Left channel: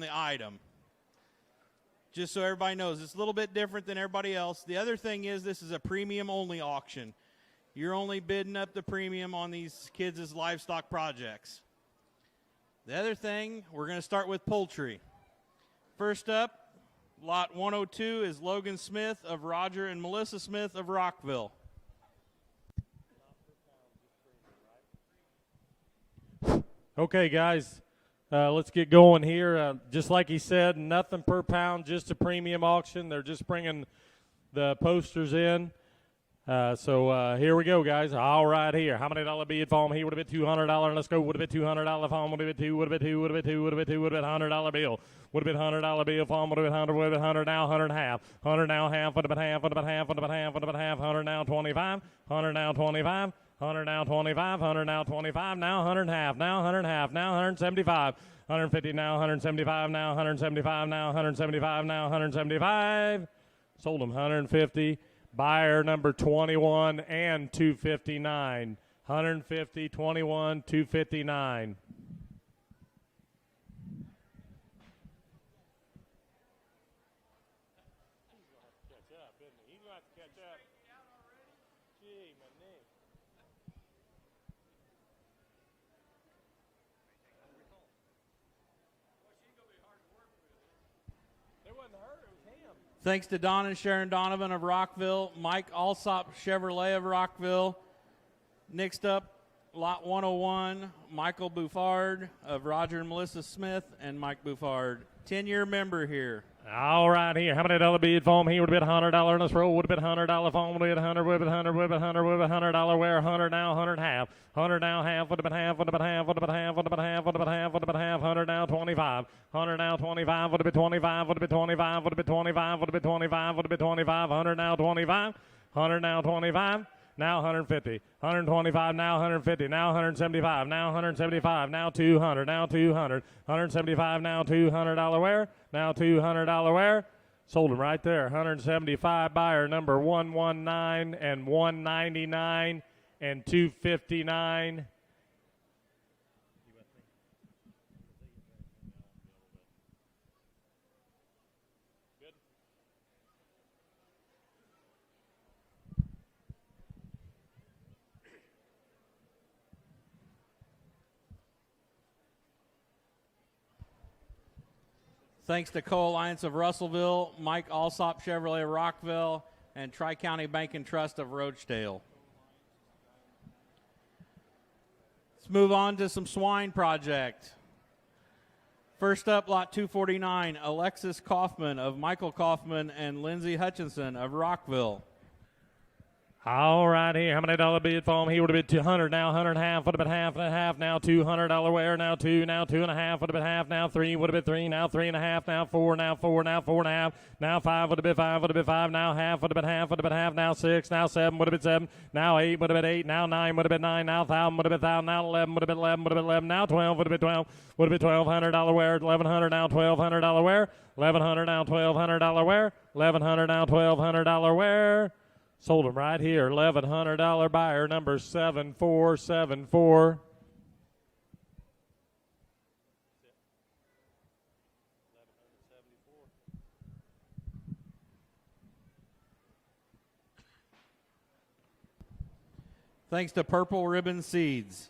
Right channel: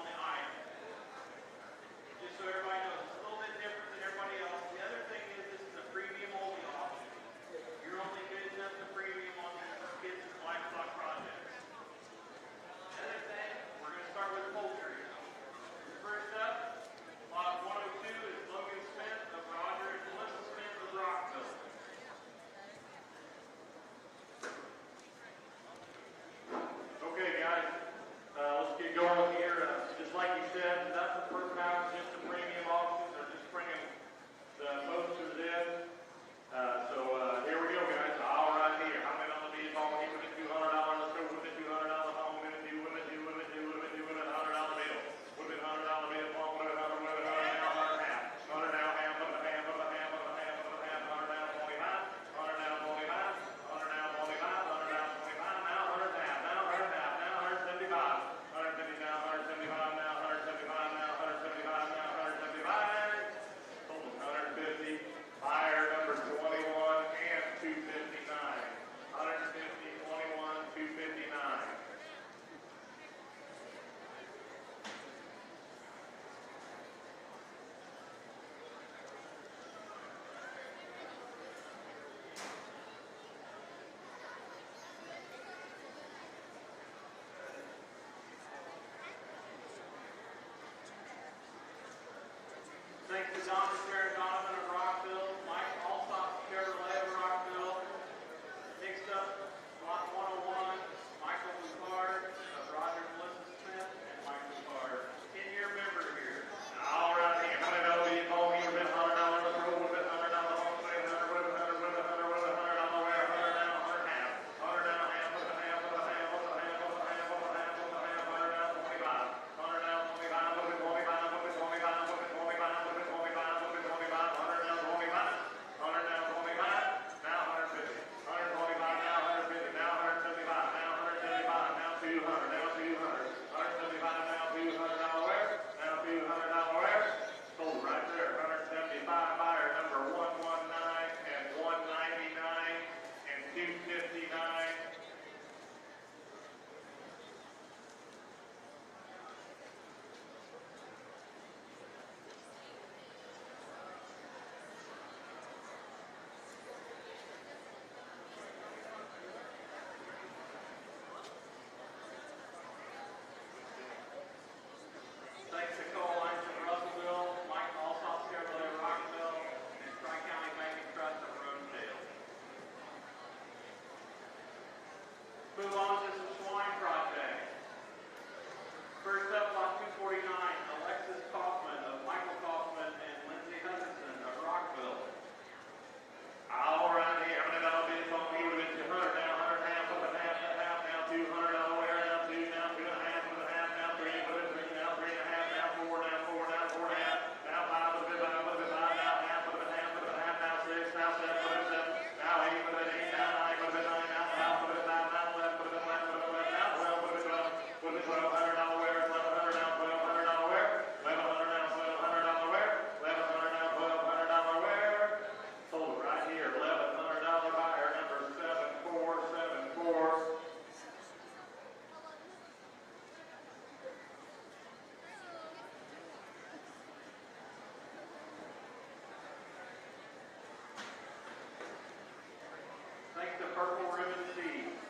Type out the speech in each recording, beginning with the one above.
on the item. Just so everybody knows, it's a little bit different than everybody else. The other thing is this is a premium-only auction. You're only bidding up the premium on these kids' livestock projects. The other thing, we're going to start with poultry. First up, lot 102 is Logan Smith of Roger and Melissa Smith of Rockville. Okay, guys, let's get going here. Just like he said, nothing per pound, just a premium auction. They're just bringing the posters in. So here we go, guys. All right, here. How many dollar bid for him? He would have been $200. Let's go. Would have been $200 for him. Would have been two. Would have been two. Would have been two. Would have been two. Would have been $100 bill. Would have been $100 bill for him. Would have been 100. Would have been 100 now. 100 half. 100 now half. Would have been half. Would have been half. Would have been half. Would have been half. 100 now 25. 100 now 25. 100 now 25. 100 now 25. Now 100 half. Now 100 half. Now 175. 150 now. 175 now. 175 now. 175 now. 175. Sold him 150. Buyer number 21 and 259. 150, 21, 259. Thanks to Don and Sharon Donovan of Rockville, Mike Alsop Chevrolet of Rockville. Next up, lot 101, Michael Buffard of Roger and Melissa Smith, and Mike Buffard, 10-year member here. All right, here. How many dollar bid for him? He would have been $100 in this roll. Would have been $100 for him. Would have been 100. Would have been 100. Would have been 100. Would have been $100. Where 100 now? 100 half. 100 now half. Would have been half. Would have been half. Would have been half. Would have been half. Would have been half. Would have been half. 100 now 25. 100 now 25. Would have been 25. Would have been 25. Would have been 25. Would have been 25. Would have been 25. 100 now 25. 100 now 25. Now 150. 125. Now 150. Now 175. Now 175. Now 200. Now 200. 175. Now $200 where? Now $200 where? Sold it right there. 175 buyer number 119 and 199 and 259. Thanks to Co-Alliance of Russellville, Mike Alsop Chevrolet Rockville, and Tri-County Bank and Trust of Roachdale. Let's move on to some swine projects. First up, lot 249, Alexis Kaufman of Michael Kaufman and Lindsay Hutchinson of Rockville. All right, here. How many dollar bid for him? He would have been 200. Now 100 half. Would have been half and a half. Now $200 where? Now 2. Now 2 and a half. Would have been half. Now 3. Would have been 3. Now 3 and a half. Now 4. Now 4. Now 4 and a half. Now 5. Would have been 5. Would have been 5. Now half. Would have been half. Would have been half. Now 6. Now 7. Would have been 7. Now 8. Would have been 8. Now 9. Would have been 9. Now 1,000. Would have been 1,000. Now 11. Would have been 11. Would have been 11. Now 12. Would have been 12. Would have been $1,200 where? 1,100 now $1,200 where? 1,100 now $1,200 where? 1,100 now $1,200 where? Sold them right here. $1,100 buyer number 7474. Thanks to Purple Ribbon Seeds.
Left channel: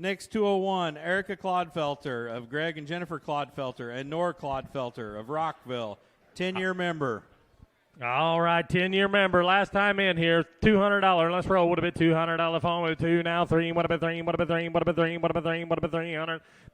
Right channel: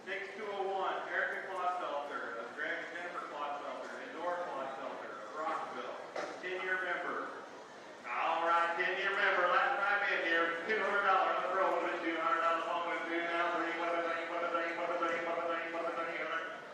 Next 201, Erica Clodfelter of Greg and Jennifer Clodfelter and Nora Clodfelter of Rockville, 10-year member. All right, 10-year member. Last time in here, $200. Let's roll. Would have been $200 phone with 2. Now 3. Would have been 3. Would have been 3. Would have been 3. Would have been 3. Would have been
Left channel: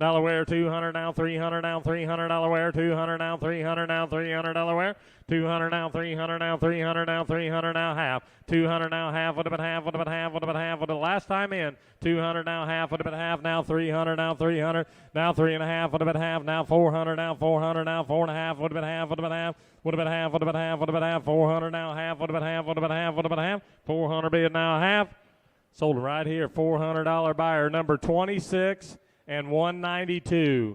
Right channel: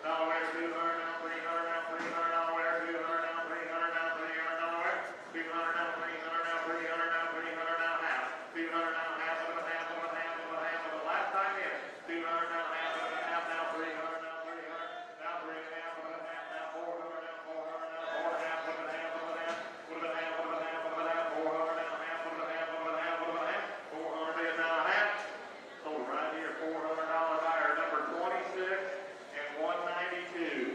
$300 where? 200 now 300 now $300 where? 200 now 300 now $300 where? 200 now 300 now 300 now 300 now half. 200 now half. Would have been half. Would have been half. Would have been half. Would have last time in. 200 now half. Would have been half. Now 300 now 300. Now 3 and a half. Would have been half. Now 400 now 400 now 4 and a half. Would have been half. Would have been half. Would have been half. Would have been half. Would have been half. 400 now half. Would have been half. Would have been half. Would have been half. 400 bid now half. Sold right here. $400 buyer number 26 and 192.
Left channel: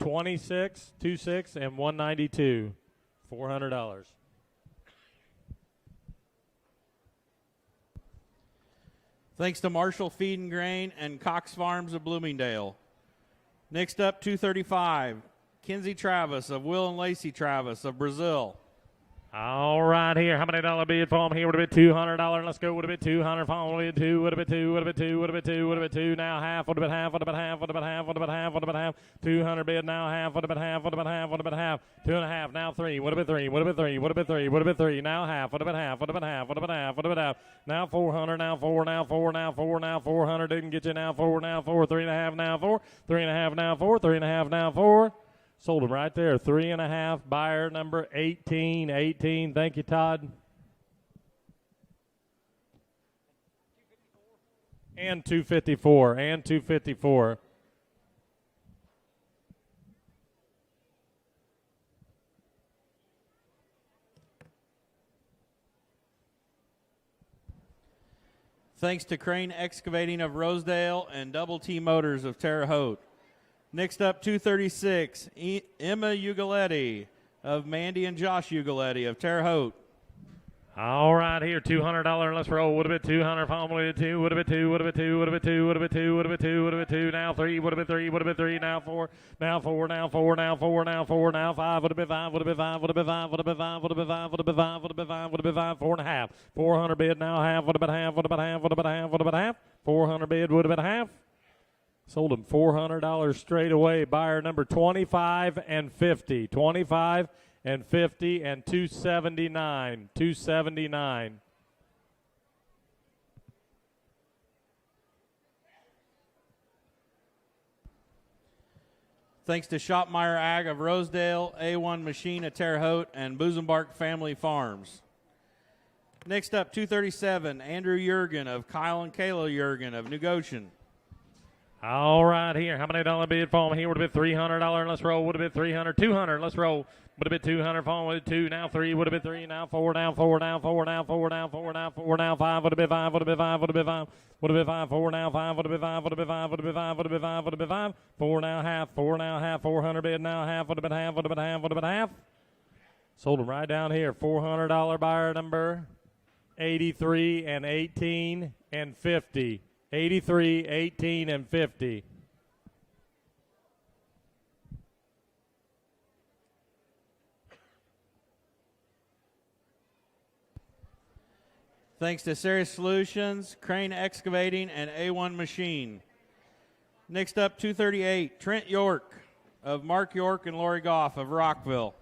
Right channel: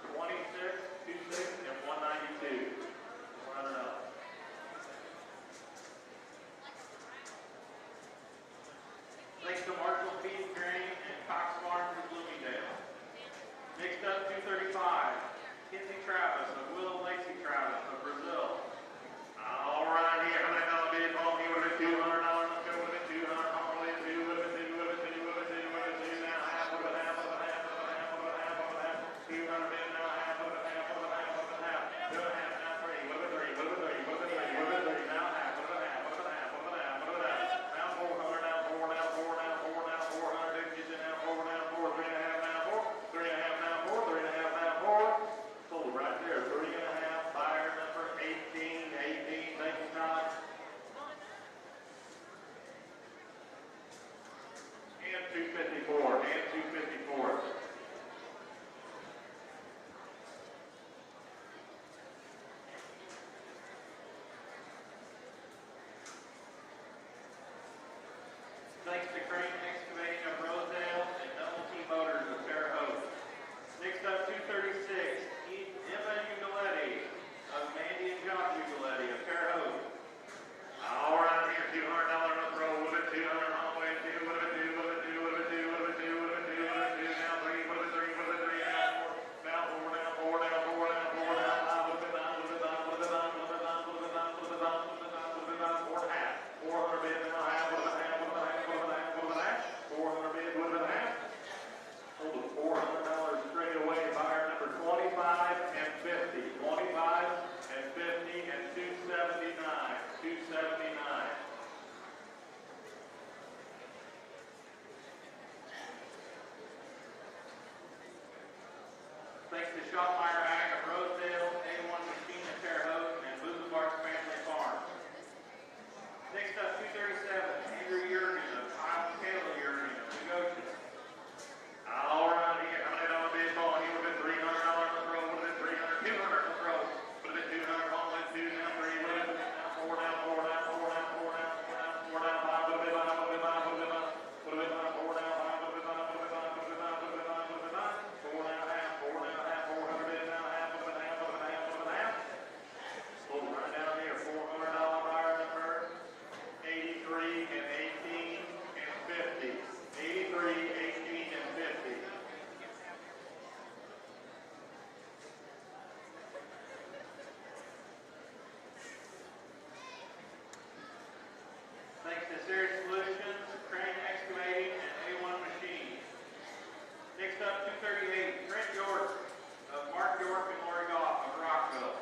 26, 26, and 192. $400. Thanks to Marshall Feed and Grain and Cox Farms of Bloomingdale. Next up, 235, Kinsey Travis of Will and Lacey Travis of Brazil. All right, here. How many dollar bid for him? Here would have been $200. Let's go. Would have been 200. Would have been 2. Would have been 2. Would have been 2. Would have been 2. Would have been 2. Now half. Would have been half. Would have been half. Would have been half. Would have been half. Would have been half. 200 bid. Now half. Would have been half. Would have been half. Would have been half. 2.5. Now 3. Would have been 3. Would have been 3. Would have been 3. Would have been 3. Now half. Would have been half. Would have been half. Would have been half. Would have been half. Now 400. Now 4. Now 4. Now 4. Now 400. Didn't get you. Now 4. Now 4. 3.5. Now 4. 3.5. Now 4. 3.5. Now 4. Sold them right there. 3.5. Buyer number 18. 18. Thank you, Todd. And 254. And 254. Thanks to Crane Excavating of Rosedale and Double T Motors of Terre Haute. Next up, 236, Emma Ugaletti of Mandy and Josh Ugaletti of Terre Haute. All right, here, $200. Let's roll. Would have been 200. Probably 2. Would have been 2. Would have been 2. Would have been 2. Would have been 2. Would have been 2. Would have been 2. Now 3. Would have been 3. Would have been 3. Now 4. Now 4. Now 4. Now 4. Now 4. Now 5. Would have been 5. Would have been 5. Would have been 5. Would have been 5. Would have been 5. Would have been 5. Would have been 5. Would have been 5. 4.5. 400 bid. Now half. Would have been half. Would have been half. Would have been half. Would have been half. 400 bid. Would have been half. Sold him $400 straight away. Buyer number 25 and 50. 25 and 50 and 279. 279. Thanks to Shopmeyer Ag of Rosedale, A1 Machine of Terre Haute, and Busenbark Family Farms. Next up, 237, Andrew Jurgen of Kyle and Kayla Jurgen of New Goshen. All right, here. How many dollar bid fall? Here would have been $300. Let's roll. Would have been 300. 200. Let's roll. Would have been 200. Fall with 2. Now 3. Would have been 3. Now 4. Now 4. Now 4. Now 4. Now 4. Now 4. Now 5. Would have been 5. Would have been 5. Would have been 5. Would have been 5. 4 now 5. Would have been 5. Would have been 5. Would have been 5. Would have been 5. Would have been 5. 4 now half. 4 now half. 400 bid now half. Would have been half. Would have been half. Would have been half. Sold them right down here. $400 buyer number 83 and 18 and 50. 83, 18 and 50. Thanks to Ceres Solutions, Crane Excavating, and A1 Machine. Next up, 238, Trent York of Mark York and Lori Goff of Rockville.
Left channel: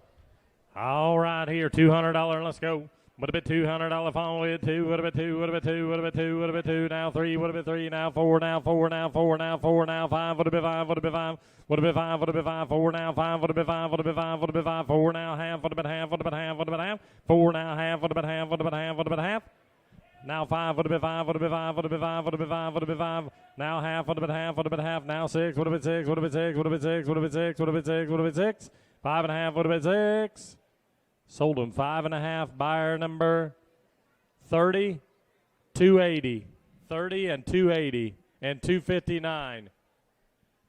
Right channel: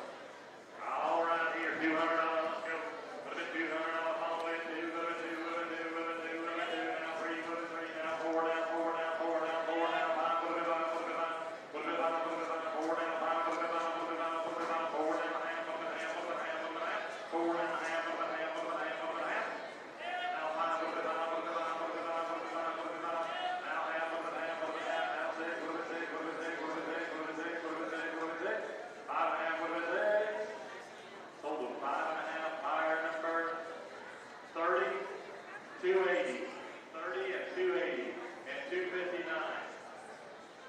All right, here, $200. Let's go. Would have been $200. Follow it. 2. Would have been 2. Would have been 2. Would have been 2. Would have been 2. Now 3. Would have been 3. Now 4. Now 4. Now 4. Now 4. Now 5. Would have been 5. Would have been 5. Would have been 5. Would have been 5. 4 now 5. Would have been 5. Would have been 5. Would have been 5. 4 now half. Would have been half. Would have been half. Would have been half. 4 now half. Would have been half. Would have been half. Would have been half. Now 5 would have been 5, would have been 5, would have been 5, would have been 5, would have been 5. Now half would have been half, would have been half. Now 6 would have been 6, would have been 6, would have been 6, would have been 6, would have been 6, would have been 6. 5.5 would have been 6. Sold them 5.5. Buyer number 30, 280, 30 and 280 and 259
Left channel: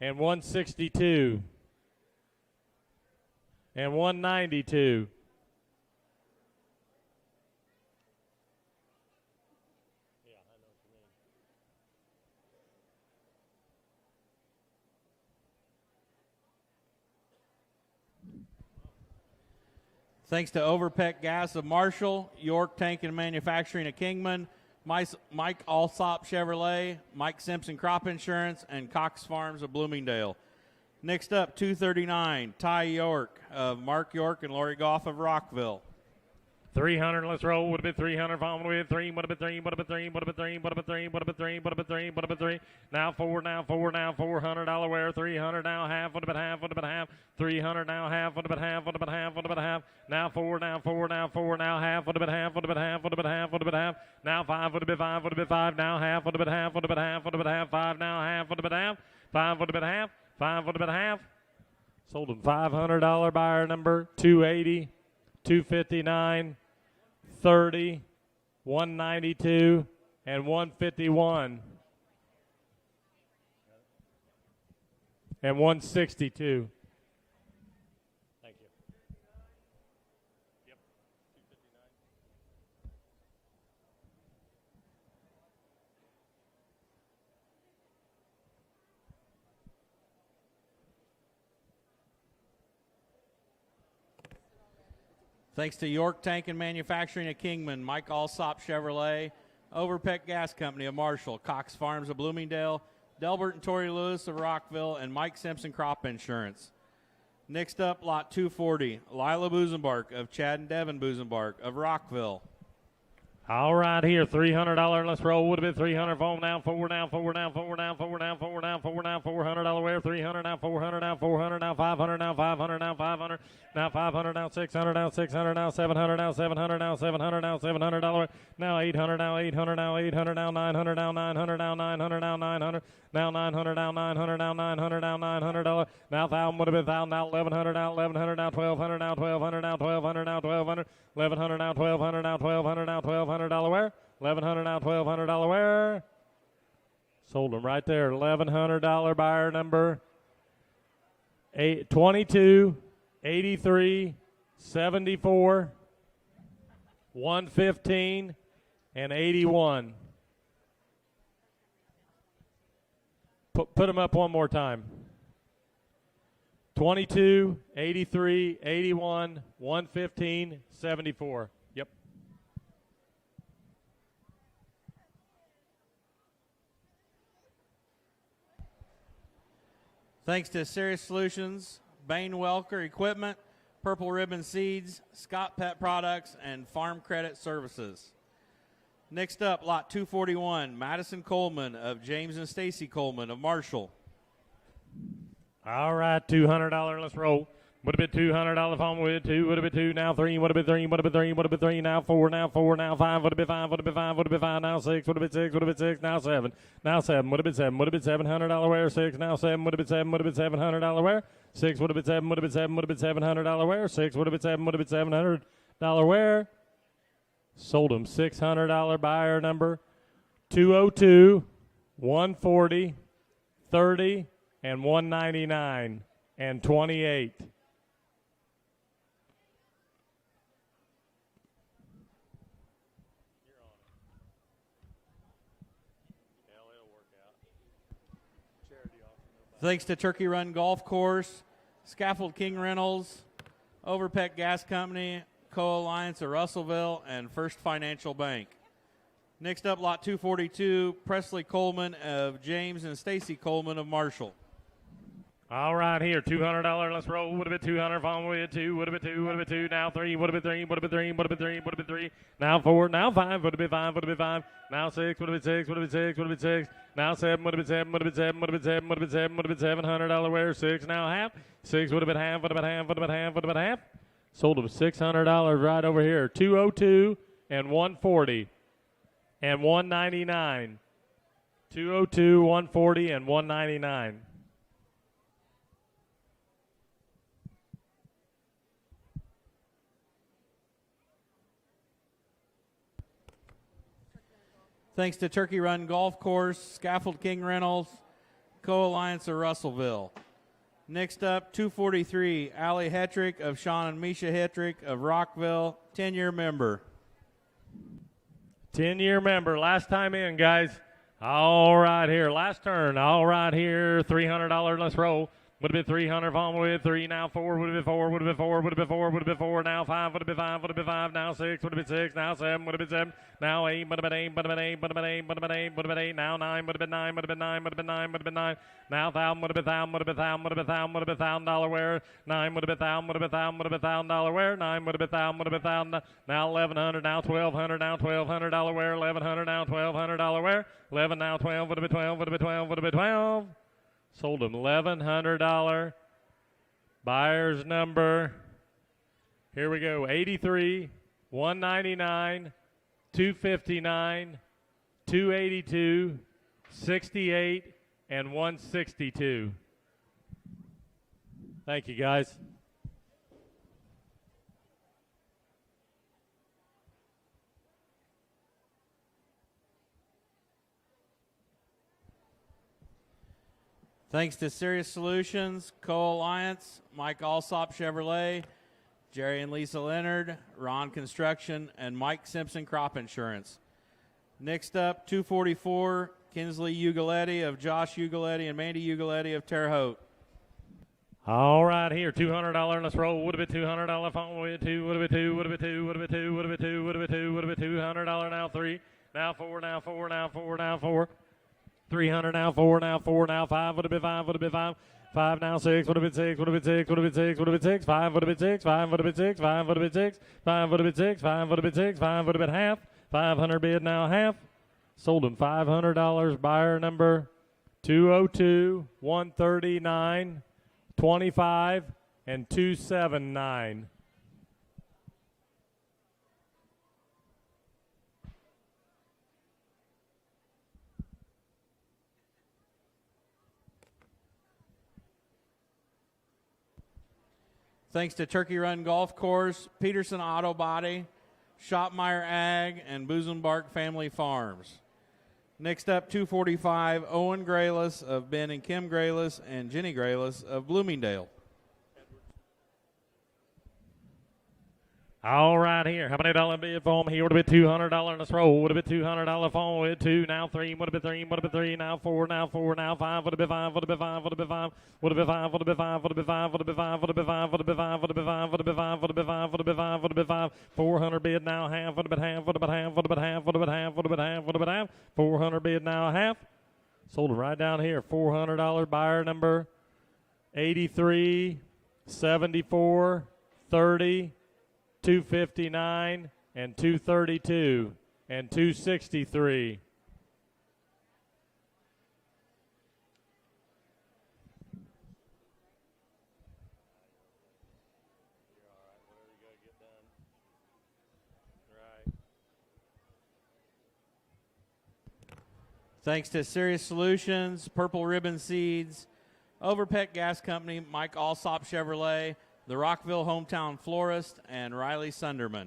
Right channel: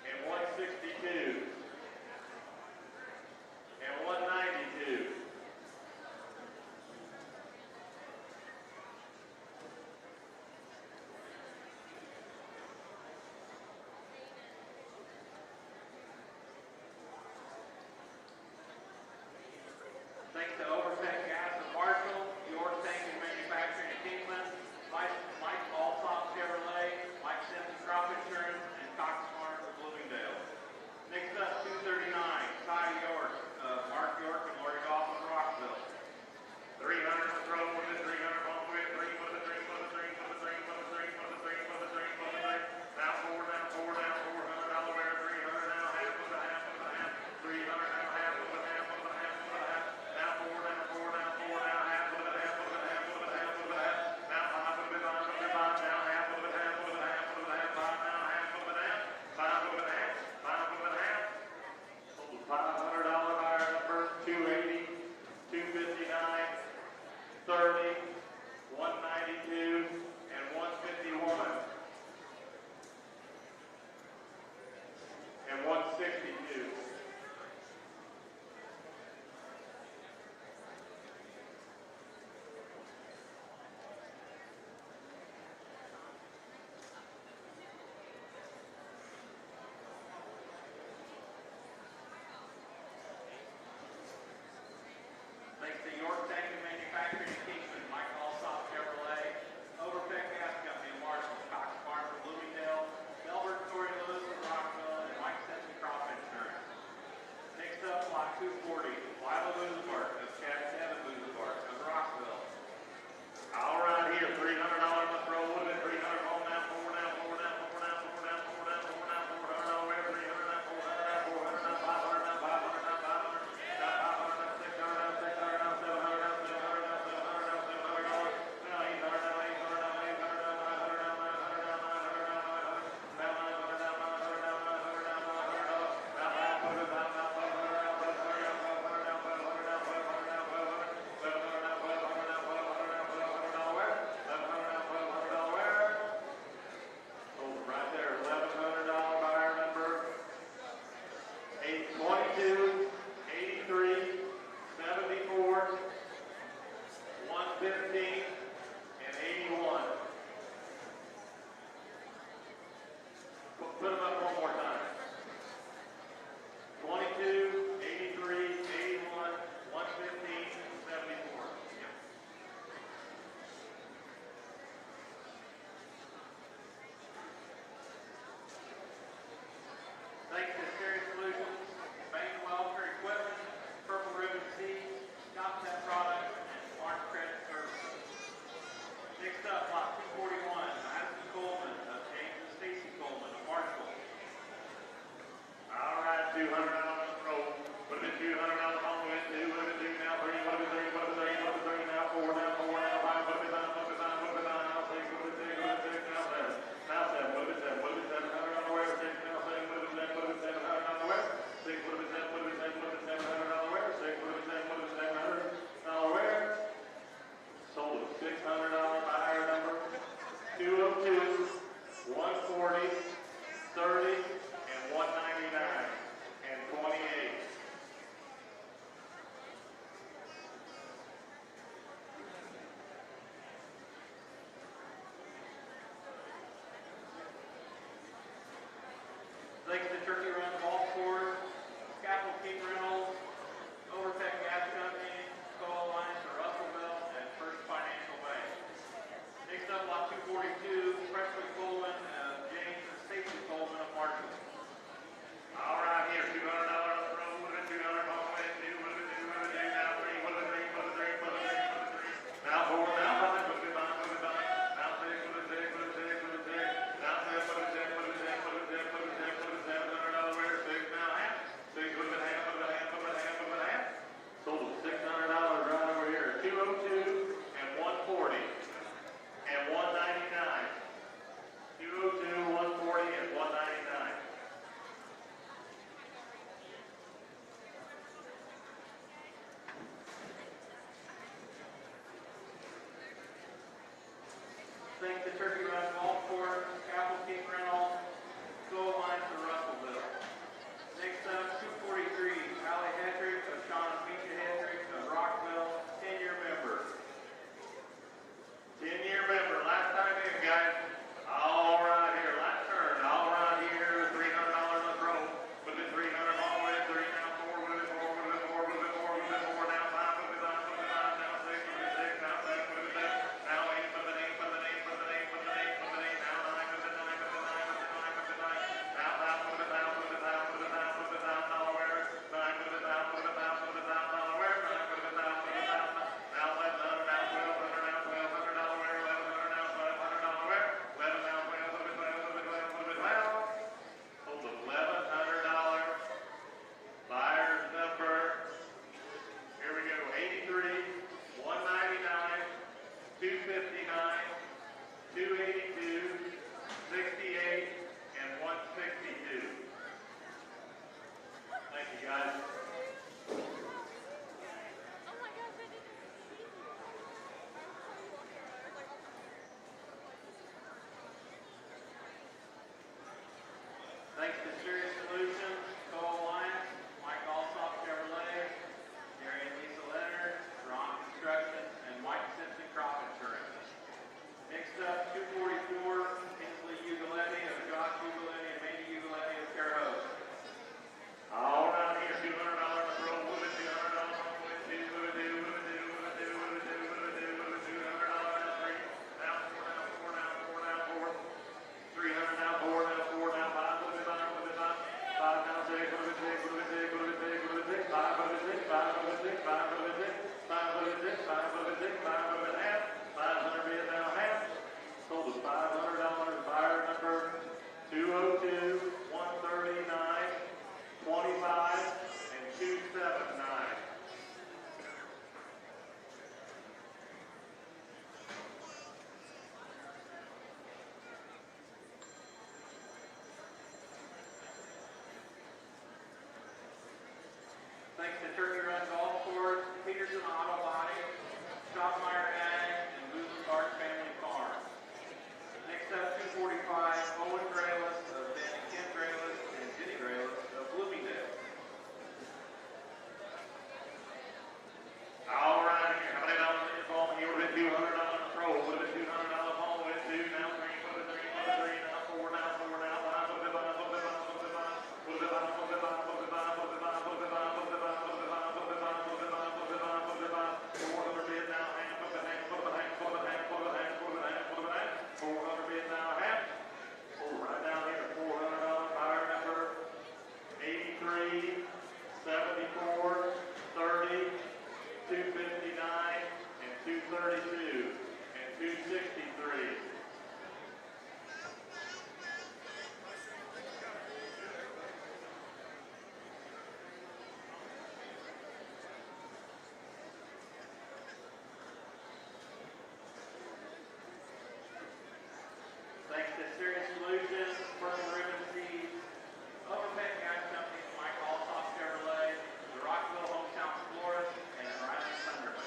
and 162 and 192. Thanks to Overpeck Gas of Marshall, York Tank and Manufacturing of Kingman, Mike Alsop Chevrolet, Mike Simpson Crop Insurance, and Cox Farms of Bloomingdale. Next up, 239, Ty York of Mark York and Lori Goff of Rockville. 300, let's roll. Would have been 300. Following with 3. Would have been 3. Would have been 3. Would have been 3. Would have been 3. Would have been 3. Would have been 3. Would have been 3. Now 4. Now 4. Now $400 wear. 300 now half. Would have been half. Would have been half. 300 now half. Would have been half. Would have been half. Would have been half. Now 4. Now 4. Now 4. Now half. Would have been half. Would have been half. Would have been half. Would have been half. Now 5. Would have been 5. Would have been 5. Now half. Would have been half. Would have been half. Would have been half. 5 now half. Would have been half. 5 would have been half. 5 would have been half. Sold them $500 buyer number 280, 259. 30, 192, and 151, and 162. Thanks to York Tank and Manufacturing of Kingman, Mike Alsop Chevrolet, Overpeck Gas Company of Marshall, Cox Farms of Bloomingdale, Delbert and Tori Lewis of Rockville, and Mike Simpson Crop Insurance. Next up, lot 240, Lila Busenbark of Chad and Devin Busenbark of Rockville. All right, here, $300. Let's roll. Would have been 300. Fall down, forward, down, forward, down, forward, down, forward, down, forward, down, forward, down, $400 wear. 300 down, 400 down, 400 down, 500 down, 500 down, 500 now 500 down, 600 down, 600 down, 700 down, 700 down, 700 down, $700. Now 800 down, 800 down, 800 down, 900 down, 900 down, 900 down, 900. Now 900 down, 900 down, 900 down, $900. Now 1,000 would have been 1,000 down, 1,100 down, 1,100 down, 1,200 down, 1,200 down, 1,200 down, 1,200. 1,100 down, 1,200 down, 1,200 down, $1,200 wear. 1,100 down, $1,200 wear. Sold them right there. $1,100 buyer number 22, 83, 74, 115, and 81. Put them up one more time. 22, 83, 81, 115, 74. Yep. Thanks to Ceres Solutions, Bain Welker Equipment, Purple Ribbon Seeds, Scott Pet Products, and Farm Credit Services. Next up, lot 241, Madison Coleman of James and Stacy Coleman of Marshall. All right, $200. Let's roll. Would have been $200 on with 2. Would have been 2. Now 3. Would have been 3. Would have been 3. Would have been 3. Now 4. Now 4. Now 5. Would have been 5. Would have been 5. Would have been 5. Now 6. Would have been 6. Would have been 6. Now 7. Now 7. Would have been 7. Would have been $700 wear. 6. Now 7. Would have been 7. Would have been $700 wear. 6. Would have been 7. Would have been 7. Would have been $700 wear. 6. Would have been 7. Would have been $700 wear. Sold them $600 buyer number 202, 140, 30, and 199 and 28. Thanks to Turkey Run Golf Course, Scaffold King Rentals, Overpeck Gas Company, Co-Alliance of Russellville, and First Financial Bank. Next up, lot 242, Presley Coleman of James and Stacy Coleman of Marshall. All right, here, $200. Let's roll. Would have been 200. Following with 2. Would have been 2. Would have been 2. Now 3. Would have been 3. Would have been 3. Would have been 3. Would have been 3. Now 4. Now 5. Would have been 5. Would have been 5. Now 6. Would have been 6. Would have been 6. Would have been 6. Now 7. Would have been 7. Would have been 7. Would have been 7. Would have been 7. Would have been $700 wear. 6. Now half. 6 would have been half. Would have been half. Would have been half. Would have been half. Sold them $600 right over here. 202 and 140 and 199. 202, 140, and 199. Thanks to Turkey Run Golf Course, Scaffold King Rentals, Co-Alliance of Russellville. Next up, 243, Allie Hetrick of Sean and Misha Hetrick of Rockville, 10-year member. 10-year member, last time in, guys. All right here, last turn. All right here, $300. Let's roll. Would have been 300. On with 3. Now 4. Would have been 4. Would have been 4. Would have been 4. Would have been 4. Now 5. Would have been 5. Would have been 5. Now 6. Would have been 6. Now 7. Would have been 7. Now 8. Would have been 8. Would have been 8. Would have been 8. Would have been 8. Would have been 8. Now 9. Would have been 9. Would have been 9. Would have been 9. Would have been 9. Now 1,000. Would have been 1,000. Would have been 1,000. Would have been 1,000. Would have been $1,000 wear. 9. Would have been 1,000. Would have been 1,000. Would have been $1,000 wear. 9. Would have been 1,000. Would have been 1,000. Now 1,100. Now 1,200. Now $1,200 wear. 1,100. Now $1,200 wear. 11. Now 12. Would have been 12. Would have been 12. Would have been 12. Sold them $1,100. Buyer's number, here we go, 83, 199, 259, 282, 68, and 162. Thank you, guys. Thanks to Ceres Solutions, Co-Alliance, Mike Alsop Chevrolet, Jerry and Lisa Leonard, Ron Construction, and Mike Simpson Crop Insurance. Next up, 244, Kinsley Ugaletti of Josh Ugaletti and Mandy Ugaletti of Terre Haute. All right, here, $200. Let's roll. Would have been $200 phone with two. Would have been two. Would have been two. Would have been two. Would have been two. Would have been two. Would have been $200 now three. Now four. Now four. Now four. Now four. 300 now four. Now four. Now five. Would have been five. Would have been five. Five now six. Would have been six. Would have been six. Would have been six. Would have been six. Five would have been six. Five would have been six. Five would have been six. Five would have been six. Five would have been six. Five would have been half. 500 bid now half. Sold him $500. Buyer number 202, 139, 25, and 279. Thanks to Turkey Run Golf Course, Peterson Auto Body, Shopmeyer Ag, and Busenbark Family Farms. Next up, 245, Owen Grayless of Ben and Kim Grayless and Jenny Grayless of Bloomingdale. All right, here. How many dollar bid for him? Here would have been $200. Let's roll. Would have been $200 phone with two. Now three. Would have been three. Would have been three. Now four. Now four. Now five. Would have been five. Would have been five. Would have been five. Would have been five. Would have been five. Would have been five. Would have been five. Would have been five. Would have been five. Would have been five. Would have been five. Would have been five. Would have been five. Would have been five. 400 bid now half. Would have been half. Would have been half. Would have been half. Would have been half. Would have been half. Would have been half. 400 bid now half. Sold it right down here. $400 buyer number 83, 74, 30, 259, and 232, and 263. Thanks to Sirius Solutions, Purple Ribbon Seeds, Overpeck Gas Company, Mike Alsop Chevrolet, the Rockville Hometown Florist, and Riley Sunderman.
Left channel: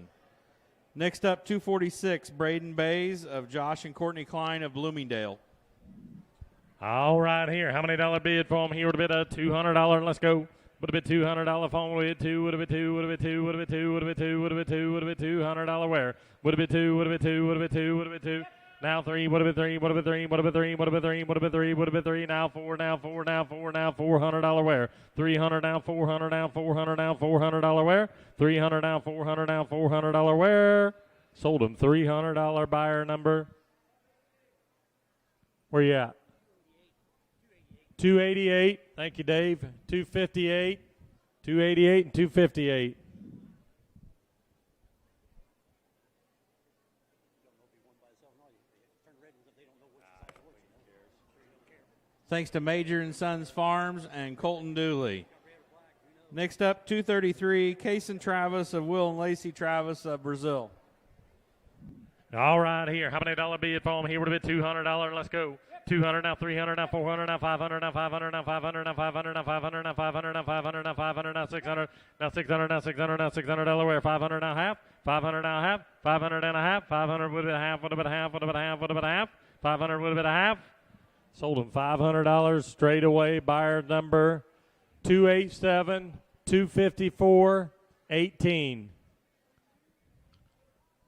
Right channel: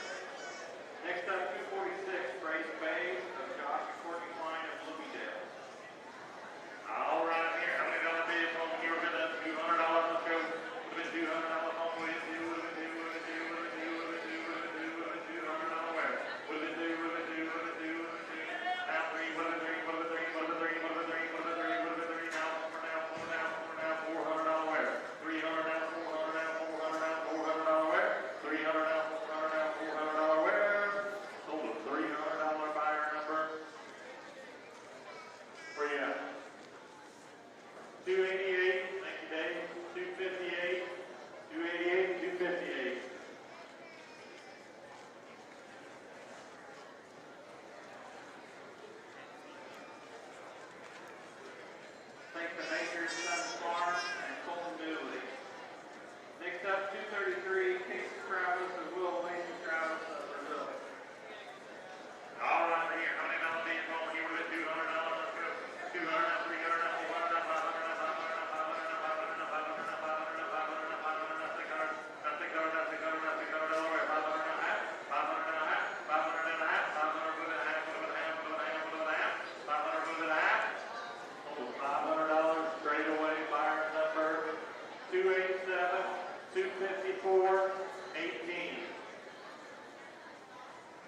Next up, 246, Braden Bays of Josh and Courtney Klein of Bloomingdale. All right, here. How many dollar bid for him? Here would have been a $200. Let's go. Would have been $200 phone with two. Would have been two. Would have been two. Would have been two. Would have been two. Would have been two. Would have been $200 where? Would have been two. Would have been two. Would have been two. Would have been two. Now three. Would have been three. Would have been three. Would have been three. Would have been three. Would have been three. Would have been three. Now four. Now four. Now four. Now $400 where? 300 now. 400 now. 400 now. $400 where? 300 now. 400 now. $400 where? Sold him $300 buyer number. Where you at? 288. Thank you, Dave. 258. 288 and 258. Thanks to Major and Sons Farms and Colton Dooley. Next up, 233, Case and Travis of Will and Lacey Travis of Brazil. All right, here. How many dollar bid for him? Here would have been $200. Let's go. 200 now, 300 now, 400 now, 500 now, 500 now, 500 now, 500 now, 500 now, 500 now, 500 now, 500 now, 600 now, 600 now, 600 now, $600 where? 500 now half, 500 now half, 500 and a half, 500 would have been a half, would have been a half, would have been a half, would have been a half, 500 would have been a half. Sold him $500 straight away. Buyer number 287, 254, 18,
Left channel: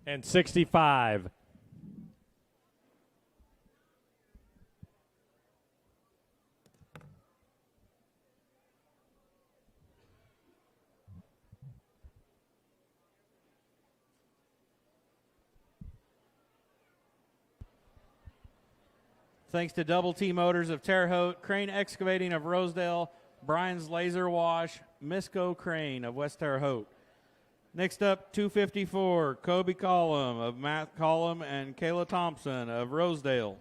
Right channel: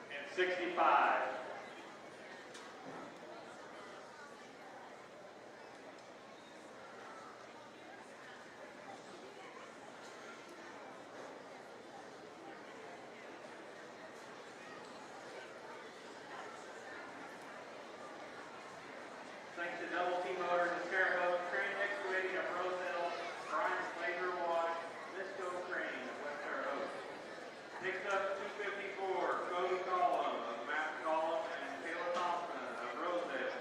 and 65. Thanks to Double T Motors of Terre Haute, Crane Excavating of Rosedale, Brian's Laser Wash, Misco Crane of West Terre Haute. Next up, 254, Kobe Collum of Matt Collum and Kayla Thompson of Rosedale.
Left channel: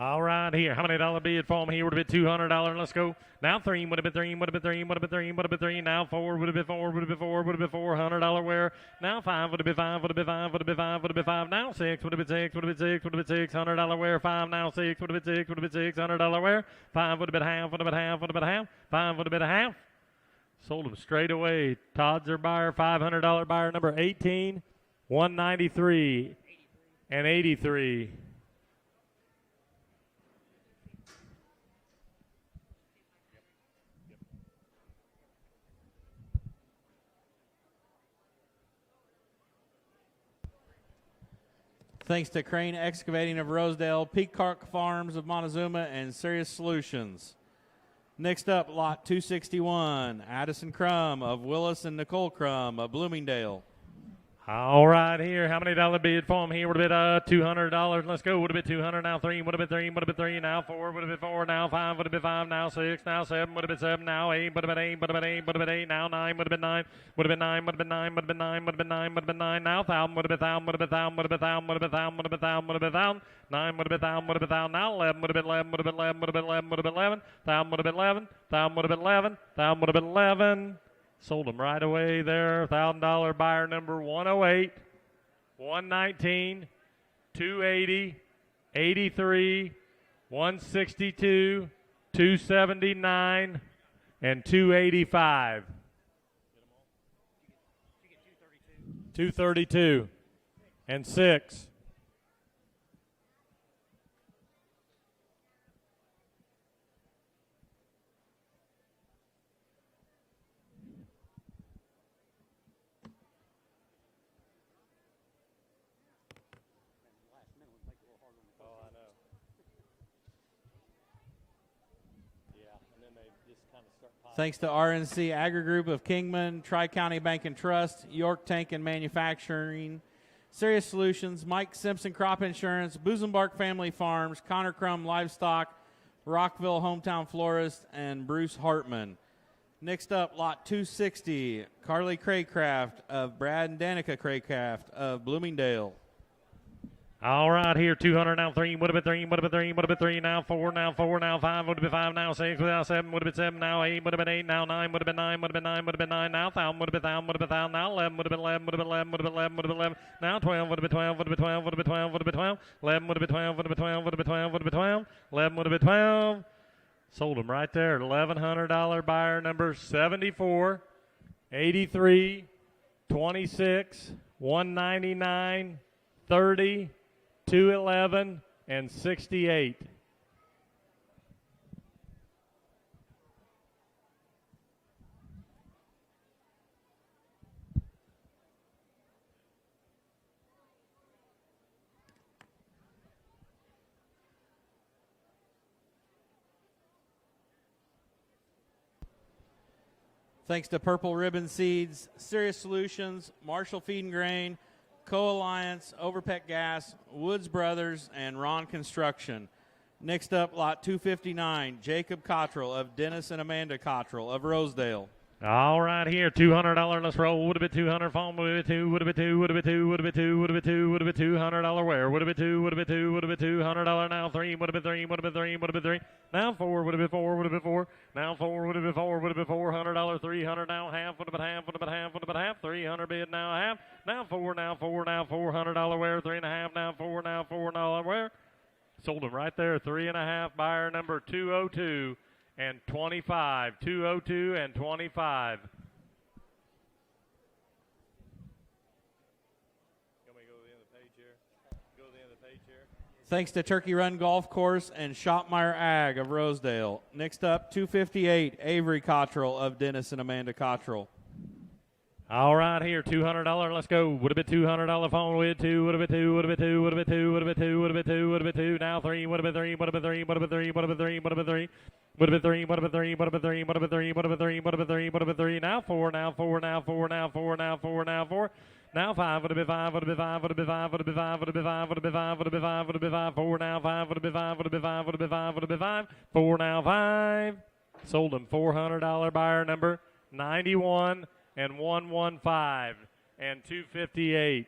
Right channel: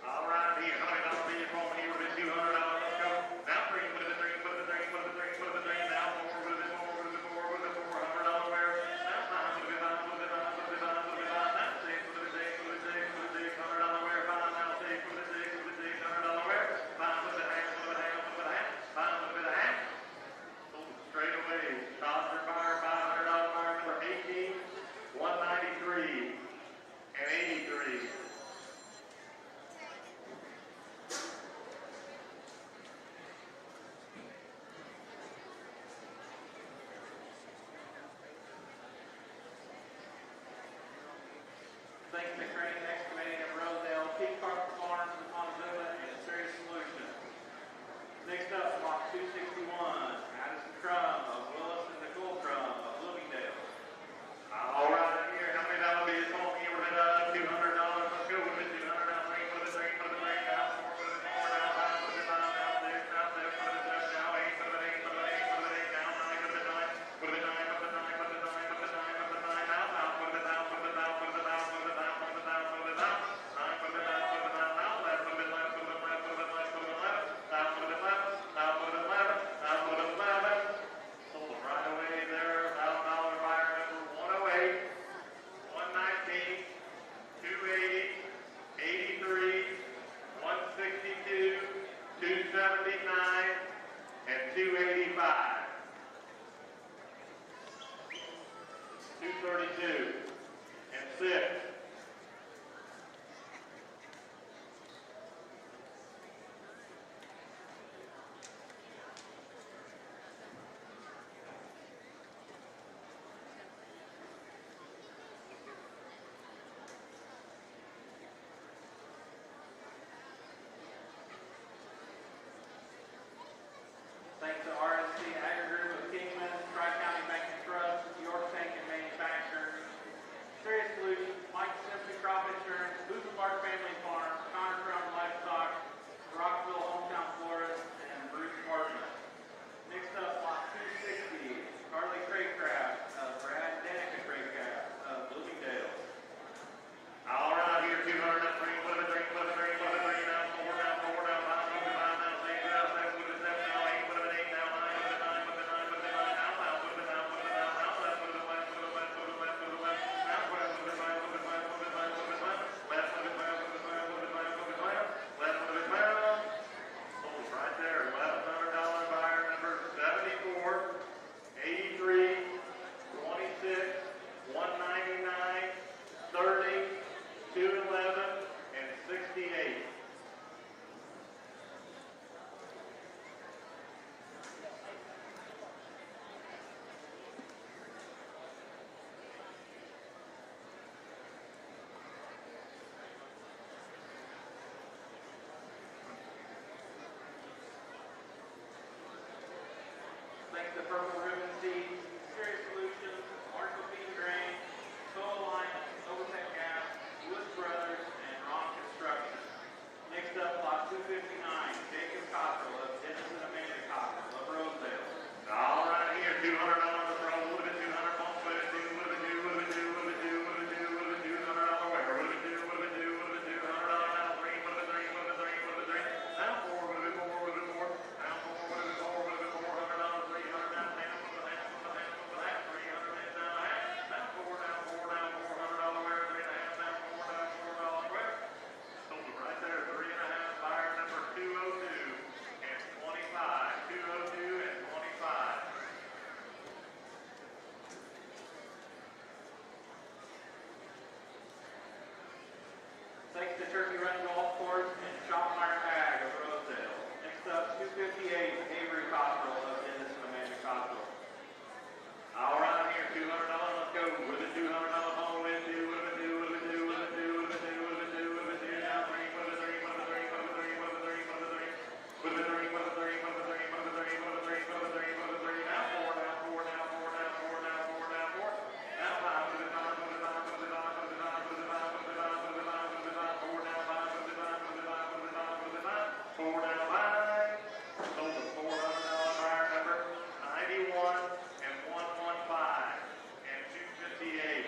All right, here. How many dollar bid for him? Here would have been $200. Let's go. Now three would have been three. Would have been three. Would have been three. Would have been three. Now four would have been four. Would have been four. Would have been $400 where? Now five would have been five. Would have been five. Would have been five. Would have been five. Now six would have been six. Would have been six. Would have been $600 where? Five now six would have been six. Would have been $600 where? Five would have been half. Would have been half. Would have been half. Five would have been a half. Sold him straight away. Todd's our buyer. $500 buyer number 18, 193, and 83. Thanks to Crane Excavating of Rosedale, Peacock Farms of Montezuma, and Sirius Solutions. Next up, lot 261, Addison Crum of Willis and Nicole Crum of Bloomingdale. All right, here. How many dollar bid for him here? Would have been $200. Let's go. Would have been 200. Now 3. Would have been 3. Would have been 3. Now 4. Would have been 4. Now 5. Would have been 5. Now 6. Now 7. Would have been 7. Now 8. Would have been 8. Would have been 8. Would have been 8. Now 9. Would have been 9. Would have been 9. Would have been 9. Would have been 9. Would have been 9. Would have been 9. Now 1,000. Would have been 1,000. Would have been 1,000. Would have been 1,000. Would have been 1,000. Would have been 1,000. Would have been 1,000. 9 would have been 1,000. Would have been 1,000. Now 11. Would have been 11. Would have been 11. Would have been 11. Would have been 11. 1,000 would have been 11. 1,000 would have been 11. 1,000 would have been 11. Sold them right away there. $1,000 buyer number 108. 119, 280, 83, 162, 279, and 285. 232 and 6. Thanks to RNC Agri Group of Kingman, Tri-County Bank and Trust, York Tank and Manufacturing, Serious Solutions, Mike Simpson Crop Insurance, Busenbark Family Farms, Connor Crum Livestock, Rockville Hometown Florist, and Bruce Hartman. Next up, lot 260, Carly Craycraft of Brad and Danica Craycraft of Bloomingdale. All right, here, 200, now 3, would have been 3, would have been 3, would have been 3, now 4, now 4, now 5, would have been 5, now 6, now 7, would have been 7, now 8, would have been 8, now 9, would have been 9, would have been 9, would have been 9, now 1,000, would have been 1,000, would have been 1,000, now 11, would have been 11, would have been 11, would have been 11, would have been 11, now 12, would have been 12, would have been 12, would have been 12, would have been 12, 11 would have been 12, would have been 12, would have been 12, would have been 12, 11 would have been 12. Sold them right there at $1,100 buyer number 74, 83, 26, 199, 30, 211, and 68. Thanks to Purple Ribbon Seeds, Serious Solutions, Marshall Feed and Grain, Co-Alliance, Overpeck Gas, Woods Brothers, and Ron Construction. Next up, lot 259, Jacob Cottrell of Dennis and Amanda Cottrell of Rosedale. All right, here, $200. Let's roll. Would have been 200. Phone would have been 2. Would have been 2. Would have been 2. Would have been 2. Would have been 2. Would have been $200 where? Would have been 2. Would have been 2. Would have been $200 now. 3. Would have been 3. Would have been 3. Would have been 3. Now 4. Would have been 4. Would have been 4. Now 4. Would have been 4. Would have been $400. 300 now. Half. Would have been half. Would have been half. Would have been half. 300 bid now. Half. Now 4. Now 4. Now $400 where? 3 and a half. Now 4. Now $4 where? Sold them right there. 3 and a half. Buyer number 202 and 25. 202 and 25. Thanks to Turkey Run Golf Course and Shopmeyer Ag of Rosedale. Next up, 258, Avery Cottrell of Dennis and Amanda Cottrell. All right, here, $200. Let's go. Would have been $200 phone with 2. Would have been 2. Would have been 2. Would have been 2. Would have been 2. Would have been 2. Would have been 2. Now 3. Would have been 3. Would have been 3. Would have been 3. Would have been 3. Would have been 3. Would have been 3. Would have been 3. Would have been 3. Would have been 3. Would have been 3. Would have been 3. Would have been 3. Now 4. Now 4. Now 4. Now 4. Now 4. Now 4. Now 5 would have been 5, would have been 5, would have been 5, would have been 5, would have been 5, would have been 5, would have been 5, would have been 5, 4 now 5, would have been 5, would have been 5, would have been 5, would have been 5, 4 now 5. Sold them $400 buyer number 91 and 115 and 258.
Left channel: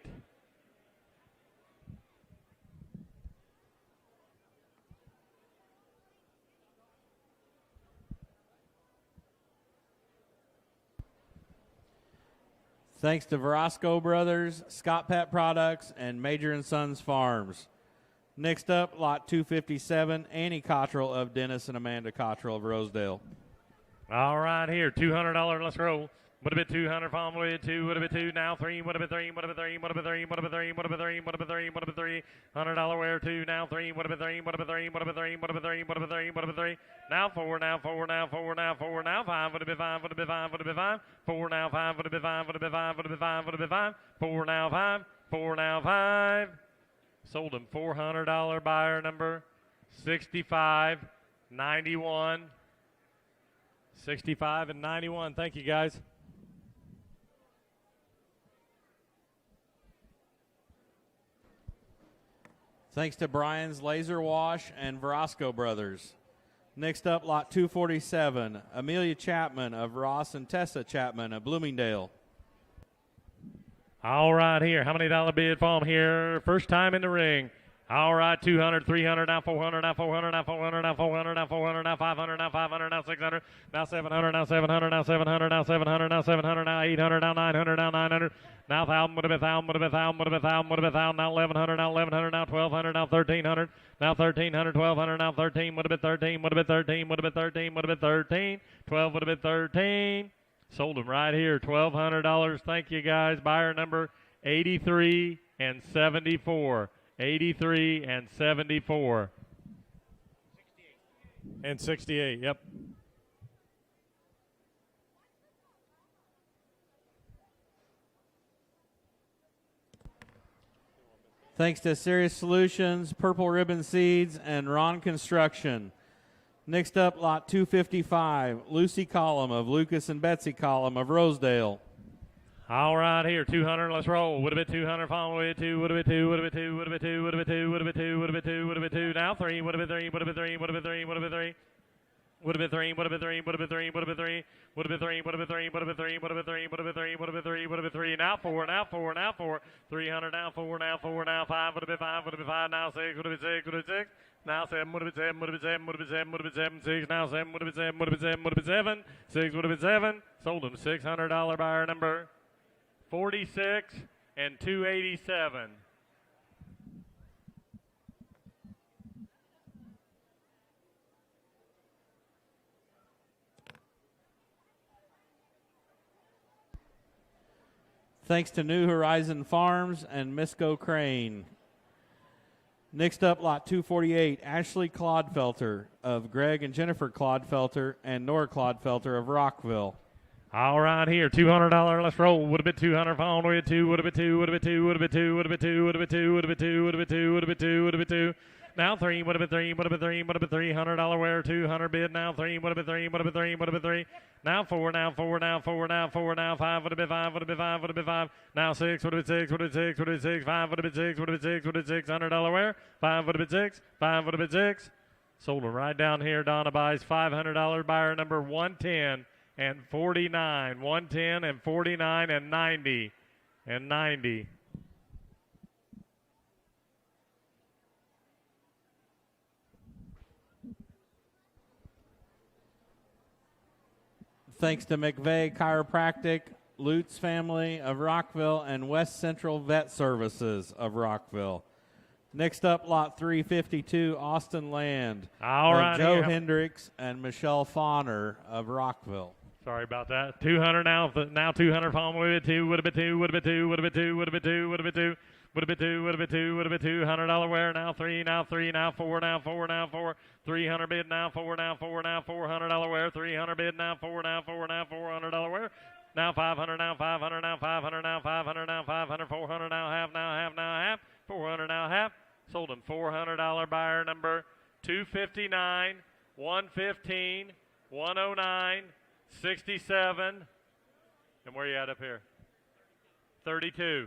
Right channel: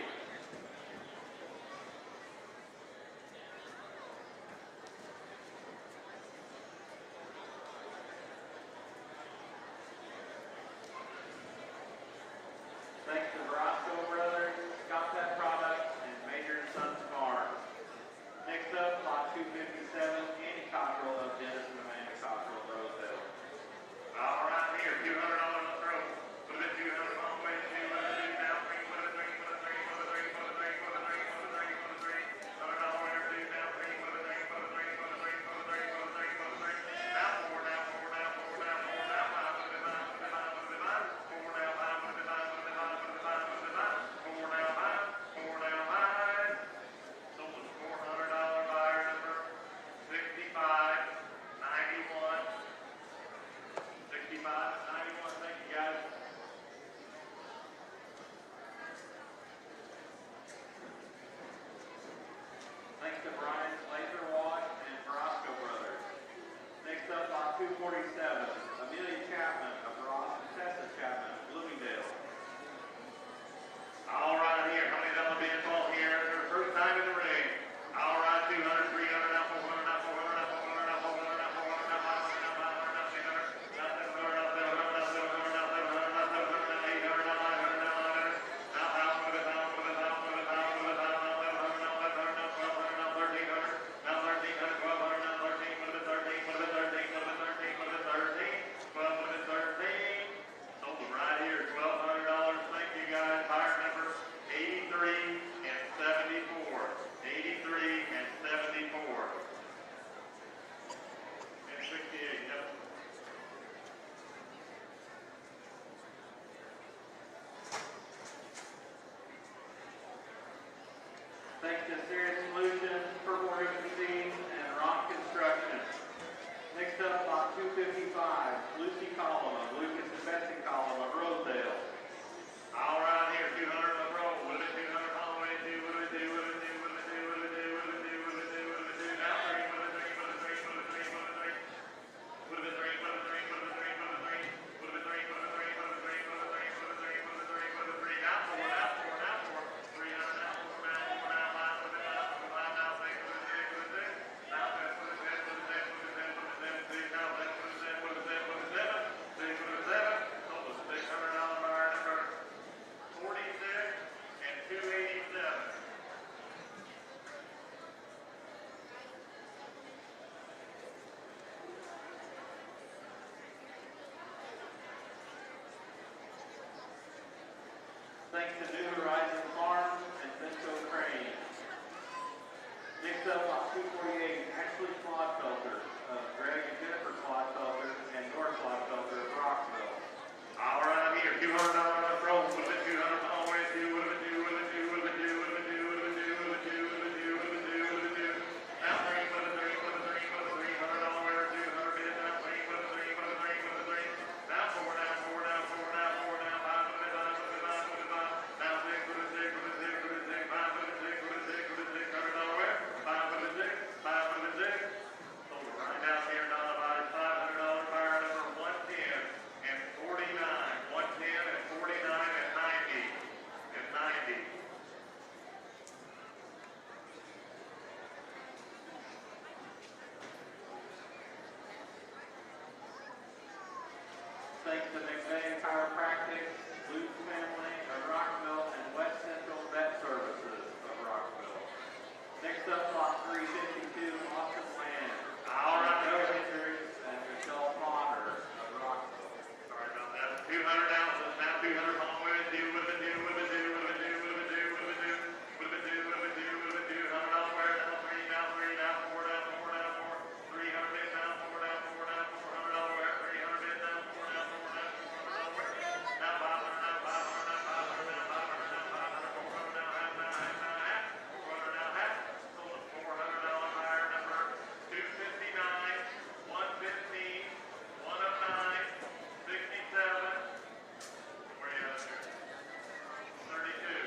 Thanks to Verosco Brothers, Scott Pet Products, and Major and Sons Farms. Next up, lot 257, Annie Cottrell of Dennis and Amanda Cottrell of Rosedale. All right, here, $200. Let's roll. Would have been 200. Palm with 2. Would have been 2. Now 3. Would have been 3. Would have been 3. Would have been 3. Would have been 3. Would have been 3. Would have been 3. Would have been 3. $100 where 2. Now 3. Would have been 3. Would have been 3. Would have been 3. Would have been 3. Would have been 3. Would have been 3. Now 4. Now 4. Now 4. Now 4. Now 5. Would have been 5. Would have been 5. Would have been 5. 4 now 5. Would have been 5. Would have been 5. Would have been 5. Would have been 5. 4 now 5. 4 now 5. Sold them $400 buyer number 65, 91, 65 and 91. Thank you, guys. Thanks to Brian's Laser Wash and Verosco Brothers. Next up, lot 247, Amelia Chapman of Ross and Tessa Chapman of Bloomingdale. All right, here. How many dollar bid for him here? First time in the ring. All right, 200, 300, now 400, now 400, now 400, now 400, now 400, now 500, now 500, now 600, now 700, now 700, now 700, now 700, now 700, now 800, now 900, now 900, now 1,000, would have been 1,000, would have been 1,000, would have been 1,000, would have been 1,000, now 1,100, now 1,100, now 1,200, now 1,300, now 1,300, 1,200, now 13, would have been 13, would have been 13, would have been 13, would have been 13, 12 would have been 13. Sold them right here, $1,200. Thank you, guys. Buyer number 83 and 74. 83 and 74. And 68, yep. Thanks to Serious Solutions, Purple Ribbon Seeds, and Ron Construction. Next up, lot 255, Lucy Collum of Lucas and Betsy Collum of Rosedale. All right, here, 200, let's roll. Would have been 200, follow away, 2, would have been 2, would have been 2, would have been 2, would have been 2, would have been 2, would have been 2, would have been 2, now 3, would have been 3, would have been 3, would have been 3, would have been 3, would have been 3, would have been 3, would have been 3, would have been 3, would have been 3, would have been 3, would have been 3, would have been 3, would have been 3, would have been 3, would have been 3, would have been 3, now 4, now 4, now 4, 300, now 4, now 4, now 5, would have been 5, would have been 5, now 6, would have been 6, would have been 6, now 7, would have been 7, would have been 7, would have been 7, would have been 7, 6, now 7, would have been 7, would have been 7, would have been 7, 6 would have been 7, sold them $600 buyer number 46 and 287. Thanks to New Horizon Farms and Misco Crane. Next up, lot 248, Ashley Clodfelter of Greg and Jennifer Clodfelter and Nora Clodfelter of Rockville. All right, here, $200. Let's roll. Would have been 200. Pound way 2. Would have been 2. Would have been 2. Would have been 2. Would have been 2. Would have been 2. Would have been 2. Would have been 2. Would have been 2. Would have been 2. Now 3. Would have been 3. Would have been 3. Would have been $300 wear. 200 bid. Now 3. Would have been 3. Would have been 3. Would have been 3. Now 4. Now 4. Now 4. Now 4. Now 5. Would have been 5. Would have been 5. Would have been 5. Now 6. Would have been 6. Would have been 6. Would have been 6. 5. Would have been 6. Would have been 6. Would have been $600 wear. 5 would have been 6. 5 would have been 6. Sold them right down here. Donna buys $500. Buyer number 110. And 49, 110 and 49 and 90 and 90. Thanks to McVeigh Chiropractic, Lutz family of Rockville, and West Central Vet Services of Rockville. Next up, lot 352, Austin Land. All right, Joe Hendricks and Michelle Fauner of Rockville. Sorry about that. 200 now. Now 200. Following with it. 2 would have been 2. Would have been 2. Would have been 2. Would have been 2. Would have been 2. Would have been 2. Would have been 2. Would have been 2. $100 wear. Now 3. Now 3. Now 4. Now 4. Now 4. 300 bid. Now 4. Now 4. Now 4. $100 wear. 300 bid. Now 4. Now 4. Now 4. $100 wear. Now 500. Now 500. Now 500. Now 500. Now 500. 400. Now half. Now half. Now half. 400. Now half. Sold them $400 buyer number 259, 115, 109. 67, and where are you at up here? 32.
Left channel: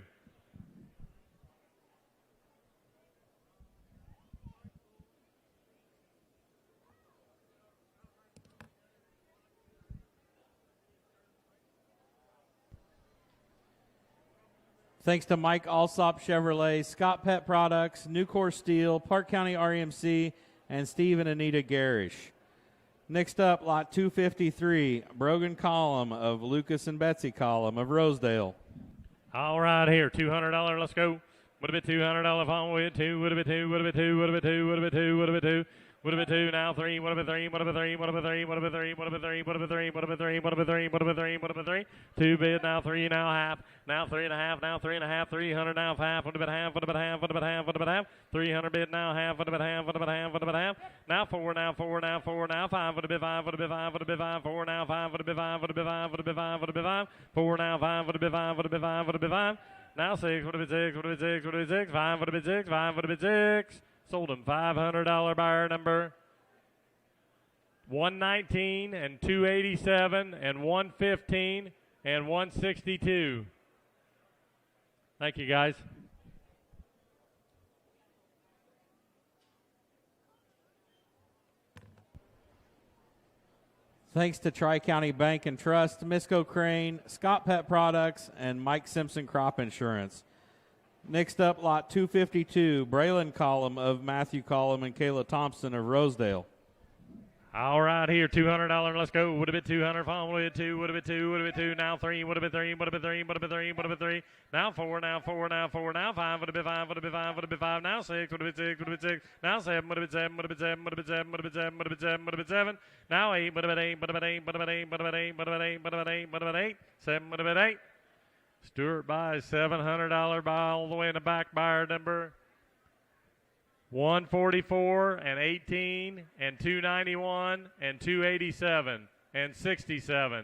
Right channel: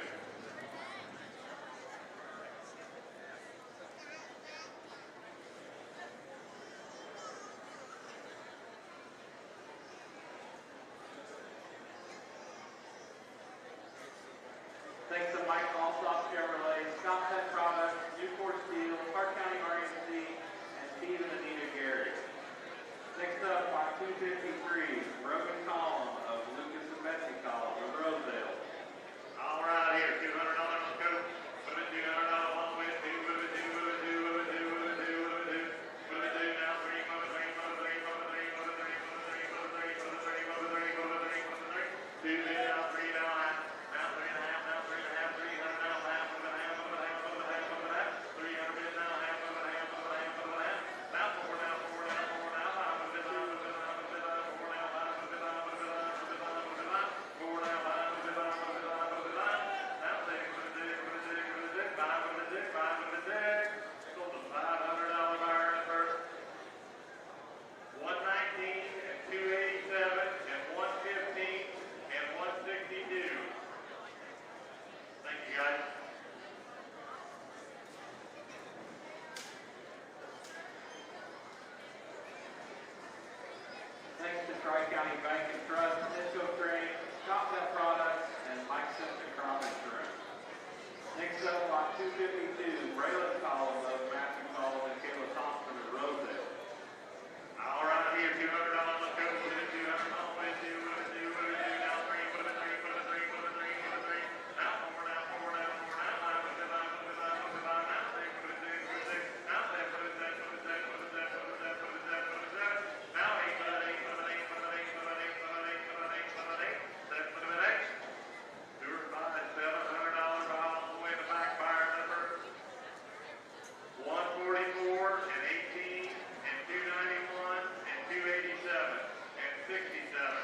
Thanks to Mike Alsop Chevrolet, Scott Pet Products, Nucor Steel, Park County RMC, and Steve and Anita Garish. Next up, lot 253, Brogan Column of Lucas and Betsy Column of Rosedale. All right, here, $200. Let's go. Would have been $200. Follow with 2. Would have been 2. Would have been 2. Would have been 2. Would have been 2. Would have been 2. Would have been 2. Now 3. Would have been 3. Would have been 3. Would have been 3. Would have been 3. Would have been 3. Would have been 3. Would have been 3. Would have been 3. Would have been 3. Would have been 3. 2 bid. Now 3. Now half. Now 3 and a half. Now 3 and a half. 300. Now half. Would have been half. Would have been half. Would have been half. Would have been half. 300 bid. Now half. Would have been half. Would have been half. Would have been half. Now 4. Now 4. Now 4. Now 5. Would have been 5. Would have been 5. Would have been 5. 4. Now 5. Would have been 5. Would have been 5. Would have been 5. Would have been 5. 4. Now 5. Would have been 5. Would have been 5. Would have been 5. Now 6. Would have been 6. Would have been 6. Would have been 6. 5. Would have been 6. 5. Would have been 6. Sold him $500 buyer number 119 and 287 and 115 and 162. Thank you, guys. Thanks to Tri-County Bank and Trust, Misco Crane, Scott Pet Products, and Mike Simpson Crop Insurance. Next up, lot 252, Braylon Column of Matthew Column and Kayla Thompson of Rosedale. All right, here, $200. Let's go. Would have been 200. Pound. Would have been 2. Would have been 2. Would have been 2. Now 3. Would have been 3. Would have been 3. Would have been 3. Would have been 3. Now 4. Now 4. Now 4. Now 5. Would have been 5. Would have been 5. Would have been 5. Now 6. Would have been 6. Would have been 6. Now 7. Would have been 7. Would have been 7. Would have been 7. Would have been 7. Would have been 7. Would have been 7. Now 8. Would have been 8. Would have been 8. Would have been 8. Would have been 8. Would have been 8. Would have been 8. Would have been 8. 7. Would have been 8. Stewart buys $700 by all the way in the back, buyer number 144 and 18 and 291 and 287 and 67.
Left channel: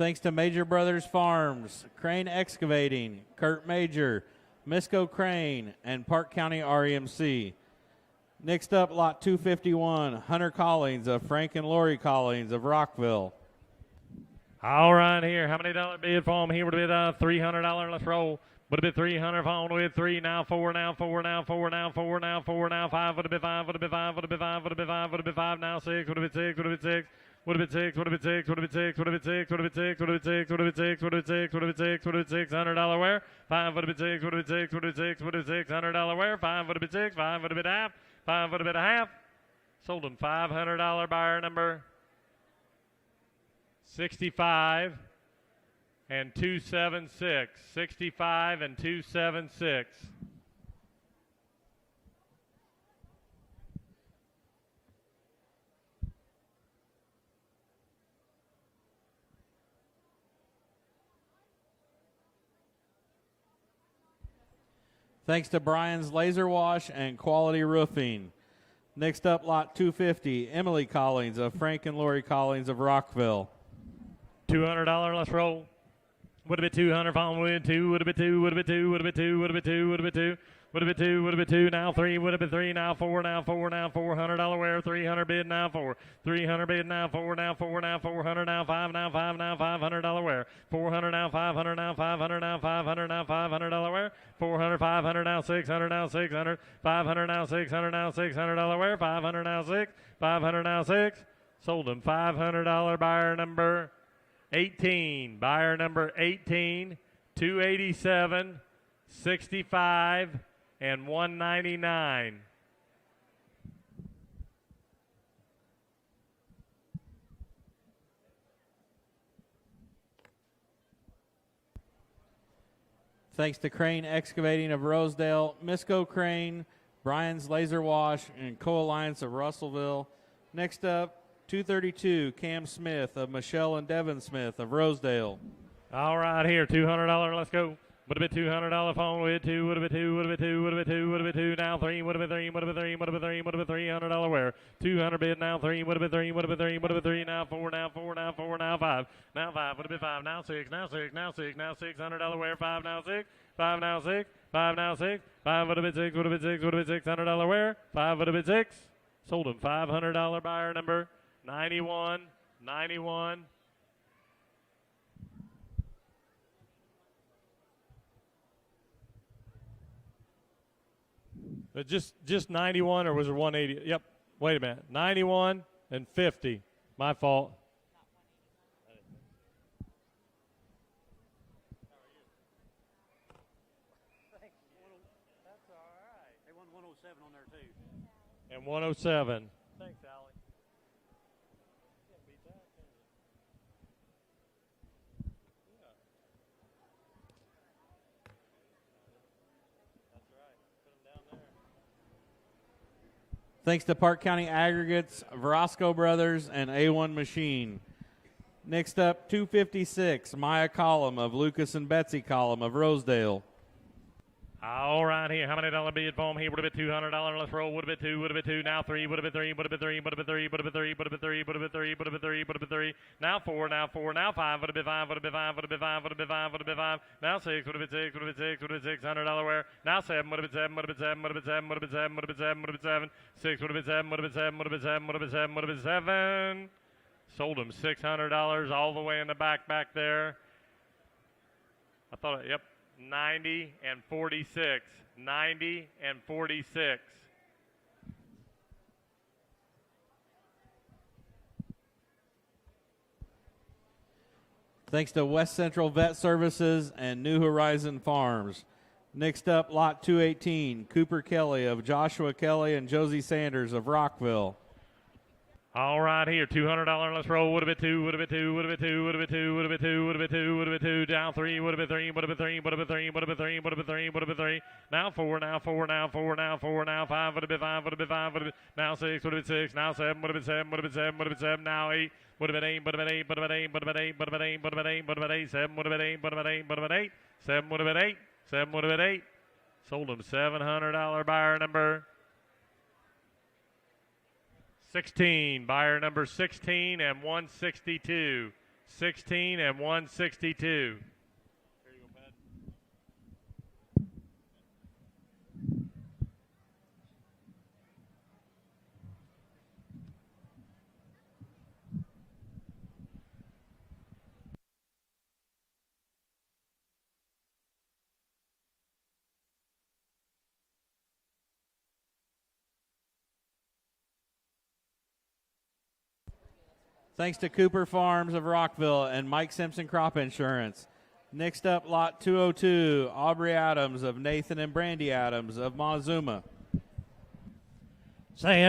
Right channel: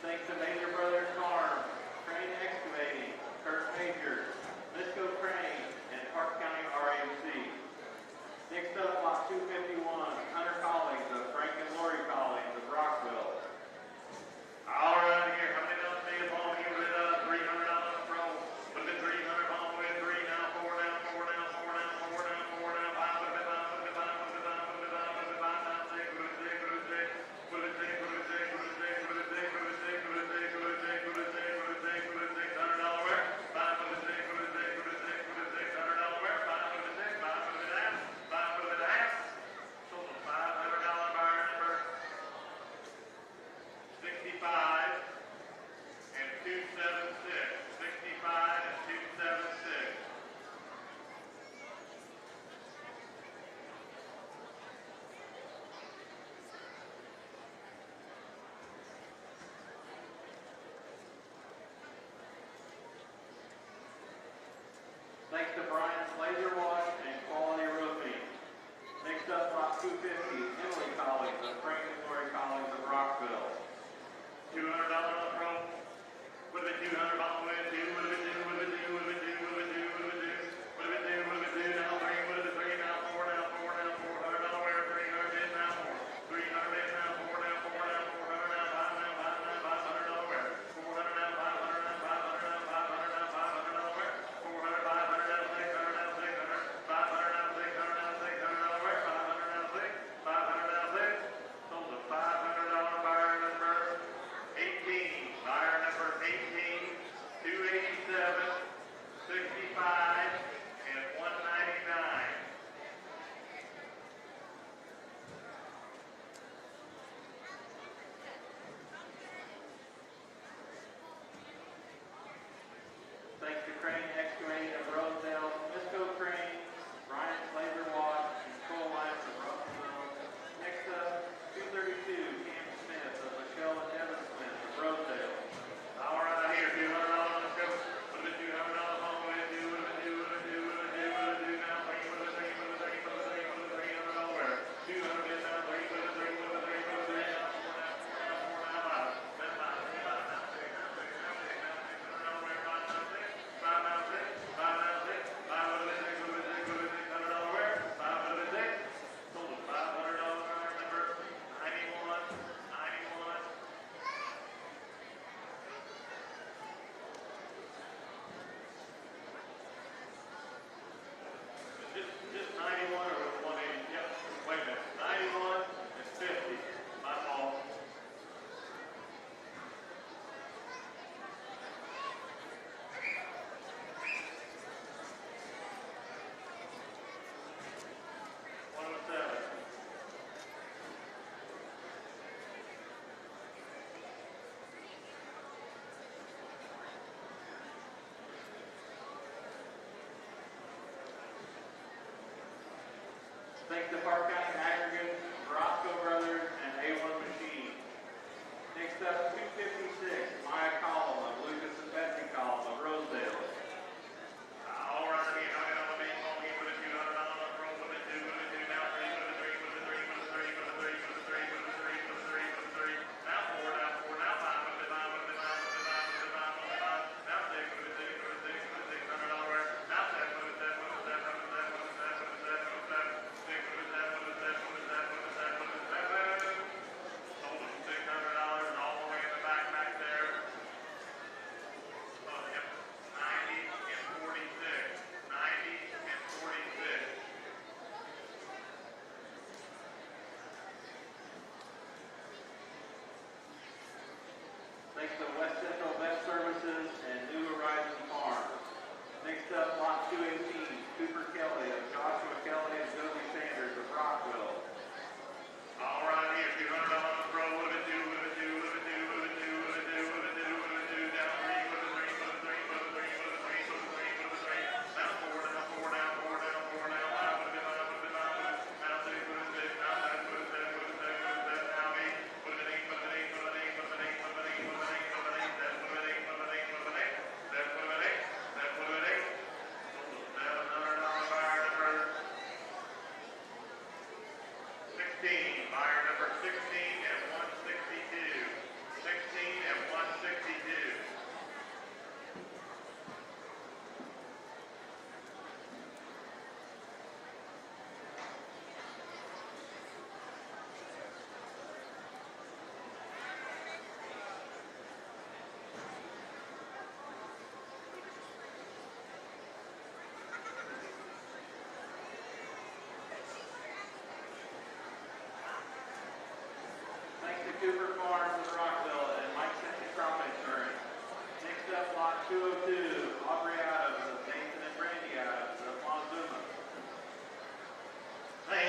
Thanks to Major Brothers Farms, Crane Excavating, Kurt Major, Misco Crane, and Parke County REMC. Next up, lot 251, Hunter Collins of Frank and Lori Collins of Rockville. All right, here. How many dollar bid for him? Here would have been $300. Let's roll. Would have been 300 pound with 3. Now 4. Now 4. Now 4. Now 4. Now 4. Now 5. Would have been 5. Would have been 5. Would have been 5. Would have been 5. Would have been 5. Now 6. Would have been 6. Would have been 6. Would have been 6, would have been 6, would have been 6, would have been 6, would have been 6, would have been 6, would have been 6, would have been 6, would have been 6, would have been 6, $100 wear. 5 would have been 6, would have been 6, would have been 6, would have been 6, $100 wear. 5 would have been 6, 5 would have been half, 5 would have been a half. Sold him $500 buyer number 65 and 276. 65 and 276. Thanks to Brian's Laser Wash and Quality Roofing. Next up, lot 250, Emily Collins of Frank and Lori Collins of Rockville. $200, let's roll. Would have been 200, following with 2, would have been 2, would have been 2, would have been 2, would have been 2, would have been 2, would have been 2, would have been 2, now 3, would have been 3, now 4, now 4, now 4, $100 wear, 300 bid, now 4, 300 bid, now 4, now 4, now 400, now 5, now 5, now $500 wear, 400 now 500, now 500, now 500, now $500 wear, 400, 500 now 600, now 600, 500 now 600, now $600 wear, 500 now 6, 500 now 6, sold him $500 buyer number 18, buyer number 18, 287, 65, and 199. Thanks to Crane Excavating of Rosedale, Misco Crane, Brian's Laser Wash, and Co-Alliance of Russellville. Next up, 232, Cam Smith of Michelle and Devin Smith of Rosedale. All right, here, $200, let's go. Would have been $200 phone with 2, would have been 2, would have been 2, would have been 2, would have been 2, now 3, would have been 3, would have been 3, would have been 3, would have been $300 wear. 200 bid, now 3, would have been 3, would have been 3, would have been 3, now 4, now 4, now 4, now 5, now 5, would have been 5, now 6, now 6, now 6, now $600 wear, 5, now 6, 5, now 6, 5, now 6, 5 would have been 6, would have been 6, would have been $600 wear, 5 would have been 6. Sold him $500 buyer number 91, 91. But just 91, or was it 180? Yep. Wait a minute. 91 and 50. My fault. And 107. Thanks to Parke County Aggregates, Verosco Brothers, and A1 Machine. Next up, 256, Maya Column of Lucas and Betsy Column of Rosedale. All right here. How many dollar bid for him here? Would have been $200. Let's roll. Would have been two. Would have been two. Now three. Would have been three. Would have been three. Would have been three. Would have been three. Would have been three. Would have been three. Would have been three. Would have been three. Would have been three. Now four. Now four. Now five. Would have been five. Would have been five. Would have been five. Would have been five. Now six. Would have been six. Would have been six. Would have been $600 wear. Now seven. Would have been seven. Would have been seven. Would have been seven. Would have been seven. Would have been seven. Would have been seven. Six. Would have been seven. Would have been seven. Would have been seven. Would have been seven. Would have been seven. Sold him $600 all the way in the back there. I thought, yep, 90 and 46. 90 and 46. Thanks to West Central Vet Services and New Horizon Farms. Next up, lot 218, Cooper Kelly of Joshua Kelly and Josie Sanders of Rockville. All right here, $200. Let's roll. Would have been two. Would have been two. Would have been two. Would have been two. Would have been two. Would have been two. Would have been two. Down three. Would have been three. Would have been three. Would have been three. Would have been three. Would have been three. Would have been three. Now four. Now four. Now four. Now four. Now five. Would have been five. Would have been five. Would have been now six. Would have been six. Now seven. Would have been seven. Would have been seven. Would have been seven. Now eight. Would have been eight. Would have been eight. Would have been eight. Would have been eight. Would have been eight. Would have been eight. Would have been eight. Seven. Would have been eight. Would have been eight. Would have been eight. Seven. Would have been eight. Seven. Would have been eight. Sold him $700 buyer number 16, buyer number 16 and 162. 16 and 162. Thanks to Cooper Farms of Rockville and Mike Simpson Crop Insurance. Next up, lot 202, Aubrey Adams of Nathan and Brandy Adams of Mazuma. Say,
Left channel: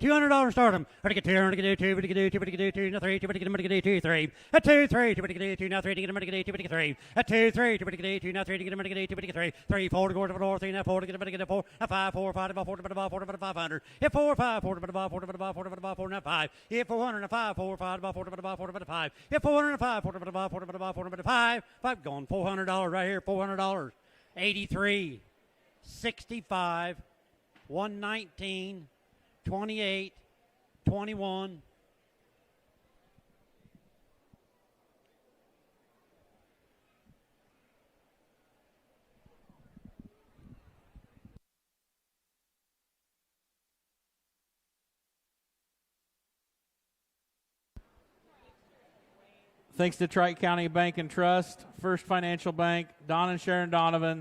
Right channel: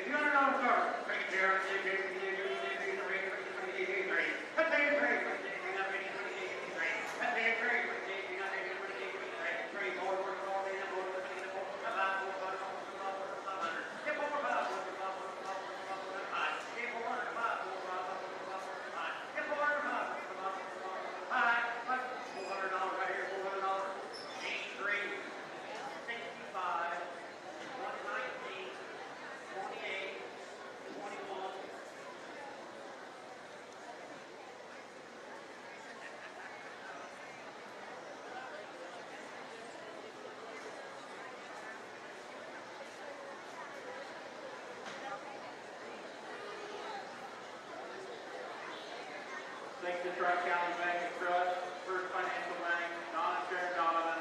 $200 start him. $200 3. A 2 3 now 3 3. A 2 3 now 3 3 4 4 3 now 4 4 a 5 4 5 4 500. Hit 4 5 4 5 hit 400 5 4 5 5 hit 405 4 5 going $400 right here. $400. 83. 65, 119, 28, 21. Thanks to Trike County Bank and Trust, First Financial Bank, Don and Sharon Donovan,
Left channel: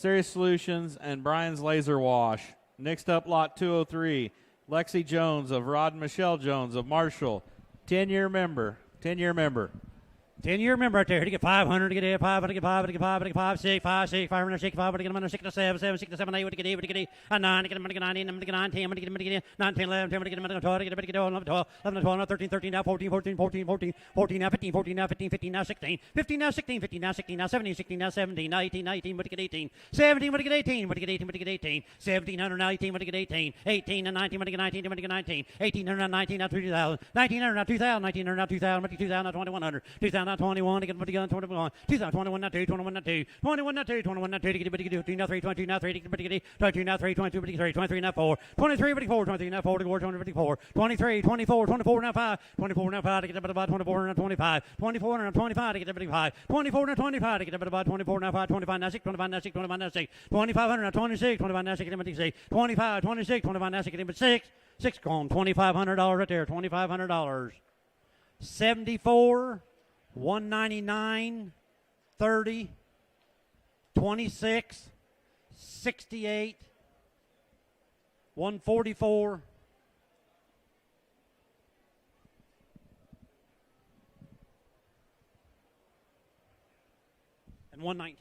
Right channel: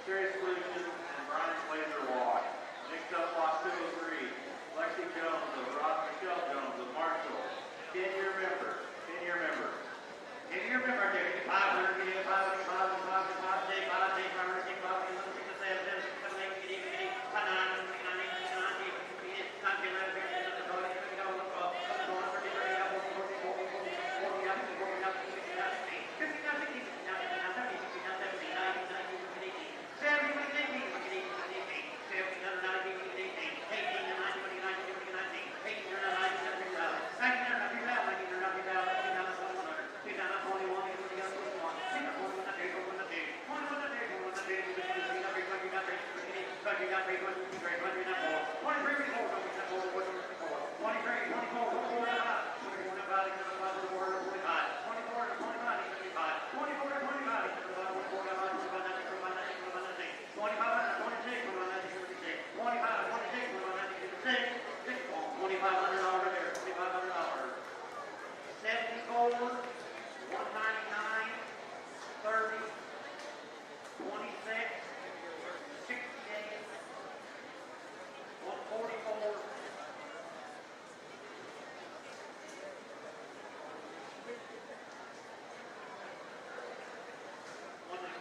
Serious Solutions, and Brian's Laser Wash. Next up, lot 203, Lexi Jones of Rod and Michelle Jones of Marshall. 10-year member. 10-year member. 10-year member right there. To get 500, to get 8, 5, to get 5, to get 5, to get 5, 6, 5, 6, 500, 6, 5, to get 1, 6, 7, 7, 6, 7, 8, to get 8, to get 8, 9, to get 9, to get 9, 10, to get 9, 10, to get 9, 10, 11, 10, to get 11, 12, to get 11, 12, 11, 13, 13, now 14, 14, 14, 14, 14, now 15, 14, now 15, 15, now 16, 15, now 16, 15, now 16, now 17, 16, now 17, now 18, 19, but to get 18, 17, but to get 18, but to get 18, but to get 18, 1700, now 18, but to get 18, 18, and 19, but to get 19, but to get 19, 1800, now 19, now 2000, 1900, now 2000, 1900, now 2000, but to 2000, now 2100, 2000, now 21, to get 21, 21 now 2, 21 now 2, 21 now 2, 21 now 2, to get 22 now 3, 22 now 3, to get 22 now 3, 22, 23, 23 now 4, 23, 24, 23 now 4, 24, 23, 24, 24 now 5, 24 now 5, to get about 24 now 25, 24 now 25, to get 25, 24 now 25, to get about 24 now 5, 25 now 6, 25 now 6, 25 now 6, 2500 now 26, 25 now 6, 26, 25, 26, 25 now 6, 6 gone, $2,500 right there, $2,500. 74, 199, 30, 26, 68, 144, 190.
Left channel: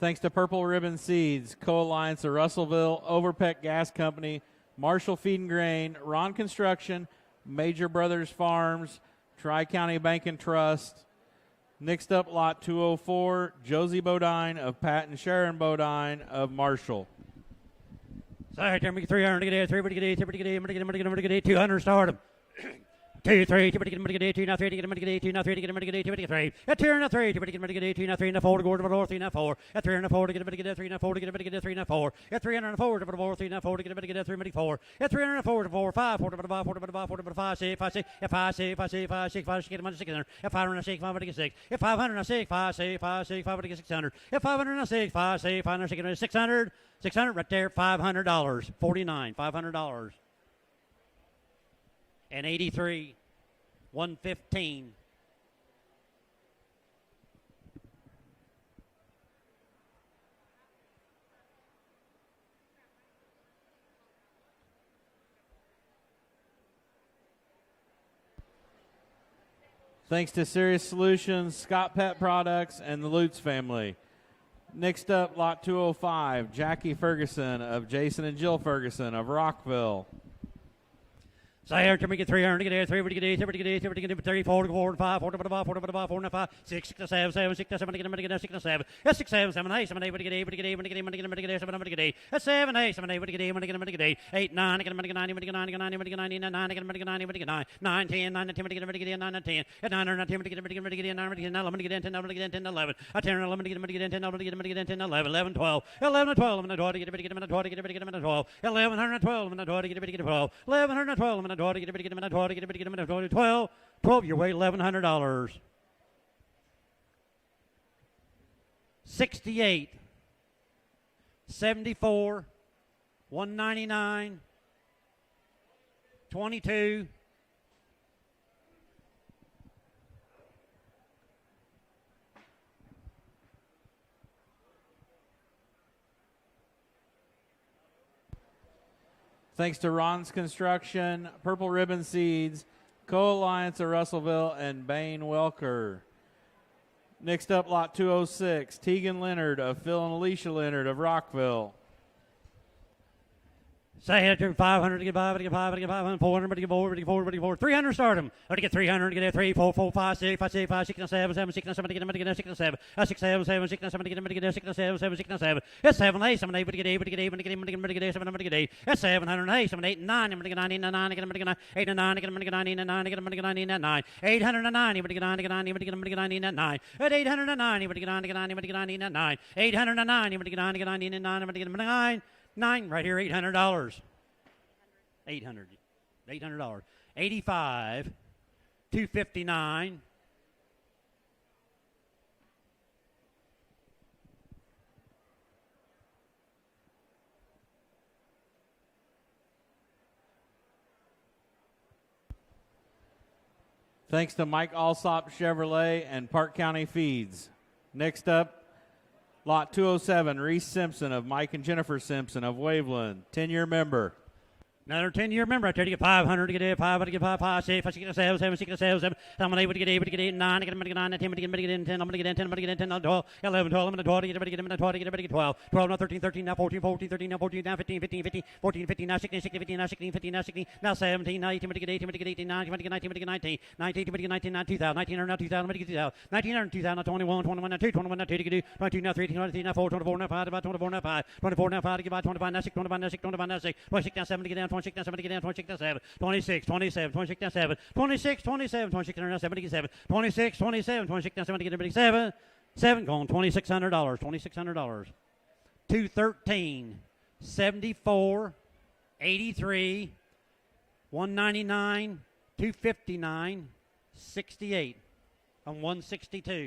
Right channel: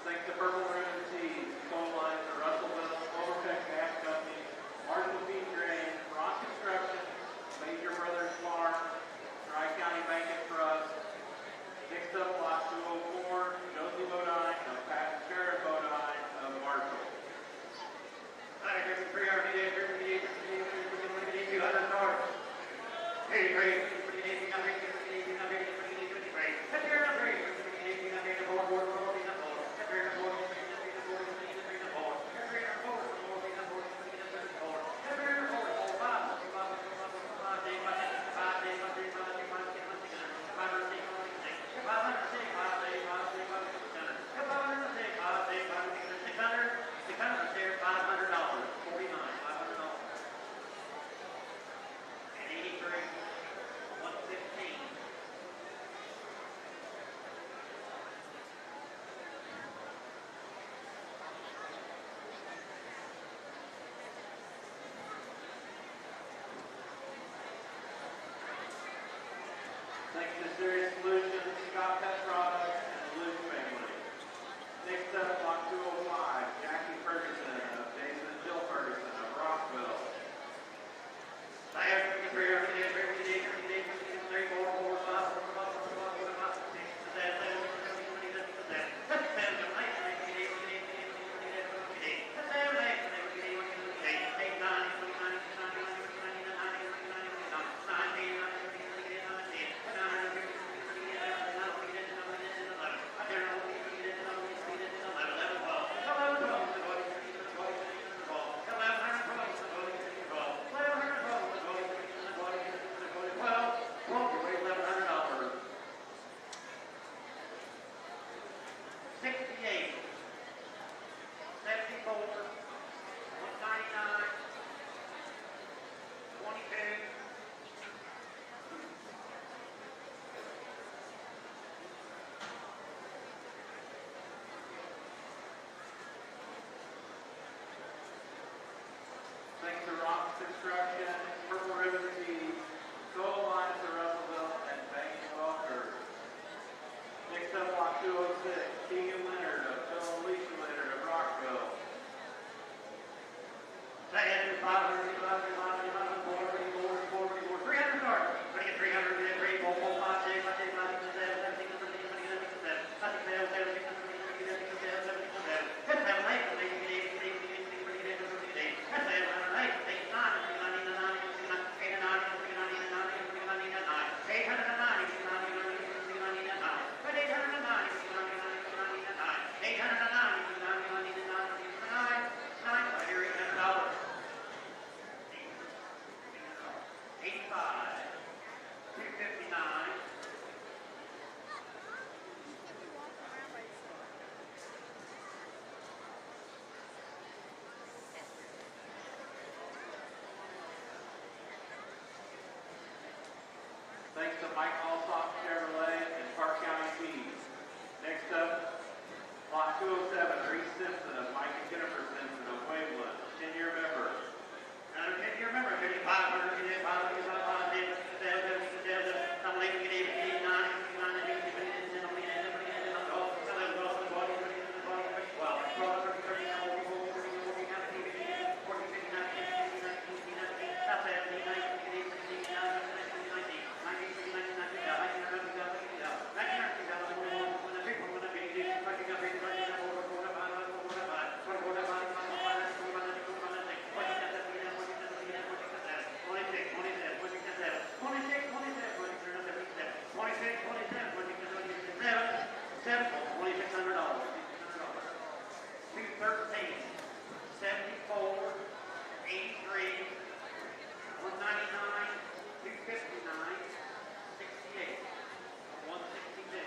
Thanks to Purple Ribbon Seeds, Co-Alliance of Russellville, Overpeck Gas Company, Marshall Feed and Grain, Ron Construction, Major Brothers Farms, Tri-County Bank and Trust, Next up, lot 204, Josie Bodine of Pat and Sharon Bodine of Marshall. All right, there we go. 300 to get 300 to get 200 start. 2, 3, 2, 2, now 3, 2, now 3, 2, 3. At 2 and 3, 2, now 3 and 4 to go to the 3 and 4. At 3 and 4 to get 3 and 4 to get 3 and 4. At 3 and 4 to the 4, 3 and 4 to get 3 and 4. At 3 and 4 to 4, 5, 4 to the 5, 4 to the 5, 4 to the 5, 6, 5, 6, 5, 6, 5, 6, 5, 6, 5, 6, get 600. At 506, 5 to get 6. At 506, 5, 6, 5, 6, 5 to get 600. At 506, 5, 6, 5, 6, 600. 600 right there, $500. 49, $500. And 83. 115. Thanks to Serious Solutions, Scott Pet Products, and the Lutz family. Next up, lot 205, Jackie Ferguson of Jason and Jill Ferguson of Rockville. So here, can we get 300 to get 300 to get 300 to get 300 to get 34 to 4 to 5, 4 to 5, 4 to 5, 4 to 5, 6 to 7, 7, 6 to 7, to get 6 to 7. That's 6, 7, 7, 8, 7, 8, to get 8, to get 8, to get 8, to get 8, to get 8, 7, to get 8. That's 7, 8, 7, 8, to get 8, to get 8, 8, 9, to get 9, to get 9, to get 9, to get 9, to get 9, 9, to get 9, to get 9, to get 9, 9, 10, 9, 10, to get 9, to get 9, 10, at 9, 9, 10, to get 9, to get 9, to get 9, 11, to get 10, 11, to get 10, 11, at 10, 11, to get 10, 11, to get 10, 11, 11, 12, 11, 12, and 12, to get 12, 11, 12, and 12, to get 12, 11, 12, and 12, to get 12, 12, you weigh $1,100. 68, 74, 199, 22. Thanks to Ron's Construction, Purple Ribbon Seeds, Co-Alliance of Russellville, and Bain Welker. Next up, lot 206, Tegan Leonard of Phil and Alicia Leonard of Rockville. Say it to 500 to get 5, to get 5, to get 500, 400 to get 4, to get 4, to get 4, 300 start them. Or to get 300 to get 3, 4, 4, 5, 6, 5, 6, 5, 6, 7, 7, 6, 7 to get 6, 7, 6, 7, 7, 6, 7 to get 6, 7, 7, 6, 7. That's 7, 8, 7, 8, to get 8, to get 8, to get 8, to get 8, 7 to get 8. That's 708, 7, 8, 9, to get 9, 9, to get 9, 8 and 9, to get 9, 9, to get 9, 9, 890, to get 9, to get 9, to get 9, 9, at 890, to get 9, to get 9, to get 9, 9, 890, to get 9, to get 9, 9, to get 9, 9, right here, $800. $800. 85, 259. Thanks to Mike Alsop Chevrolet and Park County Feeds. Next up, lot 207, Reese Simpson of Mike and Jennifer Simpson of Waveland, 10-year member. Another 10-year member. I try to get 500 to get 5, to get 5, 5, 6, 5, 6, 7, 7, 6, 7, 7. I'm able to get 8, to get 8, 9, to get 9, 10, to get 10, I'm going to get 10, I'm going to get 10, 12, 11, 12, I'm going to 12, to get 12, to get 12, 12, now 13, 13, now 14, 14, 13, now 14, now 15, 15, 15, 14, 15, now 16, 16, 15, now 16, 15, now 16, now 17, now 18, to get 18, to get 18, 9, to get 19, to get 19, 19, to get 19, now 2000, 1900, now 2000, to get 2000, 1900, 2000, now 21, 21, now 2, 21, now 2, to get 22, now 3, 22, now 4, 24, now 5, about 24, now 5, 24, now 5, to get about 25, now 6, 25, now 6, 25, now 6, 26, now 7, to get down, 26, now 7, to get down, 26, now 7, 26, 27, 26, now 7, 26, 27, 26, now 7, to get 7, 26, 27, 26, now 7, to get 7, 7, going $2,600, $2,600. 213, 74, 83, 199, 259, 68, and 162.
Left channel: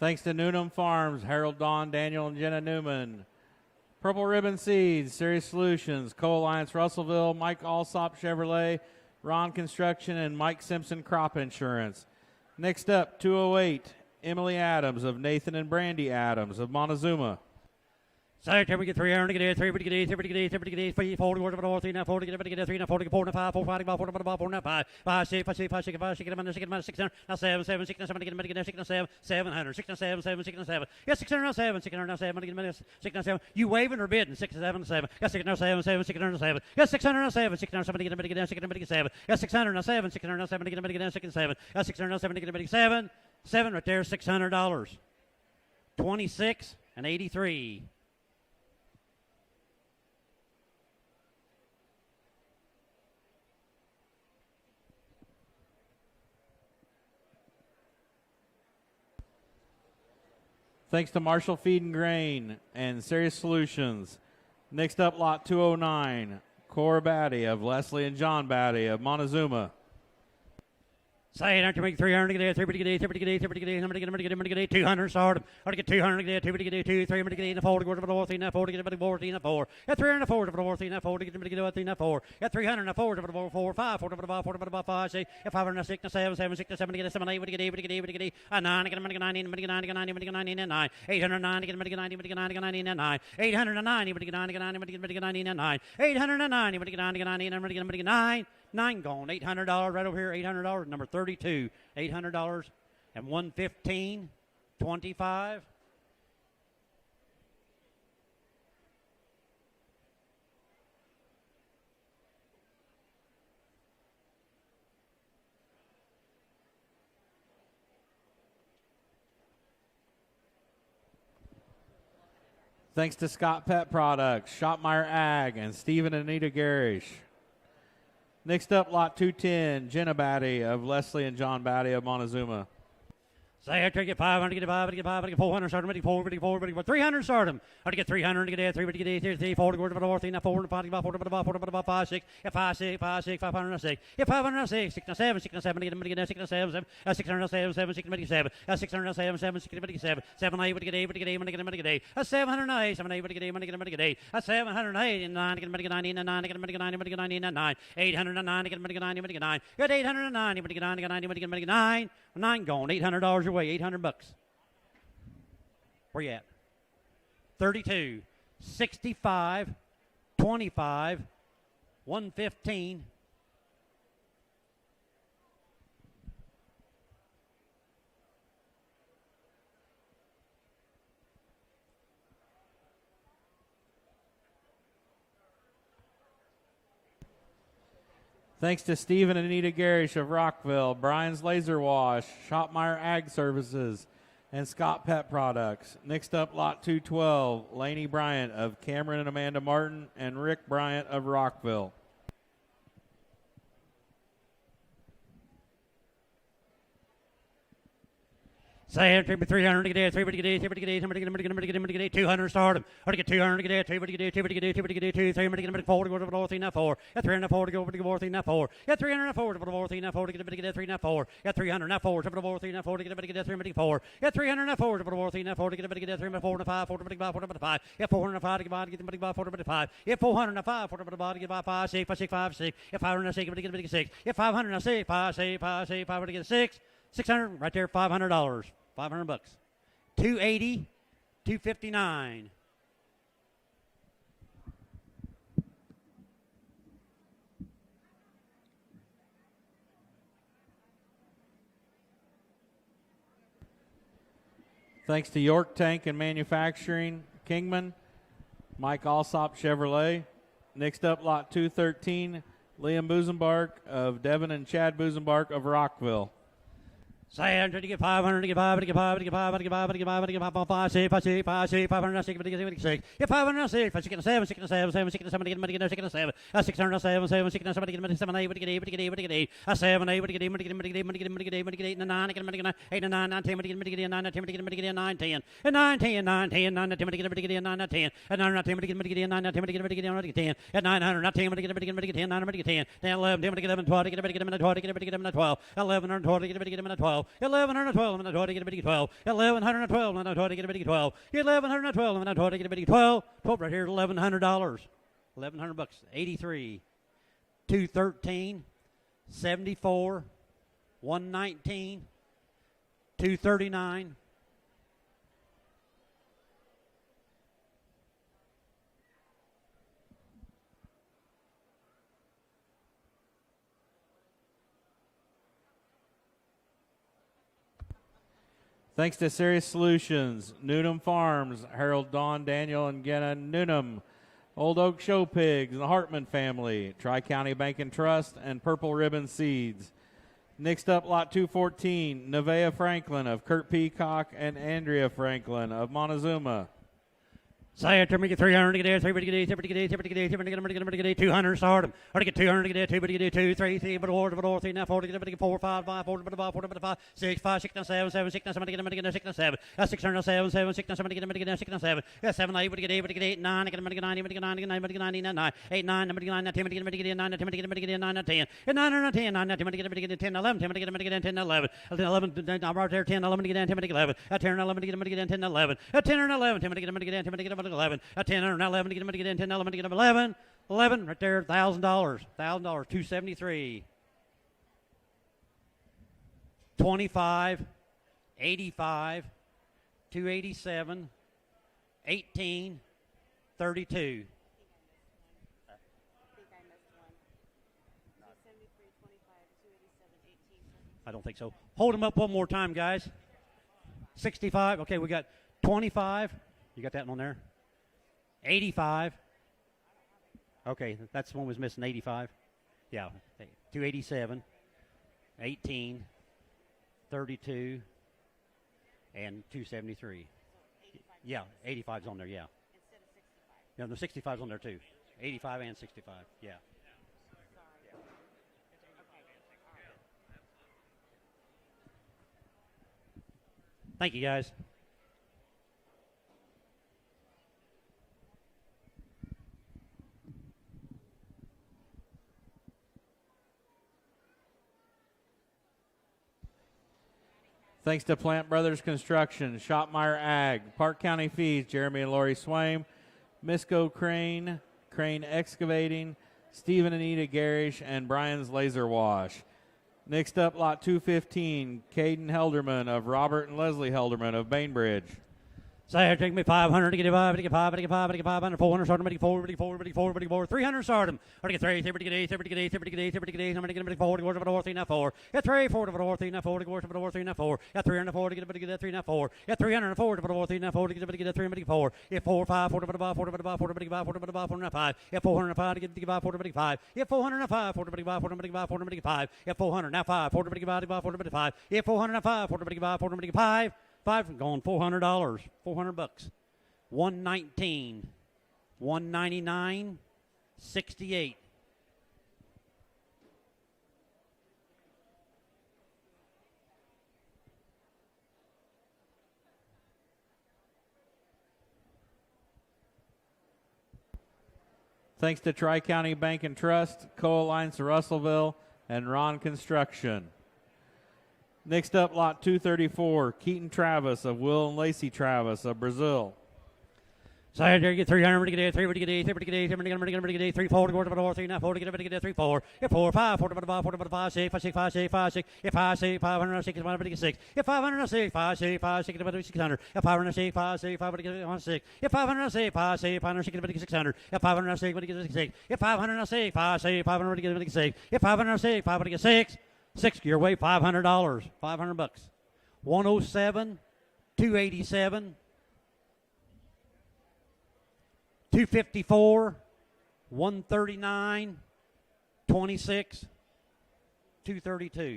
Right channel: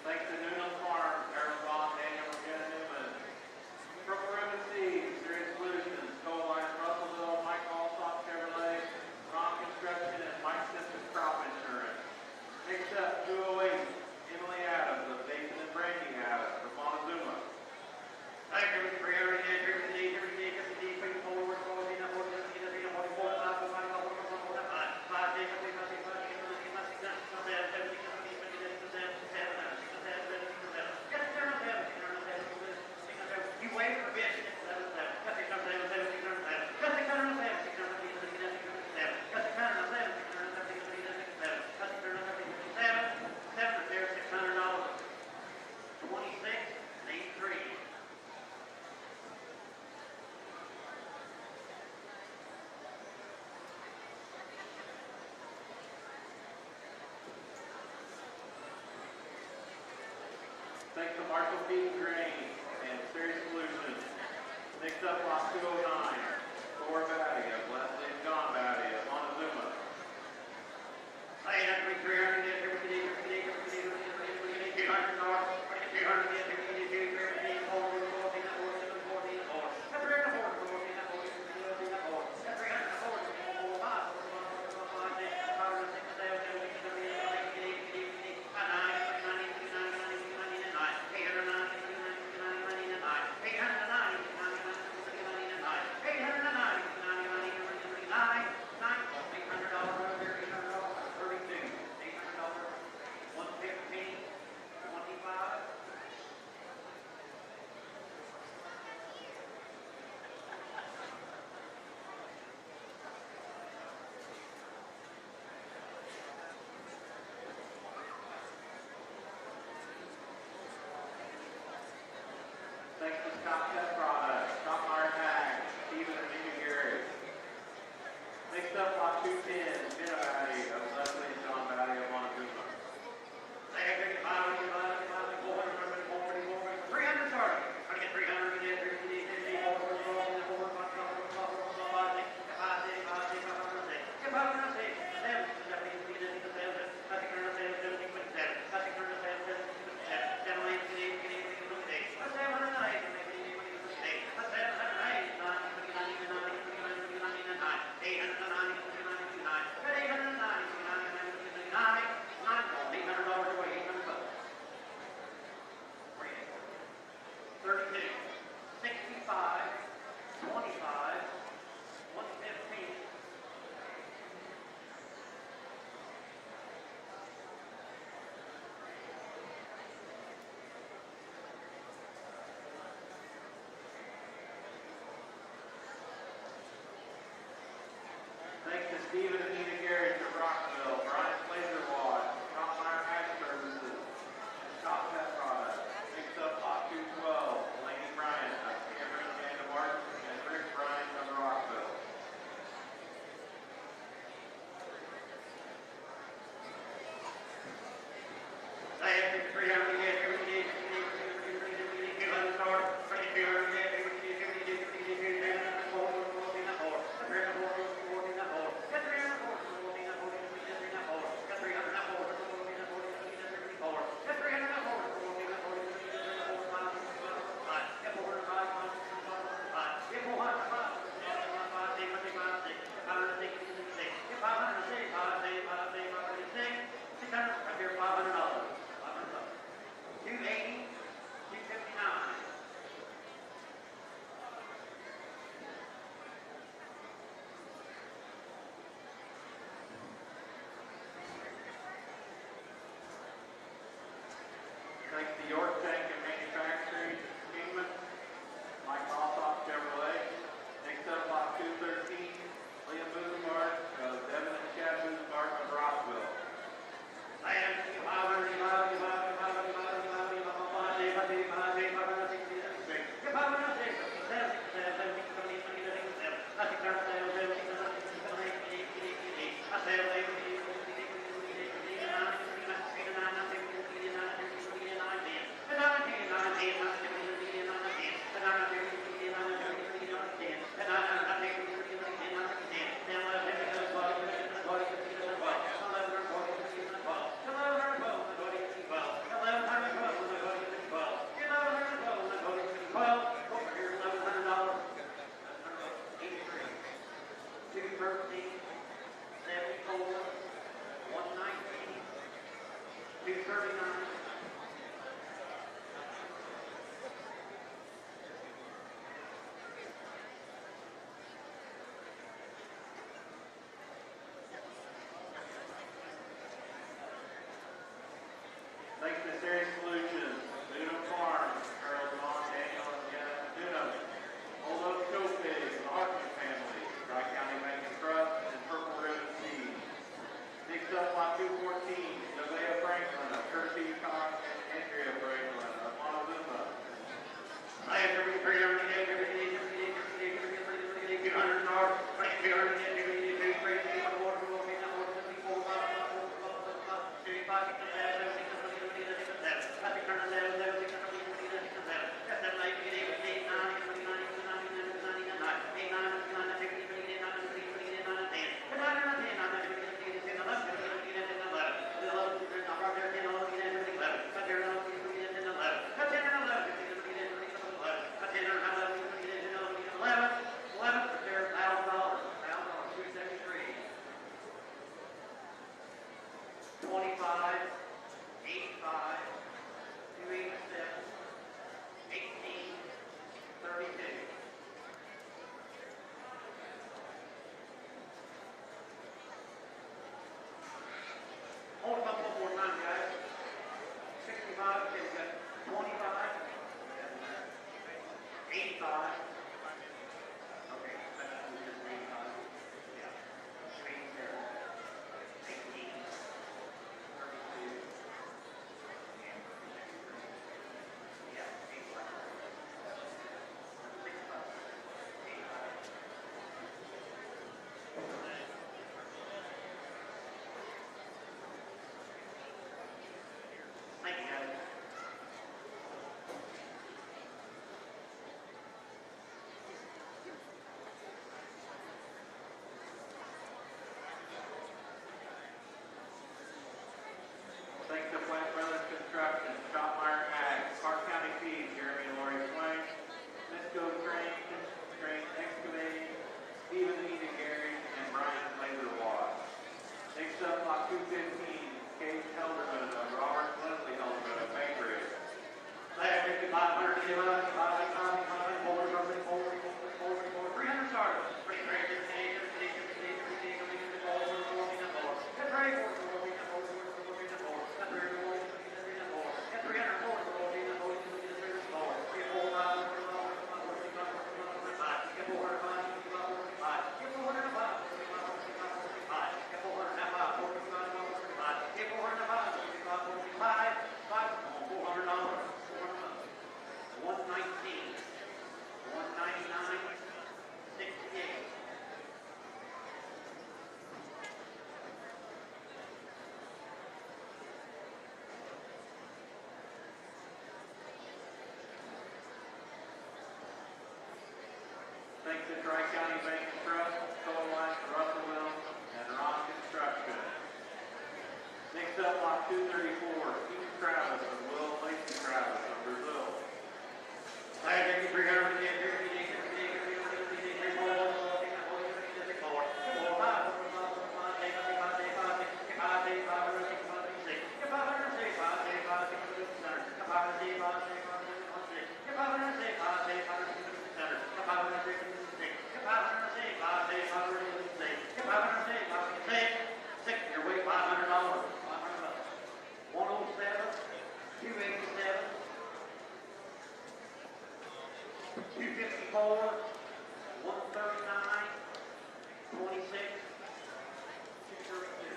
Thanks to Newnham Farms, Harold Dawn, Daniel, and Jenna Newman. Purple Ribbon Seeds, Serious Solutions, Co-Alliance Russellville, Mike Alsop Chevrolet, Ron Construction, and Mike Simpson Crop Insurance. Next up, 208, Emily Adams of Nathan and Brandy Adams of Montezuma. Say, can we get 300 to get 3 to get 3 to get 3 to get 3 40 word of 3 now 40 get 3 now 40 4 5 4 5 4 5 4 5 5 6 5 6 5 6 5 6 7 6 7 7 7 6 7 get 6 7 700 6 7 7 6 7 yes 607 607 6 7 you waving or bidding 6 7 7 yes 607 7 607 yes 607 607 get 6 7 yes 607 607 get 6 7 yes 607 get 7 7 right there $600 26 and 83. Thanks to Marshall Feed and Grain and Serious Solutions. Next up, lot 209, Cora Batty of Leslie and John Batty of Montezuma. Say it after me, 300 get 3 get 3 get 3 get 200 start. Or get 200 get 3 get 2 3 get 4 go to 4 3 4 get 4 3 4. Get 300 4 4 3 4 get 3 4. Get 300 4 4 5 4 5 6 506 7 7 6 7 get 7 8 get 8 get 8 get 9 get 9 get 9 get 9 get 9 809 get 9 get 9 get 9 809 get 9 get 9 get 9 809 get 9 get 9 get 9 9 gone $800 right over here $800 number 32 $800 and 115 25 Thanks to Scott Pet Products, Shopmeyer Ag, and Stephen and Anita Garish. Next up, lot 210, Jenna Batty of Leslie and John Batty of Montezuma. Say I get 500, get 500, get 500, get 400, start ready, 4, ready, 4, ready, 300 starting. How to get 300, get 3, get 3, 4, go to 4, 3, 4, 5, 6, get 5, 6, 5, 6, 506, get 506, 6, 7, 6, 7, 8, 6, 7, 607, 7, 6, 7, 607, 7, 6, 7, 7, 8, get 8, get 8, get 8, 708, 7, 8, get 8, get 8, 708, 9, get 90, 9, get 90, get 9, 809, get 9, get 9, get 809, get 9, get 9, 9 gone, $800 away, $800. Where you at? 32, 65, 25, 115. Thanks to Stephen and Anita Garish of Rockville, Brian's Laser Wash, Shopmeyer Ag Services, and Scott Pet Products. Next up, lot 212, Laney Bryant of Cameron and Amanda Martin, and Rick Bryant of Rockville. Say it, 300 get 3 get 200 started. How to get 200 get 3 get 2 3 get 4 go to 4 3 4. Get 304 go to 4 3 4. Get 304 to 4 3 4 get 3 4. Get 304 to 4 3 4 get 3 4. Get 304 to 4 3 4 get 3 4 to 5 4 5. Get 405 to 5 4 5. Get 405 to 5 6 5 6 5 6. Get 506 get 6. Get 506 5 6 5 6 5 get 6. 600 right there $500. $500. 280, 259. Thanks to York Tank and Manufacturing, Kingman, Mike Alsop Chevrolet. Next up, lot 213, Liam Busenbark of Devin and Chad Busenbark of Rockville. Say to get 500, get 500, get 500, get 500, get 500, get 500, get 500, 6, 5, 6, 5, 6, 506, get 506, 6, 7, 7, 6, 7, 7, 6, 7, 8, get 6, 7, 607, 7, 6, 7, 8, 7, 8, get 8, get 8, get 8, 7, 8, get 8, get 8, get 8, get 8, 9, get 8, 9, 9, 10, get 9, 10, get 9, 10, 9, 10, 9, 10, 9, 10, get 9, 10, 9, 10, get 9, 10, get 10, at 900, not 10, get 10, 9, get 10, 10, 11, get 11, 12, get 11, 12, get 12, 11, 12, get 12, 1112 and the 20 get 12. 1112 and the 20 get 12. 1112 and the 20 get 12. Quote right here $1,100. $1,100. 83. 213. 74. 119. 239. Thanks to Serious Solutions, Newnham Farms, Harold, Dawn, Daniel, and Jenna Newnham, Old Oak Show Pigs, and the Hartman family, Tri-County Bank and Trust, and Purple Ribbon Seeds. Next up, lot 214, Nevaeh Franklin of Kurt Peacock and Andrea Franklin of Montezuma. Say 300 get there, 300 get 200 start. 200 get there, 200 get 2, 3, 3, but 3, now 40 get 4, 5, 5, 4, 5, 6, 5, 6, 7, 7, 6, 7, get 6, 7. That's 607, 7, 6, 7, get 6, 7. That's 7, 8, get 8, 9, get 9, 9, 8, 9, 9, 10, get 9, 10, get 9, 10, 9, 10, 9, 10, get 10, 11, 10, get 10, 11, 11, I'm right there, 10, 11, get 10, 11, 10, 11, get 10, 11, 10, 11, 10, get 11, 10 and 11 to get in 10, 11 to get 11, 11 right there, $1,000, $273, 25, 85, 287, 18, 32. I don't think so. Hold them up one more time, guys. 65. Okay, we got 25. You got that one there? 85. Okay, that's the one was missing, 85. Yeah, 287, 18, 32, and 273. Yeah, 85's on there, yeah. No, the 65's on there too. 85 and 65, yeah. Thank you, guys. Thanks to Plant Brothers Construction, Shopmeyer Ag, Park County Feeds, Jeremy and Lori Swaim, Misco Crane, Crane Excavating, Stephen and Anita Garish, and Brian's Laser Wash. Next up, lot 215, Caden Helderman of Robert and Leslie Helderman of Bainbridge. Say, take me 500 to get 5, to get 5, to get 5, to get 5, 400 start, 4, 300 start, 3, 3, 8, 8, 8, 8, 8, 8, 4, 3, 4, get 3, 4, 3, 4, 3, 4, get 304 to get 3, 4, get 304 to 3, 4, to get 3, 4, get 4, 5, 4, 5, 4, 5, 4, 5, get 405 to get 5, 4, 5, get 405, 4, 5, 4, 5, get 400, now 5, 4, 5, 4, 5, get 405, 4, 5, 4, 5, 5 going $400, $400. 119, 199, 68. Thanks to Tri-County Bank and Trust, Co-Alliance Russellville, and Ron Construction. Next up, lot 234, Keaton Travis of Will and Lacey Travis of Brazil. Side here, get 300 to get 3, to get 8, 3, to get 8, 3, to get 3, 4, 3, now 4, to get 3, 4, get 4, 5, 4, 5, 6, 5, 6, 5, 6, 5, 6, get 5, 6, 506, 1, get 506, 5, 6, 5, 6, 600, get 506, 5, 6, 5, get 1, 6, get 506, 5, 6, 506, 600, get 506, get 6, get 506, 5, 6, 500, get 6, get 506, 5, get 6, 6 your way, $500, $500. 107, 287, 254, 139, 26, 232.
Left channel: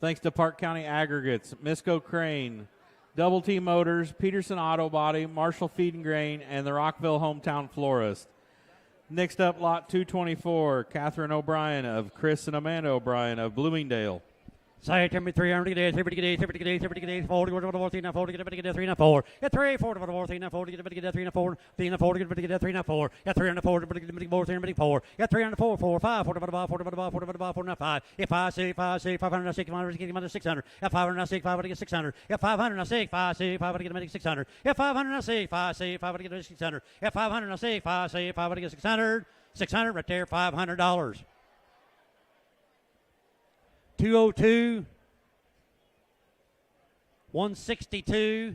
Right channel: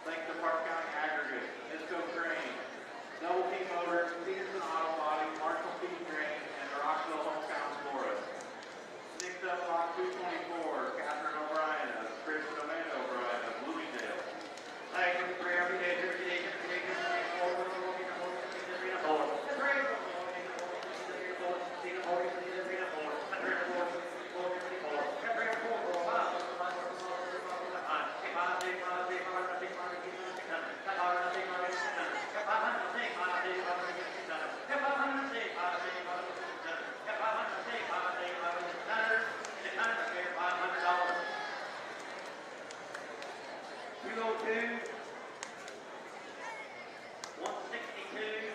Thanks to Park County Aggregates, Misco Crane, Double T Motors, Peterson Auto Body, Marshall Feed and Grain, and the Rockville Hometown Florist. Next up, lot 224, Catherine O'Brien of Chris and Amanda O'Brien of Bloomingdale. Say, tell me 300 to get 3, to get 8, 3, to get 8, 40, 4, 4, to get 3, 4, get 3, 4, 4, 3, 4, to get 3, 4, 3, 4, to get 3, 4, get 304 to get 4, get 304, 4, 5, 4, 5, get 5, 6, 5, 6, 506, 600, get 506, 5, get 600, get 506, 5, 6, 5, get 600, get 506, 5, 6, 5, get 600, get 506, 5, 6, 5, get 600, 600 right there, $500. 202, 162,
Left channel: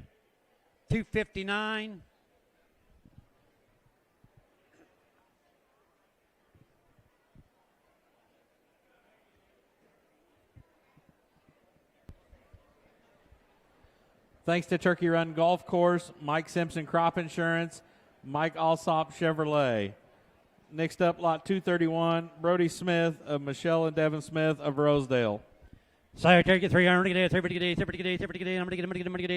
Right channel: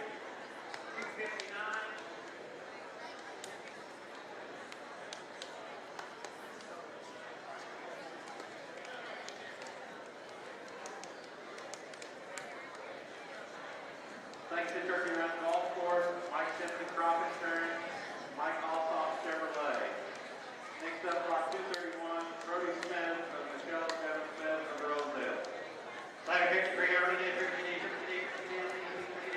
259. Thanks to Turkey Run Golf Course, Mike Simpson Crop Insurance, Mike Alsop Chevrolet. Next up, lot 231, Brody Smith of Michelle and Devin Smith of Rosedale. Sire, take it 300, get it,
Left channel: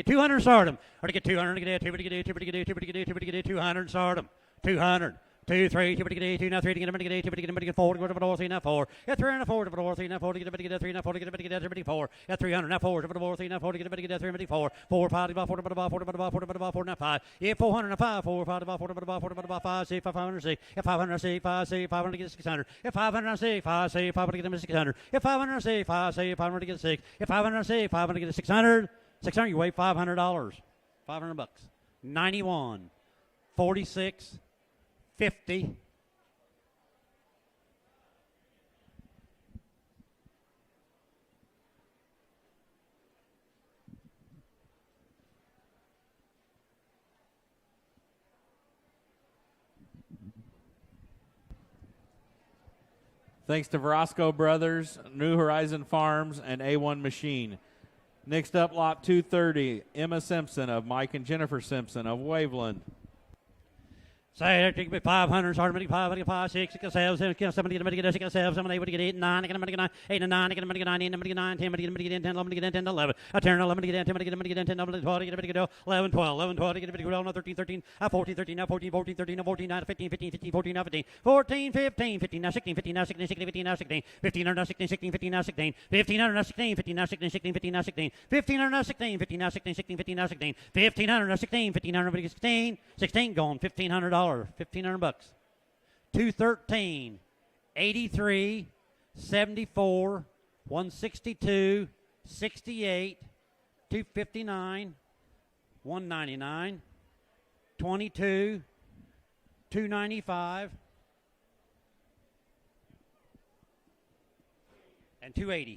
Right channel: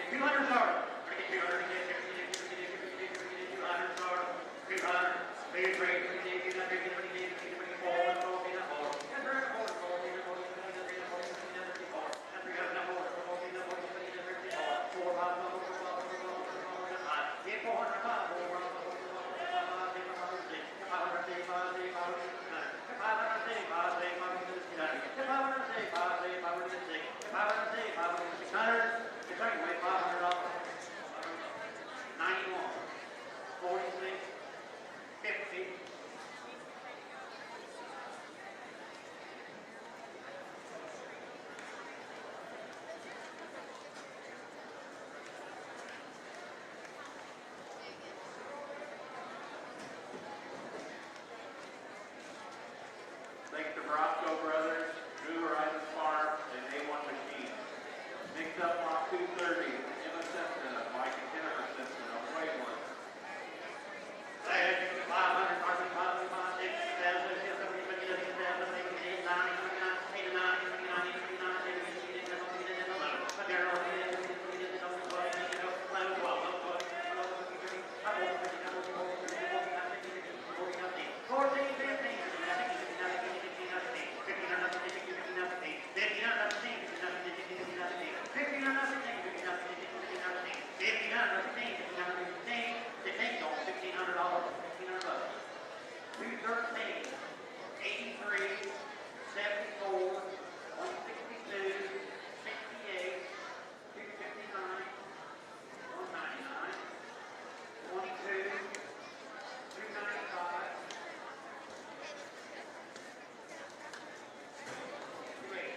200, start him. Or to get 200, get it, 200, start him. 200. 2, 3, 2, 2, 3, 4, 4, 3, 4. Get 300, 4, 3, 4, get 3, 4, get 34. Get 300, 4, 3, 4, get 34. 4, 5, 4, 5. Get 400, 5, 4, 5, 6, 500, 6. Get 500, 6, 5, 6, 500, get 600. Get 500, 6, 5, 6, 500, get 600. Get 500, 6, 5, 6, 500, get 6. Get 500, 6, 500, get 600. 600, you weigh $500. $500. 91, 46. 50. Thanks to Verosco Brothers, New Horizon Farms, and A1 Machine. Next up, lot 230, Emma Simpson of Mike and Jennifer Simpson of Waveland. Say, 500, start 5, 5, 6, 7, 7, 7, 6, 7, 7, 8, 8, 9, 8, 9, 8, 9, 9, 10, 10, 11, 11, I turn 11, 10, 10, 11, 12, 11, 12, 11, 12, 13, 13, 14, 13, 14, 14, 13, 14, 9, 15, 15, 15, 14, 15, 14, 15, 15, 16, 15, 16, 16, 15, 16, 15, 16, 16, 15, 16, 15, 16, 15, 16, 16, 15, 16, 15, 16, 15, 16, 16, 15, 16, 15, 16, 15, 16, 16, going $1,500. $1,500. 213, 83, 74, 162, 68, 259, 199, 22, 295, and 280.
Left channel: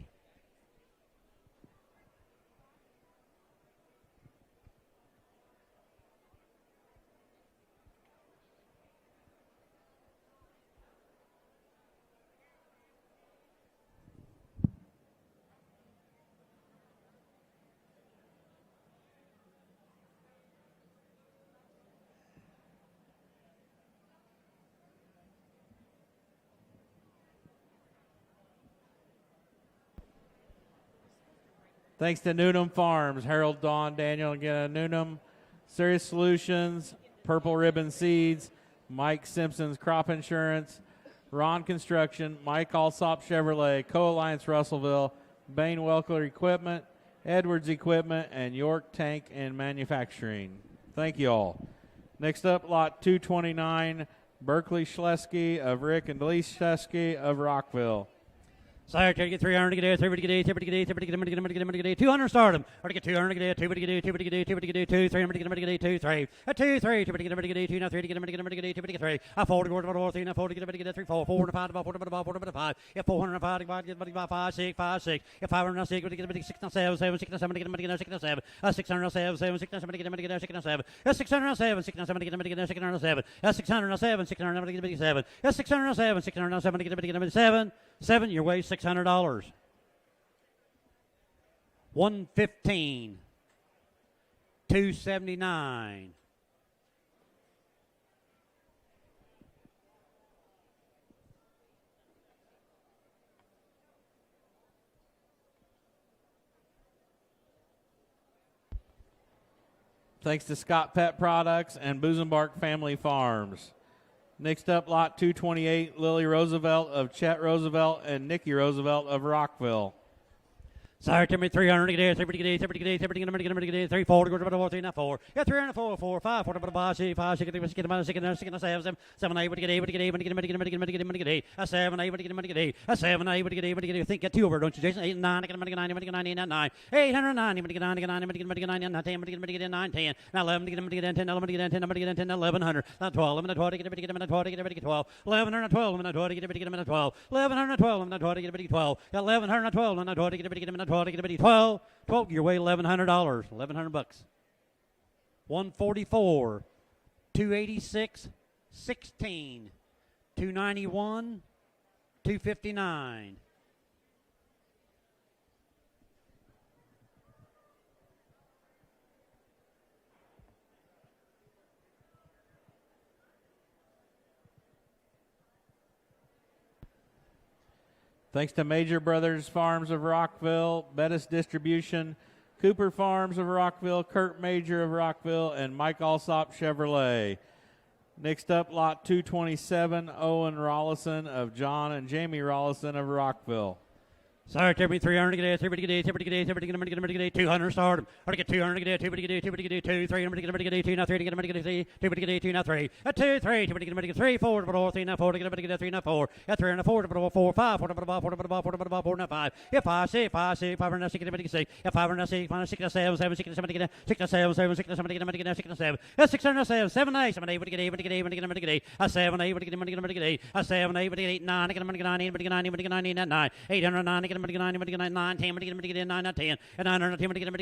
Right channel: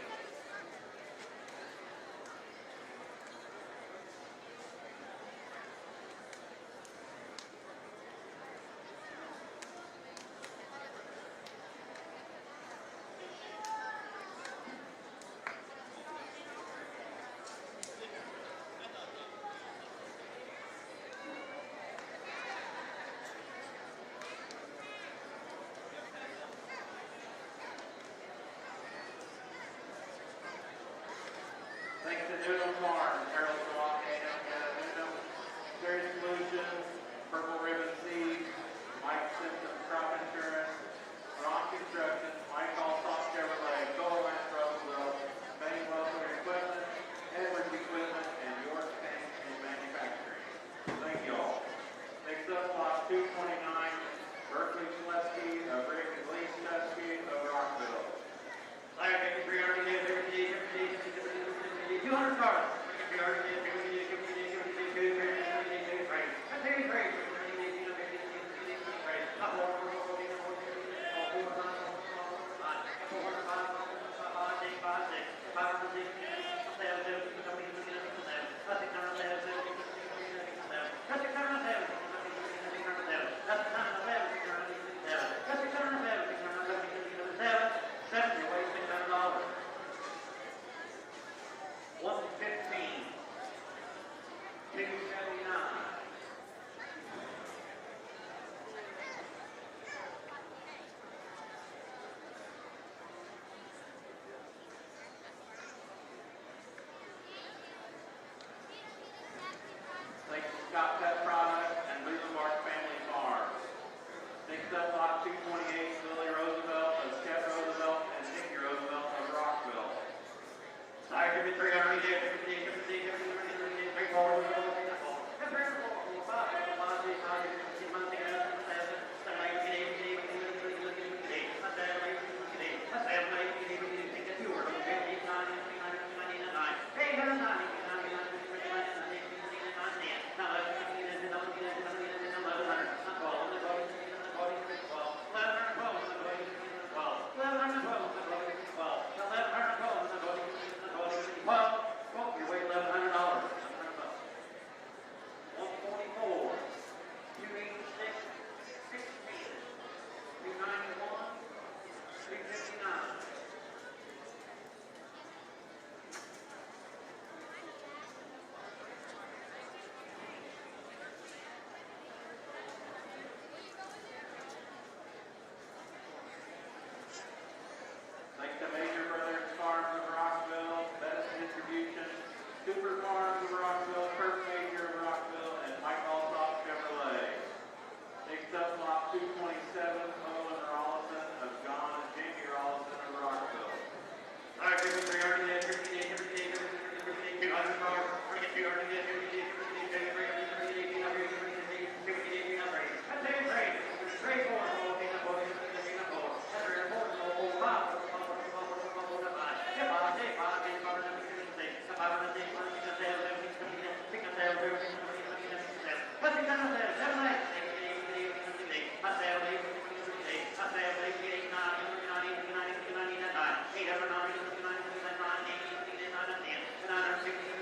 Thanks to Newnham Farms, Harold, Dawn, Daniel, Newnham, Serious Solutions, Purple Ribbon Seeds, Mike Simpson's Crop Insurance, Ron Construction, Mike Alsop Chevrolet, Co-Alliance Russellville, Bain Welker Equipment, Edwards Equipment, and York Tank and Manufacturing. Thank you all. Next up, lot 229, Berkeley Schlesky of Rick and Lee Schlesky of Rockville. Sire, take it 300, get it, 300, get it, 200, start him. Or to get 200, get it, 200, get it, 200, get it, 200, 2, 300, get it, 2, 3, a 2, 3, 200, get it, 3, 3, get it, 3, a 4, 4, 3, 4, get it, 3, 4, 4, 5, 5, get 405, get 5, 6, 5, 6, get 506, get it, 6, 7, 7, 6, 7, get it, 6, 7, 607, 7, 6, 7, get it, 6, 7, 607, 6, 7, get it, 6, 7, 607, 6, 7, get it, 7, 607, 607, get it, 7, 7, your way $600. 115, 279. Thanks to Scott Pet Products and Boozenbark Family Farms. Next up, lot 228, Lily Roosevelt of Chet Roosevelt and Nikki Roosevelt of Rockville. Sire, give me 300, get it, 3, 4, 4, get 304, 4, 5, 4, 6, 5, 6, 7, 7, 7, 8, get 8, get 8, get 8, a 7, 8, get 8, a 7, 8, get 8, think get 2 over, don't you, Jason? 8, 9, get 9, 9, 809, get 9, get 9, get 9, 10, get 9, 10, 11, get 10, 11, get 10, 11, 1100, 12, 11, 12, get 12, 1112, 12, get 12, 1112, get 12, 1112, get 12, 1112, get 12, 12, get 12, Quote your way $1,100. $1,100. 144, 286, 16, 291, 259. Thanks to Major Brothers Farms of Rockville, Bettis Distribution, Cooper Farms of Rockville, Kurt Major of Rockville, and Mike Alsop Chevrolet. Next up, lot 227, Owen Rollison of John and Jamie Rollison of Rockville. Sorry, 300 get 200 start. Hard to get 200 get 2, 300 get 2, now 3 get 2, now 3. A 2, 3, 3, 4, 3, now 4, get 3, now 4. At 3 and 4, 4, 5, 4, 5. If 5, 6, 5, 6, 5, 6, 6, 5, 6, 5, 6, 7, 7, 6, 7, 7, 6, 7, 7, 6, 7, 7, 6, 7, 7, 8, 7, 8, get 8, get 8, get 8, get 8, a 7, 8, get 8, a 7, 8, get 8, 9, get 9, get 9, get 9, 809, get 9, 10, get 9, 10, get 910, get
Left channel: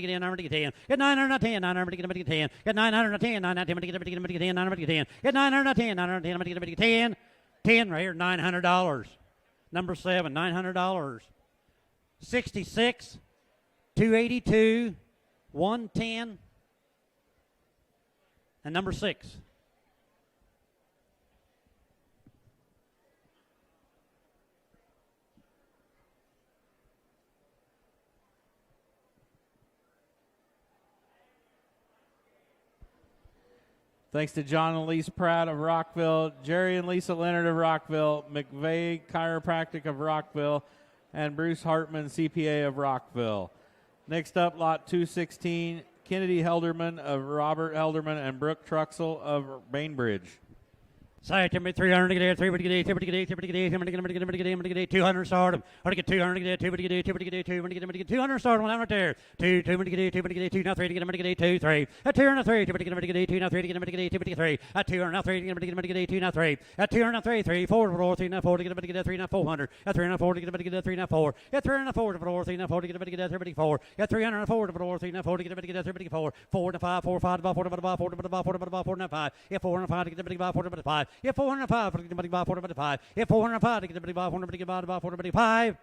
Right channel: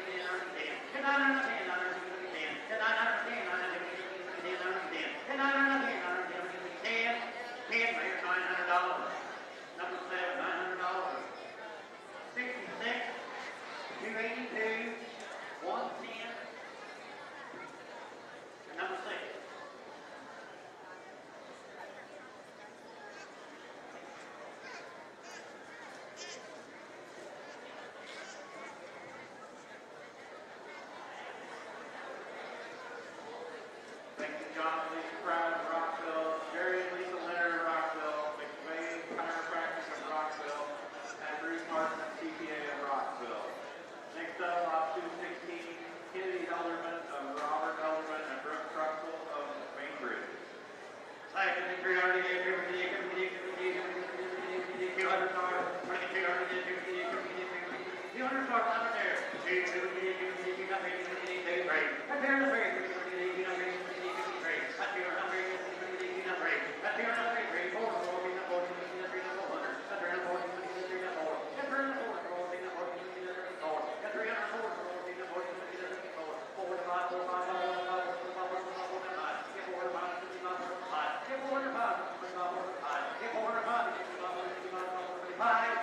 910, get 910, 910, get 910, 910, get 910, 910, get 910, 910, get 10, 10 right here, $900. Number 7, $900. 66, 282, 110, and number 6. Thanks to John and Lisa Pratt of Rockville, Jerry and Lisa Leonard of Rockville, McVeigh Chiropractic of Rockville, and Bruce Hartman, CPA of Rockville. Next up, lot 216, Kennedy Helderman of Robert Helderman and Brooke Truxell of Bainbridge. Side 300 get 300 get 200 start. Hard to get 200 get 200 start when I'm there. 2 2 now 3 get 2 3. A 2 and 3 get 2 now 3 get 3. A 2 and 3 get 2 now 3. A 2 and 3 3 4 3 now 4 get 3 now 400. A 3 and 4 get 3 now 4. A 3 and 4 3 now 4 get 34. A 3 and 4 3 now 4 get 34. 4 and 5 4 5 4 5 4 and 5. If 4 and 5 get 5 if 405, get 405. If 405, get 405.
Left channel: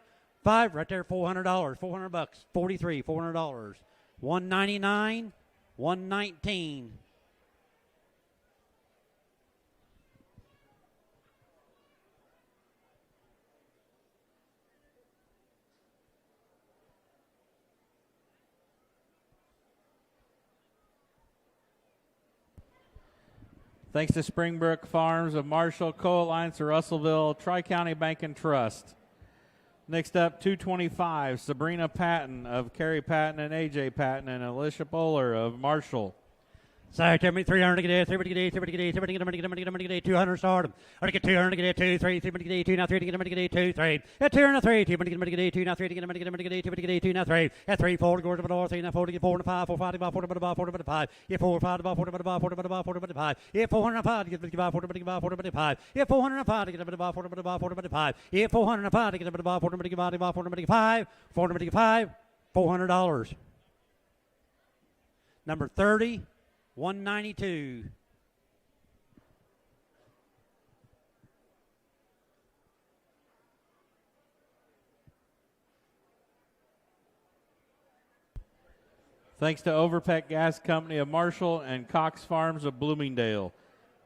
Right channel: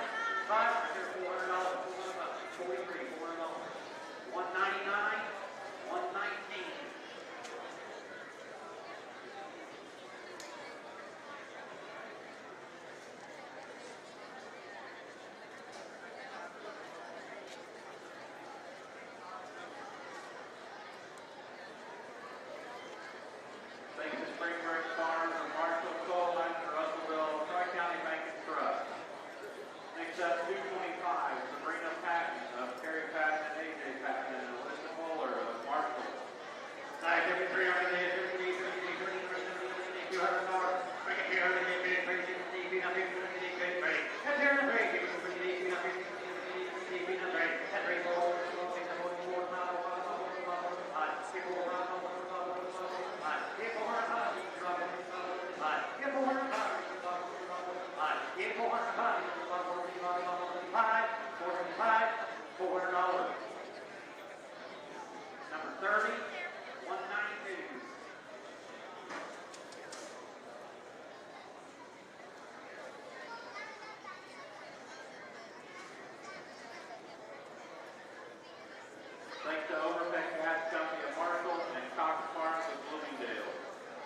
5 right there, $400. $400. 43, $400. 199, 119. Thanks to Springbrook Farms of Marshall, Co-Alliance of Russellville, Tri-County Bank and Trust. Next up, 225, Sabrina Patton of Carrie Patton and AJ Patton and Alicia Bowler of Marshall. Side 300 get 200 start. Hard to get 200 get 2 3 get 2 now 3 get 2 3. At 2 and 3 get 2 now 3 get 2 now 3. At 3 4 go to the 3 now 4 get 4 5 4 5 4 5. If 4 5 4 5. If 405 get 4 If 405 get 4 If 405 get 5 $400. Number 30, 192. Thanks to Overpeck Gas Company of Marshall and Cox Farms of Bloomingdale.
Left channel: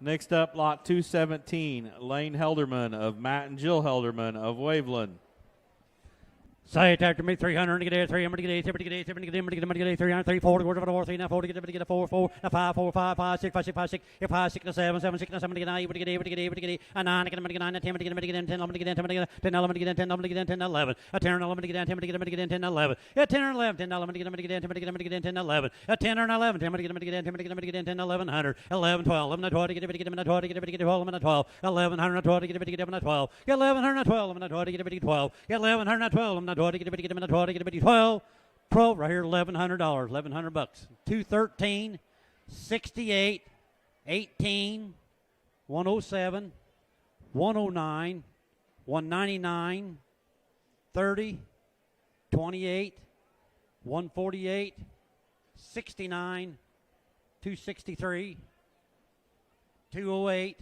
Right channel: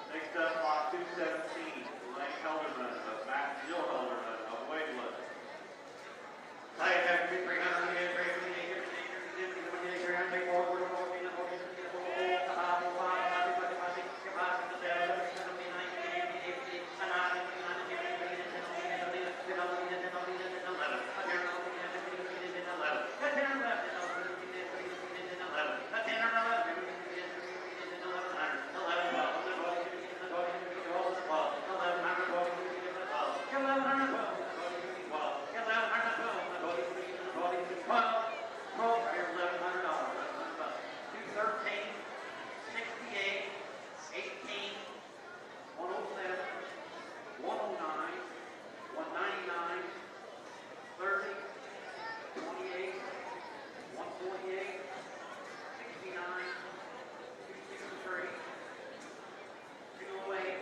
Next up, lot 217, Lane Helderman of Matt and Jill Helderman of Waveland. Say it after me, 300 get 300 get 300 3 4 go to 3 now 4 get 4 5 4 5 5 6 5 6 5 6 get 5 6 7 7 6 7 get 8 get 8 get 8 get 8 9 get 9 10 get 10 10 11 get 10 10 11 get 10 11 get 10 11 a 10 11 get 10 get 10 11 a 10 11 10 11 get 10 11 a 10 or 11 10 10 1100 11 12 11 20 get 12 get 12 12 1100 12 get 12 1112 get 12 1112 12. Pro right here, $1,100. $1,100. 213, 68, 18, 107, 109, 199, 30, 28, 148, 69, 263, 208.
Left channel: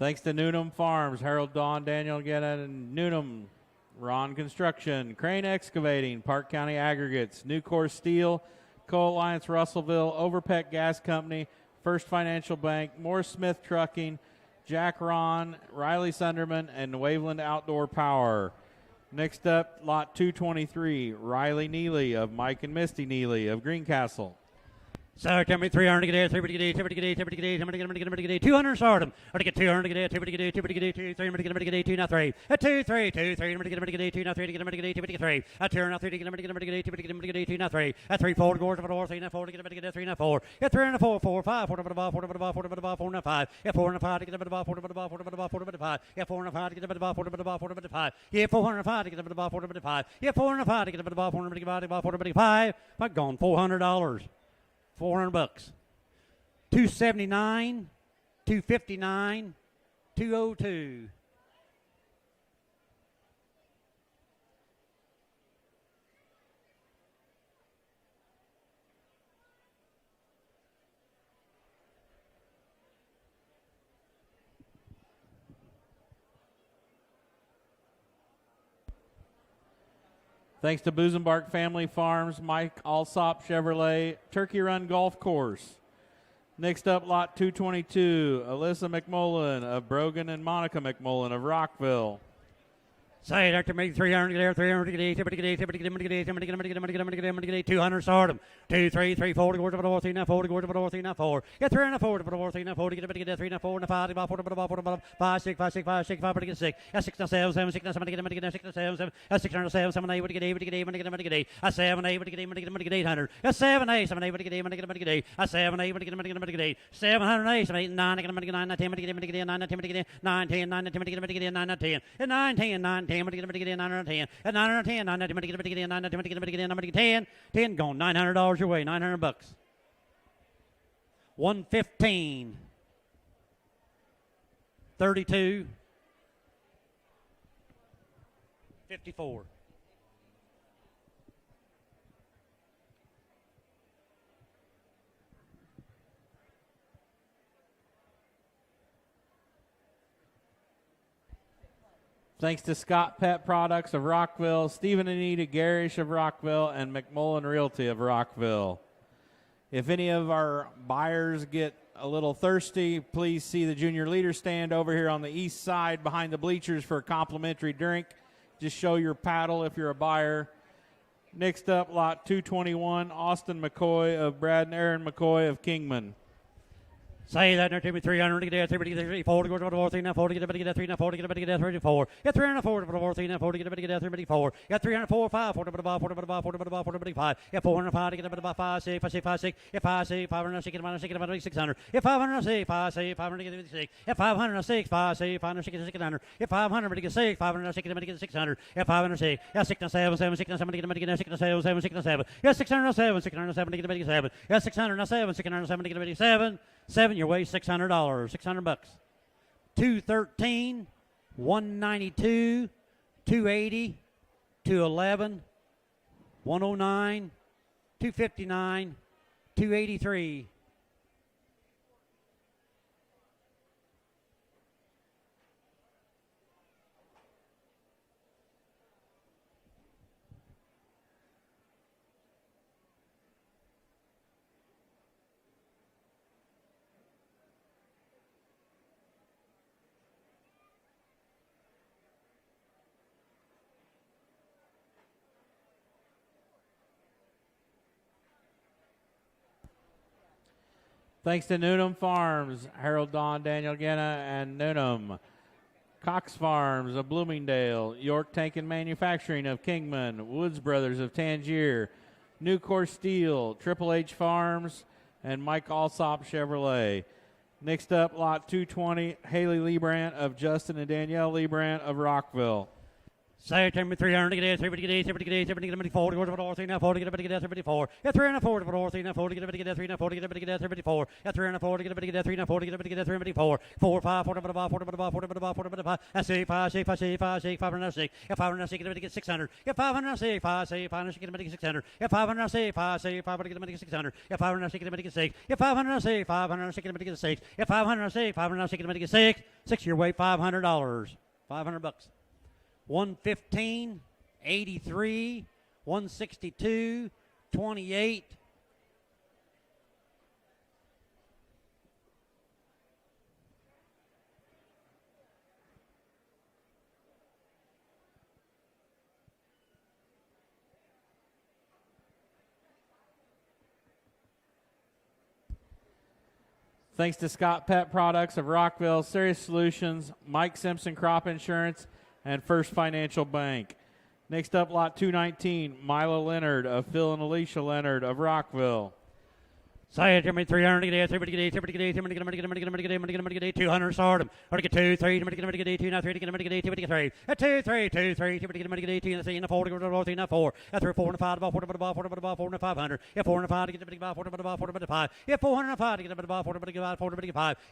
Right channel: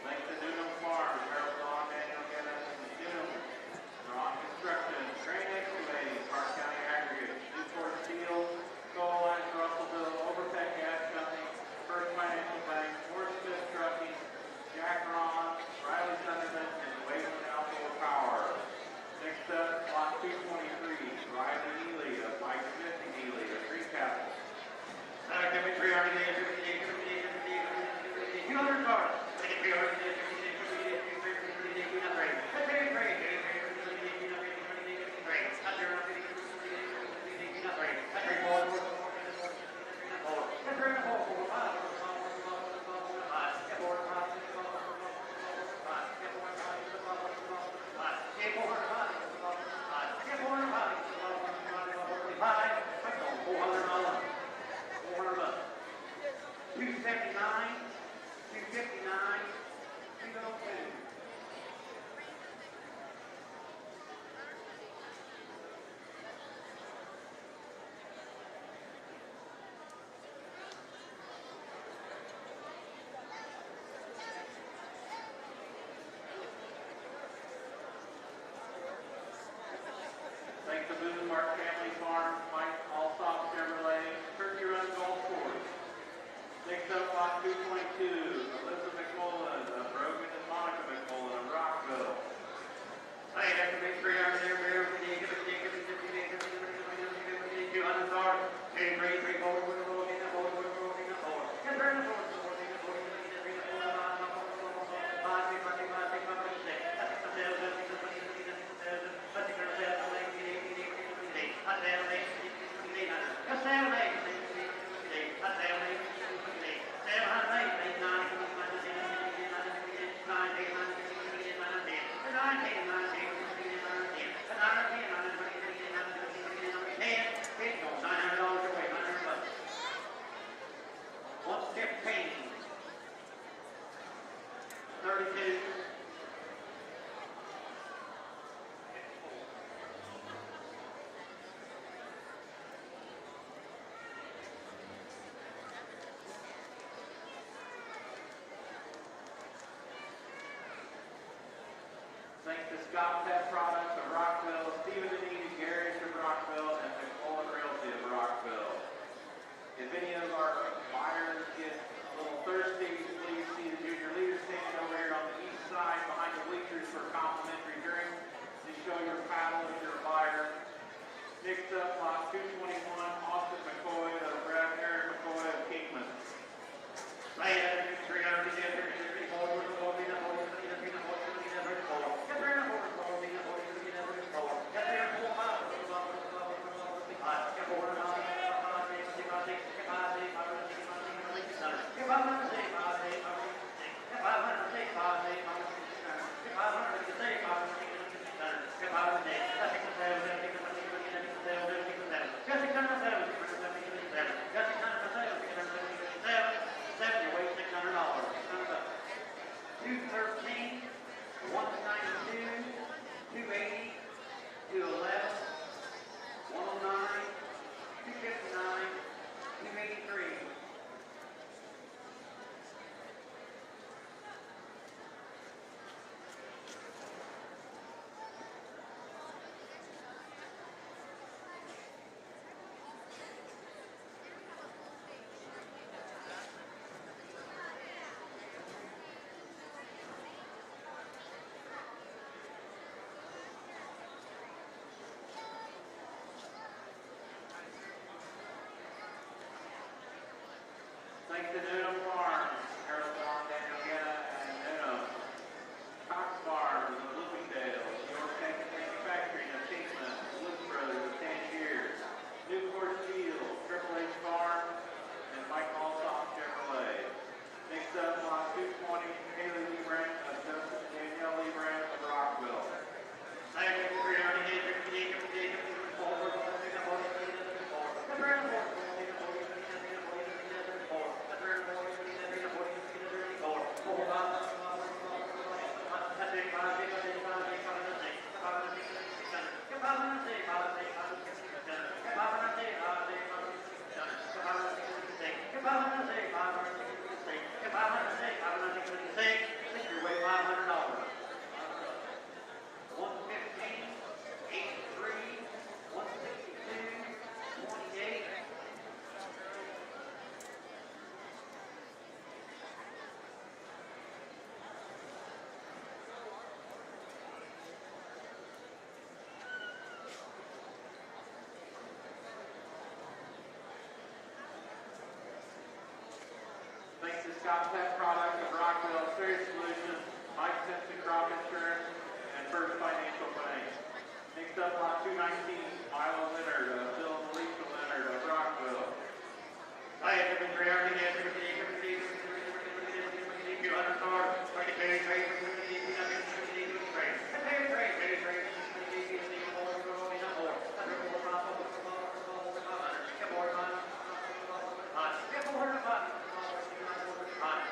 Thanks to Newnham Farms, Harold Dawn, Daniel Getta, and Newnham, Ron Construction, Crane Excavating, Parke County Aggregates, Nucor Steel, Co-Alliance Russellville, Overpeck Gas Company, First Financial Bank, Moore Smith Trucking, Jack Ron, Riley Sunderman, and Waveland Outdoor Power. Next up, lot 223, Riley Neely of Mike and Misty Neely of Greencastle. So 300 to get 200 start them. To get 200 to get 3 2 not 3. A 2 3 2 3 2 not 3 to get 3. A 2 not 3 to get 2 not 3. A 3 4 4 to 4 3 not 4 to get 3 not 4. Get 3 and 4 4 5 4 to the ball 4 to the ball 4 to the ball 4 not 5. Get 4 and 5 to get the ball 4 to the ball 4 to the ball 4 to the 5. Get 4 and 5 to get the ball 4 to the ball 4 to the 5. Get 405 to get the ball 4 to the 5. Get 4 and 5 to get the ball 4 to the ball 4 to the 5. I've gone $400. $400. 279, 259, 202. Thanks to Busenbark Family Farms, Mike Alsop Chevrolet, Turkey Run Golf Course. Next up, lot 222, Alyssa McMullen of Brogan and Monica McMullen of Rockville. Say that to me, 300 there, 300 200 start them. 2 3 3 40 words of the north, 40 words of the north, 4. Get 3 and 4 to the north, 40 get 3 and 4 and 5 5 5 6 5 6 5 6 5 get 6. That's 6 7 7 6 7 get 6 7 that's 6 7 7 8 get 8 get 8 get 8. I 7 8 get 800. That's 7 8 7 8 get 8 get 8. I 7 8 get 8. 708 7 8 9 get 9 10 get 9 10 get 9 10 9 10 get 9 10 9 10 9 10 get 910 at 910 9 10 get 9 10 get 10 gone $900 your way, $900. 115, 32, 54. Thanks to Scott Pet Products of Rockville, Stephen and Anita Garish of Rockville, and McMullen Realty of Rockville. If any of our buyers get a little thirsty, please see the junior leader stand over here on the east side behind the bleachers for a complimentary drink. Just show your paddle if you're a buyer. Next up, lot 221, Austin McCoy of Brad and Aaron McCoy of Kingman. Say that there to be 300 to get 40 go to the north, 40 get 3 40 get 34. Get 3 and 4 to the north, 40 get 34. Get 3 and 4 5 4 to the ball 4 to the ball 4 to the ball 4 to the 5. Get 405 get the ball 5 6 5 6 5 6. Get 5 6 506 get 600. Get 506 5 6 506. Get 506 5 6 506 get 600. Get 500 get 6 506 get 600. Get 506. Get 607 7 6 7 get 607 7 6 7. Get 607 607 get 7. Get 607 607 get 7. 7 your way, $600, $600. 213, 192, 280, 211, 109, 259, 283. Thanks to Newnham Farms, Harold Dawn, Daniel Gena, and Newnham. Cox Farms of Bloomingdale, York Tank and Manufacturing of Kingman, Woods Brothers of Tangier, Nucor Steel, Triple H Farms, and Mike Alsop Chevrolet. Next up, lot 220, Haley Liebrandt of Justin and Danielle Liebrandt of Rockville. Save him 300 get 3 get 40 40 40 get 34. Get 340 40 40 get 340 get 34. Get 340 get 340 get 34. 4 5 40 I say 5 6 5 6 5 6 506. Get 506 get 600. Get 506 5 6 506 get 600. Get 506 5 6 5 get 600. Get 506 get 6. Get 506 506 get 6. Get 506 506 get 6. 6 your way $500. $500. 115, 83, 162, 28. Thanks to Scott Pet Products of Rockville, Serious Solutions, Mike Simpson Crop Insurance, and First Financial Bank. Next up, lot 219, Milo Leonard of Phil and Alicia Leonard of Rockville. Say it, 300 get 200 sort of. 2 3 get 2 now 3 get 3. 2 3 2 3 get 2 3 40 4. At 3 4 5 4 500. Get 405 get 5. Get 405 get 4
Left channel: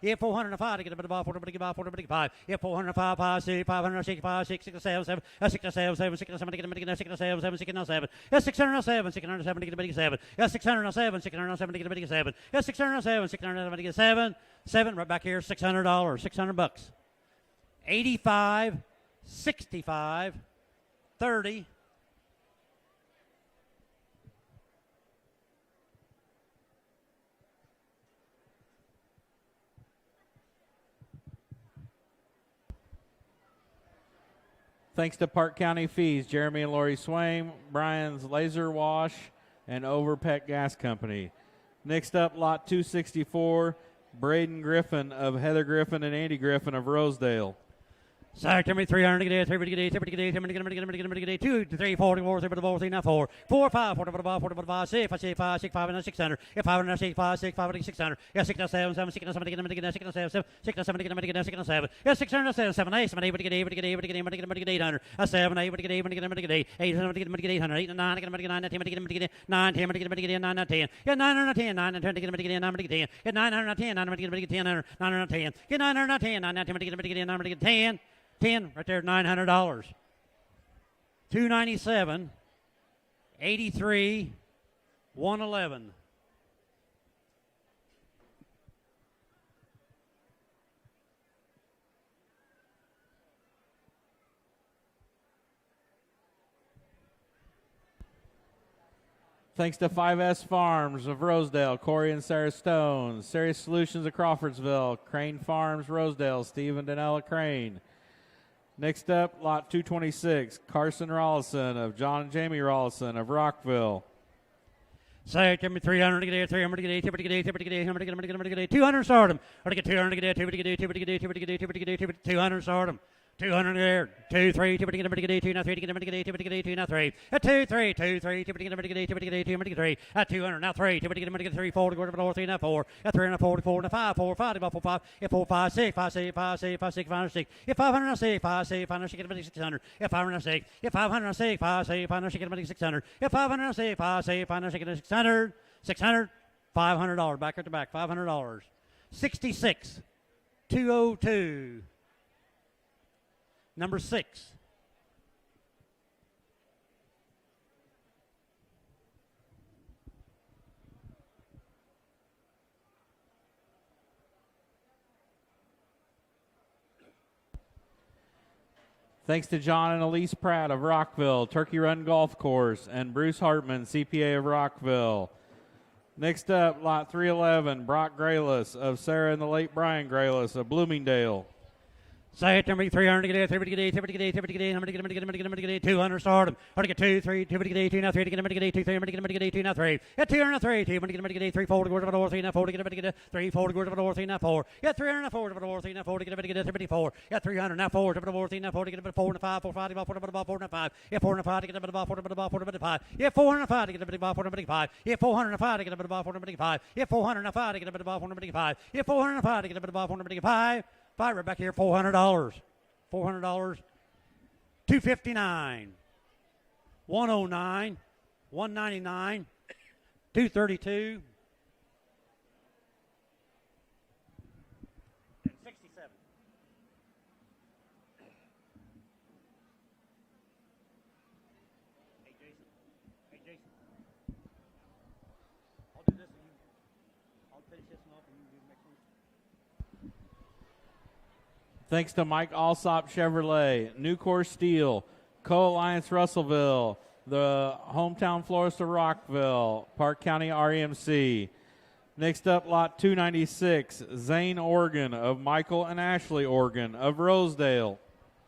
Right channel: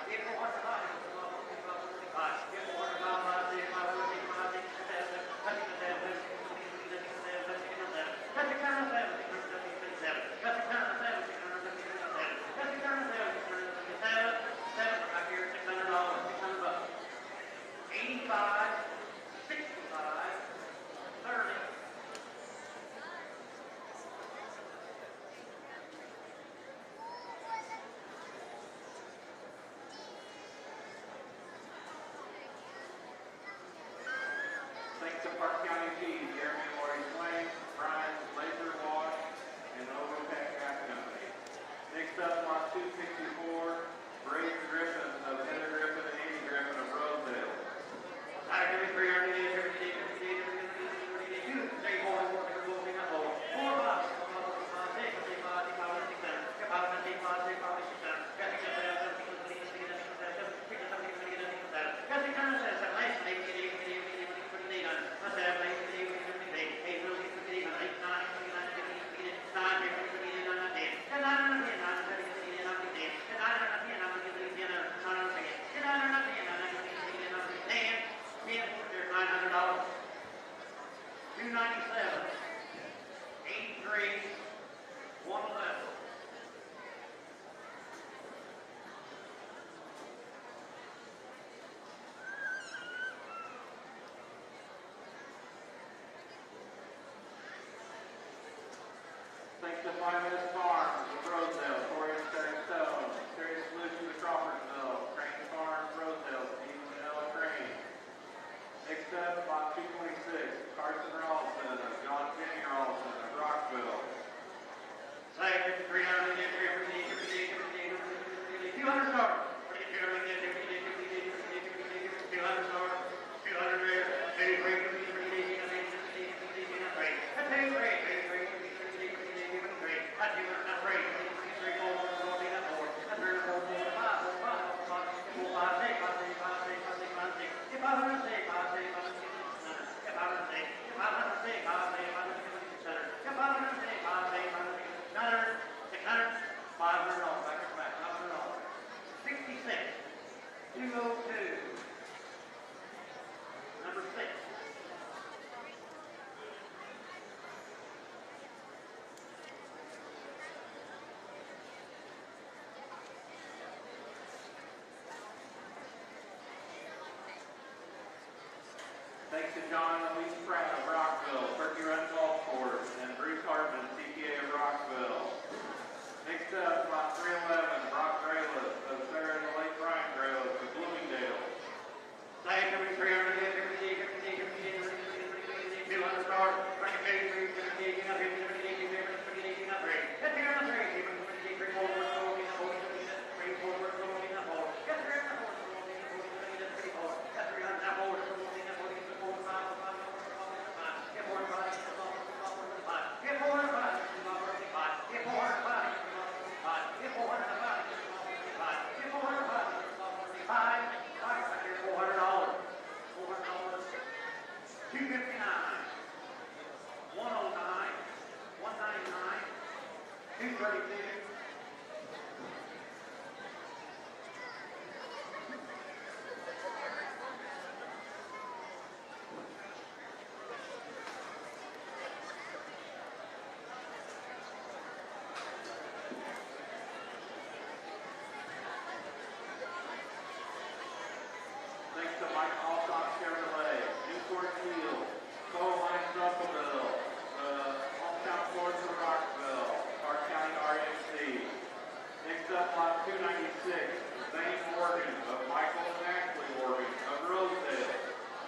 Get 405 get 5. Get 405 5 6 506 5 6 7 7 6 7 7 6 7 get 6 7 7 6 7. That's 607 607 get 7. That's 607 607 get 7. That's 607 607 get 7. 7 right back here $600. $600. 85 65 30. Thanks to Park County Fees, Jeremy and Lori Swain, Brian's Laser Wash, and Overpeck Gas Company. Next up, lot 264, Braden Griffin of Heather Griffin and Andy Griffin of Rosedale. Sorry, 300 get 3 get 2 3 4 4 4 4 5 6 5 5 6 5 600. Get 506 5 6 5 600. Get 6 7 7 6 7 get 6 7 6 7 get 6 7. Get 607 7 8 7 8 get 800. 7 8 get 8 8 7 get 800. 8 9 get 10 get 9 10 get 9 10. Get 910 9 10 get 9 10. Get 910 9 get 10 910. Get 910 9 10 get 10. 10 right there, $900. 297, 83, 111. Thanks to 5S Farms of Rosedale, Corey and Sarah Stone, Serious Solutions of Crawfordsville, Crane Farms, Rosedale, Steve and Danella Crane. Next up, lot 226, Carson Rollison of John and Jamie Rollison of Rockville. Say, give me 300 get 300 get 200 start them. Get 200 get 200 start them. 200 there, 2 3 get 2 now 3 get 2 now 3. At 2 3 2 3 get 3. At 200 now 3 get 3 4 3 now 4. At 3 and 4 4 5 4 5 4 5 get 4 5 6 5 6 5 6 5 6 5 6 get 506 5 6 5 6 get 600. Get 506 get 506 5 6 5 6 get 600. Get 506 5 6 5 6 get 600. 600 $500 back at the back $500. 66 202. Number 6. Thanks to John and Elise Pratt of Rockville, Turkey Run Golf Course, and Bruce Hartman, CPA of Rockville. Next up, lot 311, Brock Grayless of Sarah and the late Brian Grayless of Bloomingdale. Say it to me, 300 to get it, 300 to get it, 300 to get it, 300 to get it, 200 start him. 200 to get 2, 3, 200 to get 2, now 3 to get 2, 300 to get 2, now 3. Get 200 to 3, 200 to get 3, 4 to go to the north, 3, now 4 to get 3, 4 to go to the north, 3, now 4. Get 300 to 4 to the north, 3, now 4 to get 54. Get 300, now 4 to the north, 3, now 4 to get 4 to 5, 4 to 5, 4 to 5, 4 to 5. Get 4 to 5 to get 4 to 5, 4 to 5, 4 to 5. Get 400 to 5 to get 4 to 5. Get 400 to 5 to get 4 to 5. Get 400 to 5 to get 4 to 5. Get 400 to 5 to get 4 to 5. Five right back here, $400. $400, $259, $109, $199, $232. Thanks to Mike Alsop Chevrolet, Nucor Steel, Co-Alliance Russellville, the Hometown Florist of Rockville, Parke County REMC. Next up, lot 296, Zane Organ of Michael and Ashley Organ of Rosedale.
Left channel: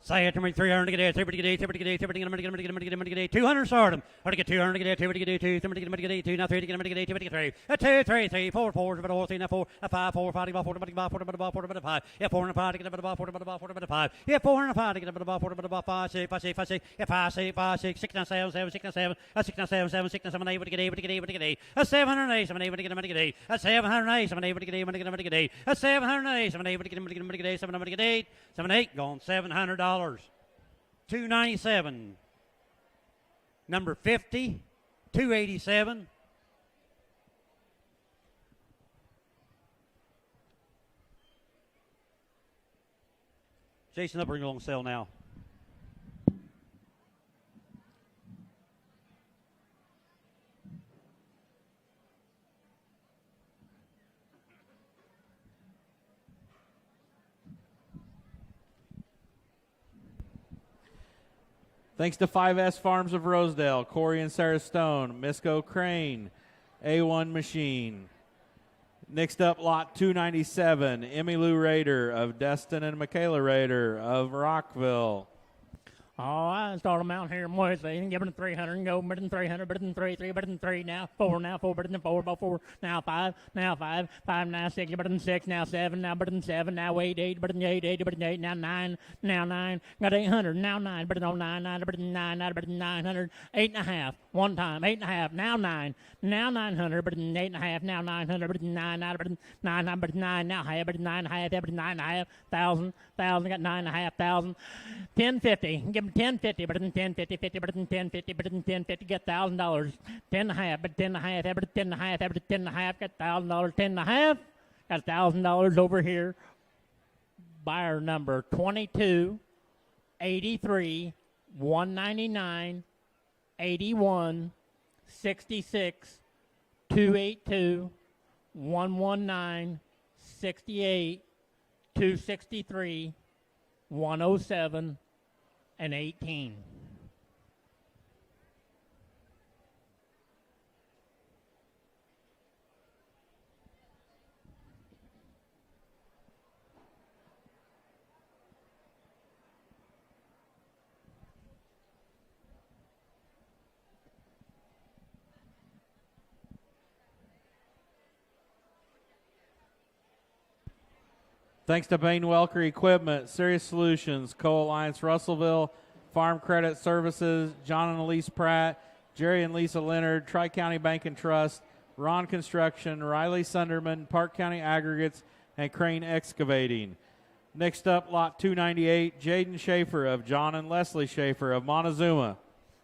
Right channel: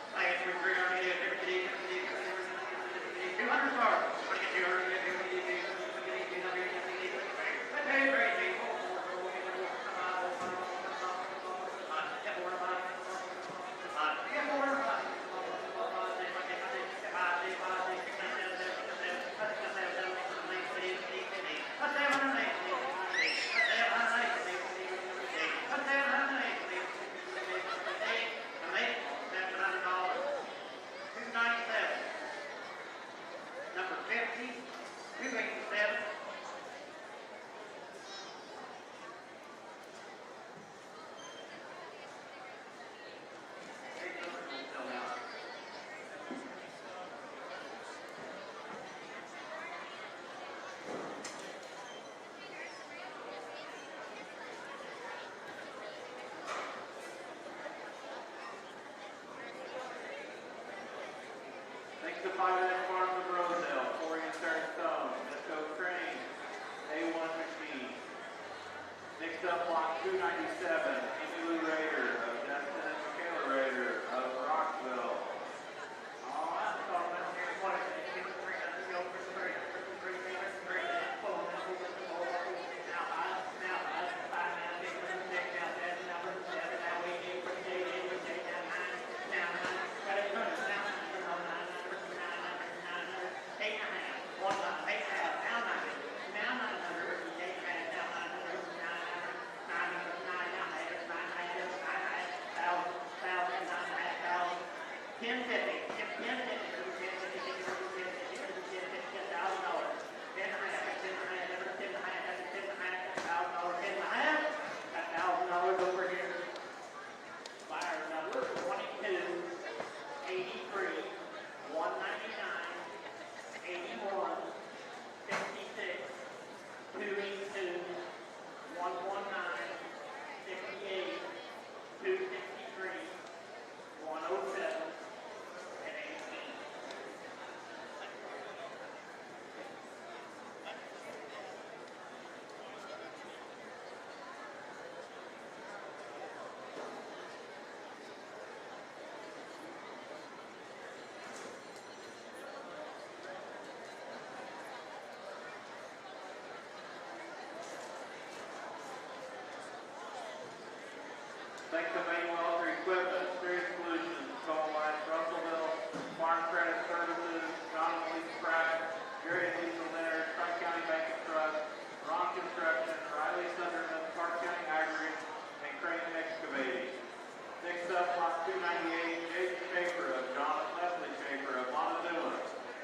Say it to me, 300 to get it, 300 to get it, 300 to get it, 300 to get it, 200 start him. 100 to get 200 to get it, 200 to get 2, 200 to get 2, now 3 to get 200 to get 3. A 2, 3, 3, 4, 4, 4, 3, now 4, a 5, 4, 5, 4, 4, 4, 5. Get 405 to get 5. Get 405 to get 5, 6, 5, 6, 5, 6, 5, 6, 5, 6, 6, 9, 7, 7, 6, 9, 7, 6, 9, 7, 7, 6, 9, 7, 8, to get 8, to get 8, to get 8. A 708, 7, 8, to get 8. A 708, 7, 8, to get 8, to get 8. A 708, 7, 8, to get 8, to get 8. 7, 8, 7, 8, going $700. 297. Number 50, 287. Jason Upper on sale now. Thanks to 5S Farms of Rosedale, Corey and Sarah Stone, Misco Crane, A1 Machine. Next up, lot 297, Emmy Lou Rader of Destin and Michaela Rader of Rockville. Oh, I start them out here in Wednesday. Give them 300, go better than 300, better than 3, 3, better than 3, now 4, now 4, better than 4, about 4, now 5, 5, now 6, better than 6, now 7, now better than 7, now 8, 8, better than 8, 8, better than 8, now 9, now 9, got 800, now 9, better than 9, 9, better than 9, 9, better than 900, 8.5, one time, 8.5, now 9. Now 900, better than 8.5, now 900, better than 9, 9, better than 9, 9, better than 9, now half, better than 9.5, better than 9.5, 1,000, got 9.5, 1050, give him 1050, better than 1050, 50, better than 1050, better than 1050, get $1,000. 10.5, but 10.5, better than 10.5, better than 10.5, got $1,000. 10.5, got $1,000 over here. Buyer number 22, 83, 199, 81, 66, 282, 119, 68, 263, 107, and 18. Thanks to Bain Welker Equipment, Serious Solutions, Co-Alliance Russellville, Farm Credit Services, John and Elise Pratt, Jerry and Lisa Leonard, Tri-County Bank and Trust, Ron Construction, Riley Sunderman, Parke County Aggregates, and Crane Excavating. Next up, lot 298, Jaden Schaefer of John and Leslie Schaefer of Montezuma.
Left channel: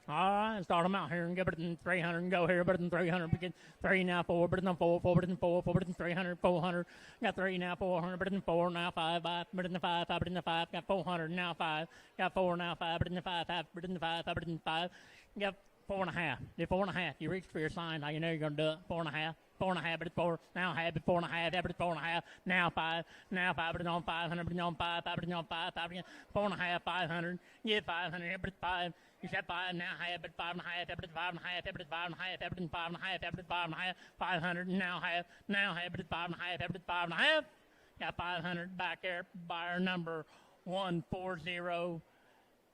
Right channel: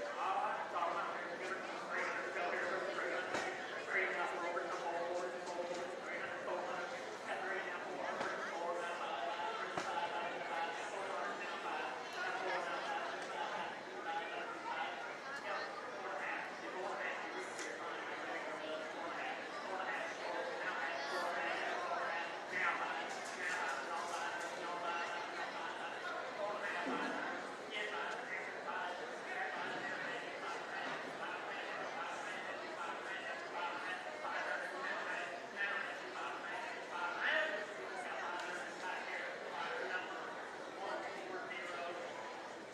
All right, start them out here and give it 300 and go here, better than 300, 3 now 4, better than 4, 4, better than 4, 4, better than 300, 400. Got 3 now, 400, better than 4, now 5, 5, better than 5, 5, better than 5, got 400, now 5, got 4 now, 5, better than 5, 5, better than 5, 5, better than 5, got 4.5, did 4.5, you reach for your sign, how you know you're going to do it, 4.5, 4.5, better than 4, now half, 4.5, better than 4.5, now 5, better than 500, better than 5, 5, better than 5, 5, better than 4.5, 500, yeah, 500, better than 5, you got 5, now half, better than 5.5, better than 5.5, better than 5.5, better than 5.5, better than 5.5, 500, now half, better than 5.5, better than 5.5, got 500 back there, buyer number 140,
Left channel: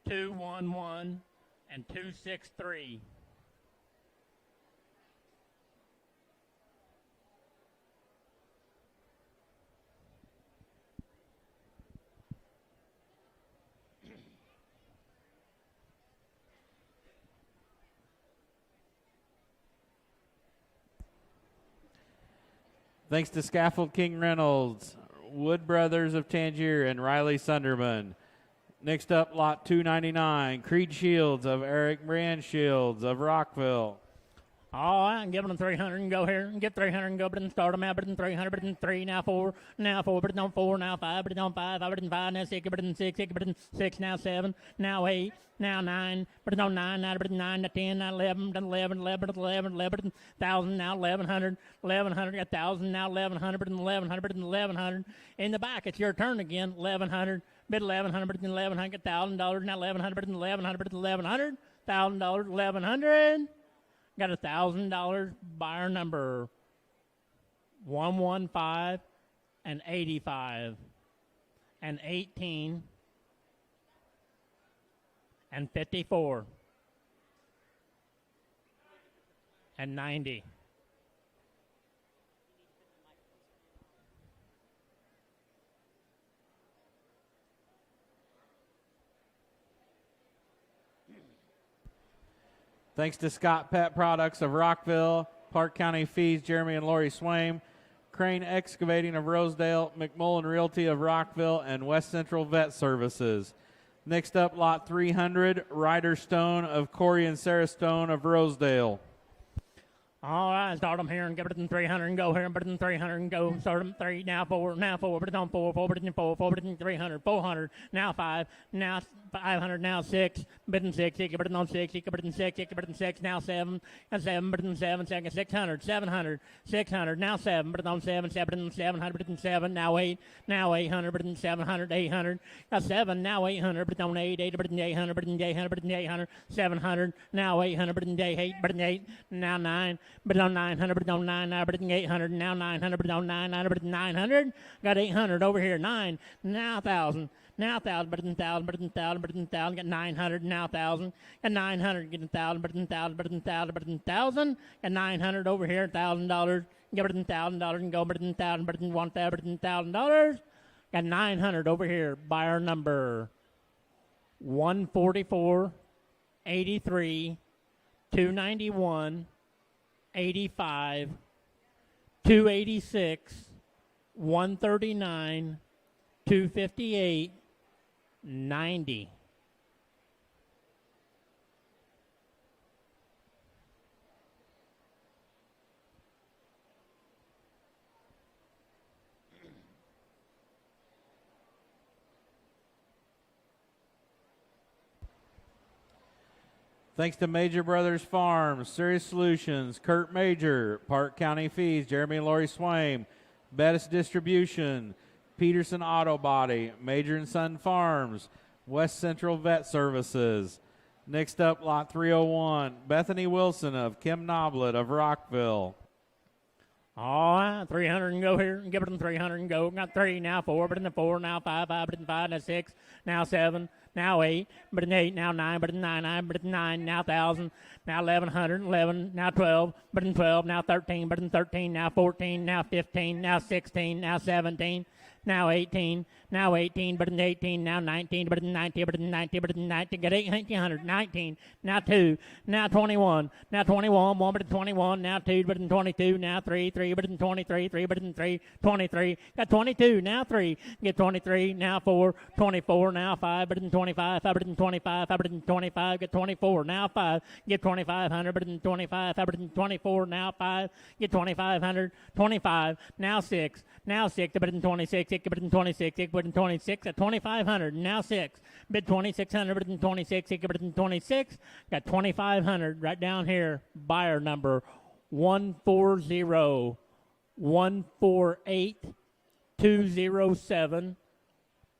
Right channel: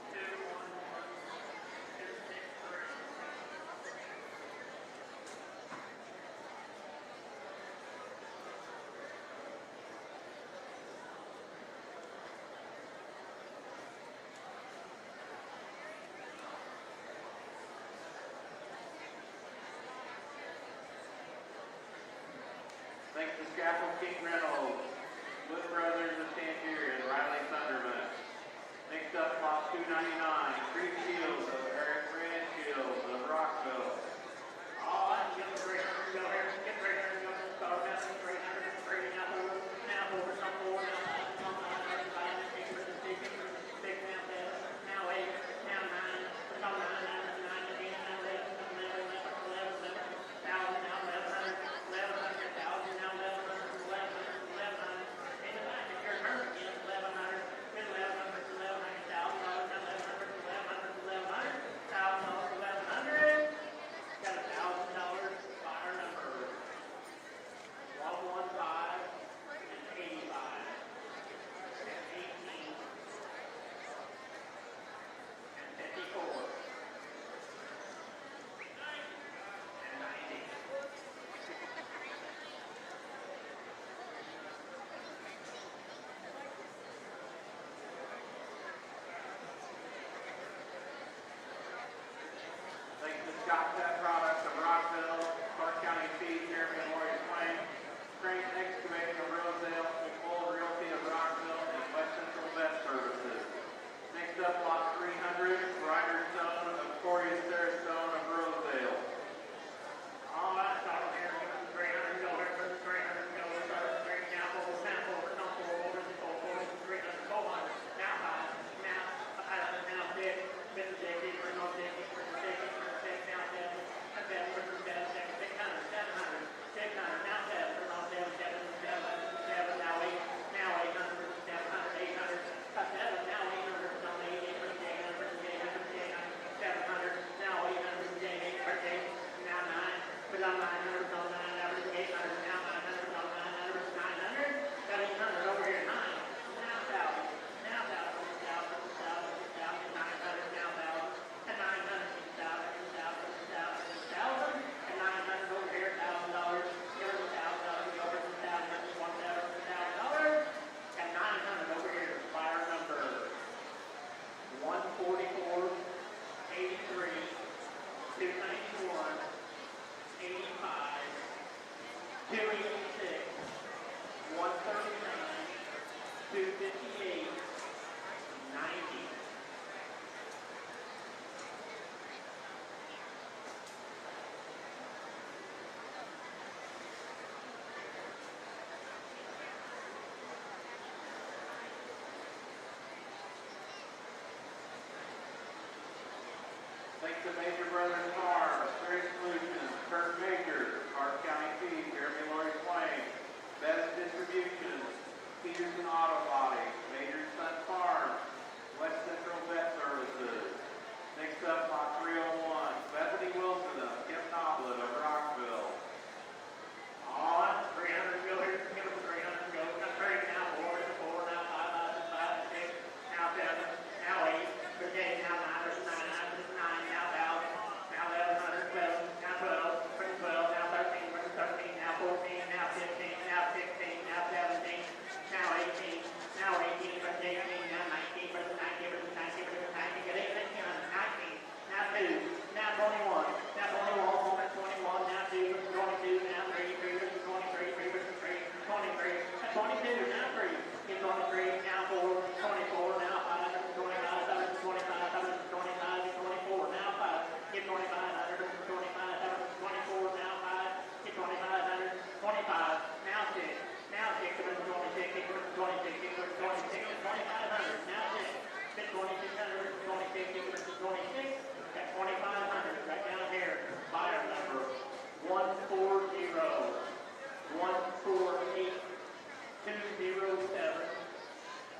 211, and 263. Thanks to Scaffold King Reynolds, Wood Brothers of Tangier, and Riley Sunderman. Next up, lot 299, Creed Shields of Eric Brand Shields of Rockville. All right, give them 300 and go here. Get 300 and go, but then start them out, but then 300, but then 3, now 4, but then on 4, now 5, but then on 5, but then 5, now 6, but then 6, but then 6, now 7, now 8, now 9, but then on 9, now but then 9, now 10, now 11, then 11, 11, but then 11, 11, but then 1,000, now 1,100, 1,100, 1,000, now 1,100, but then 1,100, but then 1,100. In the back, it's your turn again, 1,100, bid 1,100, but then 1,100, $1,000, now 1,100, but then 1,100, but then 1,100, $1,000, 1,100. Got $1,000 buyer number 115 and 85 and 18 and 54 and 90. Thanks to Scott Pet Products of Rockville, Parke County Feeds, Jeremy and Lori Swaim, Crane Excavating of Rosedale, McMullen Realty of Rockville, and West Central Vet Services. Next up, lot 300, Ryder Stone of Corey and Sarah Stone of Rosedale. All right, start them here and give it to 300 and go here, but then 300 and go. Start them 3, now 4, but then on 4, but then 4, but then 300, 400, now 5, now 500, now 6, but then 6, but then on 6, but then 6, but then 6, now 7, and 7, but then 7, 600, 700, 600, now 7, but then on 7, 7, but then 700, but then 7, now 8, now 800, but then 700, 800. 7, now 800, but then on 8, 8, but then 800, but then 800, but then 800, 700, now 800, but then 8, but then 8, now 9, but then on 900, but then on 9, now but then 800, now 900, but then on 9, now but then 900, got 800 over here, 9, now 1,000, now 1,000, but then 1,000, but then 1,000, but then 1,000, get 900, now 1,000, and 900, get 1,000, but then 1,000, but then 1,000, but then 1,000, and 900 over here, $1,000, get but then $1,000 and go, but then 1,000, but then 1,000, but then $1,000. And 900 over here, buyer number 144, 83, 291, 85, 286, 139, 258, 90. Thanks to Major Brothers Farms, Serious Solutions, Kurt Major, Parke County Feeds, Jeremy and Lori Swaim, Bettis Distribution, Peterson Auto Body, Major and Son Farms, West Central Vet Services. Next up, lot 301, Bethany Wilson of Kim Noblet of Rockville. All right, 300 and go here. Give them 300 and go. Not 3, now 4, but in the 4, now 5, but in 5, now 6, now 7, now 8, but in 8, now 9, but in 9, 9, but in 9, now 1,000, now 1,100, 11, now 12, but in 12, now 13, but in 13, now 14, now 15, now 16, now 17, now 18, now 18, but in 18, now 19, but in 19, but in 19, but in 19, get 800, 19, now 2, now 21, now 21, 1, but in 21, now 2, but in 22, now 3, 3, but in 23, 3, but in 3, 23, got 22, now 3, get 23, now 4, 24, now 5, but in 25, 5, but in 25, 5, but in 25, get 24, now 5, get 2,500, but in 25, 5, but in 24, now 5, get 2,500, 25, now 6, now 6, but in 26, 6, but in 26, 6, but in 26, at 2,500, now 6, bid 2,600, but in 26, 6, but in 26, got 2,500 right down here. Buyer number 140, 148, 207,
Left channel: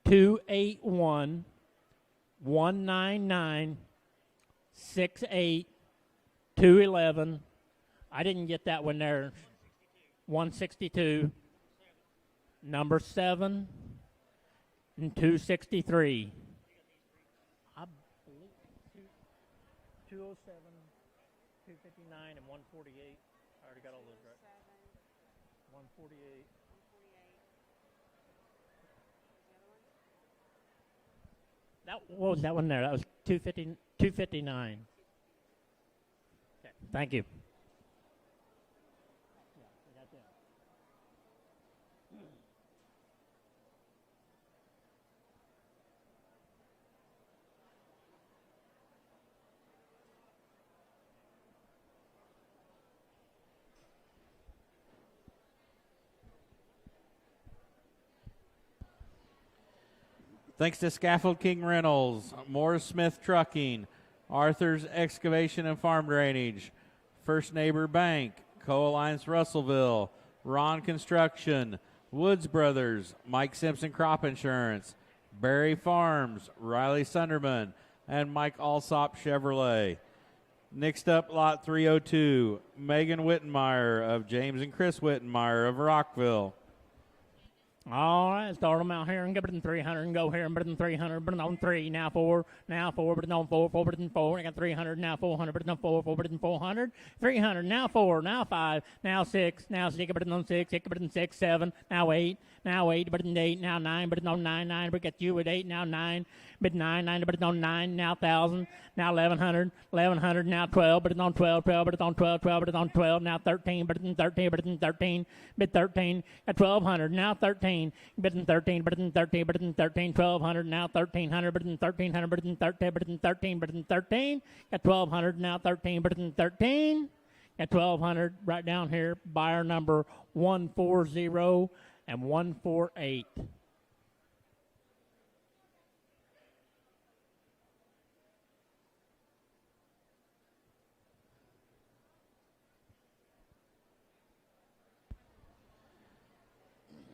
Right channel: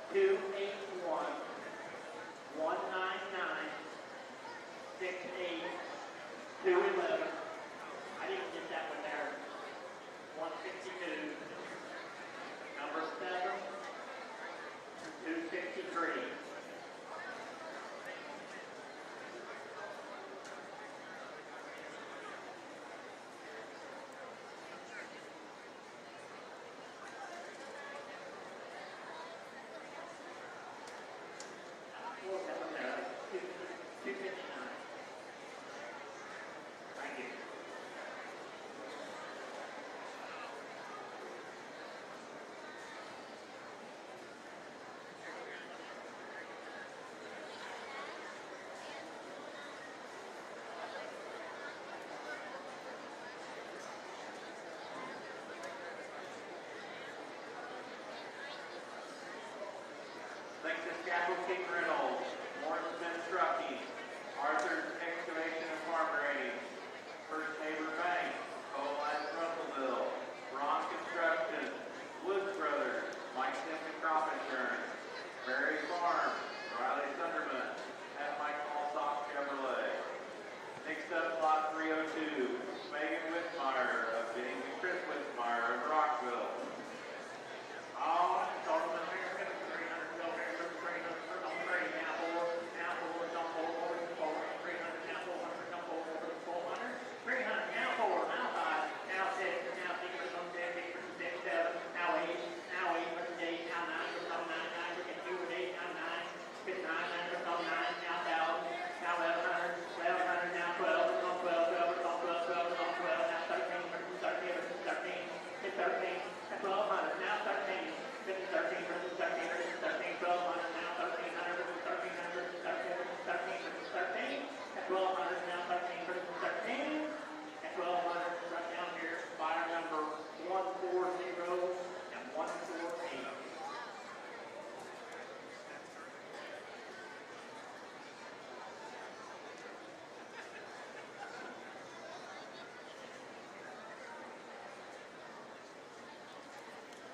281, 199, 68, 211. I didn't get that one there. 162. Number 7, and 263. What was that one there? That was 259. Thank you. Thanks to Scaffold King Reynolds, Morris Smith Trucking, Arthur's Excavation and Farm Drainage, First Neighbor Bank, Co-Alliance Russellville, Ron Construction, Woods Brothers, Mike Simpson Crop Insurance, Berry Farms, Riley Sunderman, and Mike Alsop Chevrolet. Next up, lot 302, Megan Wittenmeyer of James and Chris Wittenmeyer of Rockville. All right, start them out here and get them 300 and go here and put them 300, put it on 3, now 4, put it on 4, put it on 4, I got 300, now 400, put it on 4, put it on 400, 300, now 4, now 5, now 6, put it on 6, put it on 6, 7, now 8, put it on 8, now 9, put it on 9, we got you with 8, now 9, bid 9, put it on 9, now 1,000, now 1,100, now 12, put it on 12, put it on 12, put it on 12, now 13, put it on 13, put it on 13, bid 13, at 1,200, now 13, bid in 13, bid in 13, bid in 13, 1,200, now 1,300, bid in 1,300, bid in 13, bid in 13, bid in 13, at 1,200, now 13, bid in 13, at 1,200, right down here, buyer number 140 and 148.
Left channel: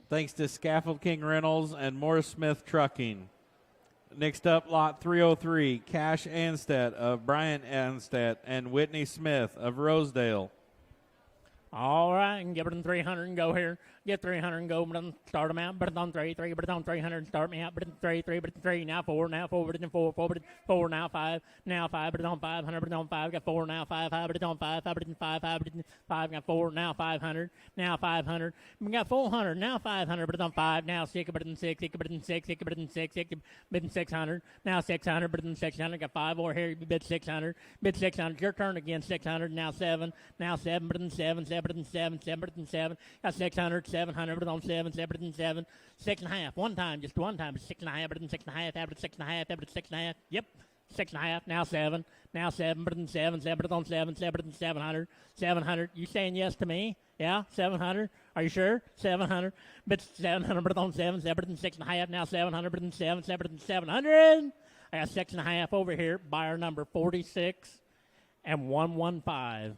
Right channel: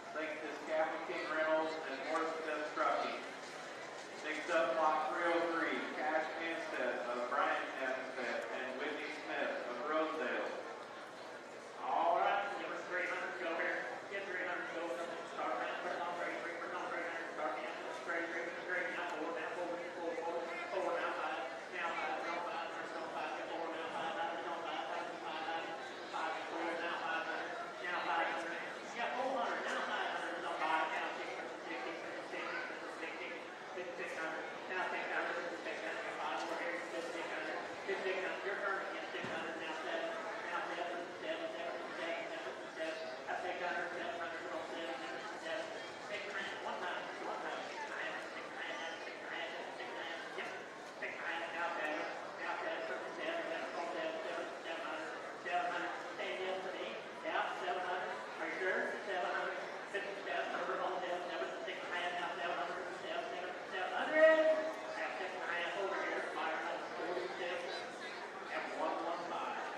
Thanks to Scaffold King Reynolds and Morris Smith Trucking. Next up, lot 303, Cash Anstead of Bryant Anstead and Whitney Smith of Rosedale. All right, and give it in 300 and go here. Get 300 and go, start them out, put it on 3, put it on 300, start me out, put it on 3, put it on 3, now 4, put it in 4, put it 4, now 5, put it on 500, put it on 5, got 4, now 5, put it on 5, put it in 5, put it in 5, got 4, now 500, now 500, we got 400, now 500, put it on 5, now 6, put it in 6, put it in 6, put it in 6, bid in 600, now 600, put it in 600, got 5 more here, bid 600, your turn again, 600, now 7, put it in 7, put it in 7, put it in 7, got 600, 700, put it on 7, put it in 7, 6.5, one time, just one time, 6.5, put it in 6.5, average 6.5, average 6.5, yep, 6.5, now 7, put it in 7, put it on 7, put it in 700, 700, you saying yes to me? Yeah, 700, are you sure? 700, but 700, put it on 7, put it in 6.5, now 700, put it in 7, put it in 700, that's 6.5 over here, buyer number 46 and 115.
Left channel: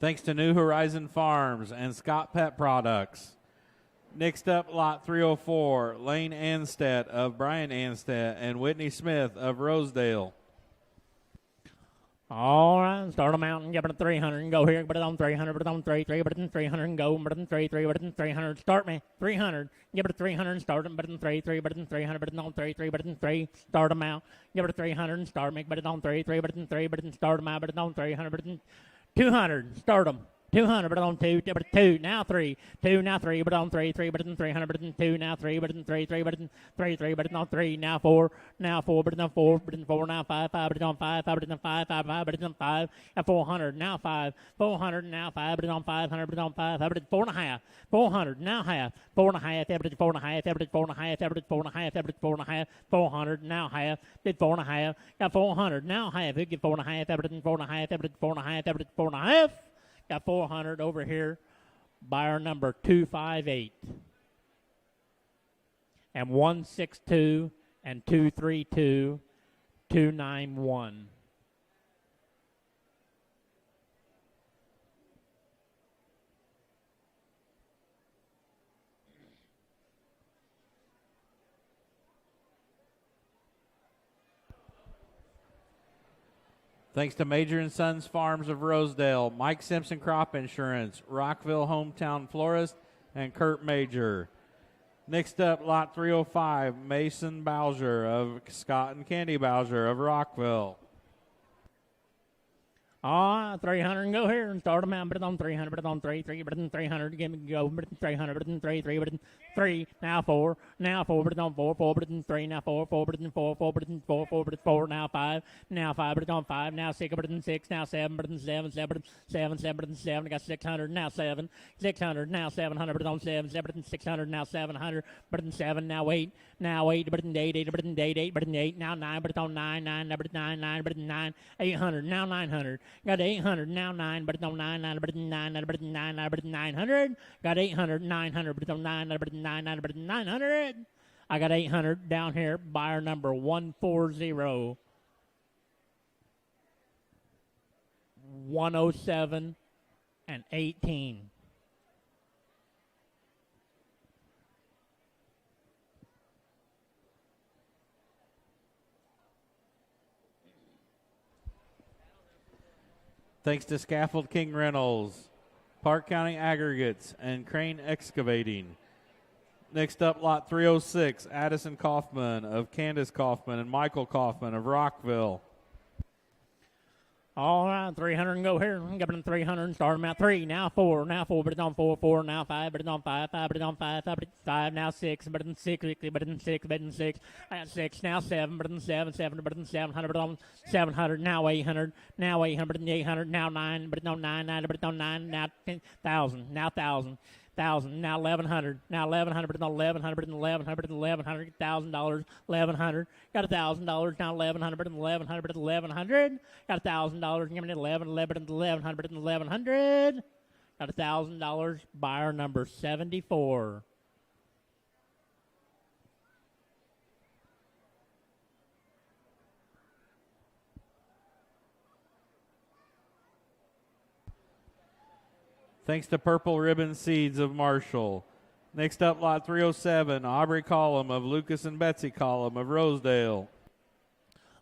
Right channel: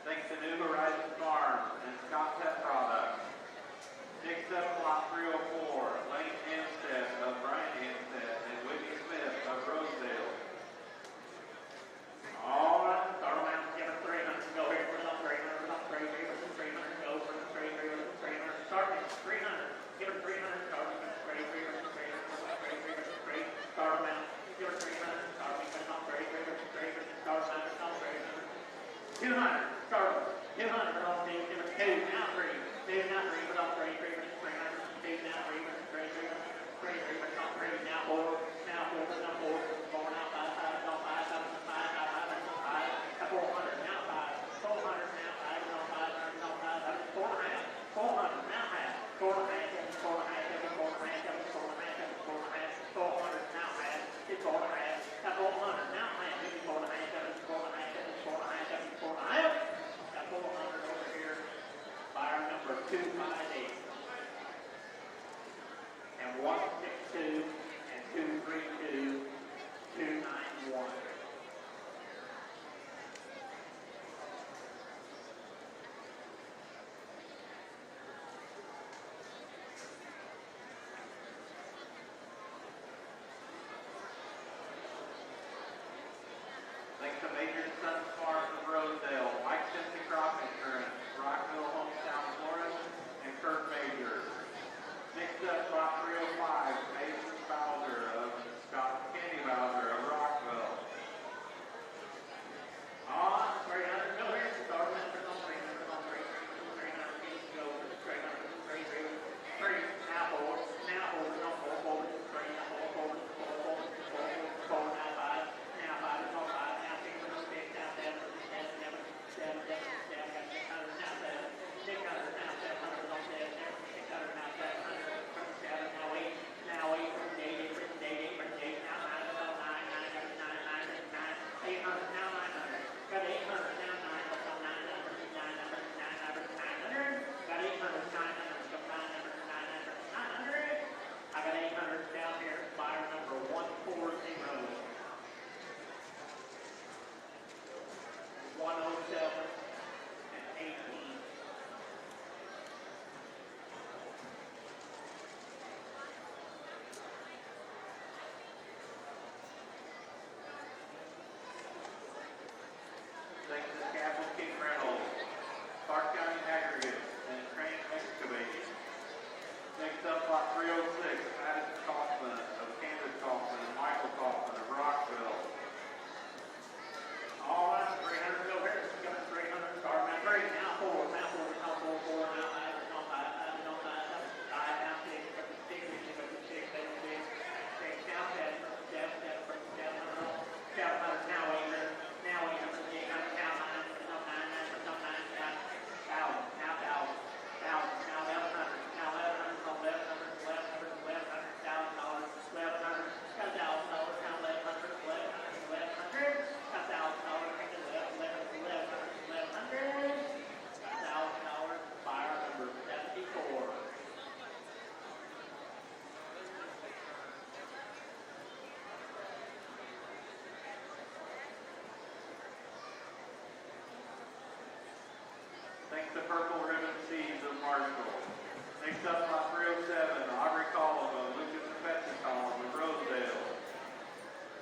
Thanks to New Horizon Farms and Scott Pet Products. Next up, lot 304, Lane Anstead of Brian Anstead and Whitney Smith of Rosedale. All right, start them out and give it a 300 and go here, put it on 300, put it on 3, put it in 300 and go, put it in 3, put it in 300, start me, 300, give it a 300 and start them, put it in 3, put it in 300, put it on 3, put it in 3, start them out, give it a 300 and start me, put it on 3, put it in 3, put it in start them out, put it on 300, put it in 200, start them. 200, put it on 2, give it 2, now 3, 2, now 3, put it on 3, put it in 300, put it in 2, now 3, put it in 3, put it in 3, put it on 3, now 4, put it on 4, put it in 4, now 5, put it on 5, put it on 5, put it on 5, at 400, now 5, 400, now 5, put it on 500, put it on 5, put it 4.5, 400, now half, 4.5, average 4.5, average 4.5, average 4.5, average 4.5, 400, now half, did 4.5, got 400, now half, we get 4.5, average 4.5, average 4.5, average 4.5, got 400 over here, buyer number 258, and 162, and 232, 291. Thanks to Major and Sons Farms of Rosedale, Mike Simpson Crop Insurance, Rockville Hometown Florist, and Kurt Major. Next up, lot 305, Mason Bowser of Scott and Candy Bowser of Rockville. All right, 300 go here and start them out. Put it on 300, put it on 3, 3, put it on 300, give me go, put it on 300, put it on 3, 3, put it on 3, now 4, put it on 4, 4, put it on 3, now 4, 4, put it on 4, 4, put it on 4, 4, put it on 4, now 5, put it on 5, now 6, put it on 6, now 7, put it on 7, 7, put it on 7, 7, put it on 7, got 600, now 7, 600, now 700, put it on 7, 7, put it on 600, now 700, put it on 7, now 8, put it on 8, 8, put it on 8, 8, put it on 8, now 9, put it on 9, 9, now put it on 9, 9, put it on 9, 800, now 900, got 800, now 9, put it on 9, 9, put it on 9, 9, put it on 9, 9, put it on 900, got 800, 900, put it on 9, 9, put it on 9, 9, put it on 900, I got 800 down here, buyer number 140, 107, and 18. Thanks to Scaffold King Reynolds, Park County Aggregates, and Crane Excavating. Next up, lot 306, Addison Kaufman of Candace Kaufman and Michael Kaufman of Rockville. All right, 300 go here. Give it 300. Start them at 3. Now 4. Now 4. Put it on 4. 4. Now 5. Put it on 5. 5. Put it on 5. 5. Put it on 5. Now 6. Put it on 6. Put it on 6. Put it on 6. At 6. Now 7. Put it on 7. 7. Put it on 700. Put it on 700. Now 800. Now 800. Put it on 800. Now 9. Put it on 9. 9. Put it on 9. Now 1,000. Now 1,000. 1,000. Now 1,100. Now 1,100. Put it on 1,100. Put it on 1,100. Put it on 1,100. $1,000. 1,100. Got $1,000. Now 1,100. Put it on 1,100. Put it on 1,100. Got $1,000. Give me 11. 11. 1,100. 1,100. Got $1,000. Buyer number 74. Thanks to Purple Ribbon Seeds of Marshall. Next up, lot 307, Aubrey Collum of Lucas and Betsy Collum of Rosedale.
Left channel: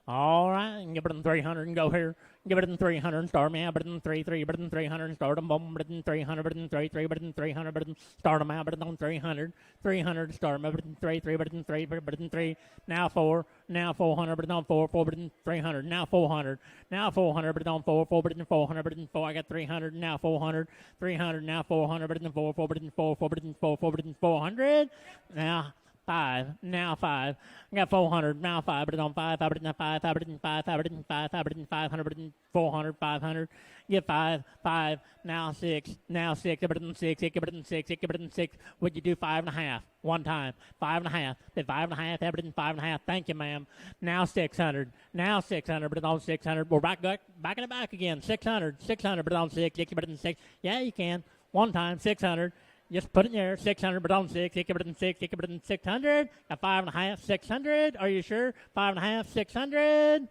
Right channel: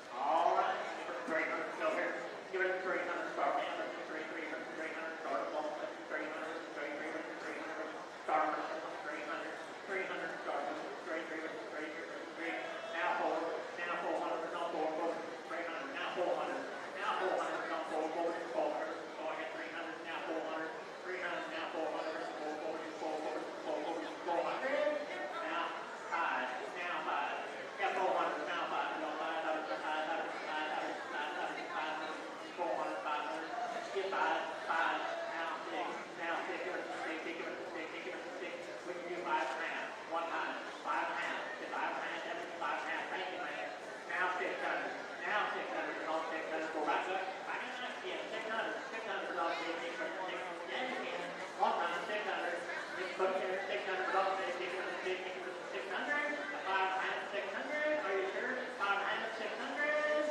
All right, give it in 300 and go here. Give it in 300, start me out, put it in 3, 3, put it in 300, start them, boom, put it in 300, put it in 3, 3, put it in 300, put it in, start them out, put it in 300, 300, start them, put it in 3, 3, put it in 3, put it in 3, now 4, now 400, put it on 4, 4, put it in 300, now 400, now 400, put it on 4, 4, put it in 400, put it in 4, I got 300, now 400, 300, now 400, put it in 4, 4, put it in 4, 4, put it in 4, 4, put it in 400, now 5, now 5. I got 400, now 5, put it on 5, 5, put it in 5, 5, put it in 5, 5, put it in 5, 5, put it in 500, put it in 400, 500, get 5, 5, now 6, now 6, put it in 6, put it in 6, put it in 6, would you do 5.5, one time, 5.5, did 5.5, have it in 5.5, thank you ma'am, now 600, put it on 600, we're back in the back again, 600, put it on 6, put it in 6, yeah you can, one time, 600, just put it there, 600, put it on 6, put it in 6, put it in 600, a 5.5, 600, are you sure? 5.5, 600,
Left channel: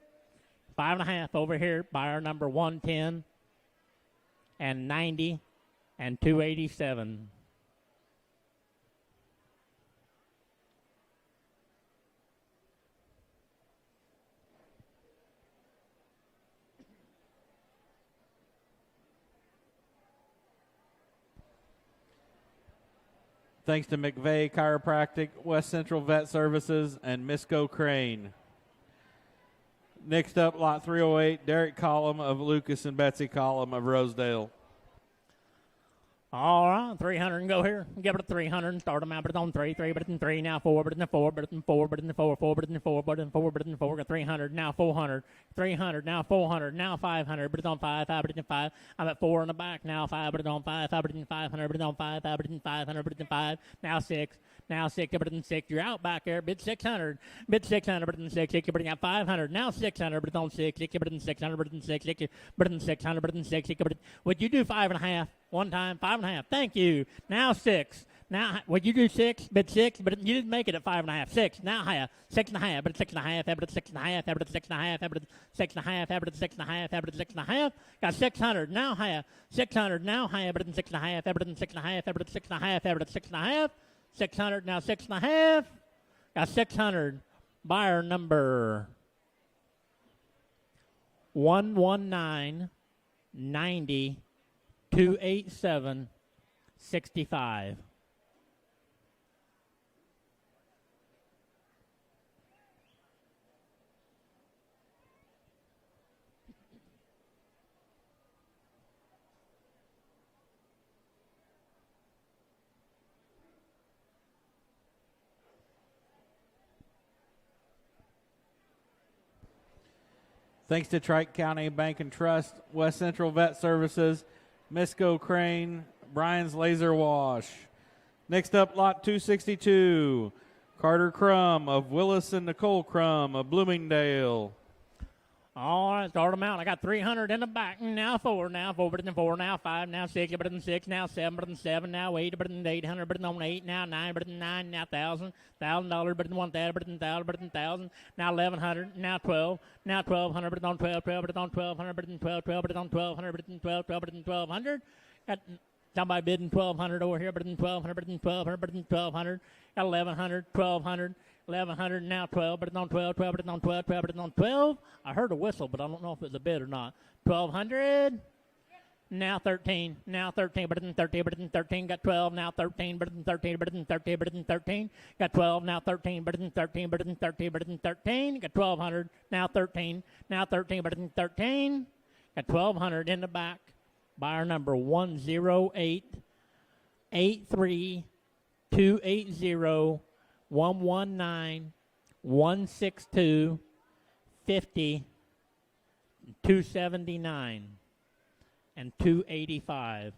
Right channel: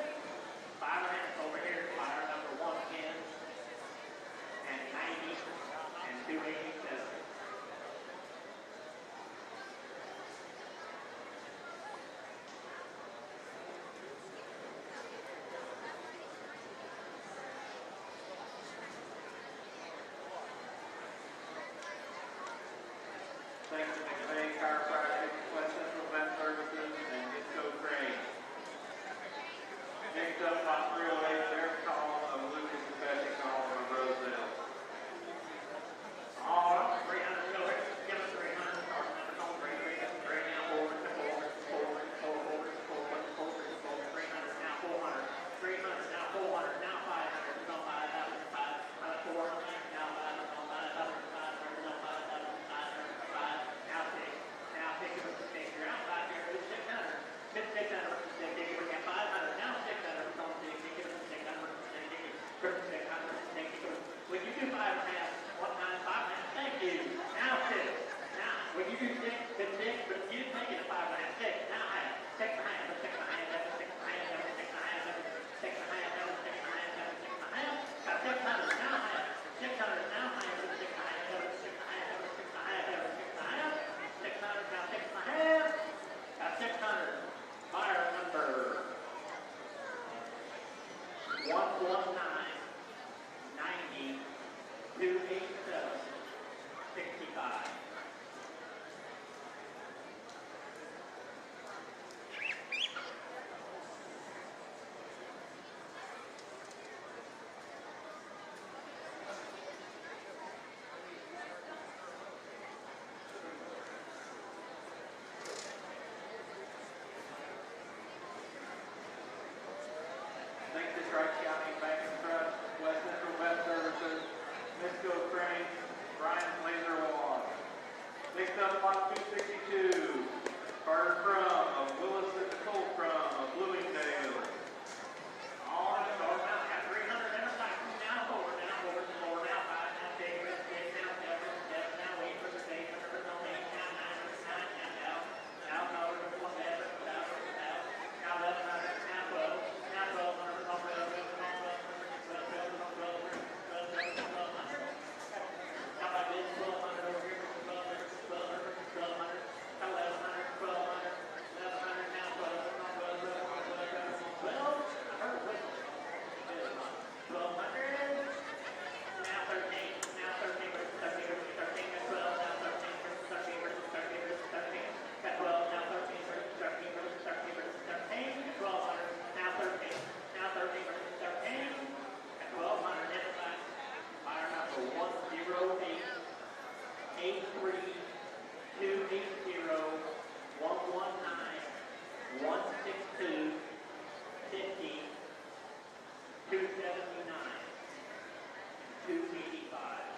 5.5 over here, buyer number 110, and 90, and 287. Thanks to McVeigh Chiropractic, West Central Vet Services, and Misco Crane. Next up, lot 308, Derek Collum of Lucas and Betsy Collum of Rosedale. All right, 300 and go here. Give it a 300. Start them out. Put it on 3, 3. Put it in 3. Now 4. Put it in 4. Put it in 4. Put it in 4. 4. Put it in 4. Put it in 4. Put it in 4. Got 300. Now 400. 300. Now 400. Now 500. Put it on 5. 5. Put it in 5. I'm at 4 in the back. Now 5. Put it on 5. 5. Put it in 500. Put it on 5. 5. Put it in 500. Put it in 5. Now 6. Now 6. Put it in 6. You're out back there. Bid 600. Bid 600. Put it in 6. Put it in 500. Now 600. Put it on 6. Put it in 600. Put it in 6. Put it in 600. Put it in 6. Would you do 5.5? One time, 5.5. Thank you. Now 6. Now, would you do 6? Bid 6, but you didn't make it at 5.5. 6. Now half. 6.5. But 6.5. But 6.5. But 6.5. But 6.5. But 6.5. But 6.5. Got 600. Now half. 600. Now half. But 6.5. But 6.5. But 6.5. But 6.5. 600. Now 6.5. Got 600. Buyer number 119 90 287 65. Thanks to Trike County Bank and Trust, West Central Vet Services, Misco Crane, Brian's Laser Wash. Next up, lot 262, Carter Crum of Willis and Nicole Crum of Bloomingdale. All right, start them out. I got 300 in the back. Now 4, now 4, better than 4, now 5, now 6, better than 6, now 7, better than 7, now 8, better than 800, better than 8, now 9, better than 9, now 1,000. $1,000, better than 1,000, better than 1,000, better than 1,000. Now 1,100, now 12, now 1,200, better than 12, 12, better than 1,200, better than 12, 12, better than 1,200, better than 12, 12, better than 1,200. Got somebody bidding 1,200 over here, better than 1,200, better than 1,200, better than 1,200. Got 1,100, 1,200. 1,100, now 12, better than 12, 12, better than 12, 12, better than 12. I heard a whistle, but I don't know if it was a bid or not. 1,200, now 13, now 13, better than 13, better than 13, got 12, now 13, better than 13, better than 13, better than 13, got 12, now 13, better than 13, better than 13, better than 13, got 1,200, now 13, now 13, better than 13, got 1,200 in the back. Buyer number 108 83 280 119 162 50 279 and 285.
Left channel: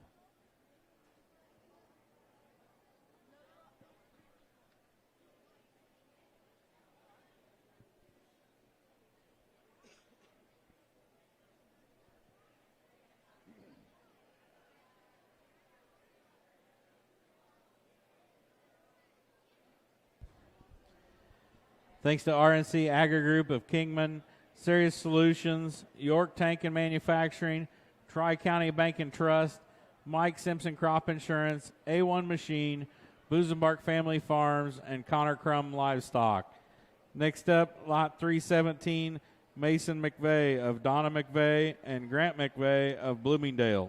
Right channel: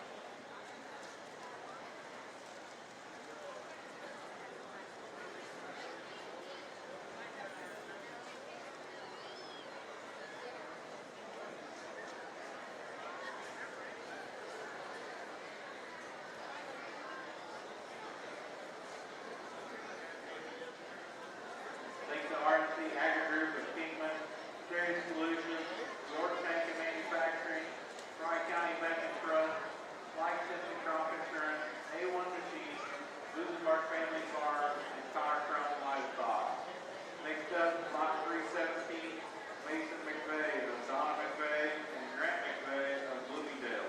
Thanks to RNC Agri Group of Kingman, Serious Solutions, York Tank and Manufacturing, Tri-County Bank and Trust, Mike Simpson Crop Insurance, A1 Machine, Boozabark Family Farms, and Connor Crum Livestock. Next up, lot 317, Mason McVeigh of Donna McVeigh and Grant McVeigh of Bloomingdale.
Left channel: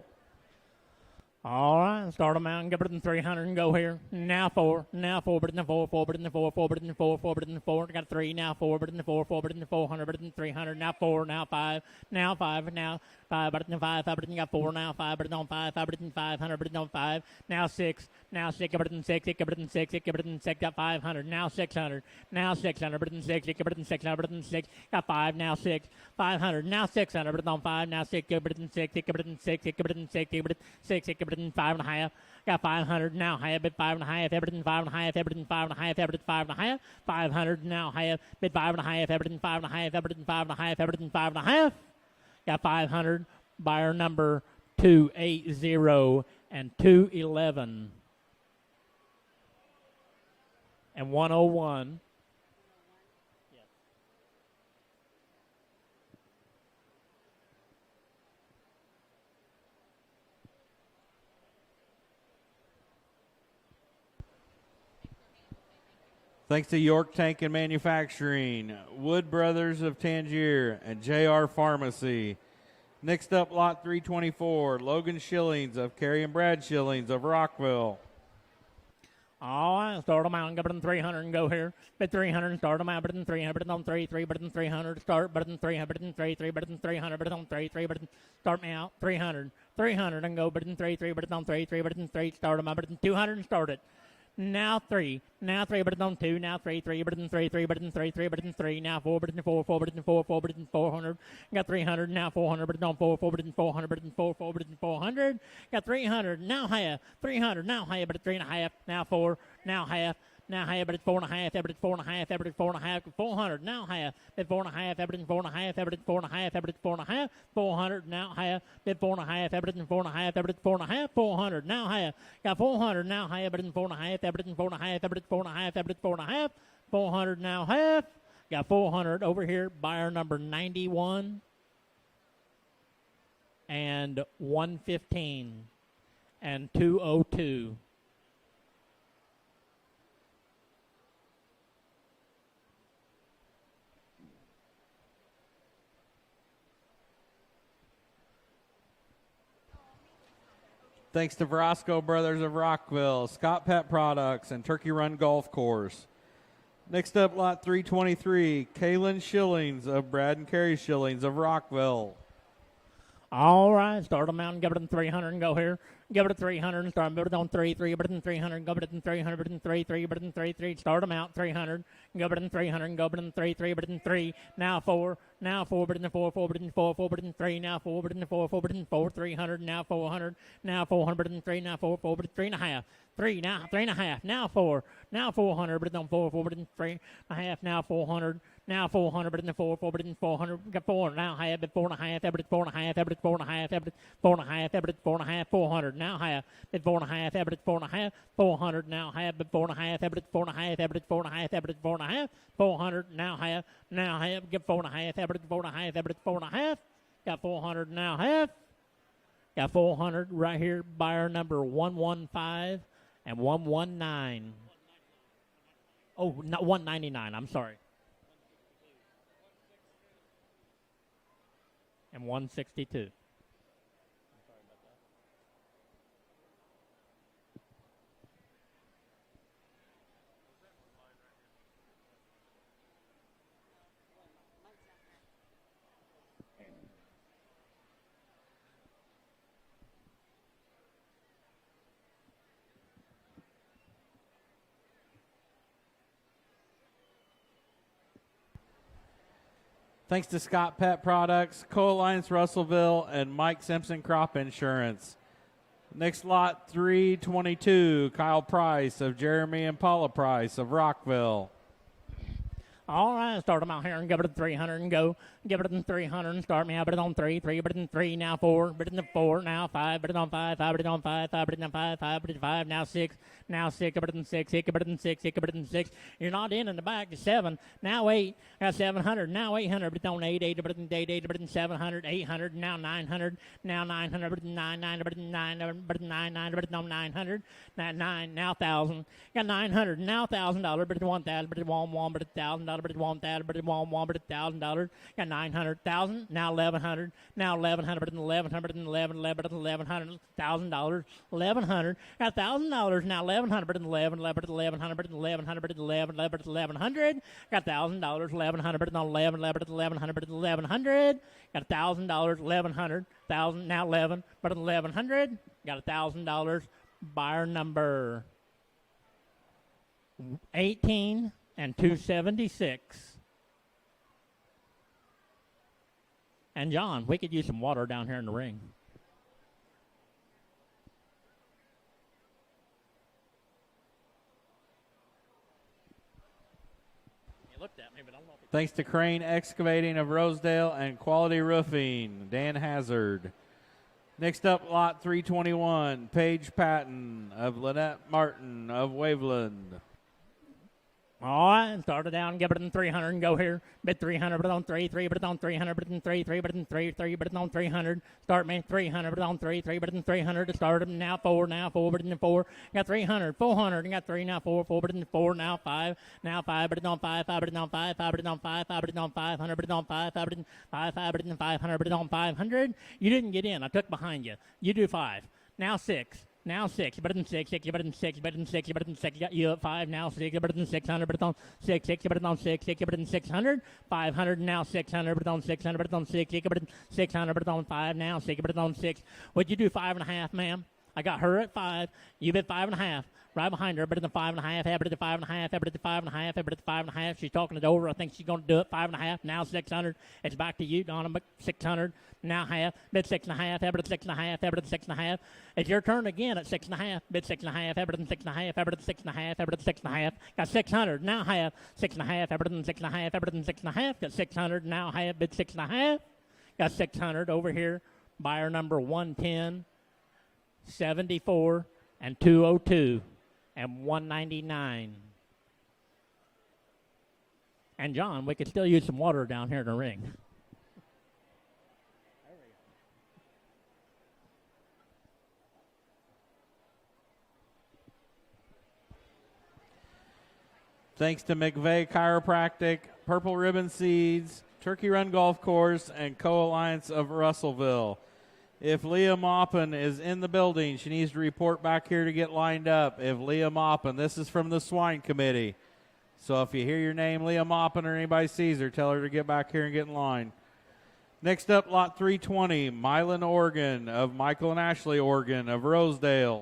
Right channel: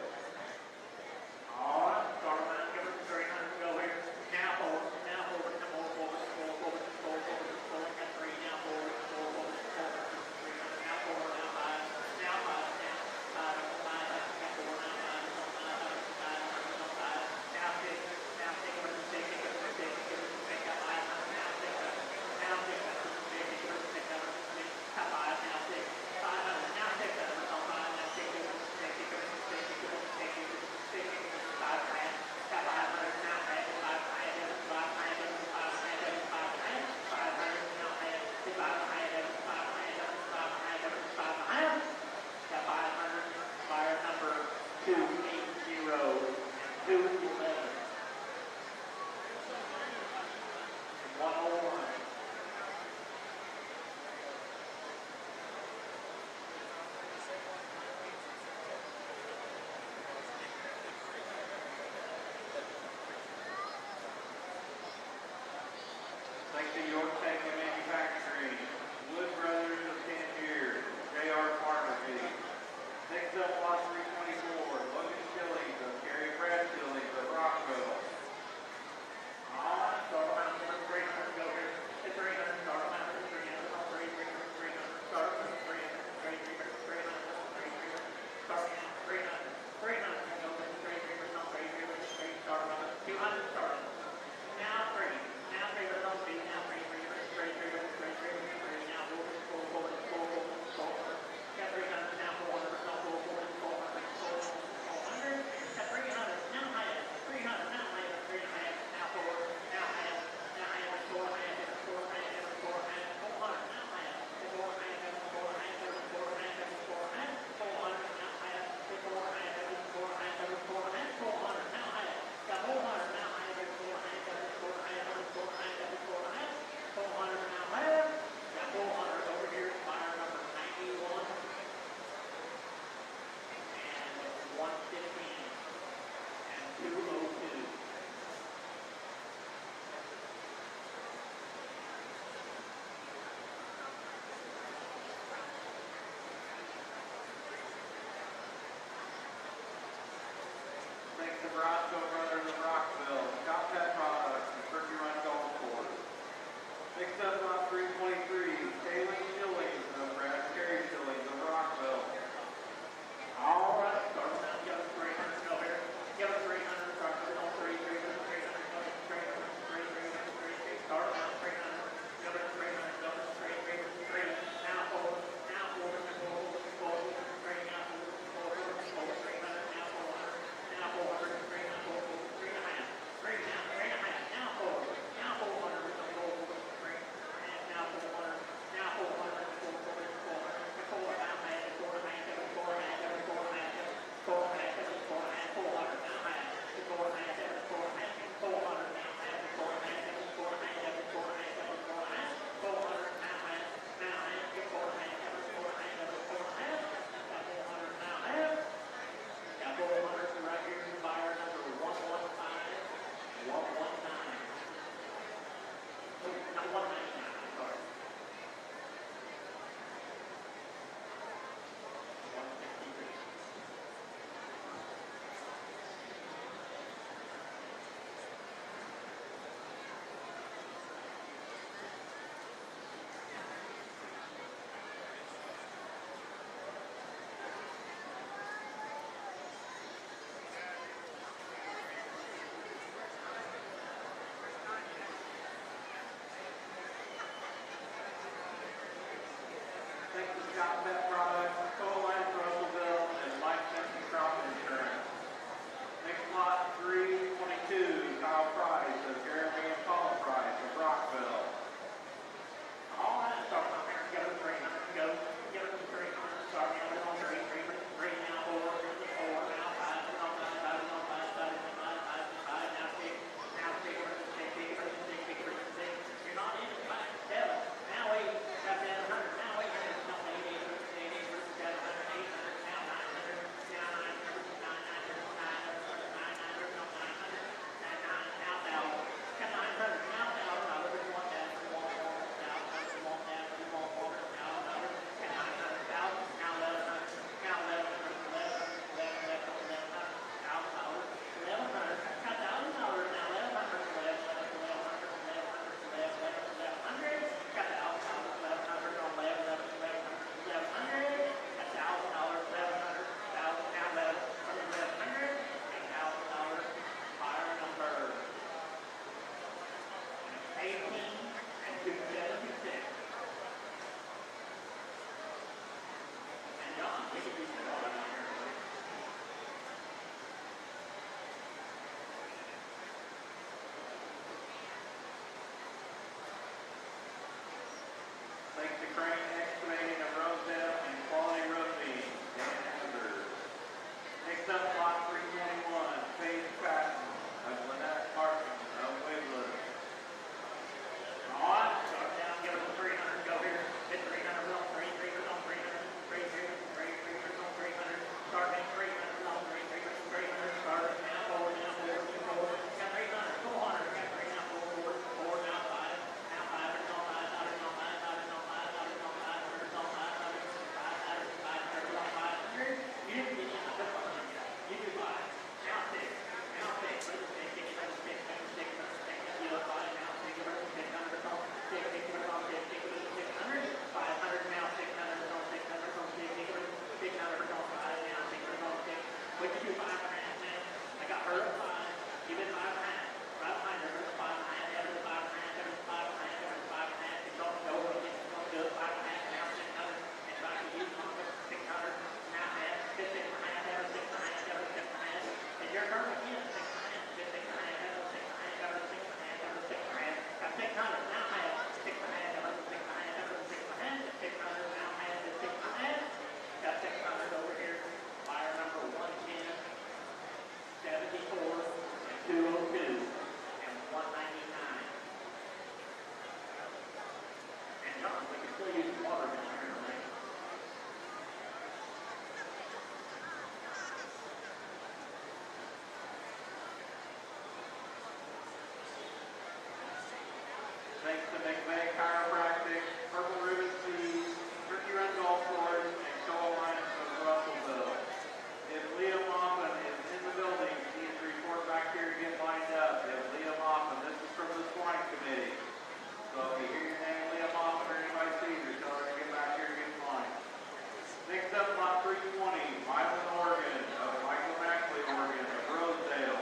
All right, start them out and go better than 300 and go here. Now 4, better than 4, 4, better than 4, 4, better than 4, 4, better than 4. Got 3, now 4, better than 4, 4, better than 400, better than 300. Now 4, now 5, now 5, now 5, better than 5, 5, better than got 4, now 5, better than 5, 5, better than 500, better than 5. Now 6, now 6, better than 6, 6, better than 6, 6, better than 6, got 500. Now 600, now 600, better than 6, 6, better than 600, better than 6, got 5, now 6. 500, now 600, better than 5, now 6, better than 6, 6, better than 6, 6, better than 6, 6, better than 5.5. Got 500, now half, bid 5.5, better than 5.5, better than 5.5, better than 5.5. 500, now half, bid 5.5, better than 5.5, better than 5.5, better than 5.5. Got 500, buyer number 280 and 211 and 101. Thanks to York Tank and Manufacturing, Wood Brothers of Tangier, and JR Pharmacy. Next up, lot 324, Logan Shillings of Carrie and Brad Shillings of Rockville. All right, start them out and go better than 300 and go here. Bid 300, start them out better than 300, better than 3, 3, better than 300, start better than 300, better than 3, 3, better than 300, better than 3, 3, better than, start me out, 300, 300 and go better than 3, 3, better than 3, 3, better than 3, start them out better than 200 and start it. Now 3, now 3, better than 2, now 3, 3, better than 3, 3, better than 3, 3, better than 3, now 4, better than 4, 4, better than 4, 4, better than 400. Got 300, now 400, better than 4, 4, better than 400, better than 4, 4, better than 400. Got 300, now half, 300, now half, better than 3.5, now 4, now half, better than 4.5, better than 4.5, better than 4.5, 400, now half, better than 4.5, better than 4.5, better than 4.5, better than 4.5, 400, now half, better than 4.5, better than 4.5, better than 4.5, 400, now half. Got 400 now half, better than 4.5, better than 4.5, better than 4.5, better than 4.5, 400 now half. Got 400 over here, buyer number 91 and 115 and 202. Thanks to Verosco Brothers of Rockville, Scott Pet Products, and Turkey Run Golf Course. Next up, lot 323, Kaylin Shillings of Brad and Carrie Shillings of Rockville. All right, start them out and give it them 300 and go here. Give it a 300 and start, give it on 3, 3, but in 300, go but in 300, but in 3, 3, but in 3, 3, start them out, 300. Go but in 300, go but in 3, 3, but in 3, now 4, but in 4, 4, but in 4, 4, but in 3, now 4, but in 4, 4, but in 4, 300, now 400, now 400, but in 3, now 4, 4, but in 3 and a half. 3 now, 3 and a half, now 4, now 400, but in 4, 4, but in 3 and a half, now 400, now 400, but in 4, 4, but in 400, got 4, now half, but 4 and a half, but 4 and a half, but 4 and a half, but 4 and a half, but 4 and a half, 400, now half, but 4 and a half, but 4 and a half, 400, now half, but 4 and a half, but 4 and a half, but 4 and a half, but 4 and a half, 400, now half, get 4 and a half, but 4 and a half, but 4 and a half, got 400, now half, got 400 right here, buyer number 115 and 119. Oh, not 199, I'm sorry. And 162. Thanks to Scott Pet Products, Co-Alliance Russellville, and Mike Simpson Crop Insurance. Next lot 322, Kyle Price of Jeremy and Paula Price of Rockville. All right, start them out here and give it a 300 and go. Give it a 300 and start me out, but it on 3, 3, but it in 3, now 4, but it in 4, now 5, but it on 5, 5, but it on 5, 5, but it in 5, 5, but it 5, now 6, now 6, but it in 6, 6, but it in 6, 6, but it in 6. You're not in the back to 7, now 8, got 700, now 800, but on 8, 8, but it in 8, 8, but it in 700, 800, now 900, now 900, but it in 9, 9, but it in 9, but it in 9, 9, but it on 900, now 9, now 1,000. Got 900, now $1,000, but it's 1,000, but it's 1, but it's $1,000, but it's 1,000, but it's 1, but it's $1,000. Got 900,000, now 1,100, now 1,100, but it's 1,100, and 11, but it's 1,100, $1,000, 1,100. Got $1,000, now 1,100, but it's 11, but it's 1,100, but it's 1,100, but it's 11, but it's 1,100. Got $1,000, 1,100, but it's not 11, but it's 1,100, but it's 1,100. Got $1,000, 1,100, 1,000, now 11, but it's 1,100. Got $1,000, buyer number 18 and 276. And John, we could use some water down here in the ring. Thanks to Crane Excavating of Rosedale and Quality Roofing, Dan Hazard. Next up, lot 321, Paige Patton of Lynette Martin of Waveland. All right, start it down, give it in 300 and go here. Bid 300, but it's on 3, 3, but it's on 300, but it's in 3, 3, but it's in 3, 3, but it's on 300. Start me 300, but it's on 3, 3, but it's in 300. To start it now 4, but it's in 4. Got 300, 400, and got 3, now 4, but it's in 4, now 5, now 5, but it's on 5, 5, but it's on 5, 5, but it's on 5, 5, but it's on 500, but it's on 5, 5, but it's 5, 5, but it's in 500, but it's on 500. You didn't get in, I took behind you. You do 5, now 6. Now 6, but it's in 6, 6, but it's in 6, but it's in 6, but it's in 6, got you up 5, now 6, but it's in 600, but it's on 6, 6, but it's on 6, 6, but it's in 600, 500, now 600, but it's on 600, but it's on 6, 6, but it's 600, but it's on 5, now 6, but it's on 6. What'd you do, 5.5, ma'am? I got her at 5, you did 5.5, right behind her, but it's a 5.5, but it's a 5.5, but it's a 5.5, but it's a 5.5, she's talking it over, I think she's gonna do it, 5.5, now 600, it's back to you, gone, but 600, now half, bid 6.5, but it's 6.5, but it's 6.5. It's your turn again at 6.5, bid 6.5, Everton 6.5, Everton 6.5, Everton 6.5, got 600, now half, 6.5, Everton 6.5, Everton 6.5, got 600, now half, bid 6.5, got 600 over here, buyer number 110, 74, and 202, and 199. And John, we could still use some water down here in the ring. Thanks to McVeigh Chiropractic, Purple Ribbon Seeds, Turkey Run Golf Course, and Co-Alliance of Russellville. If Leah Maupin is in the building, she needs to report back here to get lined up. If Leah Maupin, this is from the Swine Committee. So if you hear your name, Leah Maupin, or anybody sees her, tell her to get back here and get in line. Next up, lot 320, Milan Organ of Michael and Ashley Organ of Rosedale.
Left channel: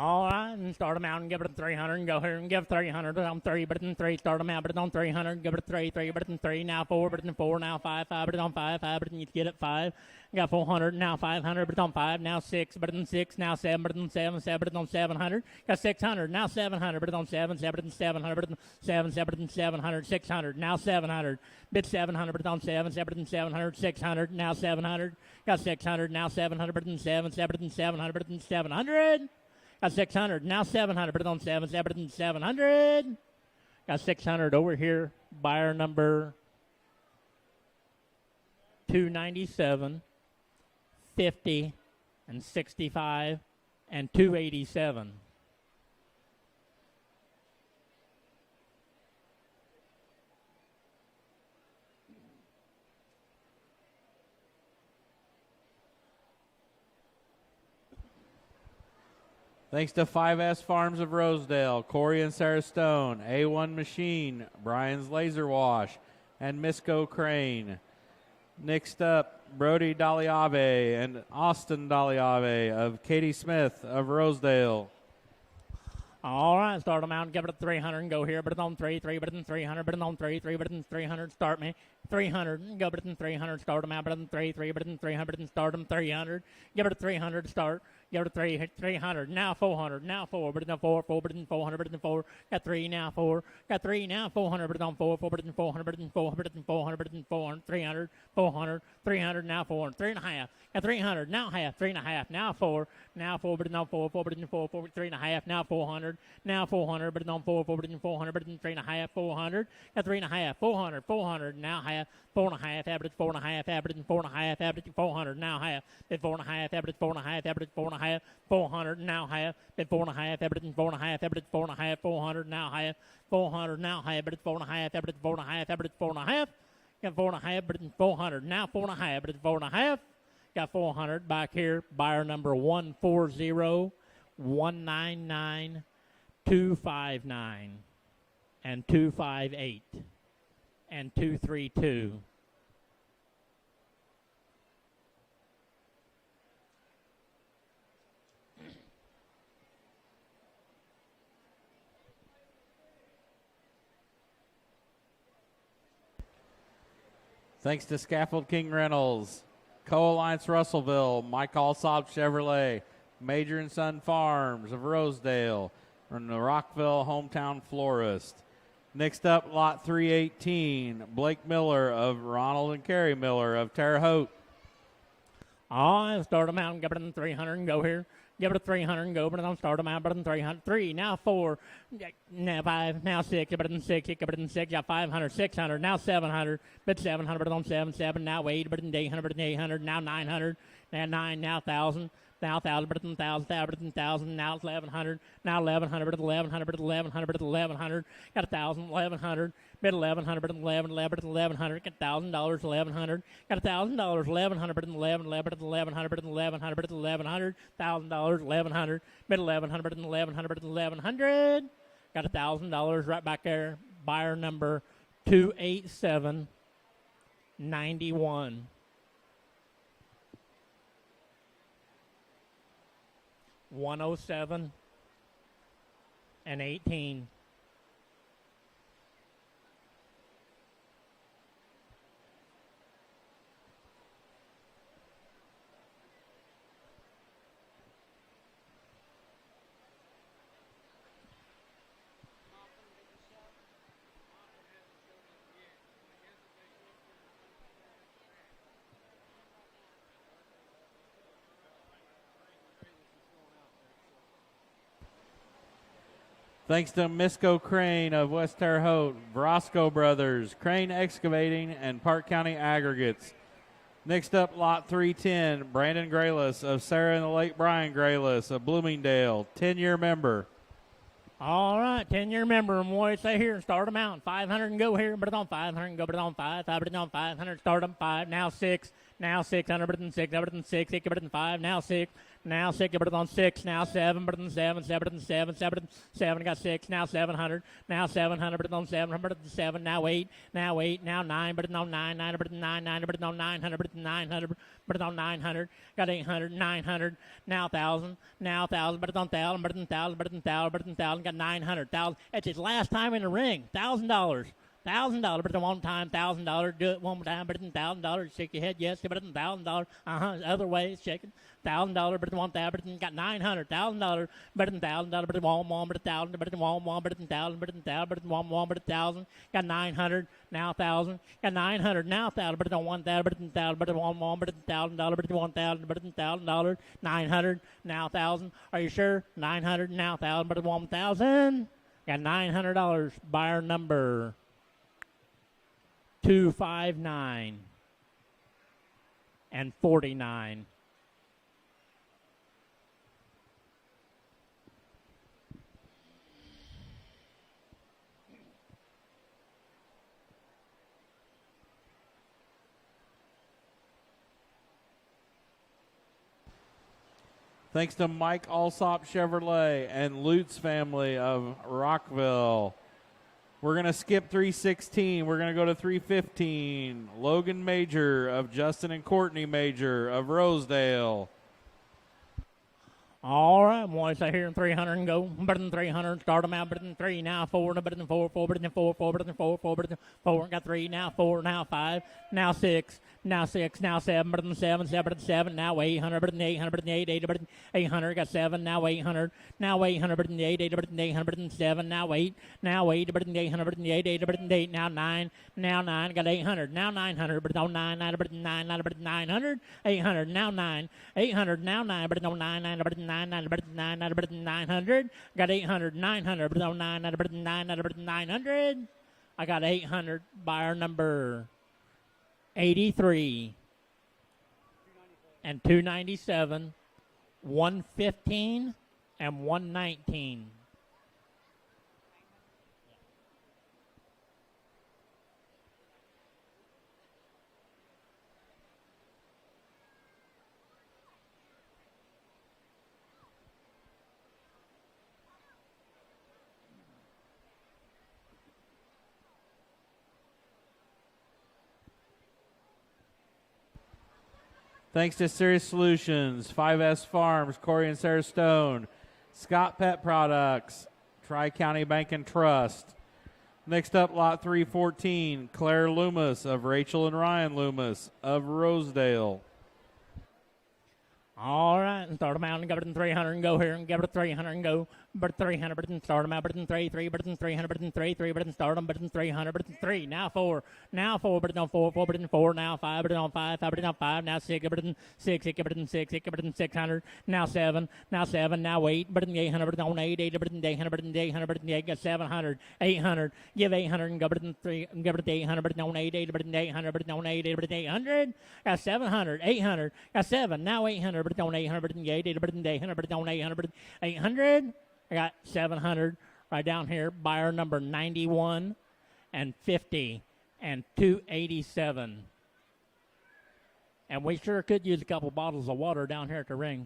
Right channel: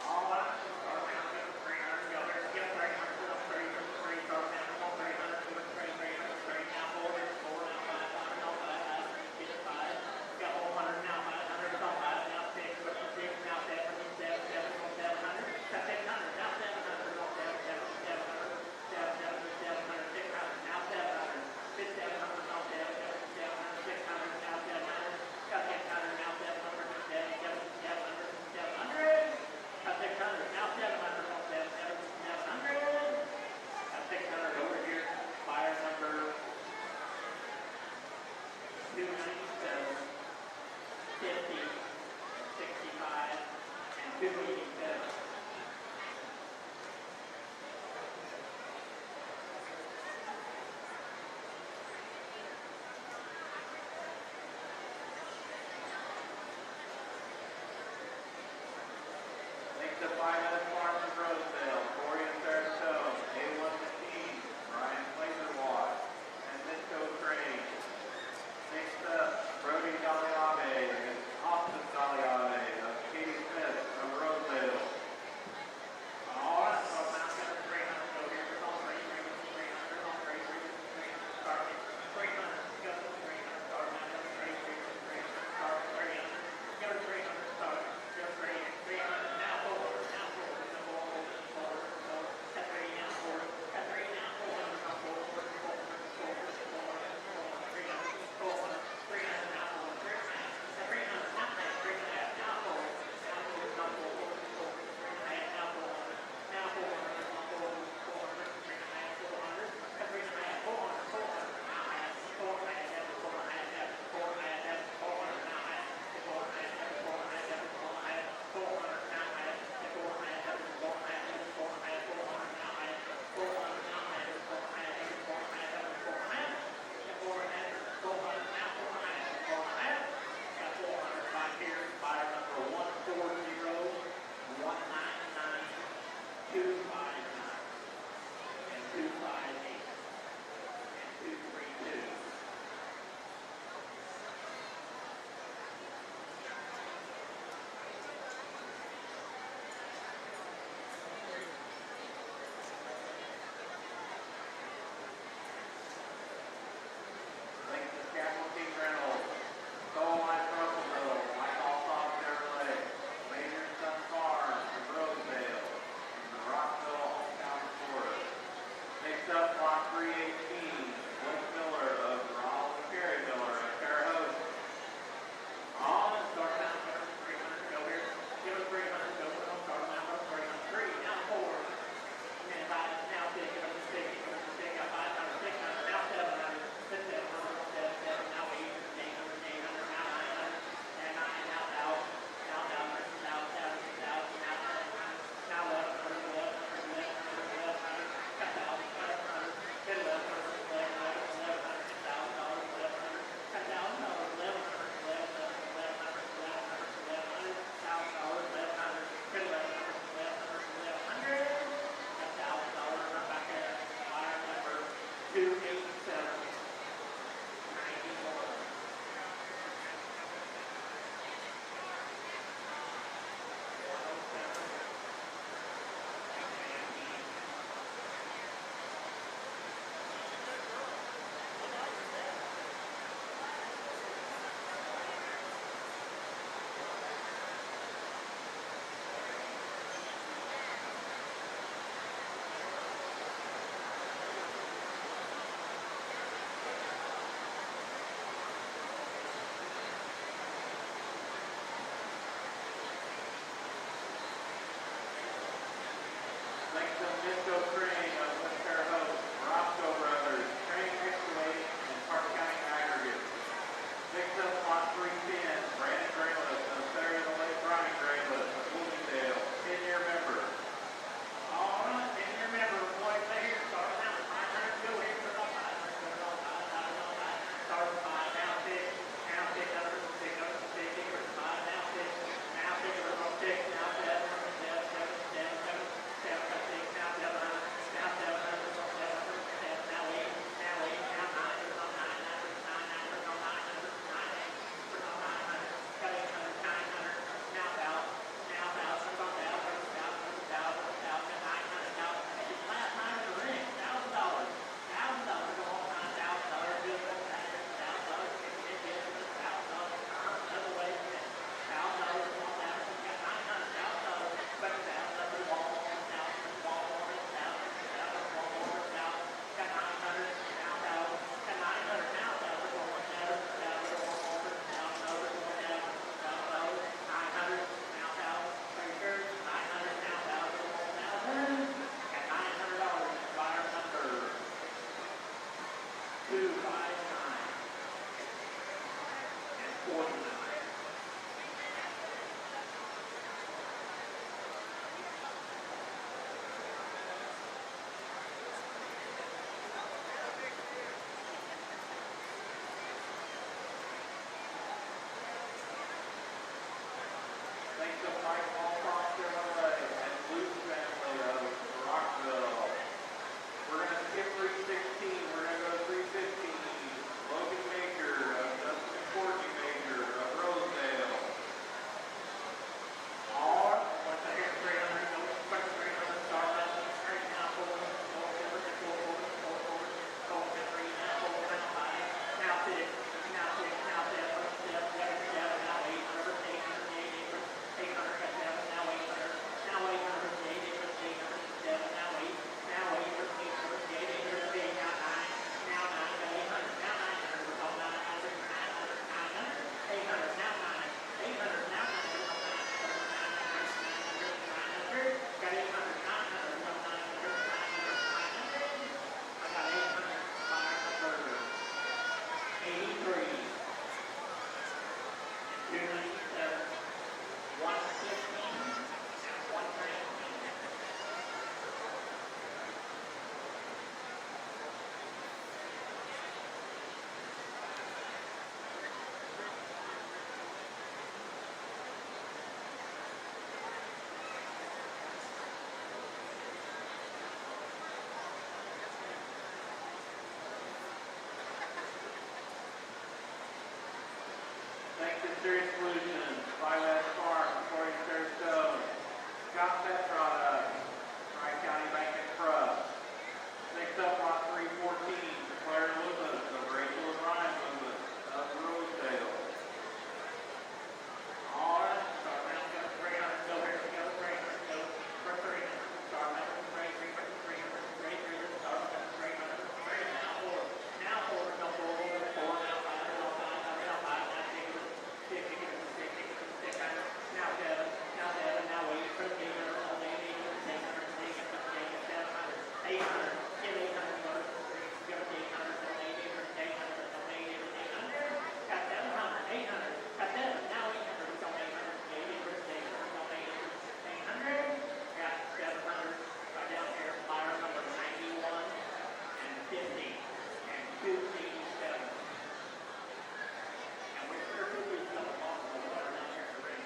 All right, and start them out and give it a 300 and go here and give 300, but on 3, but in 3, start them out, but it's on 300, give it a 3, 3, but in 3, now 4, but in 4, now 5, 5, but it's on 5, 5, but you get it 5. You got 400, now 500, but it's on 5, now 6, but in 6, now 7, but in 7, 7, but it's on 700. Got 600, now 700, but it's on 7, 7, but in 700, but in 7, 7, but in 700, 600, now 700. Bid 700, but it's on 7, 7, but in 700, 600, now 700. Got 600, now 700, but in 7, 7, but in 700, but in 700. Got 600, now 700, but it's on 7, 7, but in 700. Got 600 over here, buyer number 297, 50, and 65, and 287. Thanks to 5S Farms of Rosedale, Corey and Sarah Stone, A1 Machine, Brian's Laser Wash, and Misco Crane. Next up, Brody Daliave and Austin Daliave of Katie Smith of Rosedale. All right, start them out and give it a 300 and go here, but it's on 3, 3, but it's in 300, but it's on 3, 3, but it's in 300, start me. 300, go, but it's in 300, start them out, but it's in 3, 3, but it's in 300, but it's in start them 300. Give it a 300, start. Give it a 300, now 400, now 4, but it's on 4, 4, but it's in 400, but it's in 4. Got 3, now 4. Got 3, now 400, but it's on 4, 4, but it's in 400, but it's in 400, but it's in 400, but it's in 400, 300, 400, 300, now 4, 3 and a half. Got 300, now half, 3 and a half, now 4. Now 4, but it's on 4, 4, but it's in 4, 4, 3 and a half, now 400. Now 400, but it's on 4, 4, but it's in 400, but it's in 3 and a half, 400. Got 3 and a half, 400, 400, now half, 4 and a half, average 4 and a half, average 4 and a half, average 400, now half. Then 4 and a half, average 4 and a half, average 4 and a half, 400, now half. Then 4 and a half, average 4 and a half, average 4 and a half, 400, now half. 400, now half, but it's 4 and a half, average 4 and a half, average 4 and a half. Got 4 and a half, but it's 400, now 4 and a half, but it's 4 and a half. Got 400 back here, buyer number 140, 199, 259, and 258, and 232. Thanks to Scaffold King Reynolds, Co-Alliance Russellville, Mike Alsop Chevrolet, Major and Son Farms of Rosedale, and the Rockville Hometown Florist. Next up, lot 318, Blake Miller of Ronald and Carrie Miller of Terre Haute. All right, start them out and give it a 300 and go here. Give it a 300 and go, but don't start them out, but in 300. 3, now 4, now 5, now 6, give it in 6, give it in 6, got 500, 600, now 700, but 700, but on 7, 7, now 8, but in 800, but in 800, now 900, now 9, now 1,000, now 1,000, but in 1,000, but in 1,000, now 1,100, now 1,100, but 1,100, but 1,100, but 1,100, got 1,000, 1,100, bid 1,100, but 11, 11, but 1,100, get $1,000, 1,100, got $1,000, 1,100, but 11, 11, but 1,100, but 1,100, but 1,100, $1,000, 1,100, bid 1,100, but 1,100, but 1,100, got $1,000 right back there. Buyer number 287, 91. $107 and 18. Thanks to Misco Crane of West Terre Haute, Brosco Brothers, Crane Excavating, and Park County Aggregates. Next up, lot 310, Brandon Grayless of Sarah and the late Brian Grayless of Bloomingdale, 10-year member. All right, 10-year member, and boy, stay here, start them out. 500 and go here, but it's on 500 and go, but it's on 5, 5, but it's on 500, start them 5, now 6, now 600, but then 6, but then 6, 6, but then 5, now 6, now 6, but then on 6, now 7, but then 7, 7, but then 7, 7, but then 7, got 6, now 700, now 700, but then on 700, but then 7, now 8, now 8, now 9, but then on 9, 9, but then 9, 9, but then on 900, but then 900, but then on 900, got 800, 900, now 1,000, now 1,000, but it's on 1,000, but it's on 1,000, but it's on 1,000, but it's on 1,000, got 900, 1,000. It's his last time in the ring, $1,000. $1,000, but it's one time, $1,000. Do it one more time, but it's $1,000. Shake your head, yes, but it's $1,000. Other way, check. $1,000, but it's 1,000, but it's got 900, $1,000, but it's $1,000, but it's one, but it's 1,000, but it's one, but it's 1,000, but it's 1,000, but it's one, but it's 1,000. Got 900, now 1,000. Got 900, now 1,000, but it's on 1,000, but it's 1,000, but it's one, but it's $1,000, but it's 1,000, but it's $1,000. 900, now 1,000. Are you sure? 900, now 1,000, but it's 1,000. Got $900. Buyer number 259 and 49. Thanks to Mike Alsop Chevrolet and Lutz family of Rockville. We're going to skip 316. We're going to go to 315. Logan Major of Justin and Courtney Major of Rosedale. All right, boys, I hear 300 and go. Better than 300. Start them out. Better than 3. Now 4. Better than 4. 4. Better than 4. 4. Better than 4. 4. Better than 4. Got 3. Now 4. Now 5. Now 6. Now 6. Now 7. Better than 7. 7. Better than 7. Now 800. Better than 800. Better than 8. 8. Better than 800. Got 7. Now 800. Now 800. Better than 8. 8. Better than 800. Better than 7. Now 8. Now 8. Better than 800. Better than 8. 8. Better than 8. Now 9. Now 9. Got 800. Now 900. Better than 9. 9. Better than 9. 9. Better than 900. 800. Now 9. 800, now 9, but it's on 9, 9, but it's 9, 9, but it's 9, 9, but it's 900. Got 800, 900, but it's on 9, 9, but it's 9, 9, but it's 900. I got 800, buyer number 83 and 297, 115 and 119. Thanks to Serious Solutions, 5S Farms, Corey and Sarah Stone, Scott Pet Products, Tri-County Bank and Trust. Next up, lot 314, Claire Loomis of Rachel and Ryan Loomis of Rosedale. All right, and start them out and go to 300 and go here and go to 300 and go. But 300, but then start them out, but then 3, 3, but then 300, but then 3, 3, but then start them, but then 300, but then 3, now 4, now 4, but then on 4, 4, but then 4, now 5, but then on 5, 5, but then on 5, now 6, but then 6, 6, but then 6, 6, but then 600, now 7, now 8, but then 800, but then on 8, 8, but then 800, but then 800, but then 8, got 700, 800, give 800 and go, but then 3, and go, but then 800, but then on 8, 8, but then 800, but then on 8, 8, but then 800, got 700, 800, got 7, now 800, but then on 800, but then 8, 8, but then 800, but then on 800, but then 800, I got 700 right down here, buyer number 91 and 50 and 287. And we sure could use a couple bottles of water down here at the ring.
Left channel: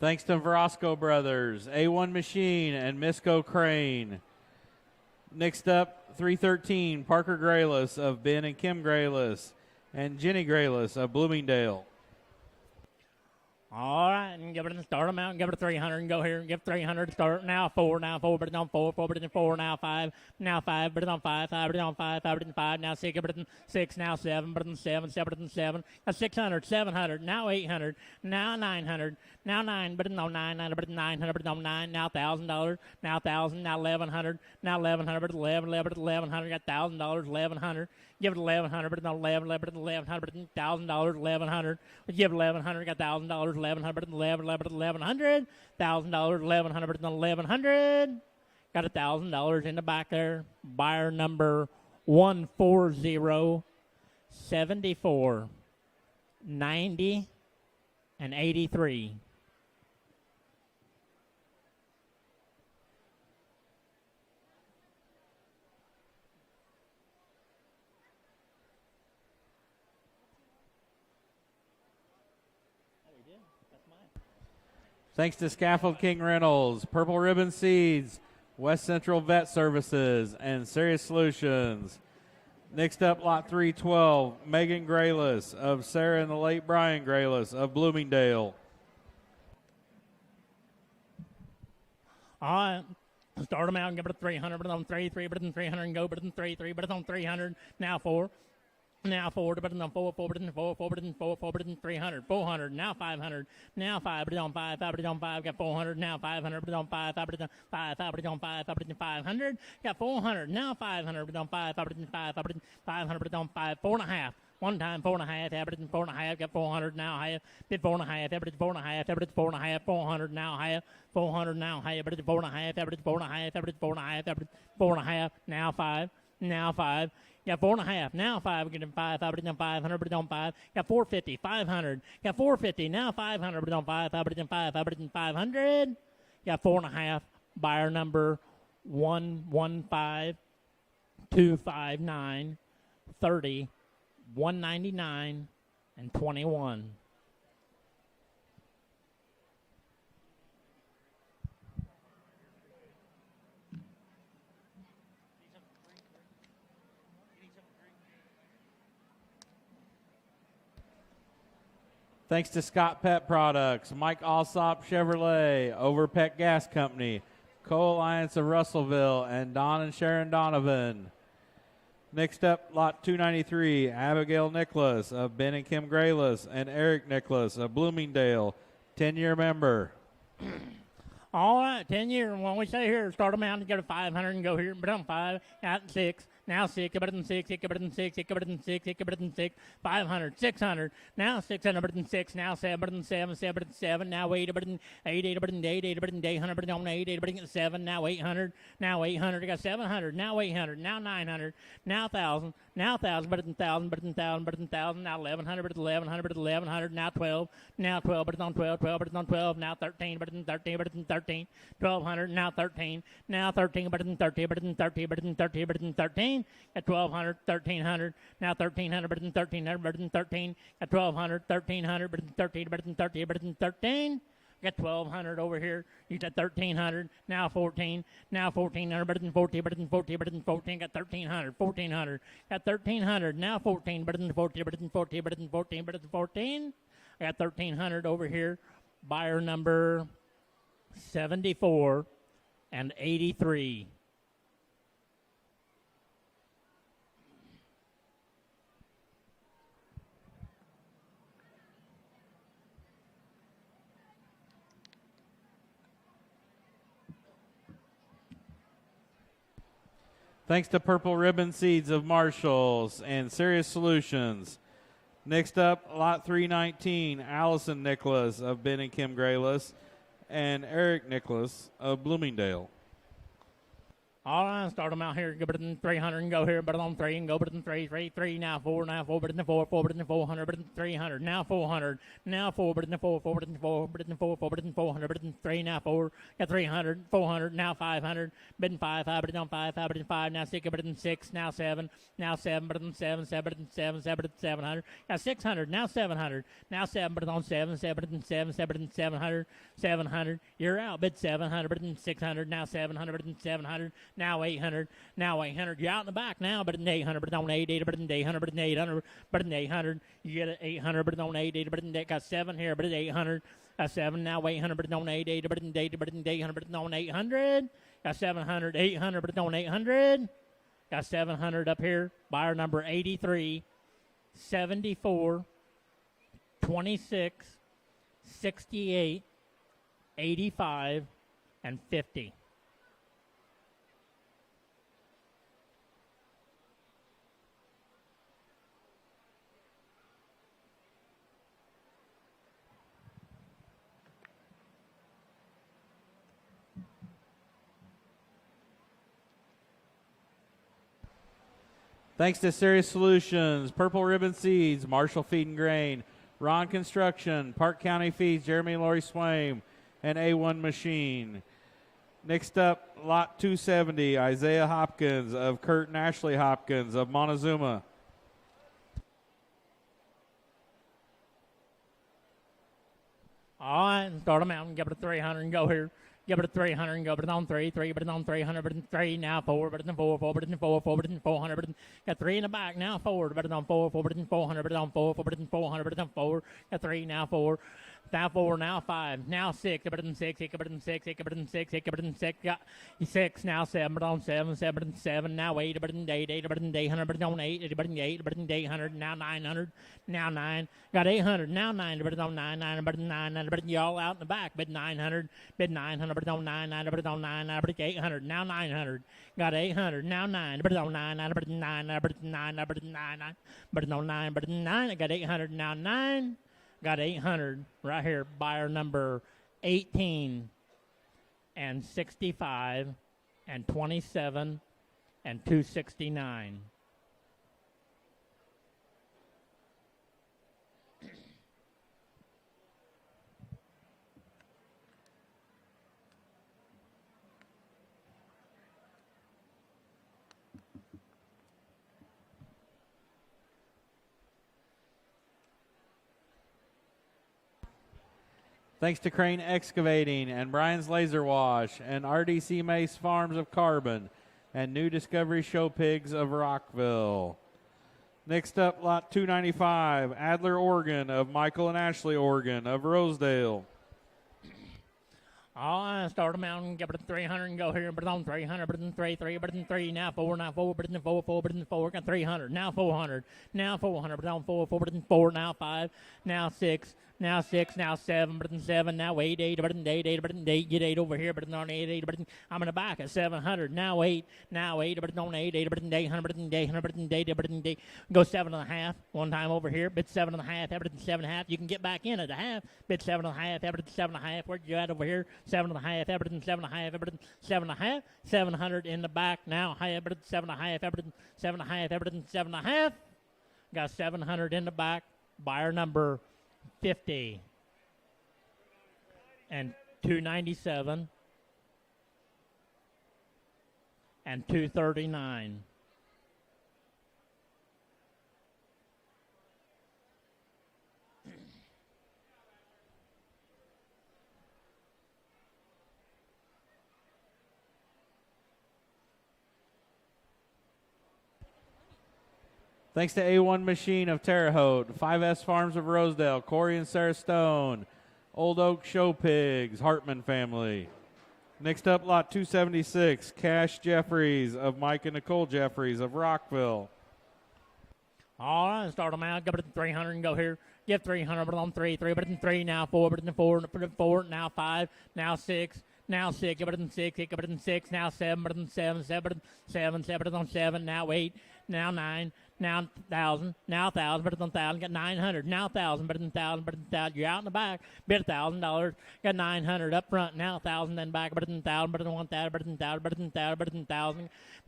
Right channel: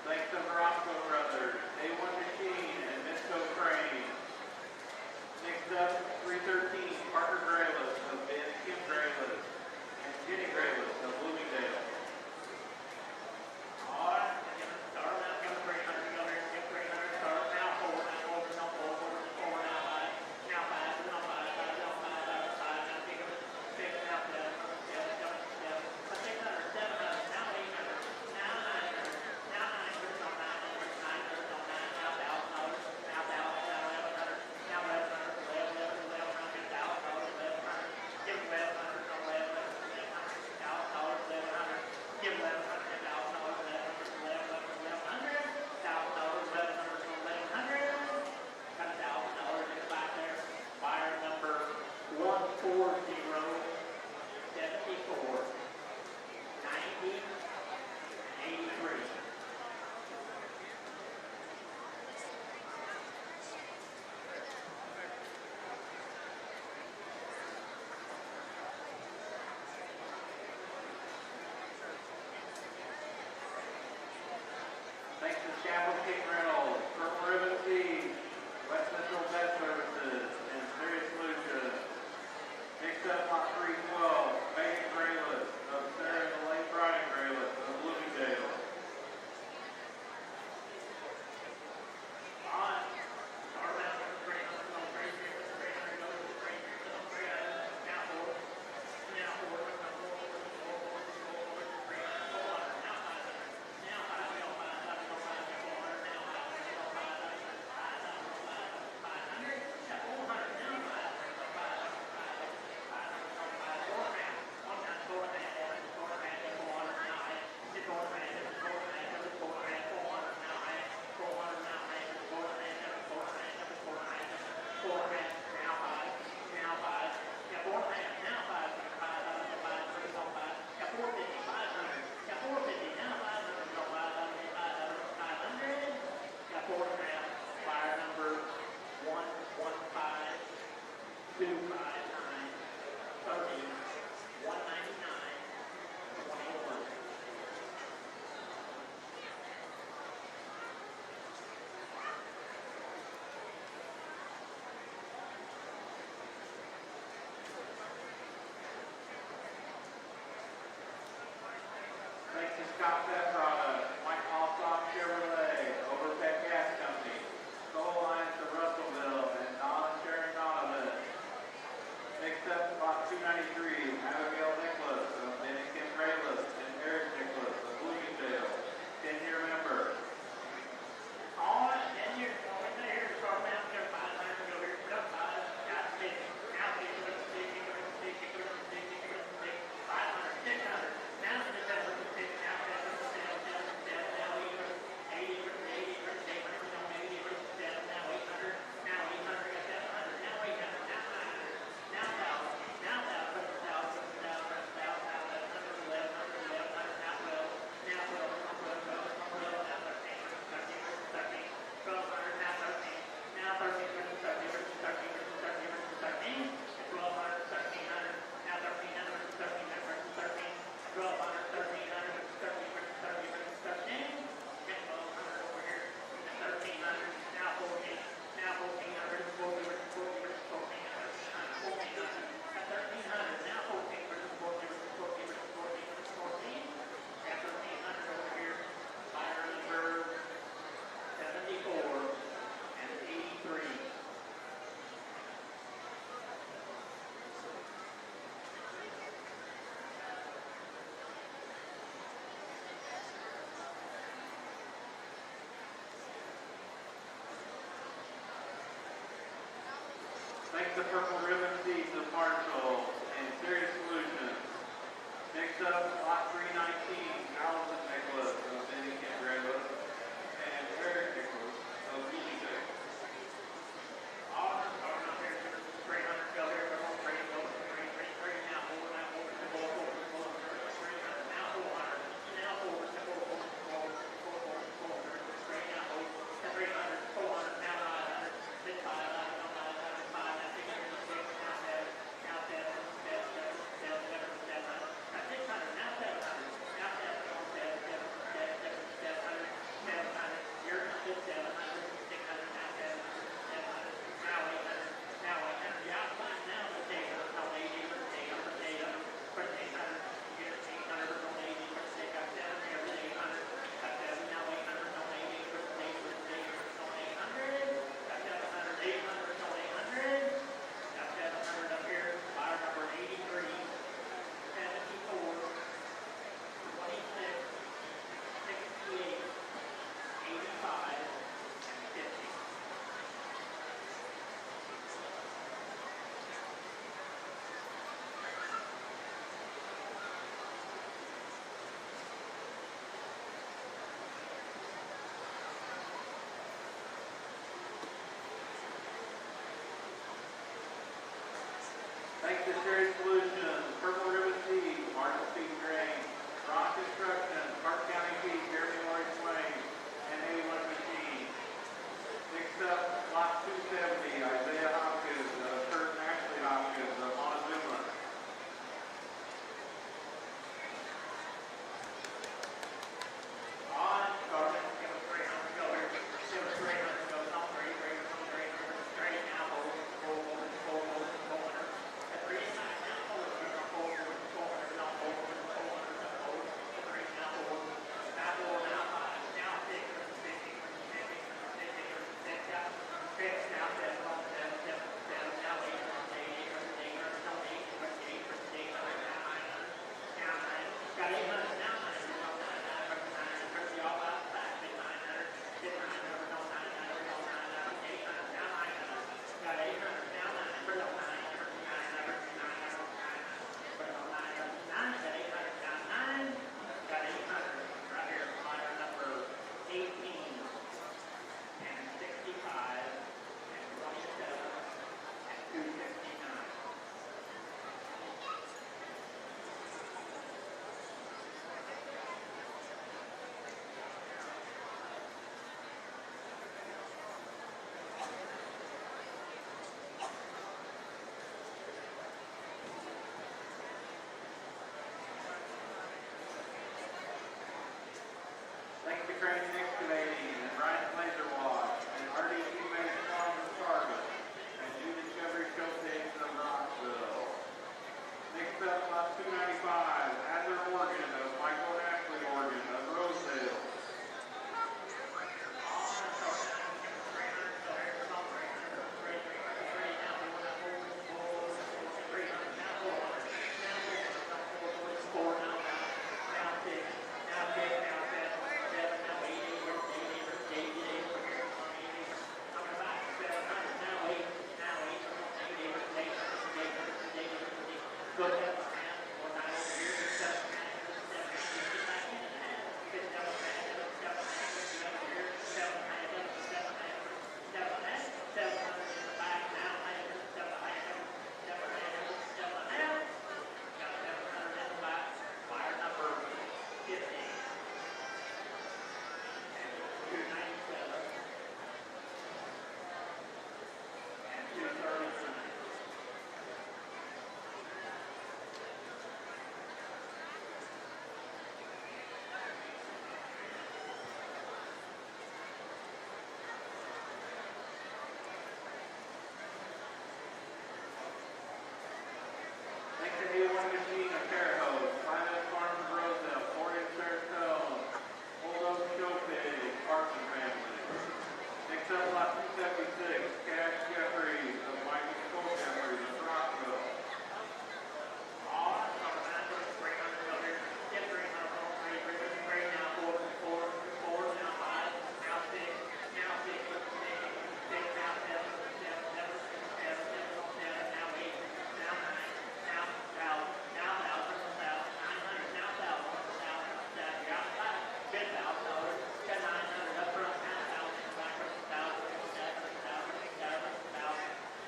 Thanks to Verosco Brothers, A1 Machine, and Misco Crane. Next up, 313, Parker Grayless of Ben and Kim Grayless, and Jenny Grayless of Bloomingdale. All right, and give it a start them out and give it a 300 and go here and give 300 start. Now 4, but it's on 4, 4, but it's on 4, now 5, but it's on 5, 5, but it's on 5, 5, but it's on 5, now 6, but it's on 6, now 7, but it's on 7, 7, but it's on 7, 600, 700, now 800, now 900, now 9, but it's on 9, 9, but it's 900, but it's on 9, now $1,000, now 1,000, now 1,100, now 1,100, but it's 11, 11, but it's 1,100, got $1,000, 1,100, give it 1,100, but it's on 11, 11, but it's 1,100, but it's $1,000, 1,100. Give 1,100, got $1,000, 1,100, 11, 11, 1,100, $1,000, 1,100, 1,100. Got $1,000 in the back there. Buyer number 14074. 90, and 83. Thanks to Scaffold King Reynolds, Purple Ribbon Seeds, West Central Vet Services, and Serious Solutions. Next up, lot 312, Megan Grayless of Sarah and the late Brian Grayless of Bloomingdale. All right. Start them out, give it a 300, but on 3, 3, but on 300, go, but on 3, 3, but on 300, now 4. Now 4, but on 4, 4, but on 4, 4, but on 4, 4, but on 300, 400, now 500. Now 5, but on 5, 5, but on 5, got 400, now 500, but on 5, 5, but on 5, 5, but on 5, 5, but on 500, got 400, now 500, but on 5, 5, but on 5, 5, but on 500, but on 5, 4 and a half. One time, 4 and a half, average 4 and a half, got 400, now half, did 4 and a half, average 4 and a half, average 4 and a half, 400, now half, 400, now half, average 4 and a half, average 4 and a half, average 4 and a half, average 4 and a half, now 5, now 5. Got 4 and a half, now 5, getting 5, 5, but on 500, but on 5, got 450, 500, got 450, now 500, but on 5, 5, but on 5, 5, but on 500, got 4 and a half, buyer number 115, 259, 30, 199, and 21. Thanks to Scott Pet Products, Mike Alsop Chevrolet, Overpet Gas Company, Co-Alliance of Russellville, and Don and Sharon Donovan. Next up, lot 293, Abigail Nicholas of Ben and Kim Grayless, and Eric Nicholas of Bloomingdale, 10-year member. All right, 10 years. When we say here, start them out and go to 500 and go here. But on 5, out 6, now 6, but on 6, but on 6, but on 6, but on 6, 500, 600, now 600, but on 6, now 7, but on 7, 7, but on 7, now 8, but on 8, but on 8, but on 800, but on 8, but on 7, now 800, I got 700, now 800, now 900, now 1,000, now 1,000, but on 1,000, but on 1,000, but on 1,000, now 1,100, but on 1,100, but on 1,100, now 12, now 12, but it's on 12, 12, but it's on 12, now 13, but it's on 13, but it's on 13, 1,200, now 13, now 13, but it's on 13, but it's on 13, but it's on 13, but it's on 13, at 1,200, 1,300, now 1,300, but it's on 1,300, but it's on 13, at 1,200, 1,300, but it's on 13, but it's on 13, but it's on 13, got 1,200 over here, you got 1,300, now 14, now 1,400, but it's on 14, but it's on 14, but it's on 14, got 1,300, 1,400, got 1,300, now 14, but it's on 14, but it's on 14, but it's on 14, but it's on 14, got 1,300 over here, buyer number 74 and 83. Thanks to Purple Ribbon Seeds of Marshalls and Serious Solutions. Next up, lot 319, Allison Nicholas of Ben and Kim Grayless, and Eric Nicholas of Bloomingdale. All right, start them out here. Go but in 300 and go here, but on 3 and go but in 3, 3, 3, now 4, but in the 4, 4, but in the 400, but in 300, now 400, now 4, but in the 4, 4, but in the 4, but in the 4, 4, but in 400, but in 3, now 4, at 300, 400, now 500, been 5, 5, but in 5, 5, but in 5, now 6, but in 6, now 7, now 7, but in 7, 7, but in 7, 7, but in 700, now 600, now 700, now 7, but on 7, 7, but in 7, 7, but in 700, 700, you're out, bid 700, but in 600, now 700, but in 700, now 800, now 800, you're out in the back now, but in 800, but on 880, but in 800, but in 800, but in 800, you get it 800, but on 880, but in got 7 here, but it's 800, got 7, now 800, but on 880, but in 80, but in 800, but on 800, got 700, 800, but on 800, got 700 up here, buyer number 83, 74, 26, 68, 85, and 50. Thanks to Serious Solutions, Purple Ribbon Seeds, Marshall Feed and Grain, Ron Construction, Park County Feeds, Jeremy Laurie Swain, and A1 Machine. Next up, lot 270, Isaiah Hopkins of Kurt and Ashley Hopkins of Montezuma. All right, start them out and give it a 300 and go here. Give it a 300 and go, but it's on three, but it's on 300, but it's three, now four, but it's on four, but it's on four, but it's on 400, but it's got three in the back, now forward, but it's on four, but it's on 400, but it's on four, but it's on 400, but it's on four, got three, now four, now five, now six, but it's on six, but it's on six, but it's on six, but it's on six, got six, now seven, but on seven, but it's on seven, now eight, but it's on eight, but it's on 800, but it's on eight, but it's on eight, but it's on 800, now 900. Now 9, got 800, now 9, but it's on 9, but it's 9, but it's all out in the back, bid 900, but it's on 9, but it's on 9, but it's 800, now 900, got 800, now 9, but it's on 9, but it's 9, but it's 9, but it's 9, but it's on 9, but it's 9, got 800, now 9, got 800, right here, buyer number 18, and 65, and 27, and 269. Thanks to Crane Excavating and Brian's Laser Wash and RDC Mace Farms of Carbon and New Discovery Show Pigs of Rockville. Next up, lot 295, Adler Organ of Michael and Ashley Organ of Rosedale. All right, start them out and give it a 300 and go here, but it's on 300, but it's on 3, but it's on 3, now 4, but it's on 4, but it's on 4, got 300, now 400, now 400, but it's on 4, but it's on 4, now 5, now 6, now 6, now 7, but it's on 7, now 8, but it's on 8, but it's on 8, get 8 over here, but it's on 8, but it's, I'm in the back at 700, now 8, but it's on 8, but it's on 800, but it's on 800, but it's on 8, but it's on 8, go 7.5, one time over here, bid 7.5, but it's 7.5, you can get back in at a half, bid 7.5, but it's 7.5, where'd you at over here, 7.5, but it's 7.5, but it's 7.5, 700 in the back, now half, but it's 7.5, but it's 7.5, but it's 7.5, got 700 in the back, buyer number 50, and 297, and 239. Thanks to A1 Machine of Terre Haute, 5S Farms of Rosedale, Corey and Sarah Stone, Old Oak Show Pigs, Hartman family. Next up, lot 276, Cash Jeffries of Mike and Nicole Jeffries of Rockville. All right, start them out, give it 300 and go here. Get 300, but on 3, but it's on 3, now 4, but it's on 4, but it's on 4, now 5, now 6, now 6, but it's on 6, but it's on 6, now 7, but it's on 7, 7, 7, 7, but it's on 7, now 8, now 9, now 1,000, now 1,000, but it's on 1,000, got 900, now 1,000, but it's on 1,000, but it's on 1,000, you're out in the back, bid $1,000, got 900 up front, now 1,000 in the back, but it's on 1,000, but it's on 1,000, but it's on 1,000, but it's on 1,000, but it's on 1,000,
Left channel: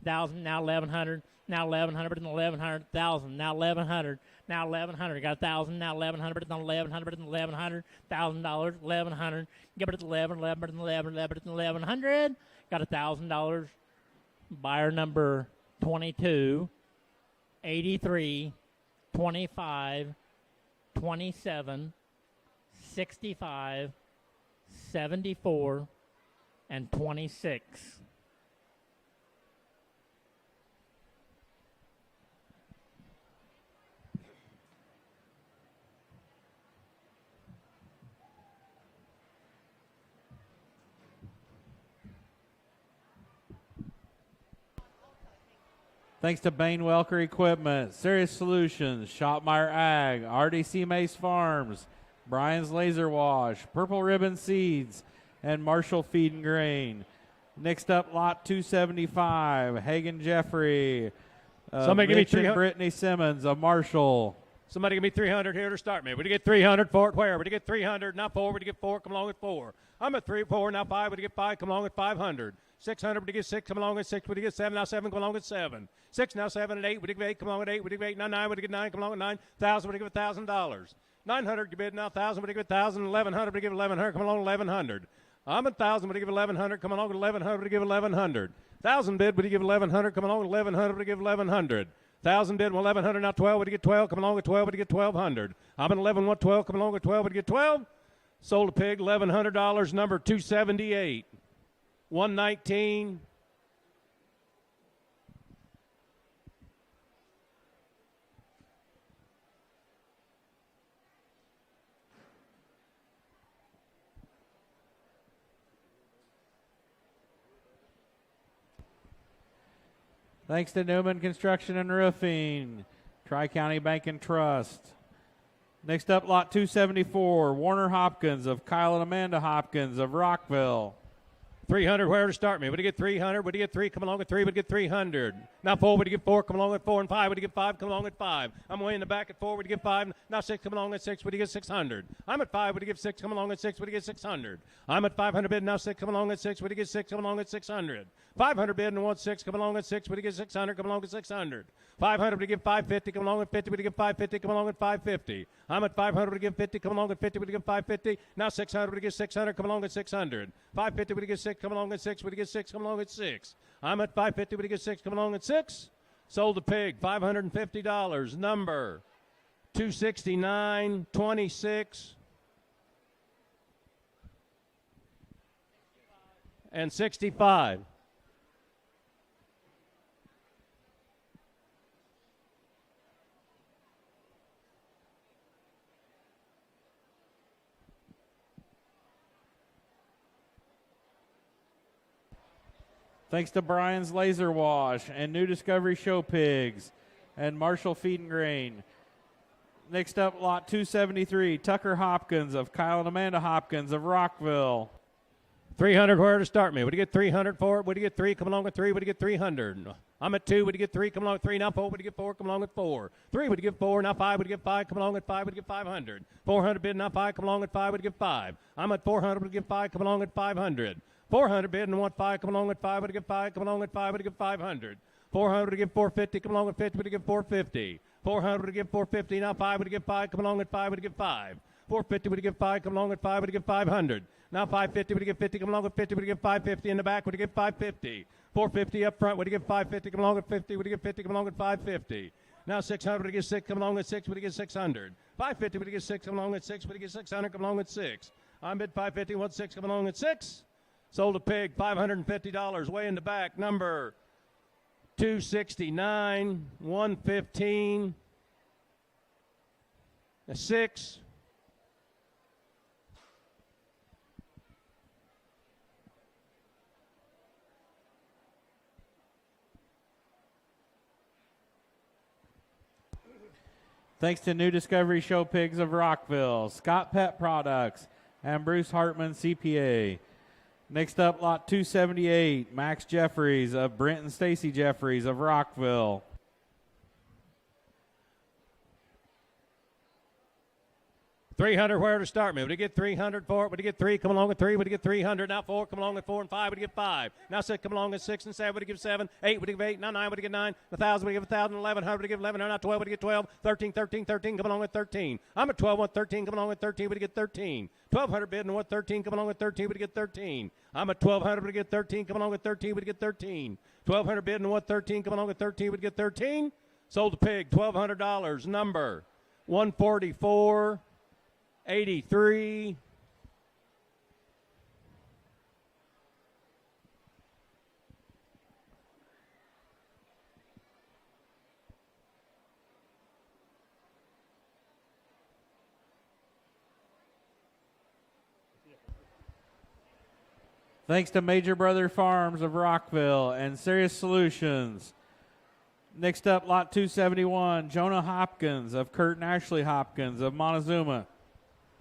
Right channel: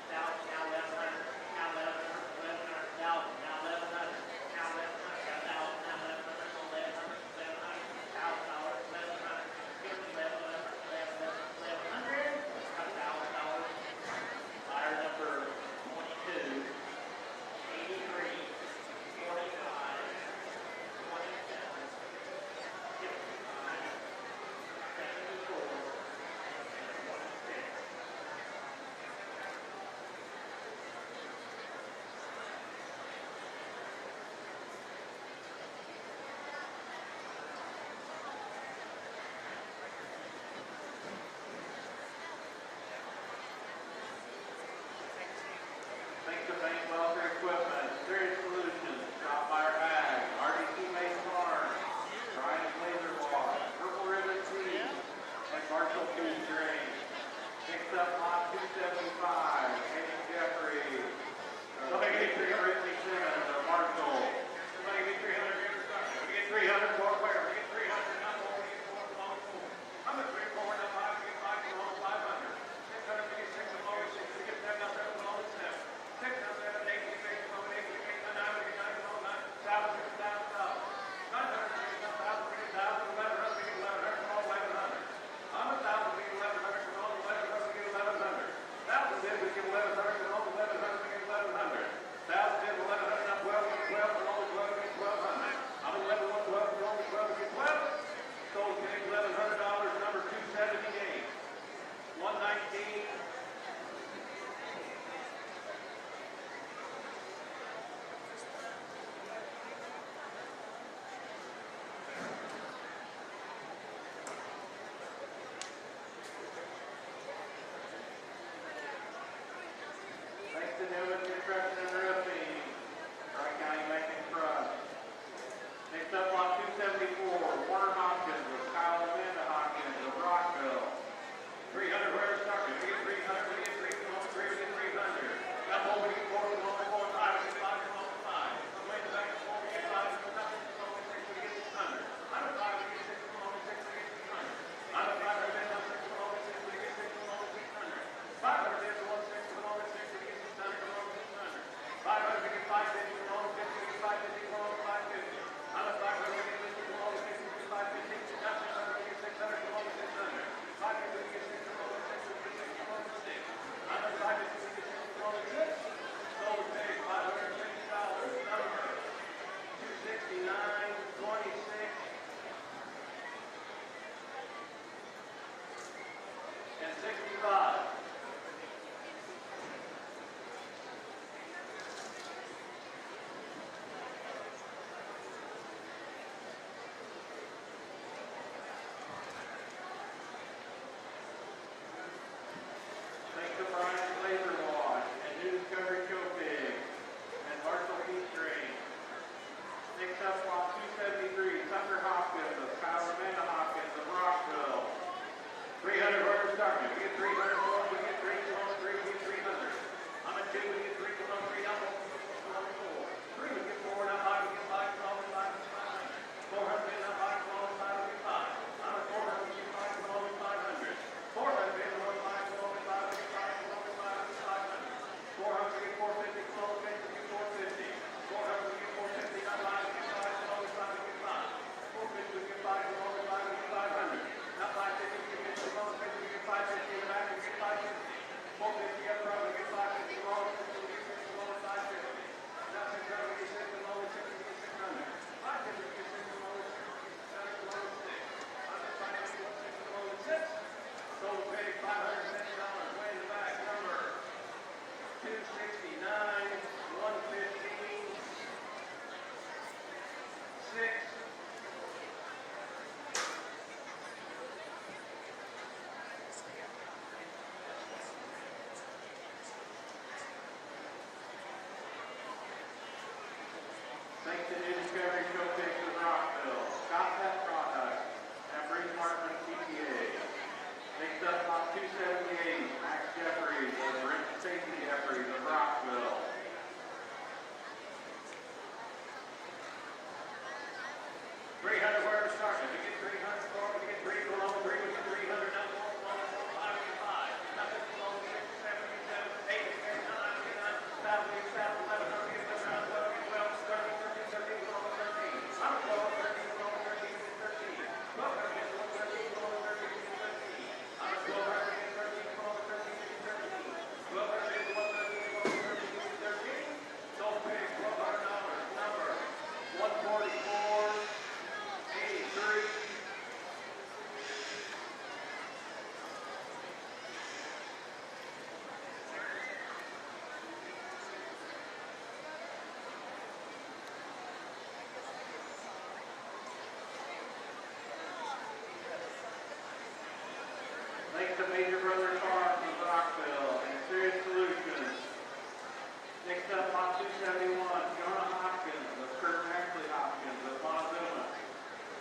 1,000, now 1,100, now 1,100, but it's on 1,100, 1,000, now 1,100, now 1,100, got 1,000, now 1,100, but it's on 1,100, but it's on 1,100, $1,000, 1,100, give it 11, but it's 11, but it's 1,100, got $1,000, buyer number 22, 83, 25, 27, 65, 74, and 26. Thanks to Bain Welker Equipment, Serious Solutions, Shopmeyer Ag, RDC Mace Farms, Brian's Laser Wash, Purple Ribbon Seeds, and Marshall Feed and Grain. Next up, lot 275, Hagen Jeffrey, Somebody give me Mitch and 300. Brittany Simmons of Marshall. Somebody give me 300 here to start me. Would you get 300 for it? Where? Would you get 300? Now 4. Would you get 4? Come along with 4. I'm at 3, 4. Now 5. Would you get 5? Come along with 500. 600. Would you get 6? Come along with 6. Would you get 7? Now 7. Come along with 7. 6. Now 7 and 8. Would you get 8? Come along with 8. Would you get 8? Now 9. Would you get 9? Come along with 9. 1,000. Would you get $1,000? 900 to bid now, 1,000, but to give 1,000, 1,100, but to give 1,100, come along, 1,100. I'm at 1,000, but to give 1,100, come along, 1,100, but to give 1,100. 1,000 bid, but to give 1,100, come along, 1,100, but to give 1,100. 1,000 bid, 1,100, now 12, but to get 12, come along with 12, but to get 1,200. I'm at 11, 112, come along with 12, but to get 12. Sold a pig, $1,100, number 278. 119. Thanks to Newman Construction and Roofing, Tri-County Bank and Trust. Next up, lot 274, Warner Hopkins of Kyle and Amanda Hopkins of Rockville. 300, wherever start me. Would you get 300? Would you get 3? Come along with 3. Would you get 300? Now 4. Would you get 4? Come along with 4 and 5. Would you get 5? Come along with 5. I'm way in the back at 4. Would you get 5? Now 6. Come along with 6. Would you get 600? I'm at 5. Would you get 6? Come along with 6. Would you get 600? I'm at 500 bid. Now 6. Come along with 6. Would you get 6? Come along with 600? 500 bid and 1 6. Come along with 6. Would you get 600? Come along with 600? 500 to give 550, come along with 50, to give 550, come along with 550. I'm at 500 to give 50, come along with 50, to give 550. Now 600 to give 600, come along with 600. 550 to give 6, come along with 6, to give 6, come along with 6. I'm at 550 to give 6, come along with 6. Sold the pig, $550, number 269.26. And 65. Thanks to Brian's Laser Wash and New Discovery Show Pigs and Marshall Feed and Grain. Next up, lot 273, Tucker Hopkins of Kyle and Amanda Hopkins of Rockville. 300, where to start me? Would you get 300 for it? Would you get 3? Come along with 3. Would you get 300? I'm at 2. Would you get 3? Come along with 3. Now 4. Would you get 4? Come along with 4. 3. Would you get 4? Now 5. Would you get 5? Come along with 5. Would you get 500? 400 bid. Now 5. Come along with 5. Would you get 5? I'm at 400. Would you get 5? Come along with 500. 400 bid and 1 5. Come along with 5. Would you get 5? Come along with 5. Would you get 500? 400 to give 450. Come along with 50. Would you get 450? 400 to give 450. Now 5. Would you get 5? Come along with 5. Would you get 5? 450 would you get 5, come along with 5, would you get 500. Now 550 would you get 50, come along with 50, would you get 550 in the back, would you get 550. 450 up front, would you get 550, come along with 50, would you get 50, come along with 550. Now 600 would you get 6, come along with 6, would you get 600. 550 would you get 6, come along with 6, would you get 600, come along with 6. I'm bid 550, 1 6, come along with 6. Sold a pig, $550, way in the back, number 269, 115, 6. Thanks to New Discovery Show Pigs of Rockville, Scott Pet Products, and Bruce Hartman CPA. Next up, lot 278, Max Jeffries of Brent and Stacy Jeffries of Rockville. 300, where to start me? Would you get 300 for it? Would you get 3? Come along with 3. Would you get 300? Now 4. Come along with 4 and 5. Would you get 5? Now 6. Come along with 6 and 7. Would you give 7? 8. Would you give 8? Now 9. Would you get 9? 1,000. Would you give 1,000? 1,100. Would you give 1,100? Now 12. Would you get 12? 13. 13. 13. Come along with 13. I'm at 12. What 13? Come along with 13. Would you get 13? 1,200 bid and what 13? Come along with 13. Would you get 13? I'm at 1,200. Would you get 13? Come along with 13. Would you get 13? 1,200 bid and what 13? Come along with 13. Would you get 13? Sold the pig, $1,200. Number 144. 83. Thanks to Major Brother Farms of Rockville and Serious Solutions. Next up, lot 271, Jonah Hopkins of Kurt and Ashley Hopkins of Montezuma.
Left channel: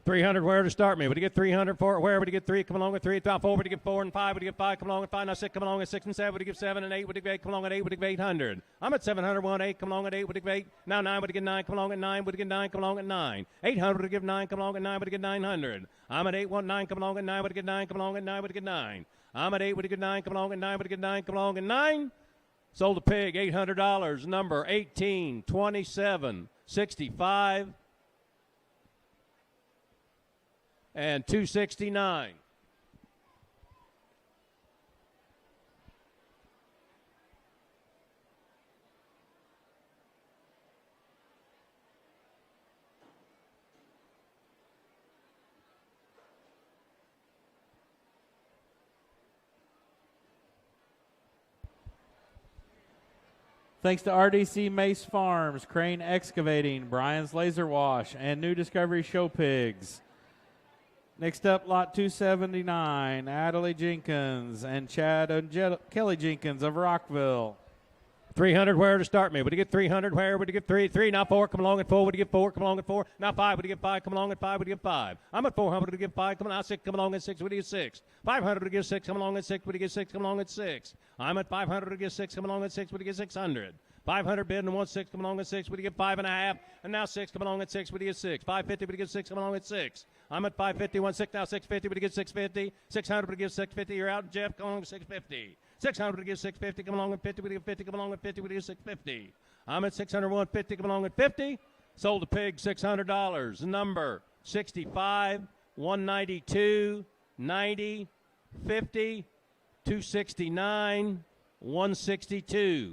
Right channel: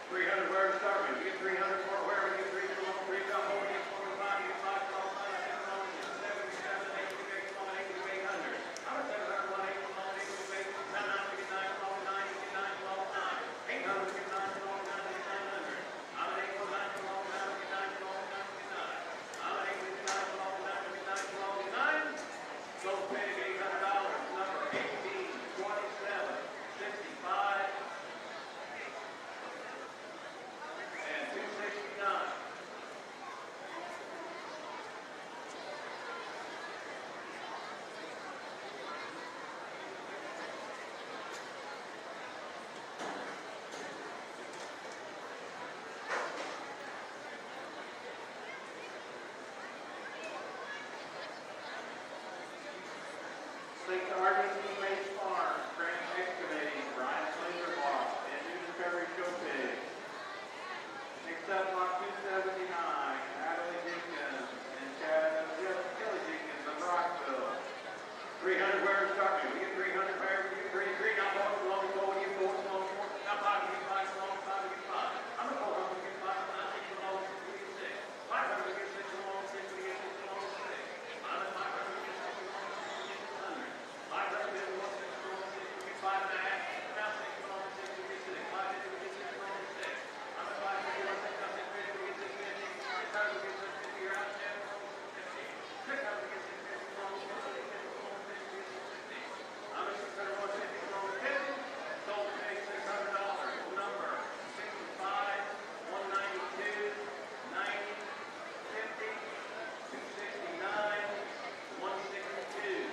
300, where to start me? Would you get 300 for it? Where would you get 3? Come along with 3. Drop 4. Would you get 4 and 5? Would you get 5? Come along with 5. Now 6. Come along with 6 and 7. Would you get 7 and 8? Would you get 8? Come along with 8. Would you get 800? I'm at 700. 1 8. Come along with 8. Would you get 8? Now 9. Would you get 9? Come along with 9. Would you get 9? Come along with 9. 800. Would you get 9? Come along with 9. Would you get 900? I'm at 8. 1 9. Come along with 9. Would you get 9? Come along with 9. Would you get 9? I'm at 8. Would you get 9? Come along with 9. Would you get 9? Come along with 9. Sold the pig, $800. Number 18, 27, 65. and 269. Thanks to RDC Mace Farms, Crane Excavating, Brian's Laser Wash, and New Discovery Show Pigs. Next up, lot 279, Adelie Jenkins and Chad and Kelly Jenkins of Rockville. 300 where to start me? Would you get 300 where? Would you get 3? 3, now 4, come along at 4. Would you get 4? Come along at 4. Now 5, would you get 5? Come along at 5. Would you get 5? I'm at 400. Would you get 5? Come on, now 6. Come along at 6. Would you get 6? 500. Would you get 6? Come along at 6. Would you get 6? Come along at 6. I'm at 500. Would you get 6? Come along at 6. Would you get 600? 500 bid and 1 6. Come along at 6. Would you get 5 and a half? And now 6. Come along at 6. Would you get 6? 550. Would you get 6? Come along at 6. I'm at 550. 1 6. Now 650. Would you get 650? 600. Would you get 650? You're out, Jeff. Come along with 650. 600 would give 650, come along with 50, would give 50, come along with 50, would give 650. I'm at 600, 150, come along with 50. Sold the pig $600. Number 65, 192, 90, 50, 269, 162.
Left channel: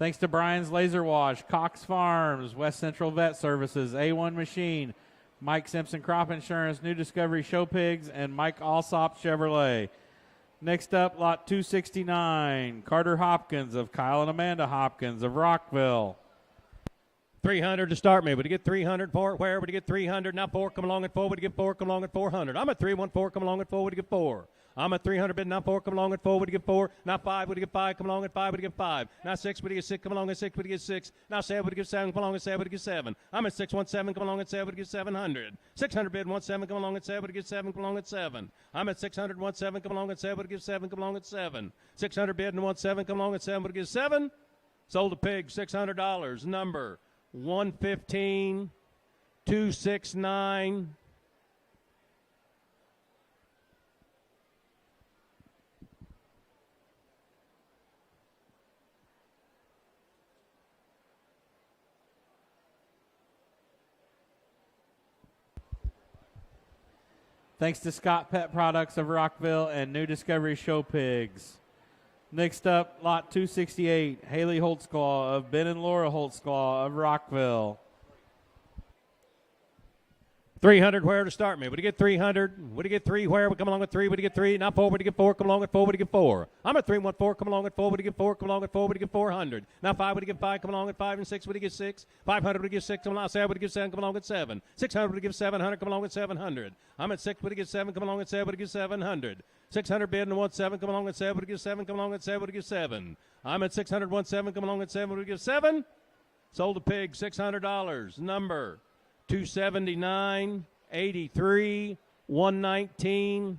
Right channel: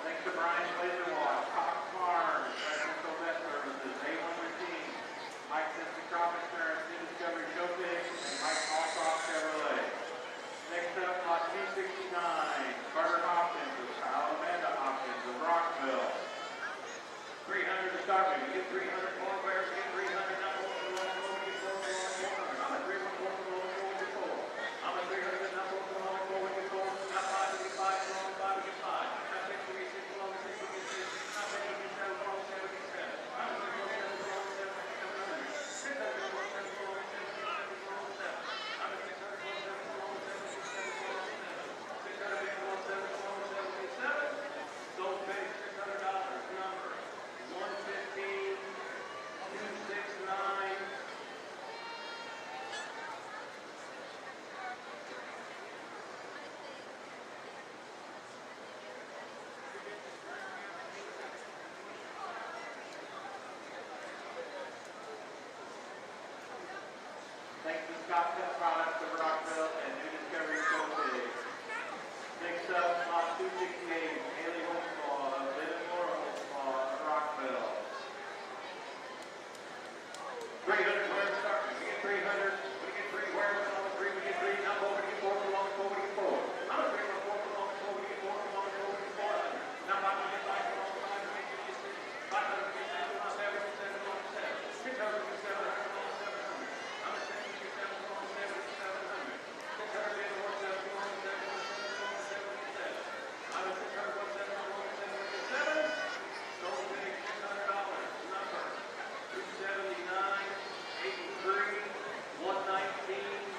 Thanks to Brian's Laser Wash, Cox Farms, West Central Vet Services, A1 Machine, Mike Simpson Crop Insurance, New Discovery Show Pigs, and Mike Alsop Chevrolet. Next up, lot 269, Carter Hopkins of Kyle and Amanda Hopkins of Rockville. 300 to start me. Would you get 300 for it? Where would you get 300? Now 4, come along at 4. Would you get 4? Come along at 400. I'm at 314. Come along at 4. Would you get 4? I'm at 300 bid. Now 4. Come along at 4. Would you get 4? Now 5. Would you get 5? Come along at 5. Would you get 5? Now 6. Would you get 6? Come along at 6. Would you get 6? Now 7. Would you get 7? Come along at 7. Would you get 7? I'm at 617. Come along at 7. Would you get 700? 600 bid. 17. Come along at 7. Would you get 7? Come along at 7. I'm at 600. 17. Come along at 7. Would you get 7? Come along at 7. 600 bid and 17. Come along at 7. Would you get 7? Sold the pig $600. Number 115, 269. Thanks to Scott Pet Products of Rockville and New Discovery Show Pigs. Next up, lot 268, Haley Holtzclaw of Ben and Laura Holtzclaw of Rockville. 300 where to start me? Would you get 300? Would you get 3 where? Would come along with 3? Would you get 3? Now 4. Would you get 4? Come along with 4. Would you get 4? I'm at 314. Come along with 4. Would you get 4? Come along with 4. Would you get 400? Now 5. Would you get 5? Come along with 5 and 6. Would you get 6? 500. Would you get 6? Come along with 7. Would you get 7? Come along with 7. 600. Would you get 700? Come along with 700. I'm at 6. Would you get 7? Come along with 7. Would you get 700? 600 bid and 17. Come along with 7. Would you get 7? Come along with 7. Would you get 7? I'm at 600. 17. Come along with 7. Would you get 7? Sold the pig $600. Number 279, 83, 119.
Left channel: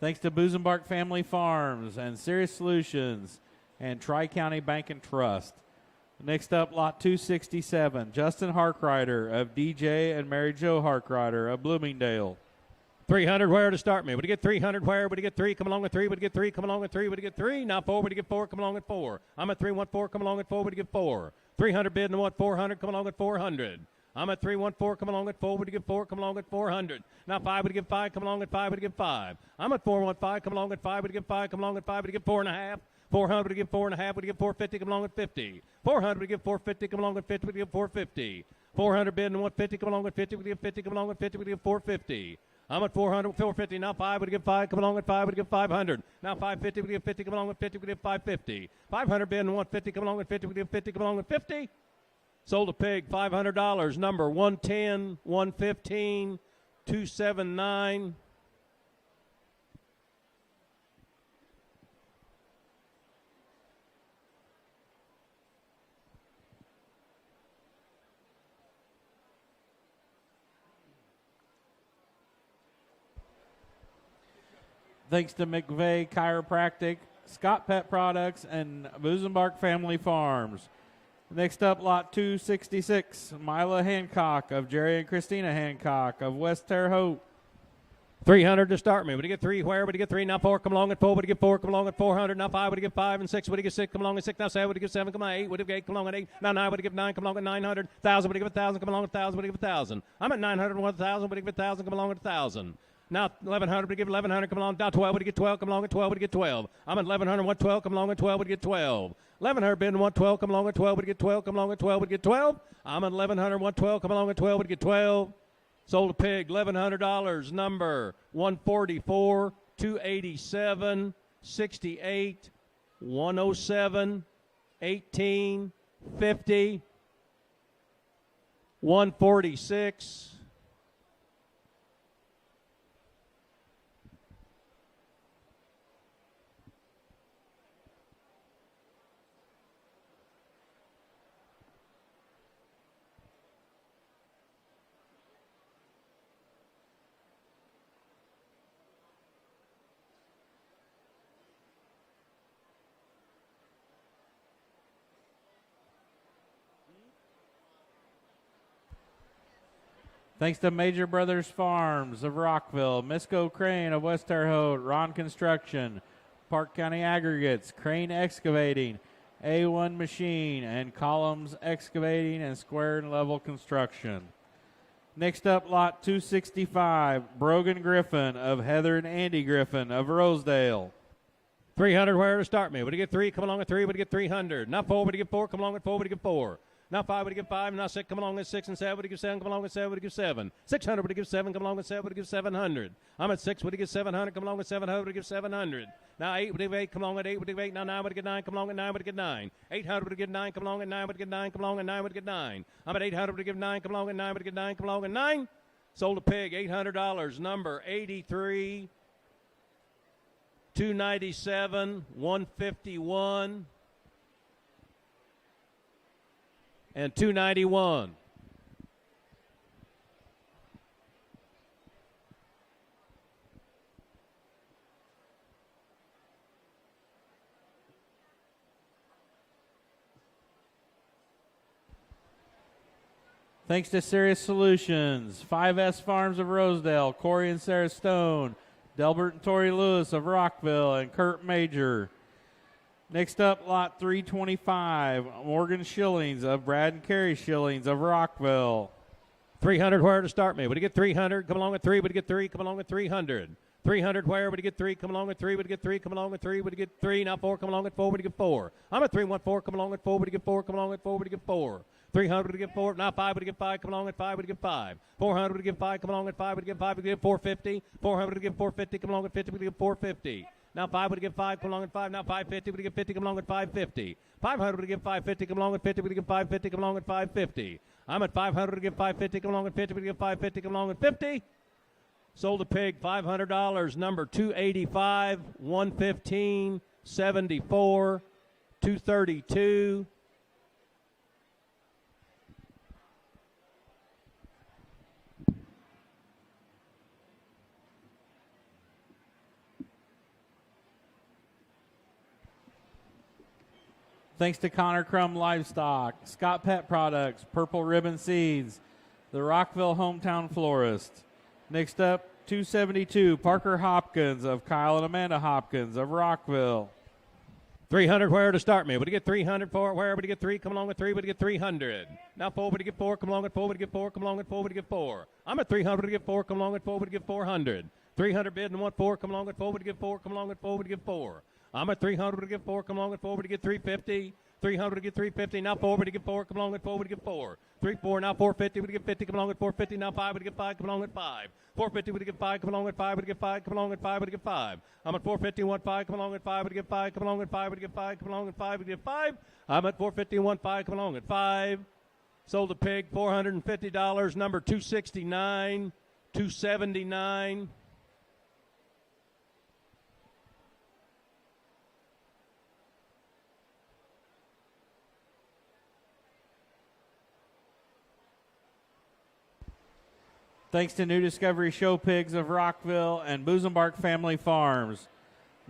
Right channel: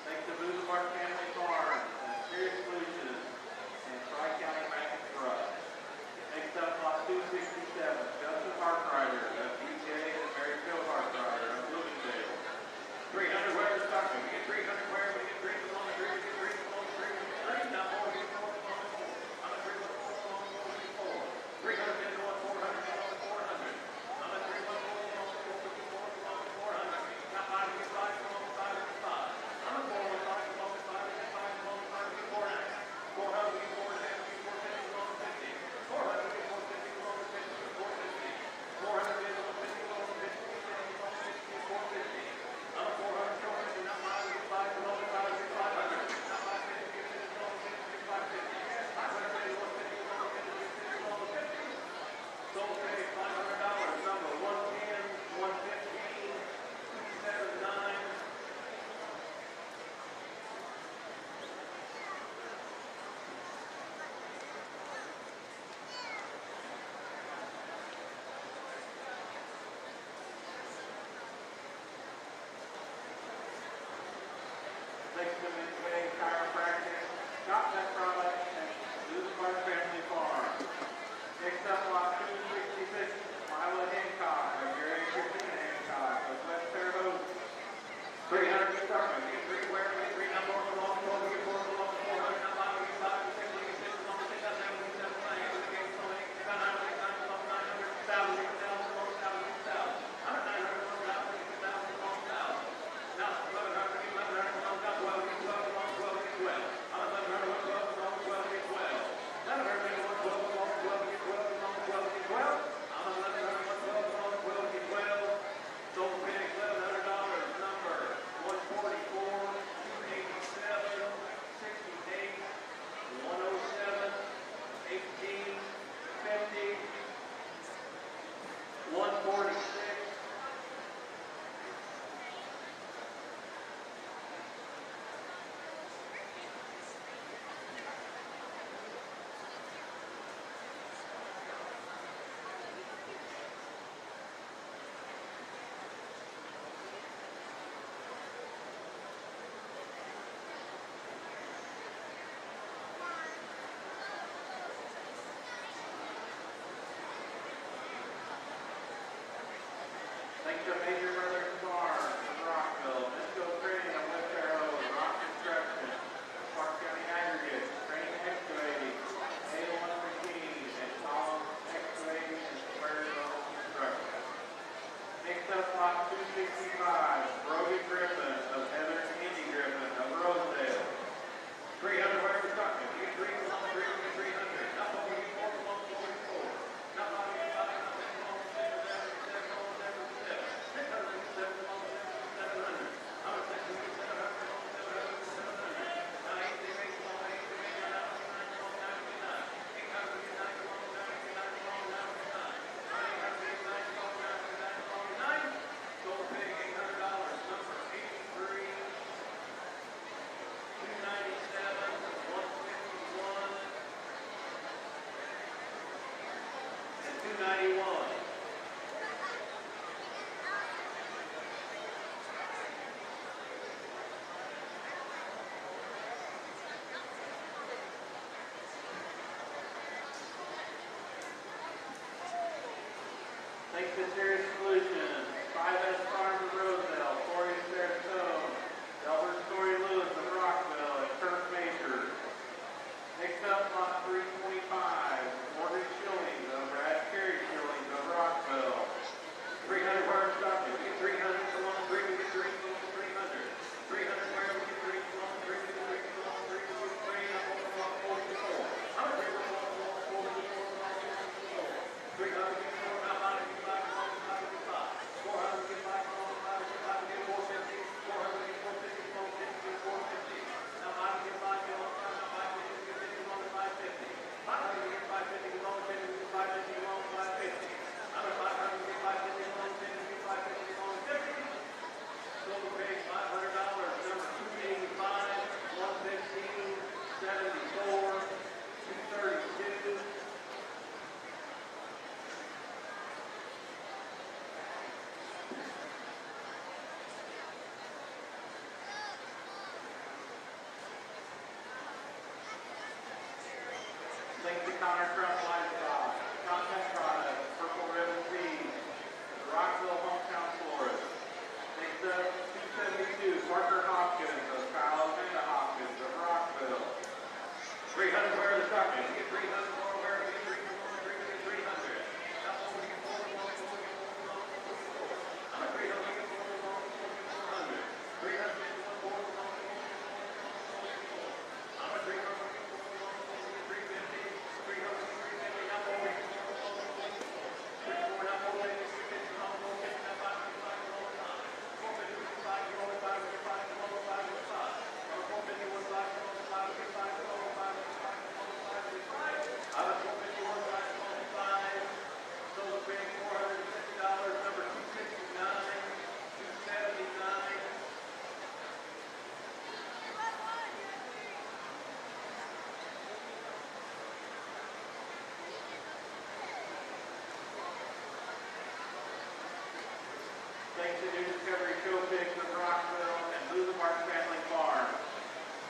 Thanks to Boozenbark Family Farms and Serious Solutions and Tri-County Bank and Trust. Next up, lot 267, Justin Harkrider of DJ and Mary Jo Harkrider of Bloomingdale. 300 where to start me? Would you get 300 where? Would you get 3? Come along with 3. Would you get 3? Come along with 3. Would you get 3? Now 4. Would you get 4? Come along with 4. I'm at 314. Come along with 4. Would you get 4? 300 bid and 400. Come along with 400. I'm at 314. Come along with 4. Would you get 4? Come along with 400. Now 5. Would you get 5? Come along with 5. Would you get 5? I'm at 415. Come along with 5. Would you get 5? Come along with 5. Would you get 4 and a half? 400 to get 4 and a half. Would you get 450? Come along with 50. 400 to get 450. Come along with 50. Would you get 450? 400 bidding 150, come along with 50, we get 50, come along with 50, we get 450. I'm at 400, 450, now 5, we get 5, come along with 5, we get 500. Now 550, we get 50, come along with 50, we get 550. 500 bidding 150, come along with 50, we get 50, come along with 50. Sold a pig, $500, number 110, 115, 279. Thanks to McVeigh Chiropractic, Scott Pet Products, and Lusenbark Family Farms. Next up, lot 266, Mila Hancock of Jerry and Christina Hancock of West Terre Haute. 300 to start me. Would you get 3? Where would you get 3? Now 4, come along with 4. Would you get 4? Come along with 400. Now 5. Would you get 5 and 6? Would you get 6? Come along with 6. Now 7. Would you get 7? Come on 8. Would you get 8? Come along with 8. Now 9. Would you get 9? Come along with 900. 1,000. Would you get 1,000? Come along with 1,000. Would you get 1,000? I'm at 900. 1,000. Would you get 1,000? Come along with 1,000. Now 1,100. Would you get 1,100? Come along. Now 12. Would you get 12? Come along with 12. Would you get 12? I'm at 1,100. 112. Come along with 12. Would you get 12? 1,100 bid 112. Come along with 12. Would you get 12? Come along with 12. Would you get 12? I'm at 1,100. 112. Come along with 12. Would you get 12? Sold a pig, $1,100, number 144, 287, 68, 107, 18, 50, 146. Thanks to Major Brothers Farms of Rockville, Misco Crane of West Terre Haute, Ron Construction, Parke County Aggregates, Crane Excavating, A1 Machine, and Columns Excavating and Square and Level Construction. Next up, lot 265, Brogan Griffin of Heather and Andy Griffin of Rosedale. 300, where to start me? Would you get 3? Come along with 3. Would you get 300? Now 4. Would you get 4? Come along with 4. Would you get 4? Now 5, would you get 5? Now 6, come along with 6 and 7. Would you get 7? Come along with 7. Would you get 7? 600, would you get 7? Come along with 7. Would you get 700? I'm at 6. Would you get 700? Come along with 700. Would you get 700? Now 8, would you get 8? Come along with 8. Would you get 8? Now 9, would you get 9? Come along with 9. Would you get 9? 800, would you get 9? Come along with 9. Would you get 9? Come along with 9. Would you get 9? I'm at 800, would you get 9? Come along with 9. Would you get 9? Come along with 9? Sold a pig, $800, number 83, 297, 151, and 291. Thanks to Serious Solutions, 5S Farms of Rosedale, Corey and Sarah Stone, Delbert and Tori Lewis of Rockville, and Kurt Major. Next up, lot 325, Morgan Shillings of Brad and Carrie Shillings of Rockville. 300, where to start me? Would you get 300? Come along with 3. Would you get 3? Come along with 300. 300, where would you get 3? Come along with 3. Would you get 3? Come along with 3. Would you get 3? Now 4. Come along with 4. Would you get 4? I'm at 3, 1, 4. Come along with 4. Would you get 4? Come along with 4. Would you get 4? 300, would you get 4? Now 5, would you get 5? Come along with 5. Would you get 5? 400, would you get 5? Come along with 5. Would you get 5? Would you get 450? 400, would you get 450? Come along with 50. Would you get 450? Now 5, would you get 5? Come along with 5. Now 550, would you get 50? Come along with 550. 500, would you get 550? Come along with 50. Would you get 550? Come along with 550. I'm at 500, would you get 550? Come along with 50. Would you get 550? Come along with 50. Sold a pig, $500, number 285, 115, 74, 232. Thanks to Connor Crum Livestock, Scott Pet Products, Purple Ribbon Seeds, the Rockville Hometown Florist. Next up, 272, Parker Hopkins of Kyle and Amanda Hopkins of Rockville. 300, where to start me? Would you get 300? 4, where would you get 3? Come along with 3. Would you get 300? Now 4, would you get 4? Come along with 4. Would you get 4? Come along with 4. Would you get 4? I'm at 300, would you get 4? Come along with 4. Would you get 400? 300 bid and 1, 4. Come along with 4. Would you get 4? Come along with 4. Would you get 4? I'm at 300, would you get 4? Come along with 4. Would you get 350? 300, would you get 350? Now 4, would you get 4? Come along with 4. Would you get 4? 3, 4, now 450, we get 50, come along with 450, now 5, we get 5, come along with 5. 450, we get 5, come along with 5, we get 5, come along with 5, we get 5. I'm at 450, 5, come along with 5, we get 5, come along with 5, we get 5, come along with 5, we get 5. I'm at 450, 5, come along with 5. Sold the pig, $450, number 269, 279. Thanks to New Discovery Show Pigs of Rockville and Boozembark Family Farms.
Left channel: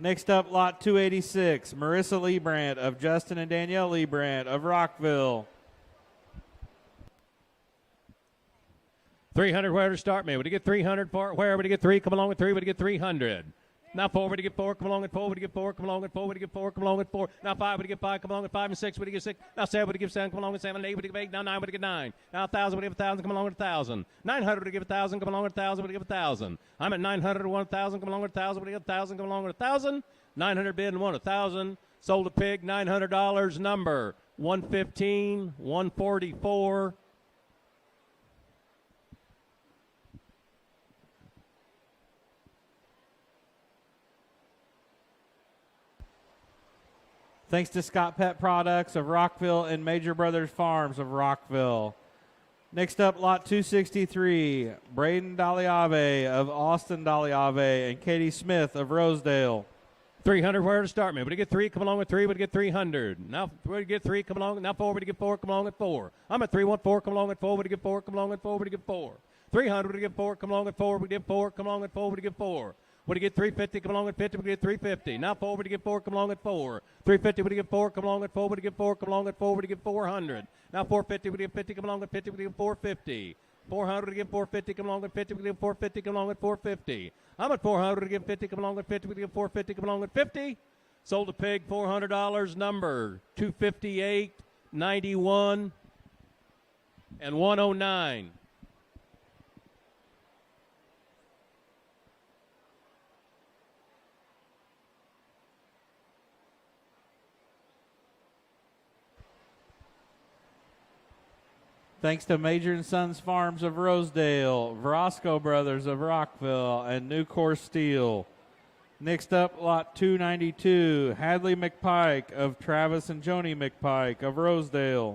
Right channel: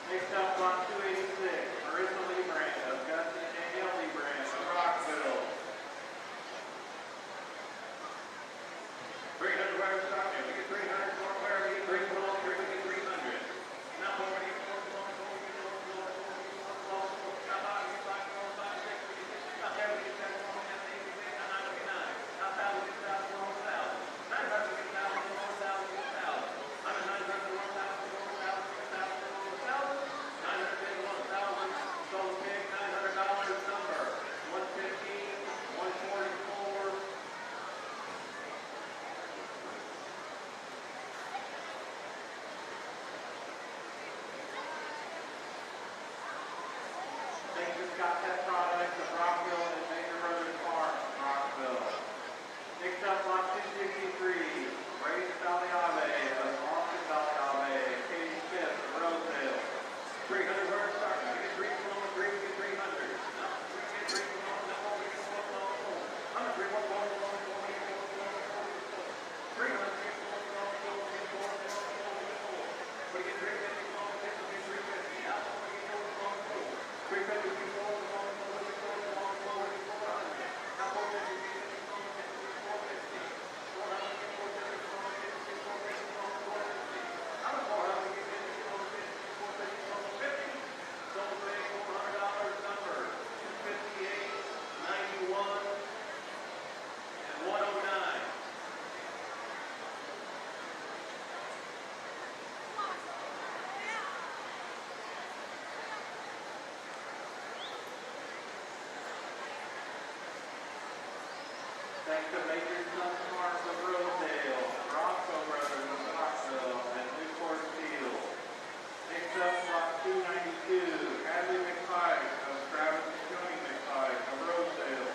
Next up, lot 286, Marissa Liebrandt of Justin and Danielle Liebrandt of Rockville. 300, where to start me? Would you get 300 for where? Would you get 3? Come along with 3. Would you get 300? Now 4, would you get 4? Come along with 4. Would you get 4? Come along with 4. Would you get 4? Come along with 4. Now 5, would you get 5? Come along with 5 and 6. Would you get 6? Now 7, would you get 7? Come along with 7. 8, would you get 8? Now 9, would you get 9? Now 1,000, would you get 1,000? Come along with 1,000. 900, would you get 1,000? Come along with 1,000. Would you get 1,000? I'm at 900 and 1,000. Come along with 1,000. Would you get 1,000? Come along with 1,000. 900 bid and 1,000. Sold the pig, $900. Number 115, 144. Thanks to Scott Pet Products of Rockville and Major Brothers Farms of Rockville. Next up, lot 263, Braden Daliave of Austin Daliave and Katie Smith of Rosedale. 300, where to start me? Would you get 3? Come along with 3. Would you get 300? Now, would you get 3? Come along. Now 4. Would you get 4? Come along with 4. I'm at 3, 1, 4. Come along with 4. Would you get 4? Come along with 4. Would you get 4? 300. Would you get 4? Come along with 4. Would you get 4? Come along with 4. Would you get 4? Would you get 350? Come along with 50. Would you get 350? Now 4. Would you get 4? Come along with 4. 350. Would you get 4? Come along with 4. Would you get 4? Come along with 4. Would you get 400? Now 450. Would you get 50? Come along with 50. Would you get 450? 400. Would you get 450? Come along with 50. Would you get 450? Come along with 450. I'm at 400. Would you get 50? Come along with 50. Would you get 450? Come along with 50. Sold the pig, $400. Number 258, 91, and 109. Thanks to Major and Sons Farms of Rosedale, Verosco Brothers of Rockville, and Nucor Steel. Next up, lot 292, Hadley McPike of Travis and Joni McPike of Rosedale.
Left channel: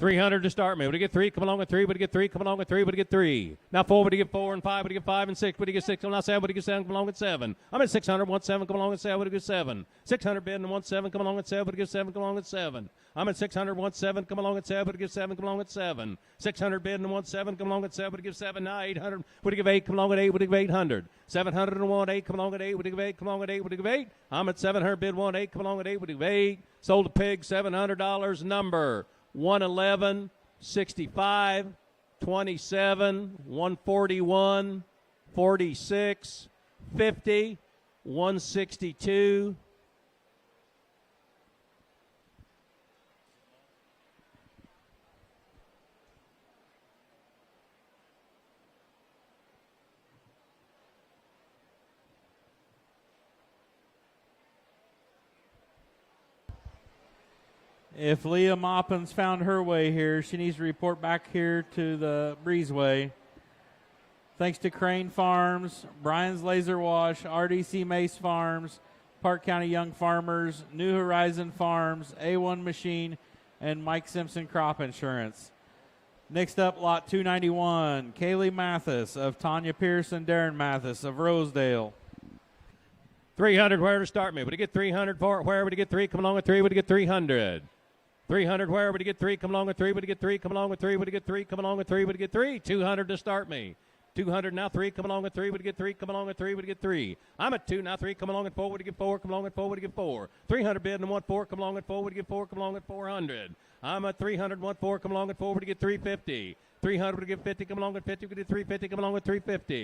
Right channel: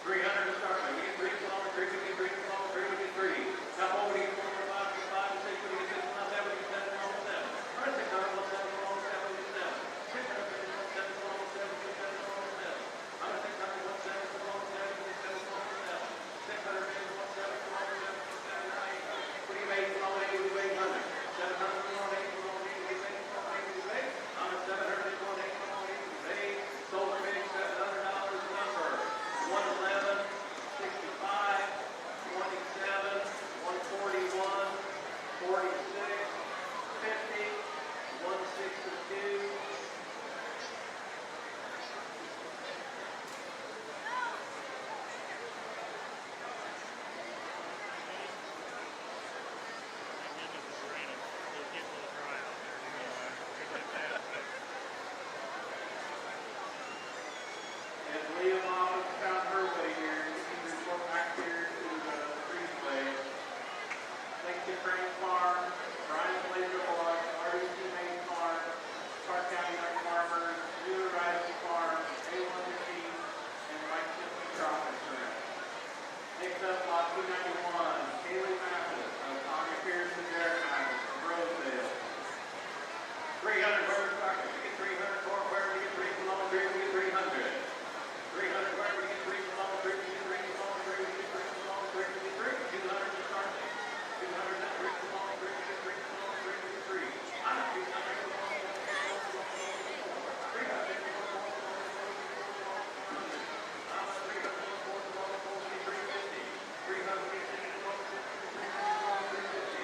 300 to start me. Would you get 3? Come along with 3. Would you get 3? Come along with 3. Would you get 3? Now 4. Would you get 4 and 5? Would you get 5 and 6? Would you get 6? Now 7. Would you get 7? Come along with 7. I'm at 600. 1 7. Come along with 7. Would you get 7? 600 bid and 1 7. Come along with 7. Would you get 7? Come along with 7. I'm at 600. 1 7. Come along with 7. Would you get 7? Come along with 7. 600 bid and 1 7. Come along with 7. Would you get 7? Now 800. Would you give 8? Come along with 8. Would you give 800? 700 and 1 8. Come along with 8. Would you give 8? Come along with 8. Would you give 8? I'm at 700 bid 1 8. Come along with 8. Would you give 8? Sold a pig, $700. Number 111. 65, 27, 141, 46, 50, 162. If Leah Moppins found her way here, she needs to report back here to the breezeway. Thanks to Crane Farms, Brian's Laser Wash, RDC Mace Farms, Park County Young Farmers, New Horizon Farms, A1 Machine, and Mike Simpson Crop Insurance. Next up, lot 291, Kaylee Mathis of Tanya Pierce and Darren Mathis of Rosedale. 300, where to start me? Would you get 300 for where would you get 3? Come along with 3. Would you get 300? 300, where would you get 3? Come along with 3. Would you get 3? Come along with 3. Would you get 3? Come along with 3. Would you get 3? 200 to start me. 200 now 3. Come along with 3. Would you get 3? Come along with 3. Would you get 3? I'm at 2 now 3. Come along with 4. Would you get 4? Come along with 4. Would you get 4? 300 bid and 1 4. Come along with 4. Would you get 4? Come along with 400. I'm at 300 1 4. Come along with 4. Would you get 350? 300 would you get 50. Come along with 50. Would you get 350? Come along with 350.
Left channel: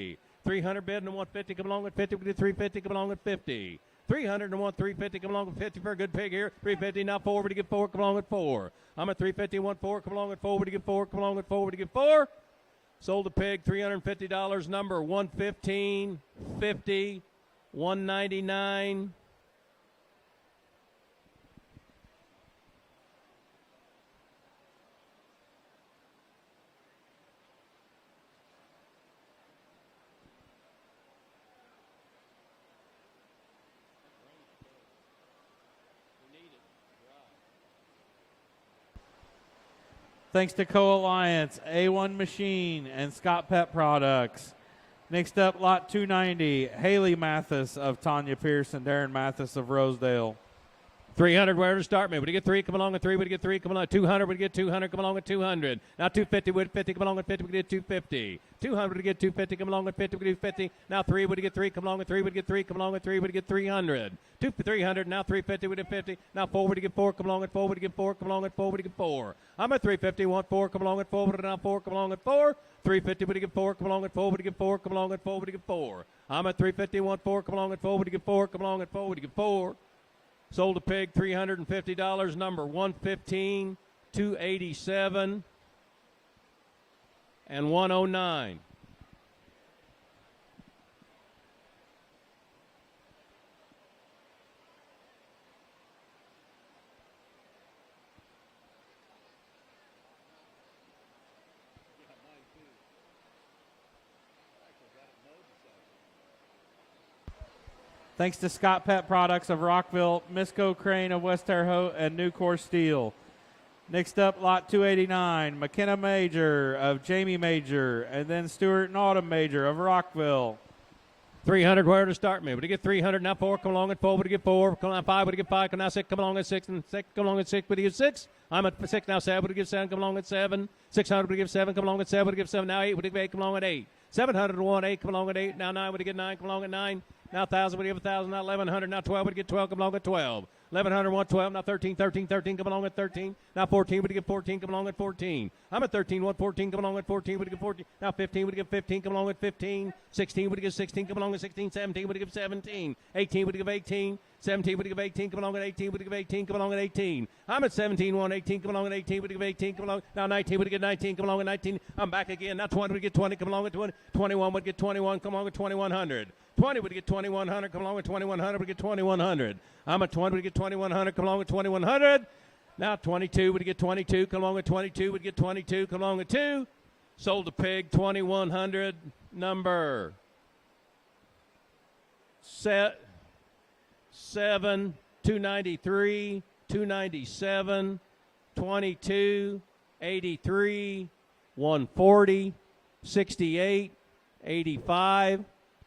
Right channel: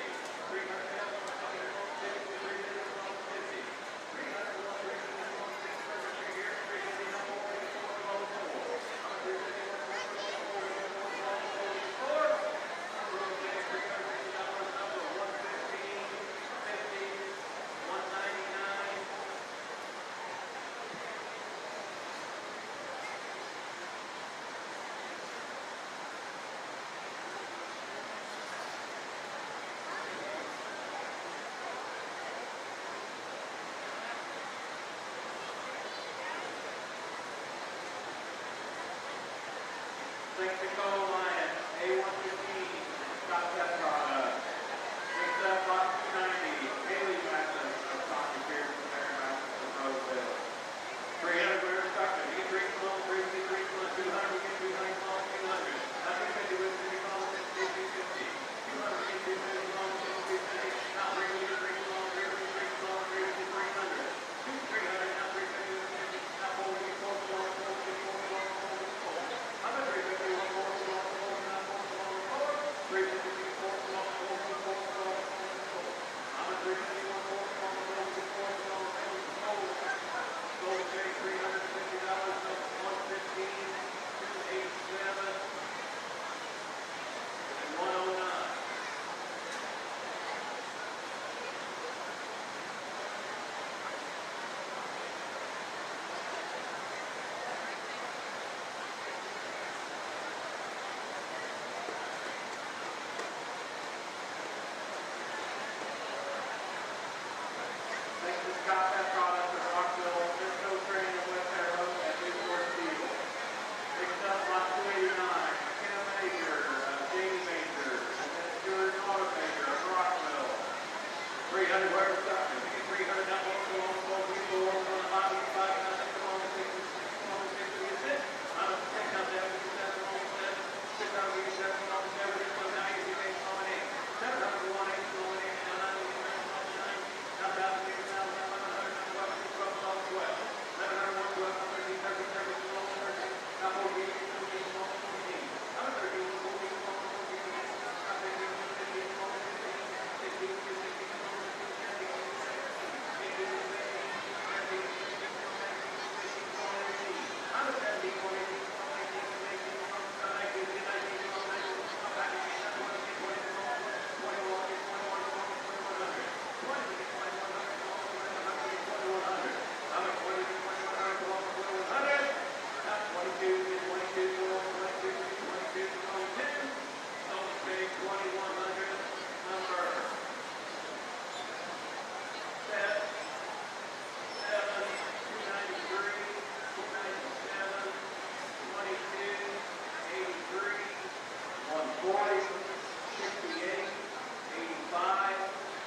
300 bid and 150. Come along with 50. Would you get 350? Come along with 50. 300 and 1 350. Come along with 50 for a good pig here. 350 now 4. Would you get 4? Come along with 4. I'm at 350 1 4. Come along with 4. Would you get 4? Come along with 4. Would you get 4? Sold the pig, $350. Number 115, 50, 199. Thanks to Co-Alliance, A1 Machine, and Scott Pet Products. Next up, lot 290, Haley Mathis of Tanya Pierce and Darren Mathis of Rosedale. 300, where to start me? Would you get 3? Come along with 3. Would you get 3? Come along. 200. Would you get 200? Come along with 200. Now 250. Would 50? Come along with 50. Would you get 250? 200. Would you get 250? Come along with 50. Would you get 50? Now 3. Would you get 3? Come along with 3. Would you get 3? Come along with 3. Would you get 300? 300. Now 350. Would you get 50? Now 4. Would you get 4? Come along with 4. Would you get 4? Come along with 4. Would you get 4? I'm at 350. Want 4? Come along with 4. Would you get now 4? Come along with 4. 350. Would you get 4? Come along with 4. Would you get 4? Come along with 4. Would you get 4? I'm at 350. Want 4? Come along with 4. Would you get 4? Come along with 4. Would you get 4? Sold a pig, $350, number 115, 287, and 109. Thanks to Scott Pet Products of Rockville, Misco Crane of West Terre Haute, and Nucor Steel. Next up, lot 289, McKenna Major of Jamie Major, and then Stuart and Autumn Major of Rockville. 300, where to start me? Would you get 300? Now 4, come along with 4. Would you get 4? Come on, 5. Would you get 5? Come now 6. Come along with 6. And 6. Come along with 6. Would you get 6? I'm at 6 now. 7. Would you get 7? Come along with 7. 600. Would you get 7? Come along with 7. Would you get 7? Now 8. Would you get 8? Come along with 8. 701. 8. Come along with 8. Now 9. Would you get 9? Come along with 9. Now 1,000. Would you get 1,000? Now 1,100. Now 12. Would you get 12? Come along with 12. 1,100. 112. Now 13. 13. 13. Come along with 13. Now 14. Would you get 14? Come along with 14. I'm at 13. 114. Come along with 14. Would you get 14? Now 15. Would you get 15? Come along with 15. 16. Would you get 16? Come along with 16. 17. Would you get 17? 18. Would you get 18? 17. Would you get 18? Come along with 18. Would you get 18? Come along with 18. I'm at 17. 118. Come along with 18. Would you get 18? Come along. Now 19. Would you get 19? Come along with 19. I'm back again. Now 20. Would you get 20? Come along with 20. 21. Would you get 21? Come along with 2100. 20 would get 2100, come along with 2100, we get 2100. I'm at 20, we get 2100, come along with 2100. Now 22 would get 22, come along with 22, we get 22, come along with 2. Sold the pig 2100, number set 7, 293, 297, 22, 83, 140, 68, 85,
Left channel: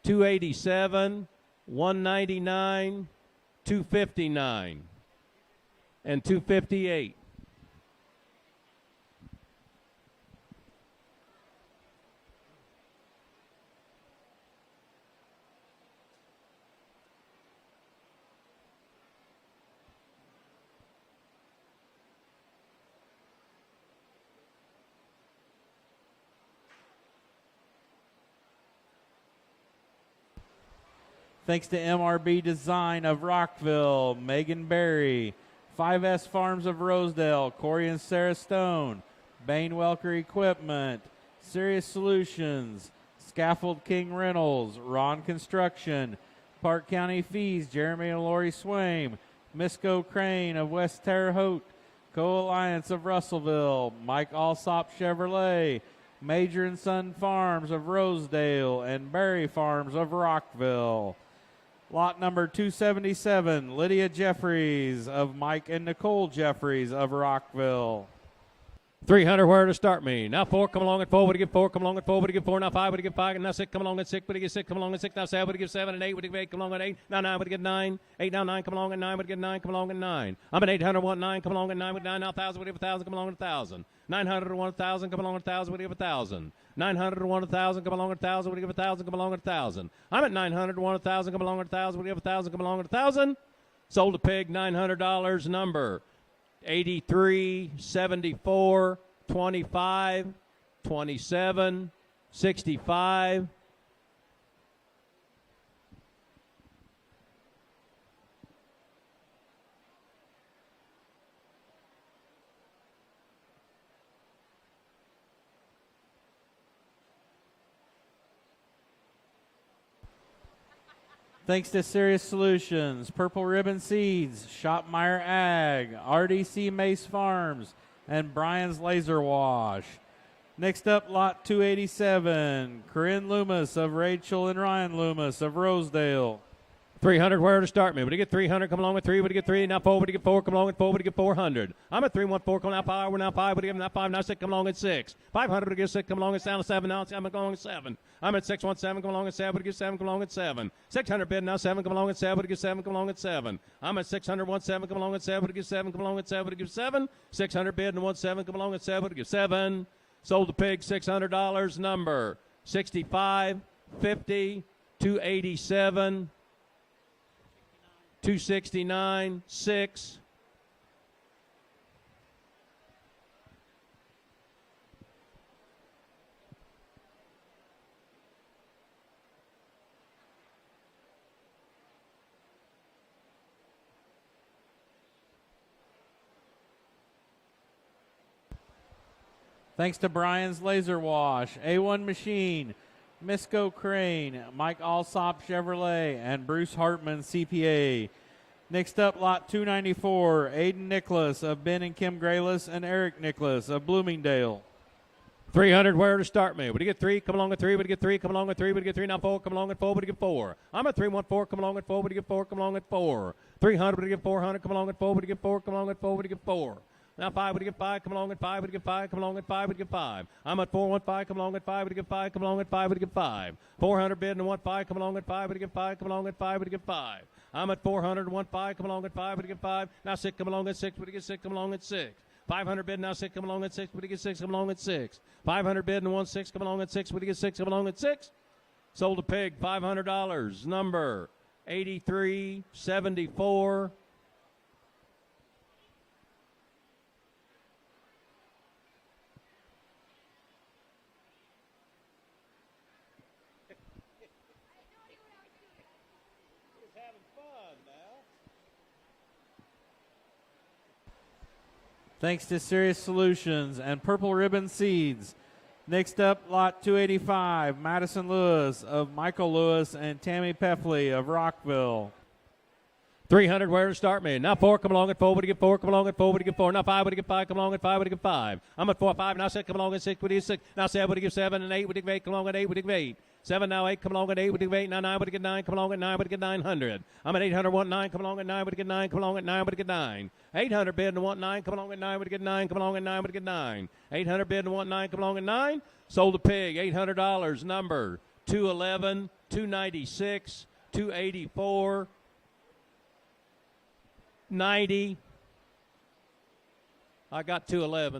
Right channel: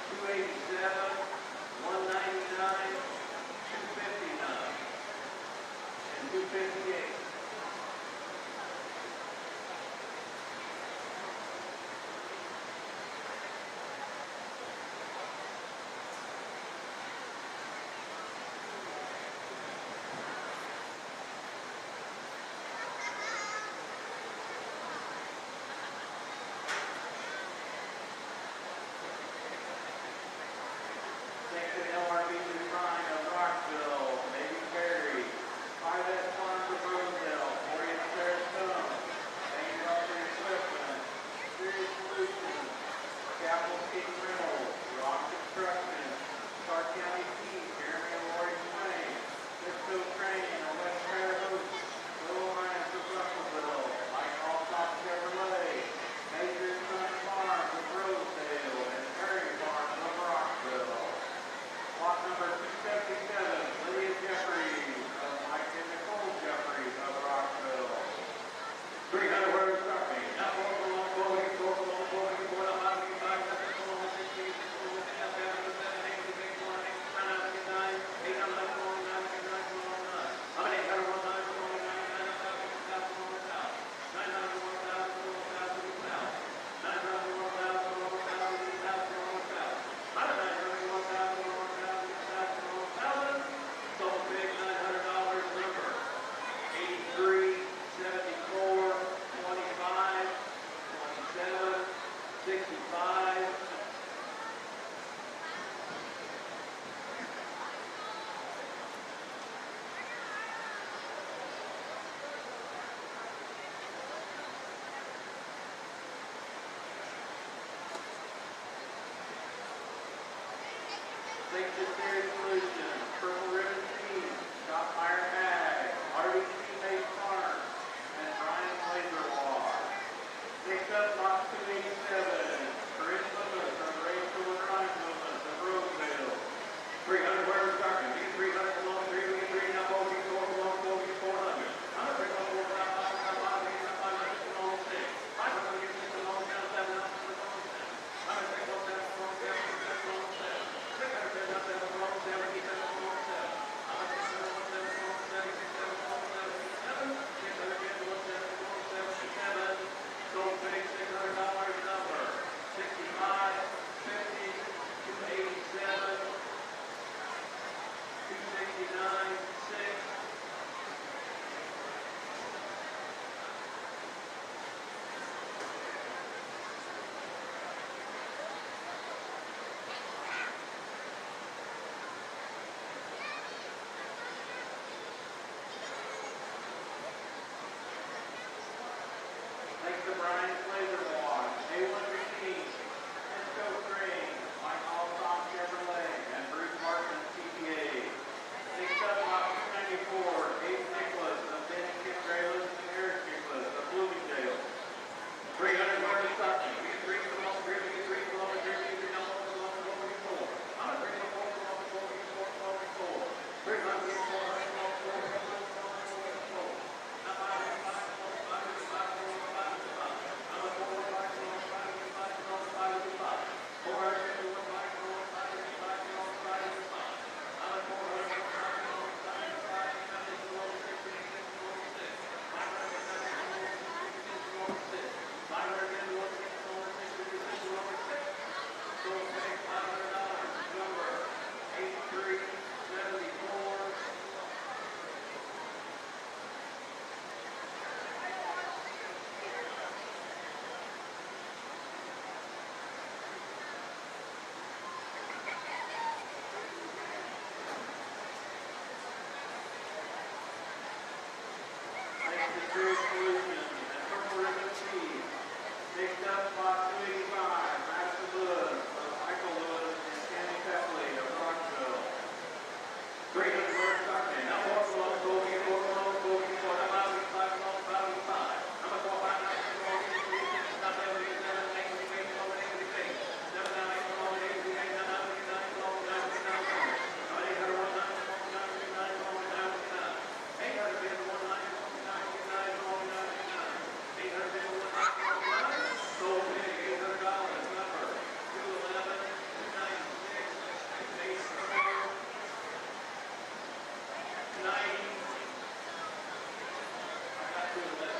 287, 199, 259, and 258. Thanks to MRB Design of Rockville, Megan Berry, 5S Farms of Rosedale, Corey and Sarah Stone, Bain Welker Equipment, Sirius Solutions, Scaffold King Reynolds, Ron Construction, Park County Fees, Jeremy and Lori Swain, Misco Crane of West Terre Haute, Co-Alliance of Russellville, Mike Alsop Chevrolet, Major and Son Farms of Rosedale, and Berry Farms of Rockville. Lot number 277, Lydia Jeffries of Mike and Nicole Jeffries of Rockville. 300, where to start me? Now 4, come along with 4, would you get 4, come along with 4, would you get 4, now 5, would you get 5, now 6, come along with 6, would you get 6, come along with 6, now 7, would you get 7, and 8, would you get 8, come along with 8, now 9, would you get 9, 8, now 9, come along with 9, would you get 9, come along with 9. I'm at 800, 9, come along with 9, with 9, now 1,000, would you get 1,000, come along with 1,000. 900 and 1,000, come along with 1,000, would you get 1,000. 900 and 1,000, come along with 1,000, would you get 1,000, come along with 1,000. I'm at 900 and 1,000, come along with 1,000, would you get 1,000, come along with 1,000. Sold a pig, $900, number 83, 74, 25, 27, 65. Thanks to Sirius Solutions, Purple Ribbon Seeds, Schottmeyer Ag, RDC Mace Farms, and Brian's Laser Wash. Next up, lot 287, Corinne Loomis of Rachel and Ryan Loomis of Rosedale. 300 where to start me. But to get 300, come along with 3, but to get 3, now 4, but to get 4, come along with 4, but to get 400. I'm at 3, 1, 4, come now 5, we're now 5, but to get now 5, now 6, come along with 6. 500, but to get 6, come along with 7, 7, now 7, come along with 7. I'm at 6, 1, 7, come along with 7, but to get 7, come along with 7. 600 bid, now 7, come along with 7, but to get 7, come along with 7. I'm at 600, 1, 7, come along with 7, but to get 7, come along with 7, but to get 7. 600 bid, and 1, 7, come along with 7, but to get 7. Sold the pig, $600, number 65, 50, 287, 269, 6. Thanks to Brian's Laser Wash, A1 Machine, Misco Crane, Mike Alsop Chevrolet, and Bruce Hartman CPA. Next up, lot 294, Aiden Nicholas of Ben and Kim Graylis and Eric Nicholas of Bloomingdale. 300 where to start me. But to get 3, come along with 3, but to get 3, come along with 3, but to get 3, now 4, come along with 4, but to get 4. I'm at 3, 1, 4, come along with 4, but to get 4, come along with 4. 300, but to get 400, come along with 4, but to get 4, come along with 4, but to get 4. Now 5, but to get 5, come along with 5, but to get 5, come along with 5, but to get 5. I'm at 4, 1, 5, come along with 5, but to get 5, come along with 5, but to get 5. 400 bid and 1, 5, come along with 5, but to get 5, come along with 5, but to get 5. I'm at 400 and 1, 5, come along with 5, but to get 5. Now 6, come along with 6, but to get 6, come along with 6. 500 bid, now 6, come along with 6, but to get 6, come along with 6. 500 bid and 1, 6, come along with 6, but to get 6, come along with 6. Sold the pig, $500, number 8374. Thanks to Serious Solutions and Purple Ribbon Seeds. Next up, lot 285, Madison Lewis of Michael Lewis and Tammy Peffley of Rockville. 300 where to start me. Now 4, come along with 4, but to get 4, come along with 4, but to get 4. Now 5, but to get 5, come along with 5, but to get 5. I'm at 4, 5, now 6, come along with 6, but to get 6. Now 7, but to get 7, and 8, but to get 8, come along with 8, but to get 8. 7, now 8, come along with 8, but to get 8. Now 9, but to get 9, come along with 9, but to get 900. I'm at 800, 1, 9, come along with 9, but to get 9, come along with 9, but to get 9. 800 bid and 1, 9, come along with 9, but to get 9, come along with 9, but to get 9. 800 bid and 1, 9, come along with 9. Sold the pig, $800, number 211, 296, 284, 90. I got 211.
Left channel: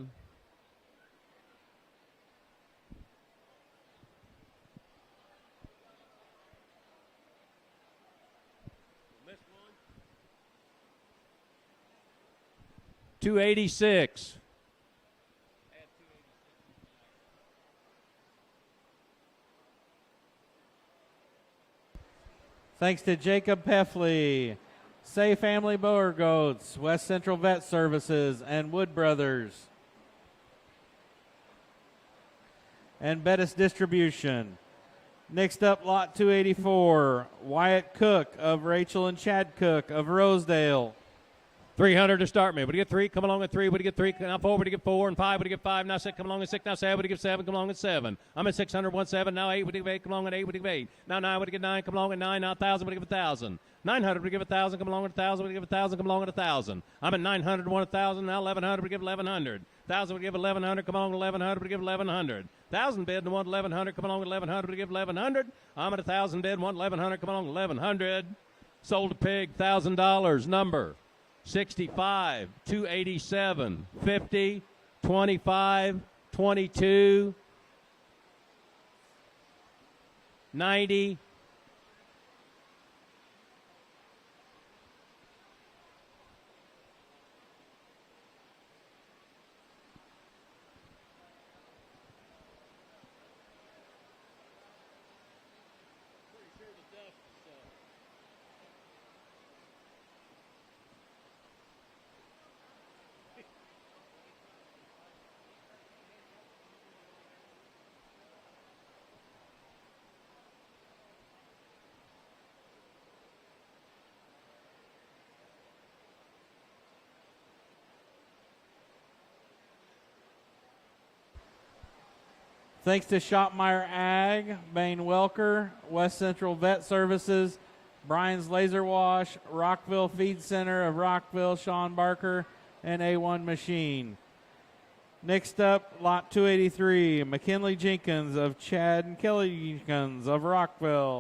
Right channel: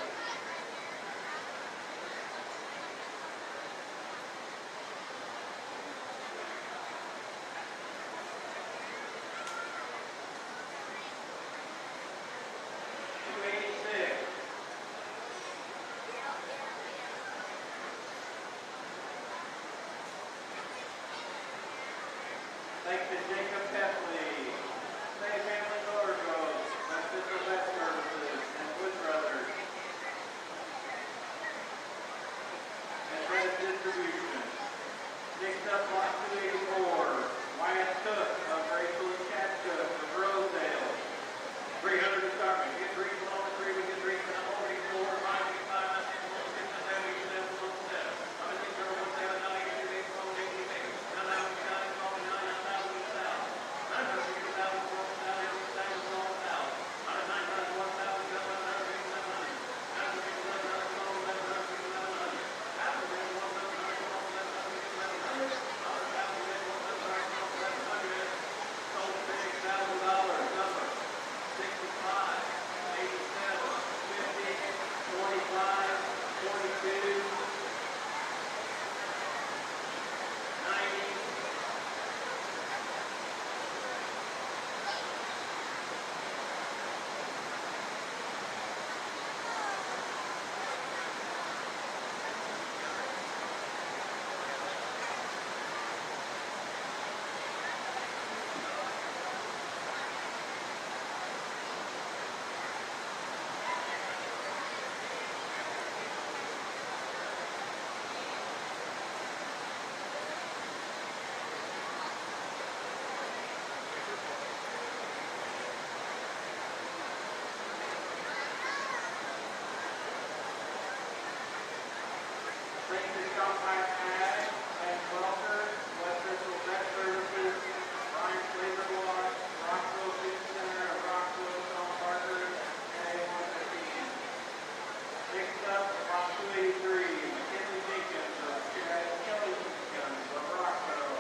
$286. Thanks to Jacob Peffley, Say Family Boer Goats, West Central Vet Services, and Wood Brothers. And Bettis Distribution. Next up, lot 284, Wyatt Cook of Rachel and Chad Cook of Rosedale. 300 to start me. But to get 3, come along with 3, but to get 3, now 4, but to get 4, and 5, but to get 5, now 6, come along with 6, now 7, but to get 7, come along with 7. I'm at 600, 1, 7, now 8, but to get 8, come along with 8, but to get 8. Now 9, but to get 9, come along with 9, now 1,000, but to get 1,000. 900, but to give 1,000, come along with 1,000, but to give 1,000, come along with 1,000. I'm at 900, 1,000, now 1,100, but to give 1,100. 1,000, but to give 1,100, come along with 1,100, but to give 1,100. 1,000 bid, the 1,100, come along with 1,100, but to give 1,100. I'm at 1,000 bid, 1,100, come along with 1,100. Sold a pig, $1,000, number 65, 287, 50, 25, 22, 90, Thanks to Shopmeyer Ag, Van Welker, West Central Vet Services, Brian's Laser Wash, Rockville Feed Center of Rockville, Sean Barker, and A1 Machine. Next up, lot 283, McKinley Jenkins of Chad and Kelly Jenkins of Rockville.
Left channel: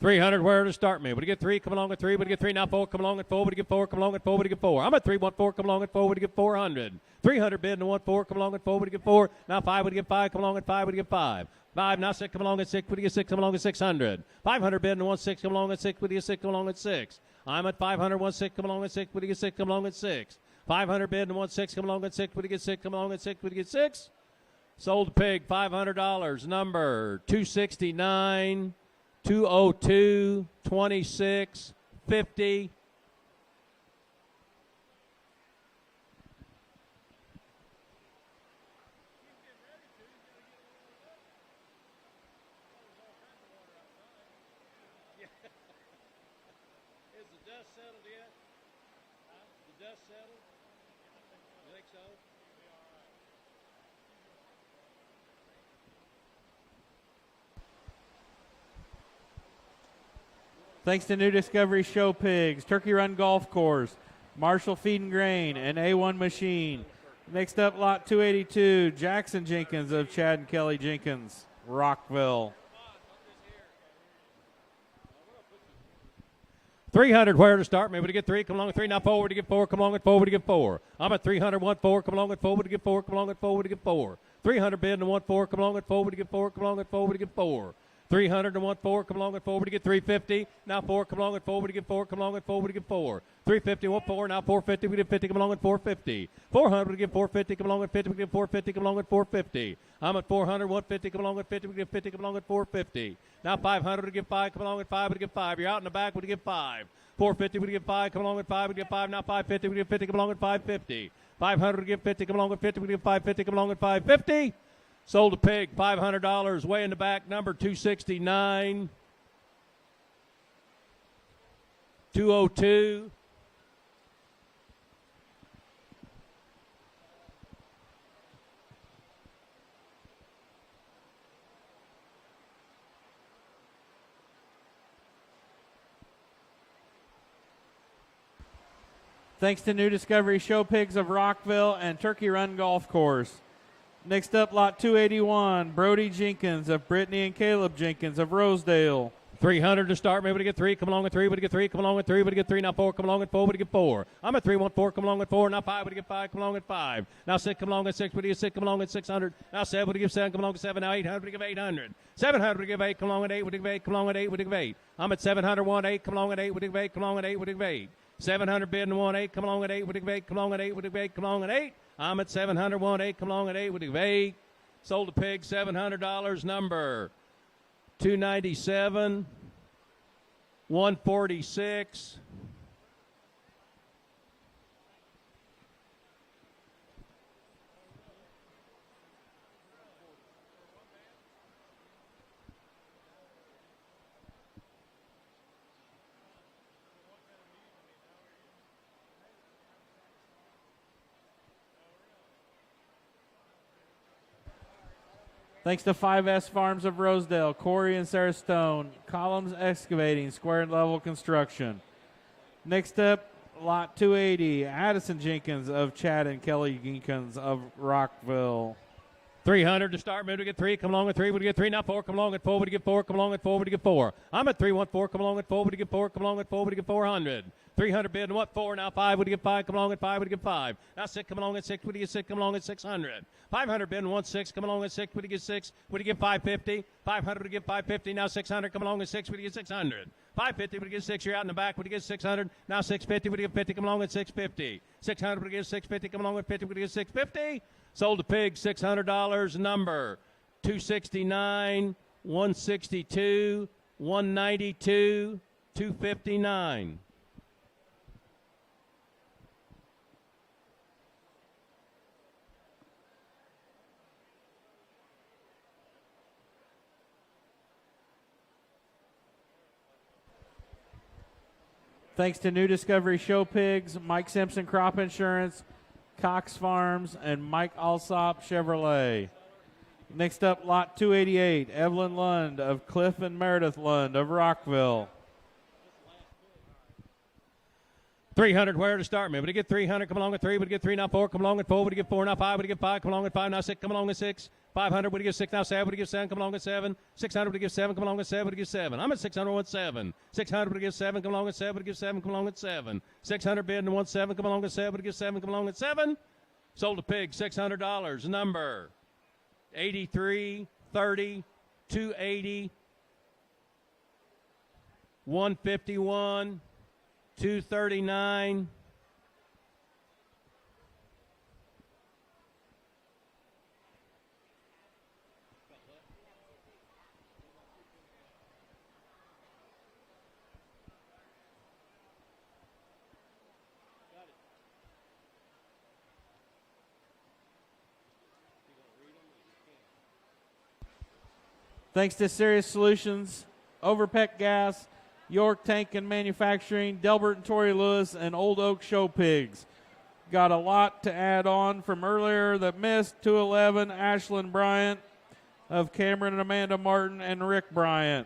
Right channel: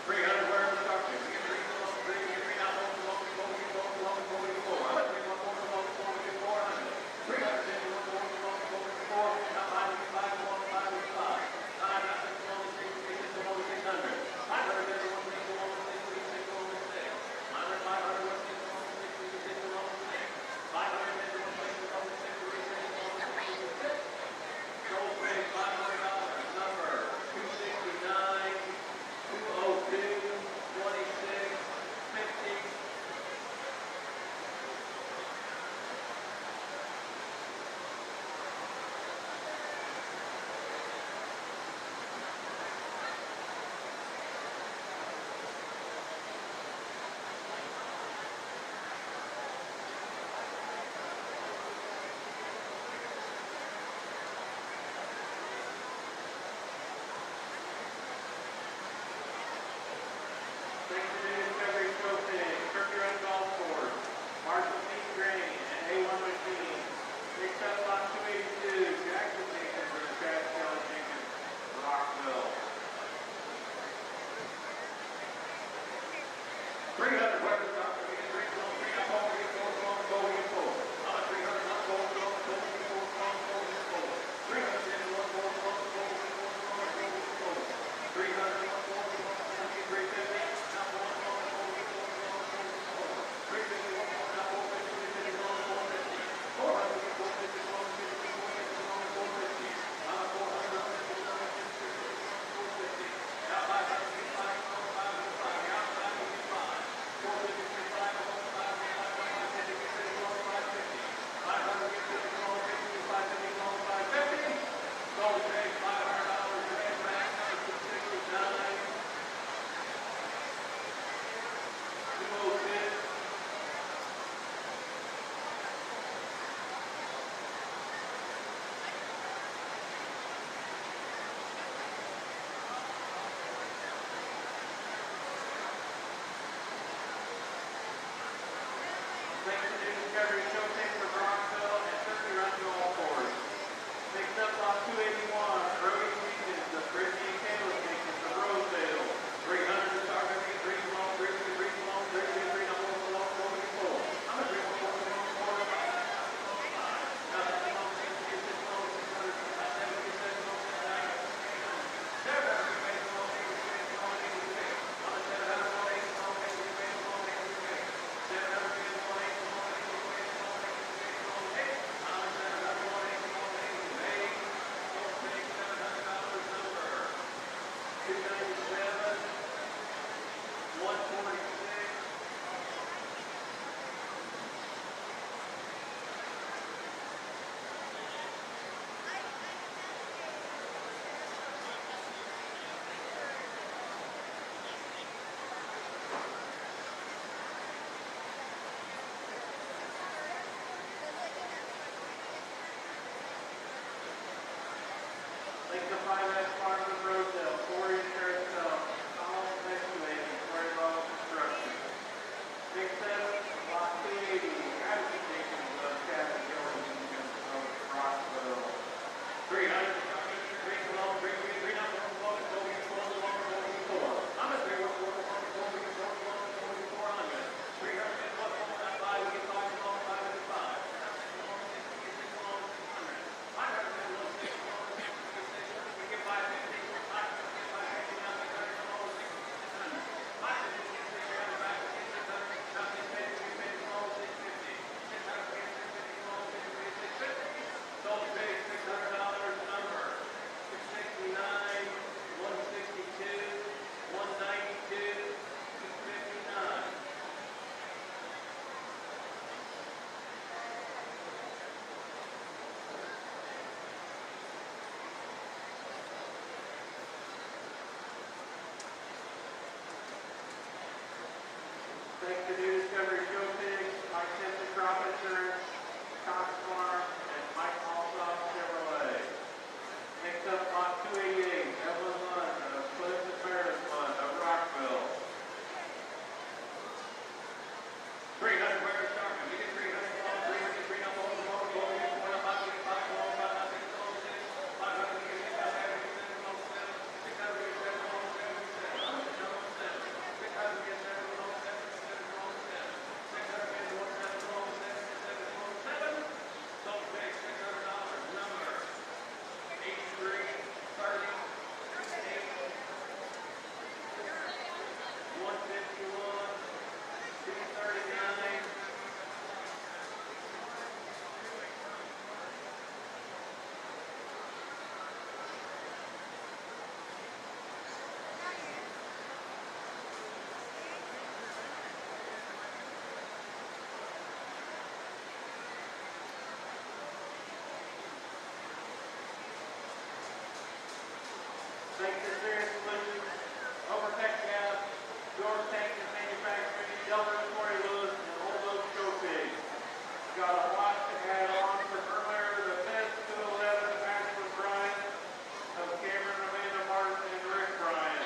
300, where to start me? Would you get 3? Come along with 3. Would you get 3? Now 4. Come along with 4. Would you get 4? Come along with 4. Would you get 4? I'm at 3. 1 4. Come along with 4. Would you get 400? 300 bid and 1 4. Come along with 4. Would you get 4? Now 5. Would you get 5? Come along with 5. Would you get 5? 5. Now 6. Come along with 6. Would you get 6? Come along with 600. 500 bid and 1 6. Come along with 6. Would you get 6? Come along with 6. I'm at 500. 1 6. Come along with 6. Would you get 6? Come along with 6. 500 bid and 1 6. Come along with 6. Would you get 6? Come along with 6. Would you get 6? Sold pig, $500. Number 269, 202, 26, 50. Thanks to New Discovery Show Pigs, Turkey Run Golf Course, Marshall Feed and Grain, and A1 Machine. Next up, lot 282, Jackson Jenkins of Chad and Kelly Jenkins, Rockville. 300, where to start me? Would you get 3? Come along with 3. Now 4. Would you get 4? Come along with 4. Would you get 4? I'm at 300, 1 4. Come along with 4. Would you get 4? Come along with 4. Would you get 4? 300 bid and 1 4. Come along with 4. Would you get 4? Come along with 4. Would you get 4? 300 and 1 4. Come along with 4. Would you get 350? Now 4. Come along with 4. Would you get 4? Come along with 4. Would you get 4? 350, 1 4. Now 450. Would you get 50? Come along with 450. 400. Would you get 450? Come along with 50. Would you get 450? Come along with 450. I'm at 400, 150. Come along with 50. Would you get 50? Come along with 450. Now 500. Would you get 5? Come along with 5. Would you get 5? You're out in the back. Would you get 5? 450. Would you get 5? Come along with 5. Would you get 5? Now 550. Would you get 50? Come along with 550. 500. Would you get 50? Come along with 50. Would you get 550? Come along with 550. Sold a pig, $500, way in the back, number 269, 202. Thanks to New Discovery Show Pigs of Rockville and Turkey Run Golf Course. Next up, lot 281, Brody Jenkins of Brittany and Caleb Jenkins of Rosedale. 300 to start, maybe to get 3, come along with 3, but to get 3, come along with 3, but to get 3, now 4, come along with 4, but to get 4. I'm at 3, 1, 4, come along with 4, now 5, but to get 5, come along with 5. Now 6, come along with 6, but to get 6, come along with 600. Now 7, but to get 7, come along with 7, now 800, but to get 800. 700, but to get 8, come along with 8, but to get 8, come along with 8, but to get 8. I'm at 700, 1, 8, come along with 8, but to get 8, come along with 8, but to get 8. 700 bid and 1 8, come along with 8, but to get 8, come along with 8, but to get 8, come along with 8. I'm at 700, 1 8, come along with 8, but to get 8. Sold a pig, $700, number 297, 146. Thanks to 5S Farms of Rosedale, Corey and Sarah Stone, Columns Excavating, Square and Level Construction. Next up, lot 280, Addison Jenkins of Chad and Kelly Jenkins of Rockville. 300 to start, maybe to get 3, come along with 3, would you get 3, now 4, come along with 4, would you get 4, come along with 4, would you get 4. I'm at 3, 1, 4, come along with 4, would you get 4, come along with 4, would you get 400. 300 bid, what 4, now 5, would you get 5, come along with 5, would you get 5. Now 6, come along with 6, would you get 6, come along with 600. 500 bid, 1 6, come along with 6, would you get 6, would you get 550. 500 would you get 550, now 600, come along with 6, would you get 600. 550 would you get 6, you're out in the back, would you get 600. Now 650 would you get 50, come along with 650. 600 would you get 650, come along with 50, would you get 650. Sold a pig, $600, number 269, 162, 192, 259. Thanks to New Discovery Show Pigs, Mike Simpson Crop Insurance, Cox Farms, and Mike Alsop Chevrolet. Next up, lot 288, Evelyn Lund of Cliff and Meredith Lund of Rockville. 300 where to start me. Would you get 300? Come along with 3. Would you get 3? Now 4. Come along with 4. Would you get 4? Now 5. Would you get 5? Come along with 5. Now 6. Come along with 6. 500. Would you get 6? Now 7. Would you get 7? Come along with 7. 600. Would you get 7? Come along with 7. Would you get 7? I'm at 600 with 7. 600. Would you get 7? Come along with 7. Would you get 7? Come along with 7. 600 bid and 1 7. Come along with 7. Would you get 7? Come along with 7. Sold a pig. $600. Number 83, 30, 280, 151, 239. Thanks to Serious Solutions, Overpeck Gas, York Tank and Manufacturing, Delbert and Torrey Lewis, and Old Oak Show Pigs. Got a lot to add on from earlier. The Mist, 211, Ashlyn Bryant of Cameron and Amanda Martin, and Rick Bryant.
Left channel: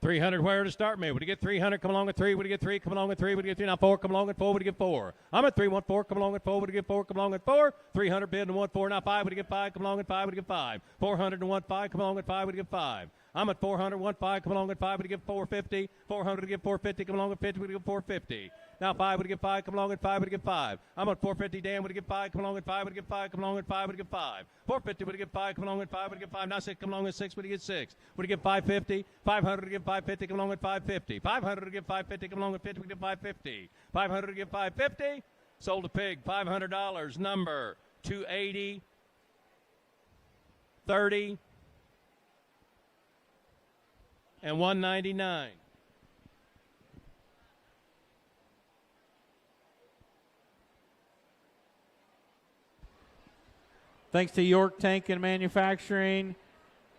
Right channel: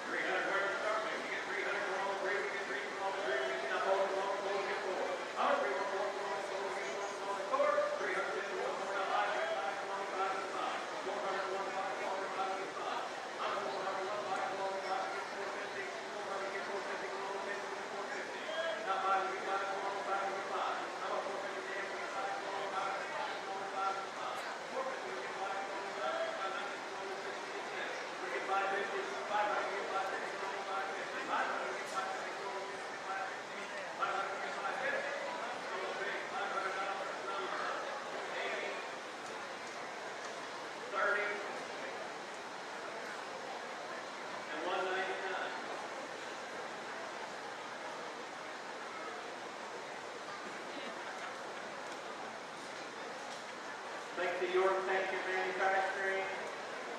300 where to start me. Would you get 300? Come along with 3. Would you get 3? Come along with 3. Would you get 3? Now 4. Come along with 4. Would you get 4? I'm at 3. 1 4. Come along with 4. Would you get 4? Come along with 4. 300 bid and 1 4. Now 5. Would you get 5? Come along with 5. Would you get 5? 400 and 1 5. Come along with 5. Would you get 5? I'm at 400 1 5. Come along with 5. Would you get 450? 400 to get 450. Come along with 50. Would you get 450? Now 5 would get 5. Come along with 5. Would you get 5? I'm at 450. Dan would get 5. Come along with 5. Would you get 5? Come along with 5. Would you get 5? 450 would get 5, come along with 5, would get 5, now 6, come along with 6, would you get 6? Would you get 550? 500 would get 550, come along with 550. 500 would get 550, come along with 50, would get 550. 500 would get 550, sold a pig, $500, number 280, 30, and 199. Thanks to York Tank and Manufacturing,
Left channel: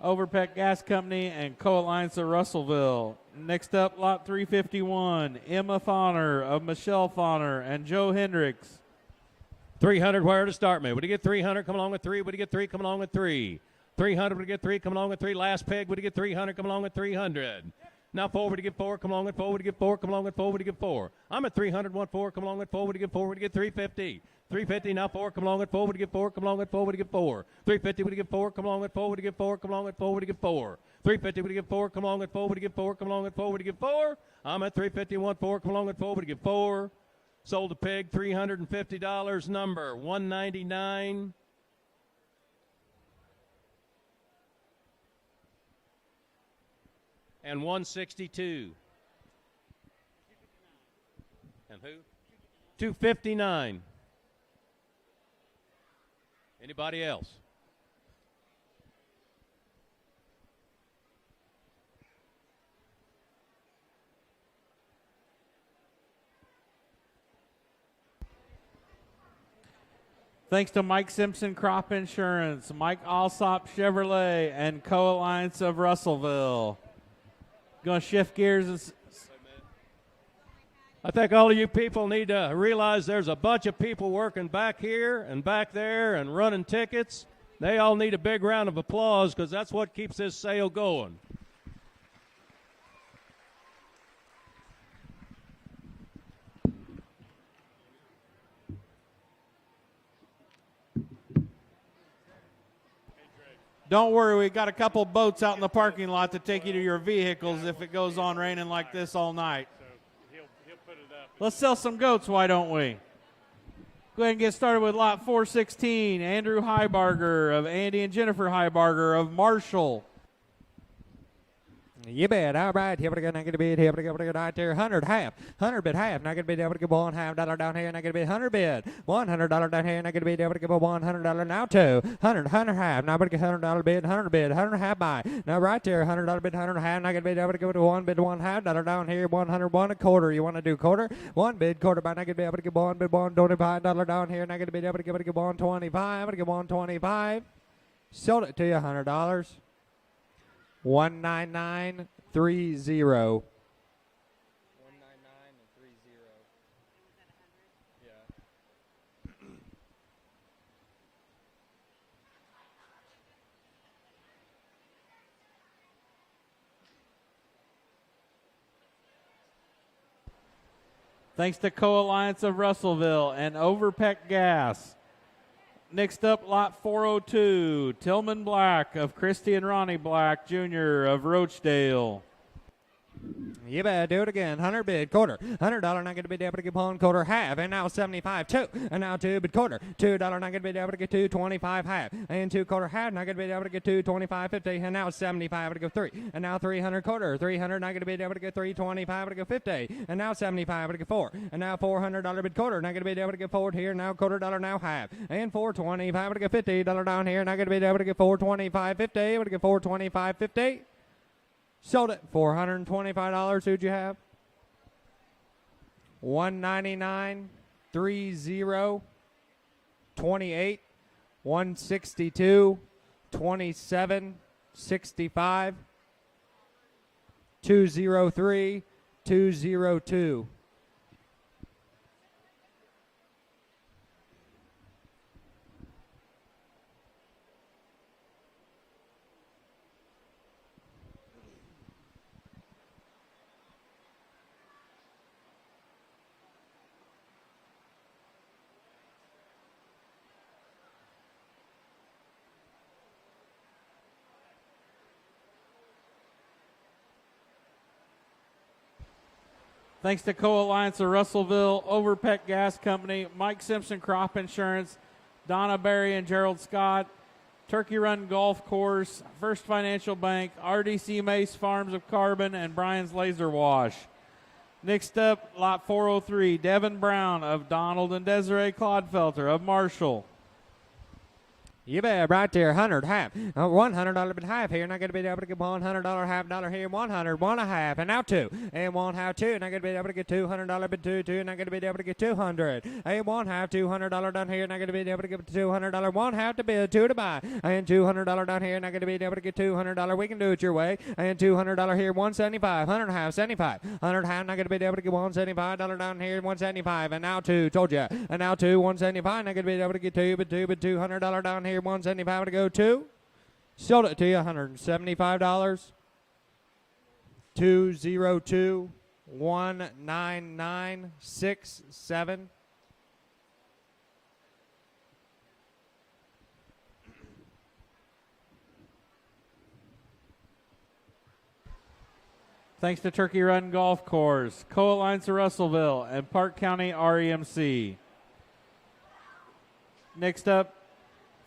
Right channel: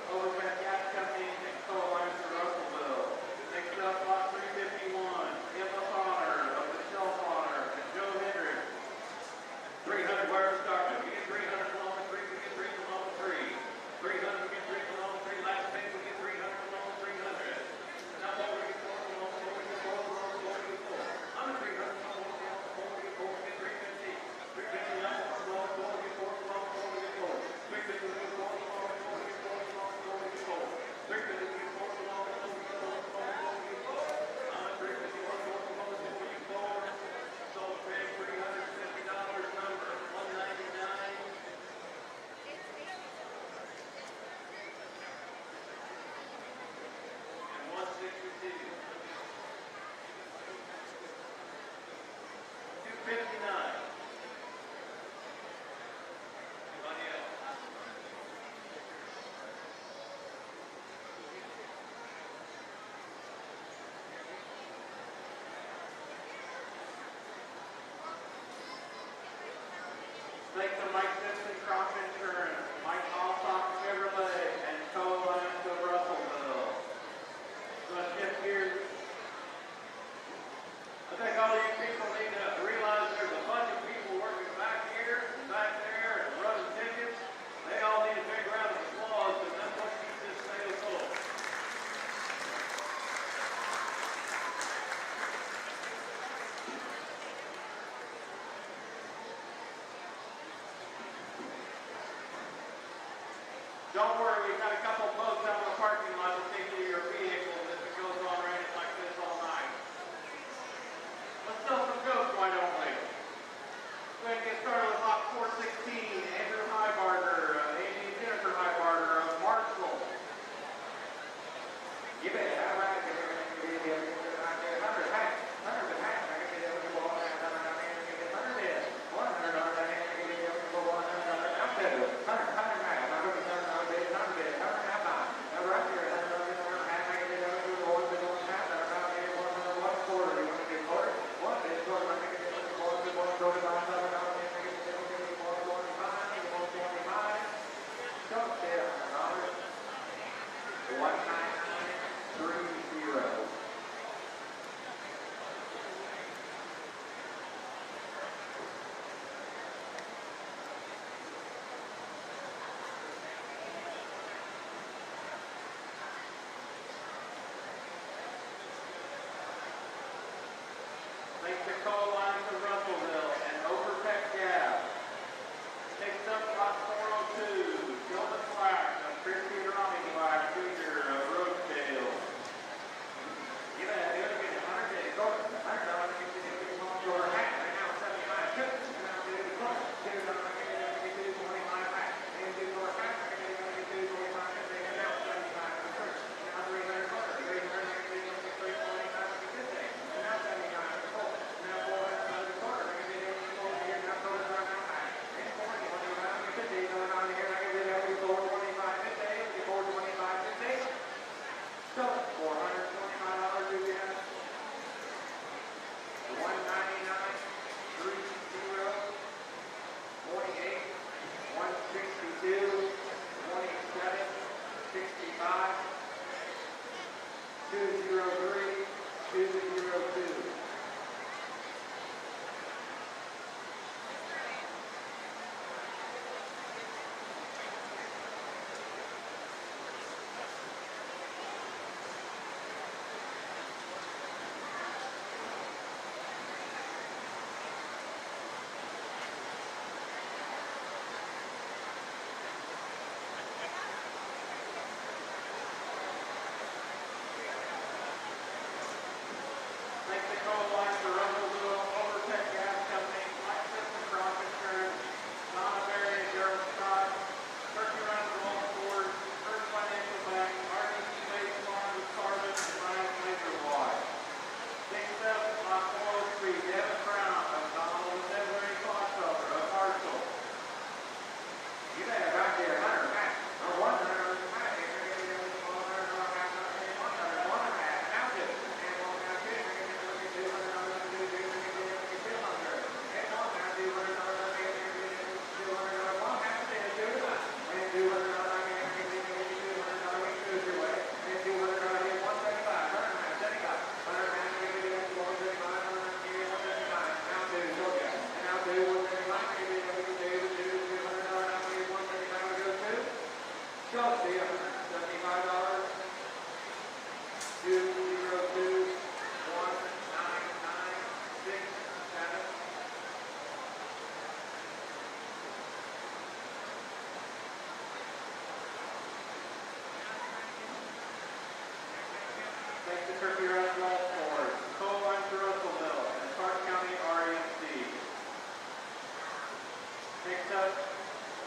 Overpeck Gas Company, and Co-Alliance of Russellville. Next up, lot 351, Emma Fauner of Michelle Fauner and Joe Hendricks. 300 where to start me. Would you get 300? Come along with 3. Would you get 3? Come along with 3. 300 would you get 3? Come along with 3. Last peg would you get 300? Come along with 300. Now 4 would you get 4? Come along with 4. Would you get 4? Come along with 4. Would you get 4? I'm at 300. 1 4. Come along with 4. Would you get 4? Would you get 350? 350 now 4, come along with 4, would you get 4, come along with 4, would you get 4. 350 would you get 4, come along with 4, would you get 4, come along with 4, would you get 4. 350 would you get 4, come along with 4, would you get 4, come along with 4, would you get 4. I'm at 350, 1 4, come along with 4, would you get 4. Sold a pig, $350, number 199. And 162. 259. Anybody else? Thanks to Mike Simpson Crop Insurance, Mike Alsop Chevrolet, and Co-Alliance of Russellville. Gonna shift gears. I think all of you people need to realize there's a bunch of people working back here and back there and running tickets. They all need a big round of applause because that's what keeps this sale going. Don't worry, we've got a couple boats out in the parking lot to take you to your vehicles if it goes on raining like this all night. Let's sell some goats, why don't we? Go ahead and get started with lot 416, Andrew Heibarger of Andy and Jennifer Heibarger of Marshall. You bet. All right. Here we go. Not going to be here. We go out there. 100 half. 100 bid half. Not going to be able to give $100 down here. Not going to be 100 bid. $100 down here. Not going to be able to give $100 now too. 100 half. Not going to get $100 bid. 100 bid. 100 half buy. Now right there. $100 bid. 100 half. Not going to be able to go to 1 bid. $1 half down here. 101 a quarter. You want to do quarter? 1 bid quarter buy. Not going to be able to give 1 bid. $125 down here. Not going to be able to give $125. I'm going to give $125. Sold it to you. $100. 19930. Thanks to Co-Alliance of Russellville and Overpeck Gas. Next up, lot 402, Tillman Black of Christy and Ronnie Black Jr. of Roachdale. You better do it again. 100 bid, quarter. $100 not going to be able to get one quarter half. And now 75, two. And now 2 bid, quarter. $2 not going to be able to get 2, 25 half. And 2 quarter half not going to be able to get 2, 25, 50. And now 75 to go 3. And now 300 quarter. 300 not going to be able to get 3, 25 to go 50. And now 75 to go 4. And now $400 bid, quarter. Not going to be able to get 4 here. Now $quarter now half. And 425 to go 50. $1 down here. Not going to be able to get 425, 50. Able to get 425, 50. Sold it. $425. Who'd you have? 199, 30, 28, 162, 27, 65, 203, 202. Thanks to Co-Alliance of Russellville, Overpeck Gas Company, Mike Simpson Crop Insurance, Donna Berry and Gerald Scott, Turkey Run Golf Course, First Financial Bank, RDC Mace Farms of Carbon, and Brian's Laser Wash. Next up, lot 403, Devin Brown of Donald and Desiree Clodfelter of Marshall. You bet, right there, 100 half. $100 bid half here. Not going to be able to get $100 half dollar here. 100, 1 a half, and now 2. And 1 half 2. Not going to be able to get $200 bid 2, 2. Not going to be able to get 200. And 1 half, $200 down here. Not going to be able to get $200. 1 half to bid, 2 to buy. And $200 down here. Not going to be able to get $200. We can do it your way. And $200 here. 175. 100 half, 75. 100 half. Not going to be able to get $175 down here. 175. And now 2. Told you. And now 2. 175. Not going to be able to get 2, but $200 down here. 175 to go 2. Sold it to you, $175. 202 19967. Thanks to Turkey Run Golf Course, Co-Alliance of Russellville, and Parke County REMC. Next up,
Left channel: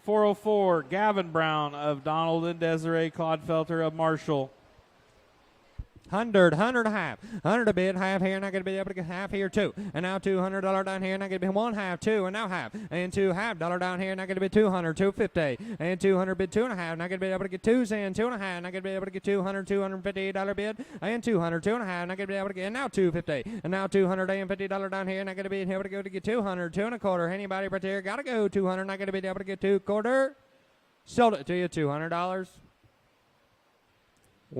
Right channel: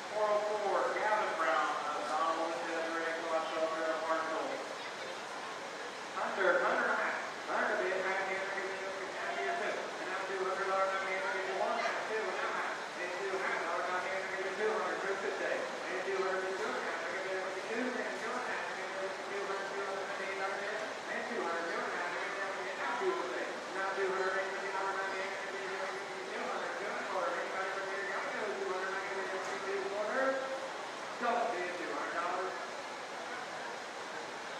404, Gavin Brown of Donald and Desiree Clodfelter of Marshall. 100 half. 100 a bid, half here, not going to be able to get half here, 2. And now $200 down here, not going to be 1 half, 2, and now half. And $2 half dollar down here, not going to be 200, 250. And 200 bid, 2 and a half, not going to be able to get 2 cents, 2 and a half, not going to be able to get 200, $258 bid. And 200, 2 and a half, not going to be able to get, and now 250. And now $250 down here, not going to be able to get 200, 2 and a quarter. Anybody right there, got to go 200, not going to be able to get 2 quarter. Sold it to you, $200.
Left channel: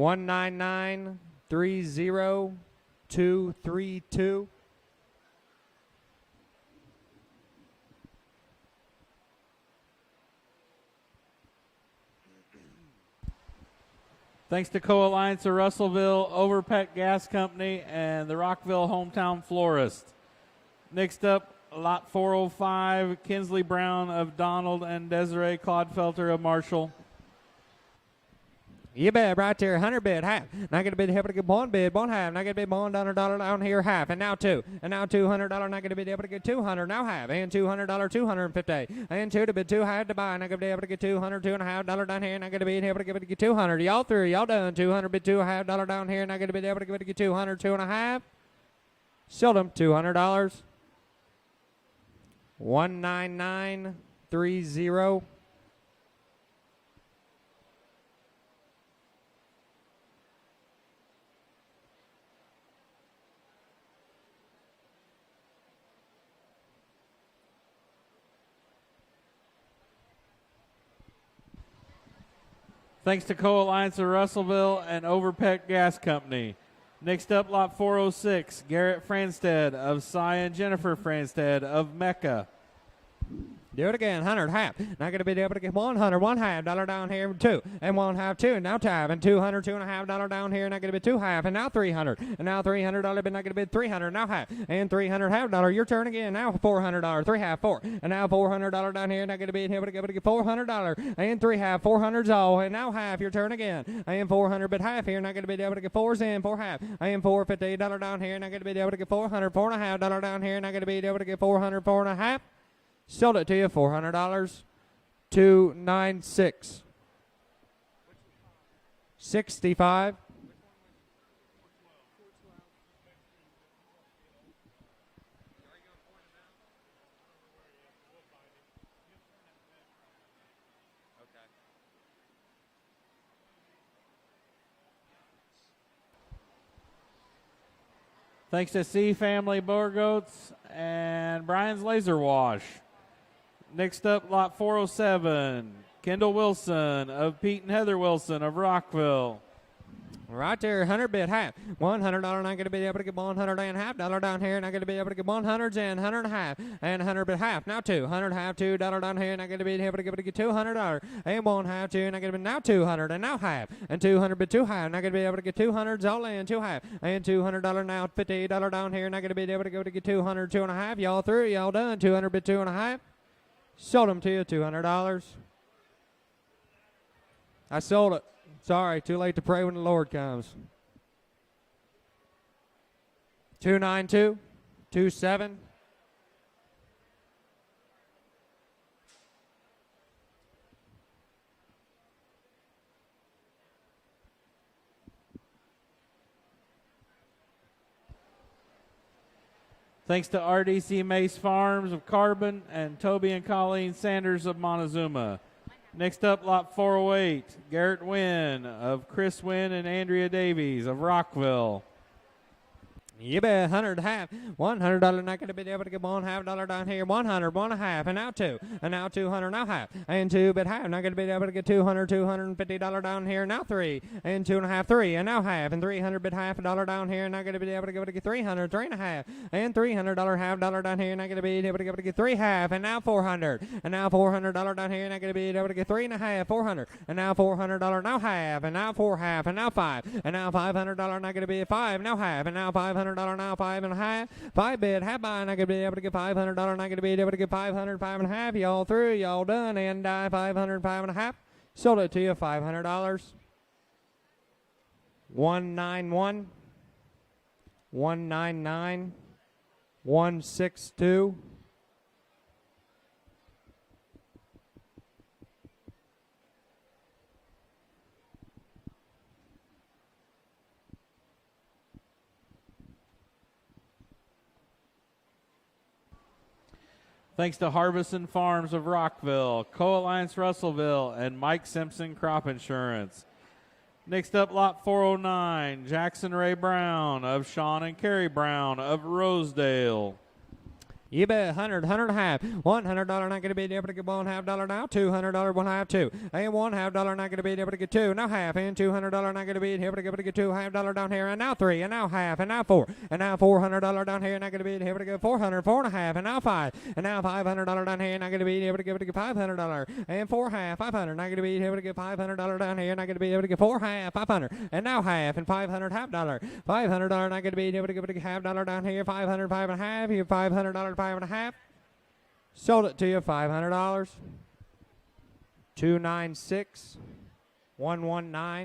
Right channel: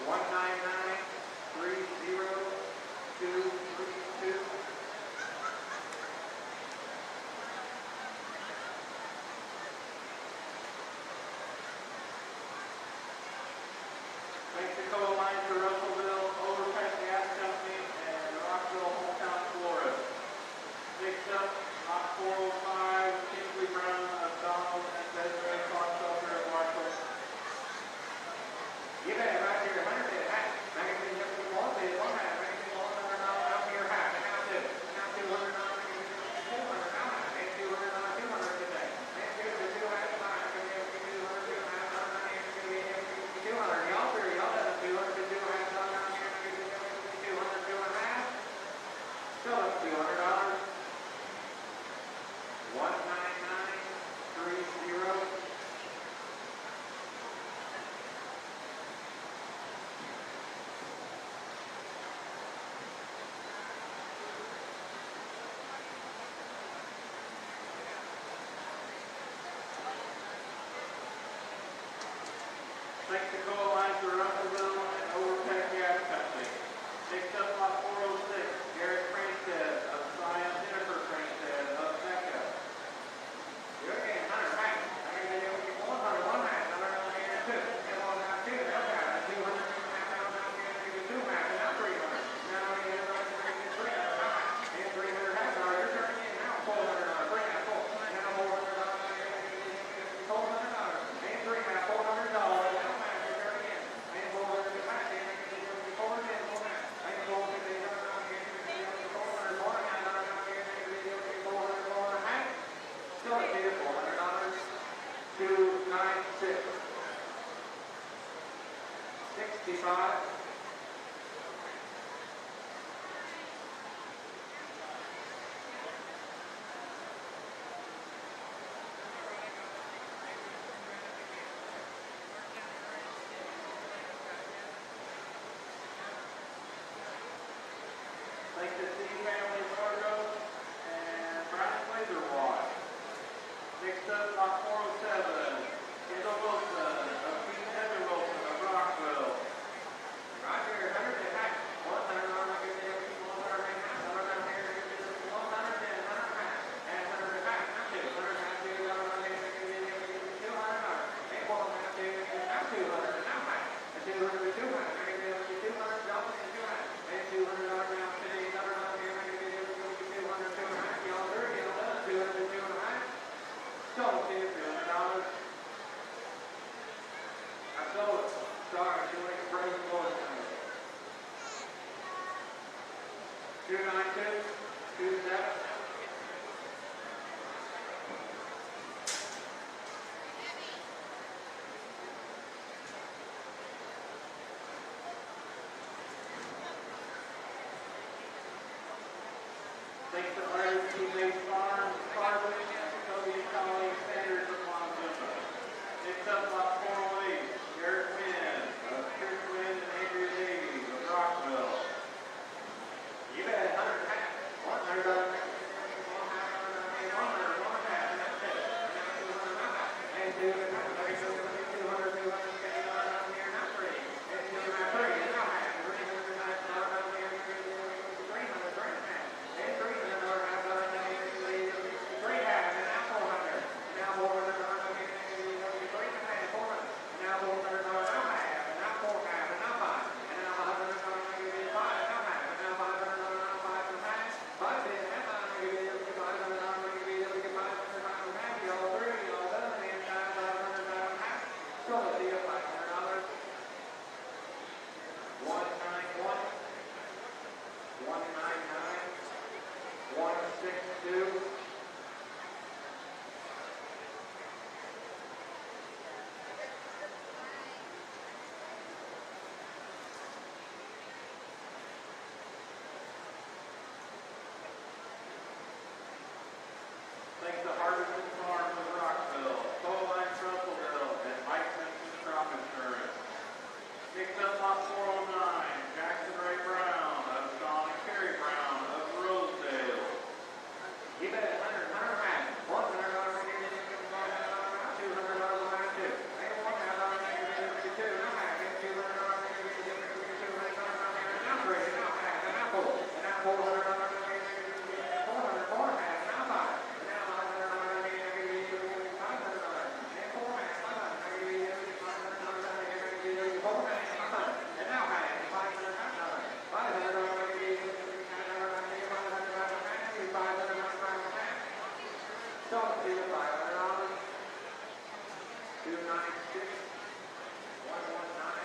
199 30232. Thanks to Co-Alliance of Russellville, Overpeck Gas Company, and the Rockville Hometown Florist. Next up, lot 405, Kinsley Brown of Donald and Desiree Clodfelter of Marshall. You bet, right there, 100 bid, half. Not going to be able to get 1 bid, 1 half. Not going to be $1 down here, half. And now 2. And now $200, not going to be able to get 200, now half. And $200, 250. And 2 to bid, 2 half to buy. Not going to be able to get 200, 2 and a half dollar down here. Not going to be able to get 200. Y'all through, y'all done. 200 bid, 2 half dollar down here. Not going to be able to get 200, 2 and a half. Sold them, $200. 19930. Thanks to Co-Alliance of Russellville and Overpeck Gas Company. Next up, lot 406, Garrett Franstead of Cy and Jennifer Franstead of Mecca. Do it again, 100, half. Not going to be able to get 100, one half, dollar down here, and 2, and 1 half, 2, now tab, and 200, 2.5 dollar down here, not going to be 2 half, and now 300, and now $300, but not going to be 300, now half, and 300 half dollar, your turn again, now $400, 3 half, 4, and now $400 down here, not going to be able to get $400, and 3 half, 400's all, and now half, your turn again, and 400, but half here, not going to be able to get 4's in, 4 half, and $450 down here, not going to be able to get 400, 4.5 dollar down here, not going to be able to get 400, 4.5. Sold it to you, $400, 296, 65, Thanks to C Family Burgoats and Brian's Laser Wash. Next up, lot 407, Kendall Wilson of Pete and Heather Wilson of Rockville. right there, 100 bid half, $100 not going to be able to get 100 and half dollar down here, not going to be able to get 100s and 100 and a half, and 100 bid half, now 2, 100 half, $2 down here, not going to be able to get $200, and 1 half, 2, not going to be now 200, and now half, and 200 bid 2 half, not going to be able to get 200s all in, 2 half, and $200 now, $50 down here, not going to be able to get 200, 2 and a half, y'all through, y'all done, 200 bid 2 and a half. Sold them to you, $200. I sold it. Sorry, too late to pray when the Lord comes. 292, 27. Thanks to RDC Mace Farms of Carbon and Toby and Colleen Sanders of Montezuma. Next up, lot 408, Garrett Wynn of Chris Wynn and Andrea Davies of Rockville. You bet, 100 half, $100 not going to be able to get 1 half dollar down here, 100, 1 half, and now 2, and now 200, now half, and 2 bid half, not going to be able to get 200, $250 down here, now 3, and 2 and a half, 3, and now half, and 300 bid half a dollar down here, not going to be able to get 300, 3 and a half, and $300 half dollar down here, not going to be able to get 3 half, and now 400, and now $400 down here, not going to be able to get 3 and a half, 400, and now $400 now half, and now 4 half, and now 5, and now $500 not going to be 5, now half, and now $500 now 5 and a half, 5 bid, half buy, not going to be able to get $500, not going to be able to get 500, 5 and a half, y'all through, y'all done, and 500, 5 and a half, sold it to you, $500, 191, 199, 162, Thanks to Harbison Farms of Rockville, Co-Alliance Russellville, and Mike Simpson Crop Insurance. Next up, lot 409, Jackson Ray Brown of Sean and Carrie Brown of Rosedale. You bet, 100, 100 and a half, $100 not going to be able to get 1 half dollar now, $200, 1 half, 2, and 1 half dollar not going to be able to get 2, now half, and $200 not going to be able to get 2 half dollar down here, and now 3, and now half, and now 4, and now $400 down here, not going to be able to get 400, 4 and a half, and now 5, and now $500 down here, not going to be able to get $500, and 4 half, 500, not going to be able to get $500 down here, not going to be able to get 4 half, 500, and now half, and $500 half dollar, $500 not going to be able to get half dollar down here, 500, 5 and a half, here $500, 5 and a half. Sold it to you, $500. 296, 119,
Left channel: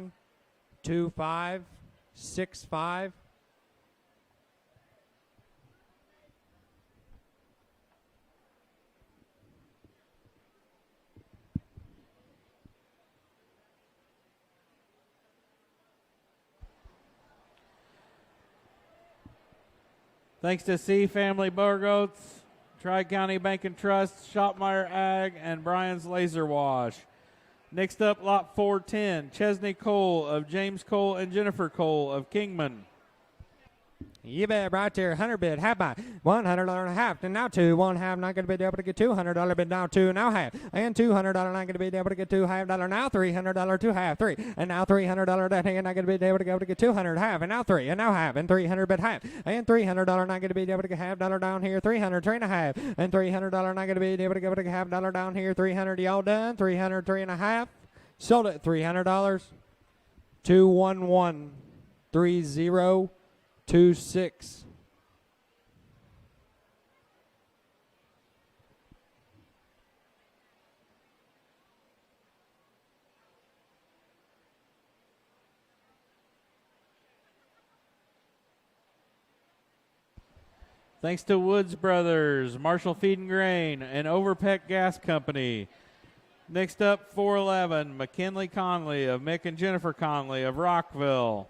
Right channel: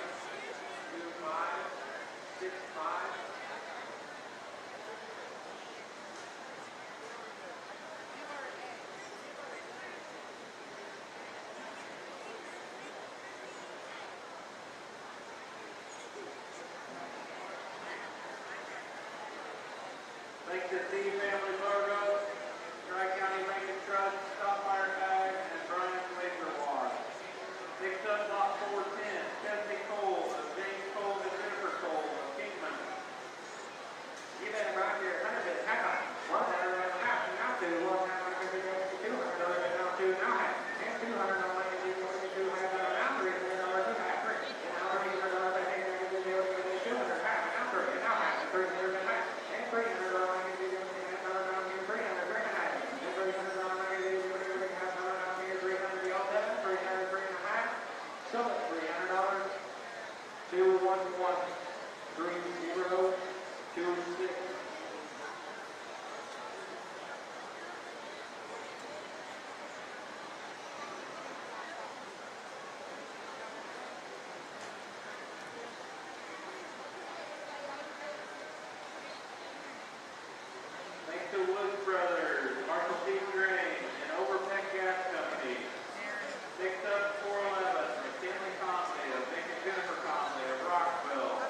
25, 65. Thanks to C Family Burgoats, Tri-County Bank and Trust, Shopmeyer Ag, and Brian's Laser Wash. Next up, lot 410, Chesney Cole of James Cole and Jennifer Cole of Kingman. You bet right there, 100 bid, half by $100 half, and now two, one half, not gonna be able to get $200 bid, now two, now half, and $200 not gonna be able to get $2.5, now $300 two half, three, and now $300 that hand not gonna be able to get 200 half, and now three, and now half, and 300 bid half, and $300 not gonna be able to get $half down here, 300, three and a half, and $300 not gonna be able to get $half down here, 300, y'all done, 300, three and a half, sold it, $300, 211, 3026. Thanks to Woods Brothers, Marshall Feed and Grain, and Overpeck Gas Company. Next up, 411, McKinley Conley of Mick and Jennifer Conley of Rockville.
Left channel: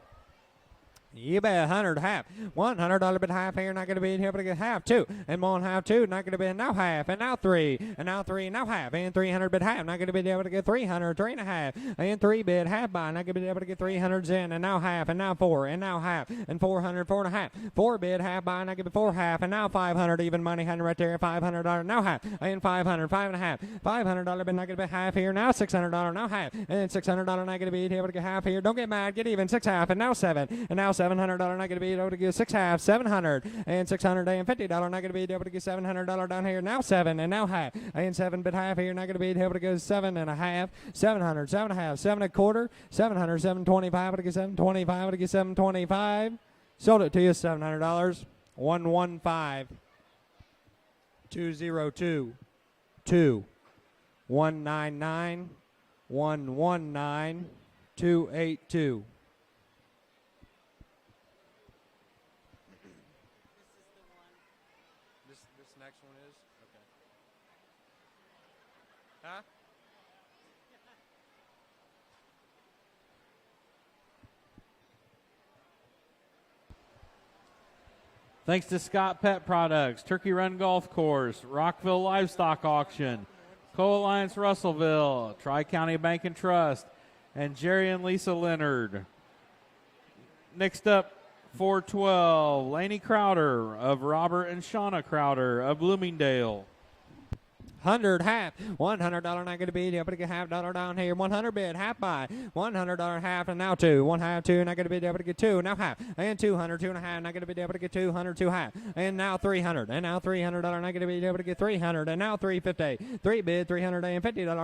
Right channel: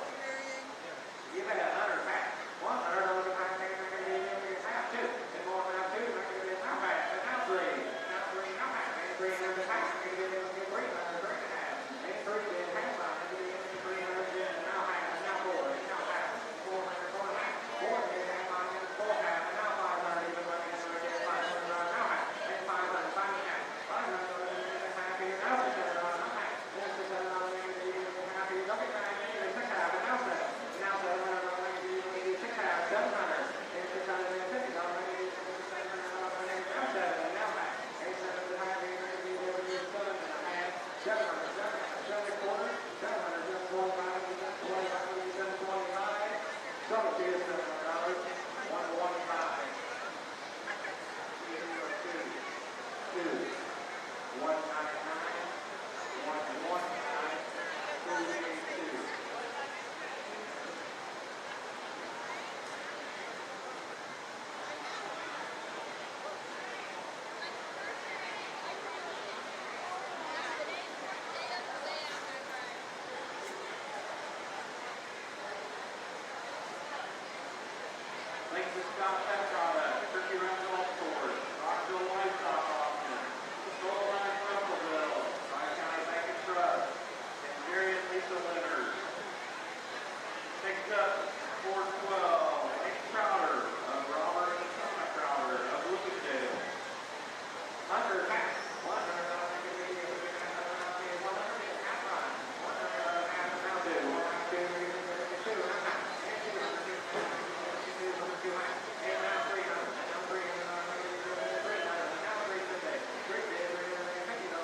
You bet, 100 half, $100 bid half here, not gonna be able to get half, two, and one half, two, not gonna be now half, and now three, now half, and 300 bid half, not gonna be able to get 300, three and a half, and three bid half by, not gonna be able to get 300s in, and now half, and now four, and now half, and 400, four and a half, four bid half by, not gonna be four half, and now 500 even money had right there, $500 now half, and 500, five and a half, $500 bid not gonna be half here, now $600 now half, and $600 not gonna be able to get half here, don't get mad, get even, six half, and now seven, and now $700 not going to be able to get six half, 700, and $650 not going to be able to get $700 down here, now seven, and now half, and seven bid half here, not going to be able to go seven and a half, 700, seven and a half, seven and a quarter, 700, 725, to get 725, to get 725, sold it to you, $700, 115, 202, 2, 199, 119, 282. Thanks to Scott Pet Products, Turkey Run Golf Course, Rockville Livestock Auction, Co-Alliance Russellville, Tri-County Bank and Trust, and Jerry and Lisa Leonard. Next up, 412, Laney Crowder of Robert and Shauna Crowder of Bloomingdale. 100 half, $100 not going to be able to get $half down here, 100 bid, half by, $100 half, and now two, one half, two, not going to be able to get two, now half, and 200, two and a half, not going to be able to get 200, two half, and now 300, and now $300 not going to be able to get 300, and now 350, three bid, $350 not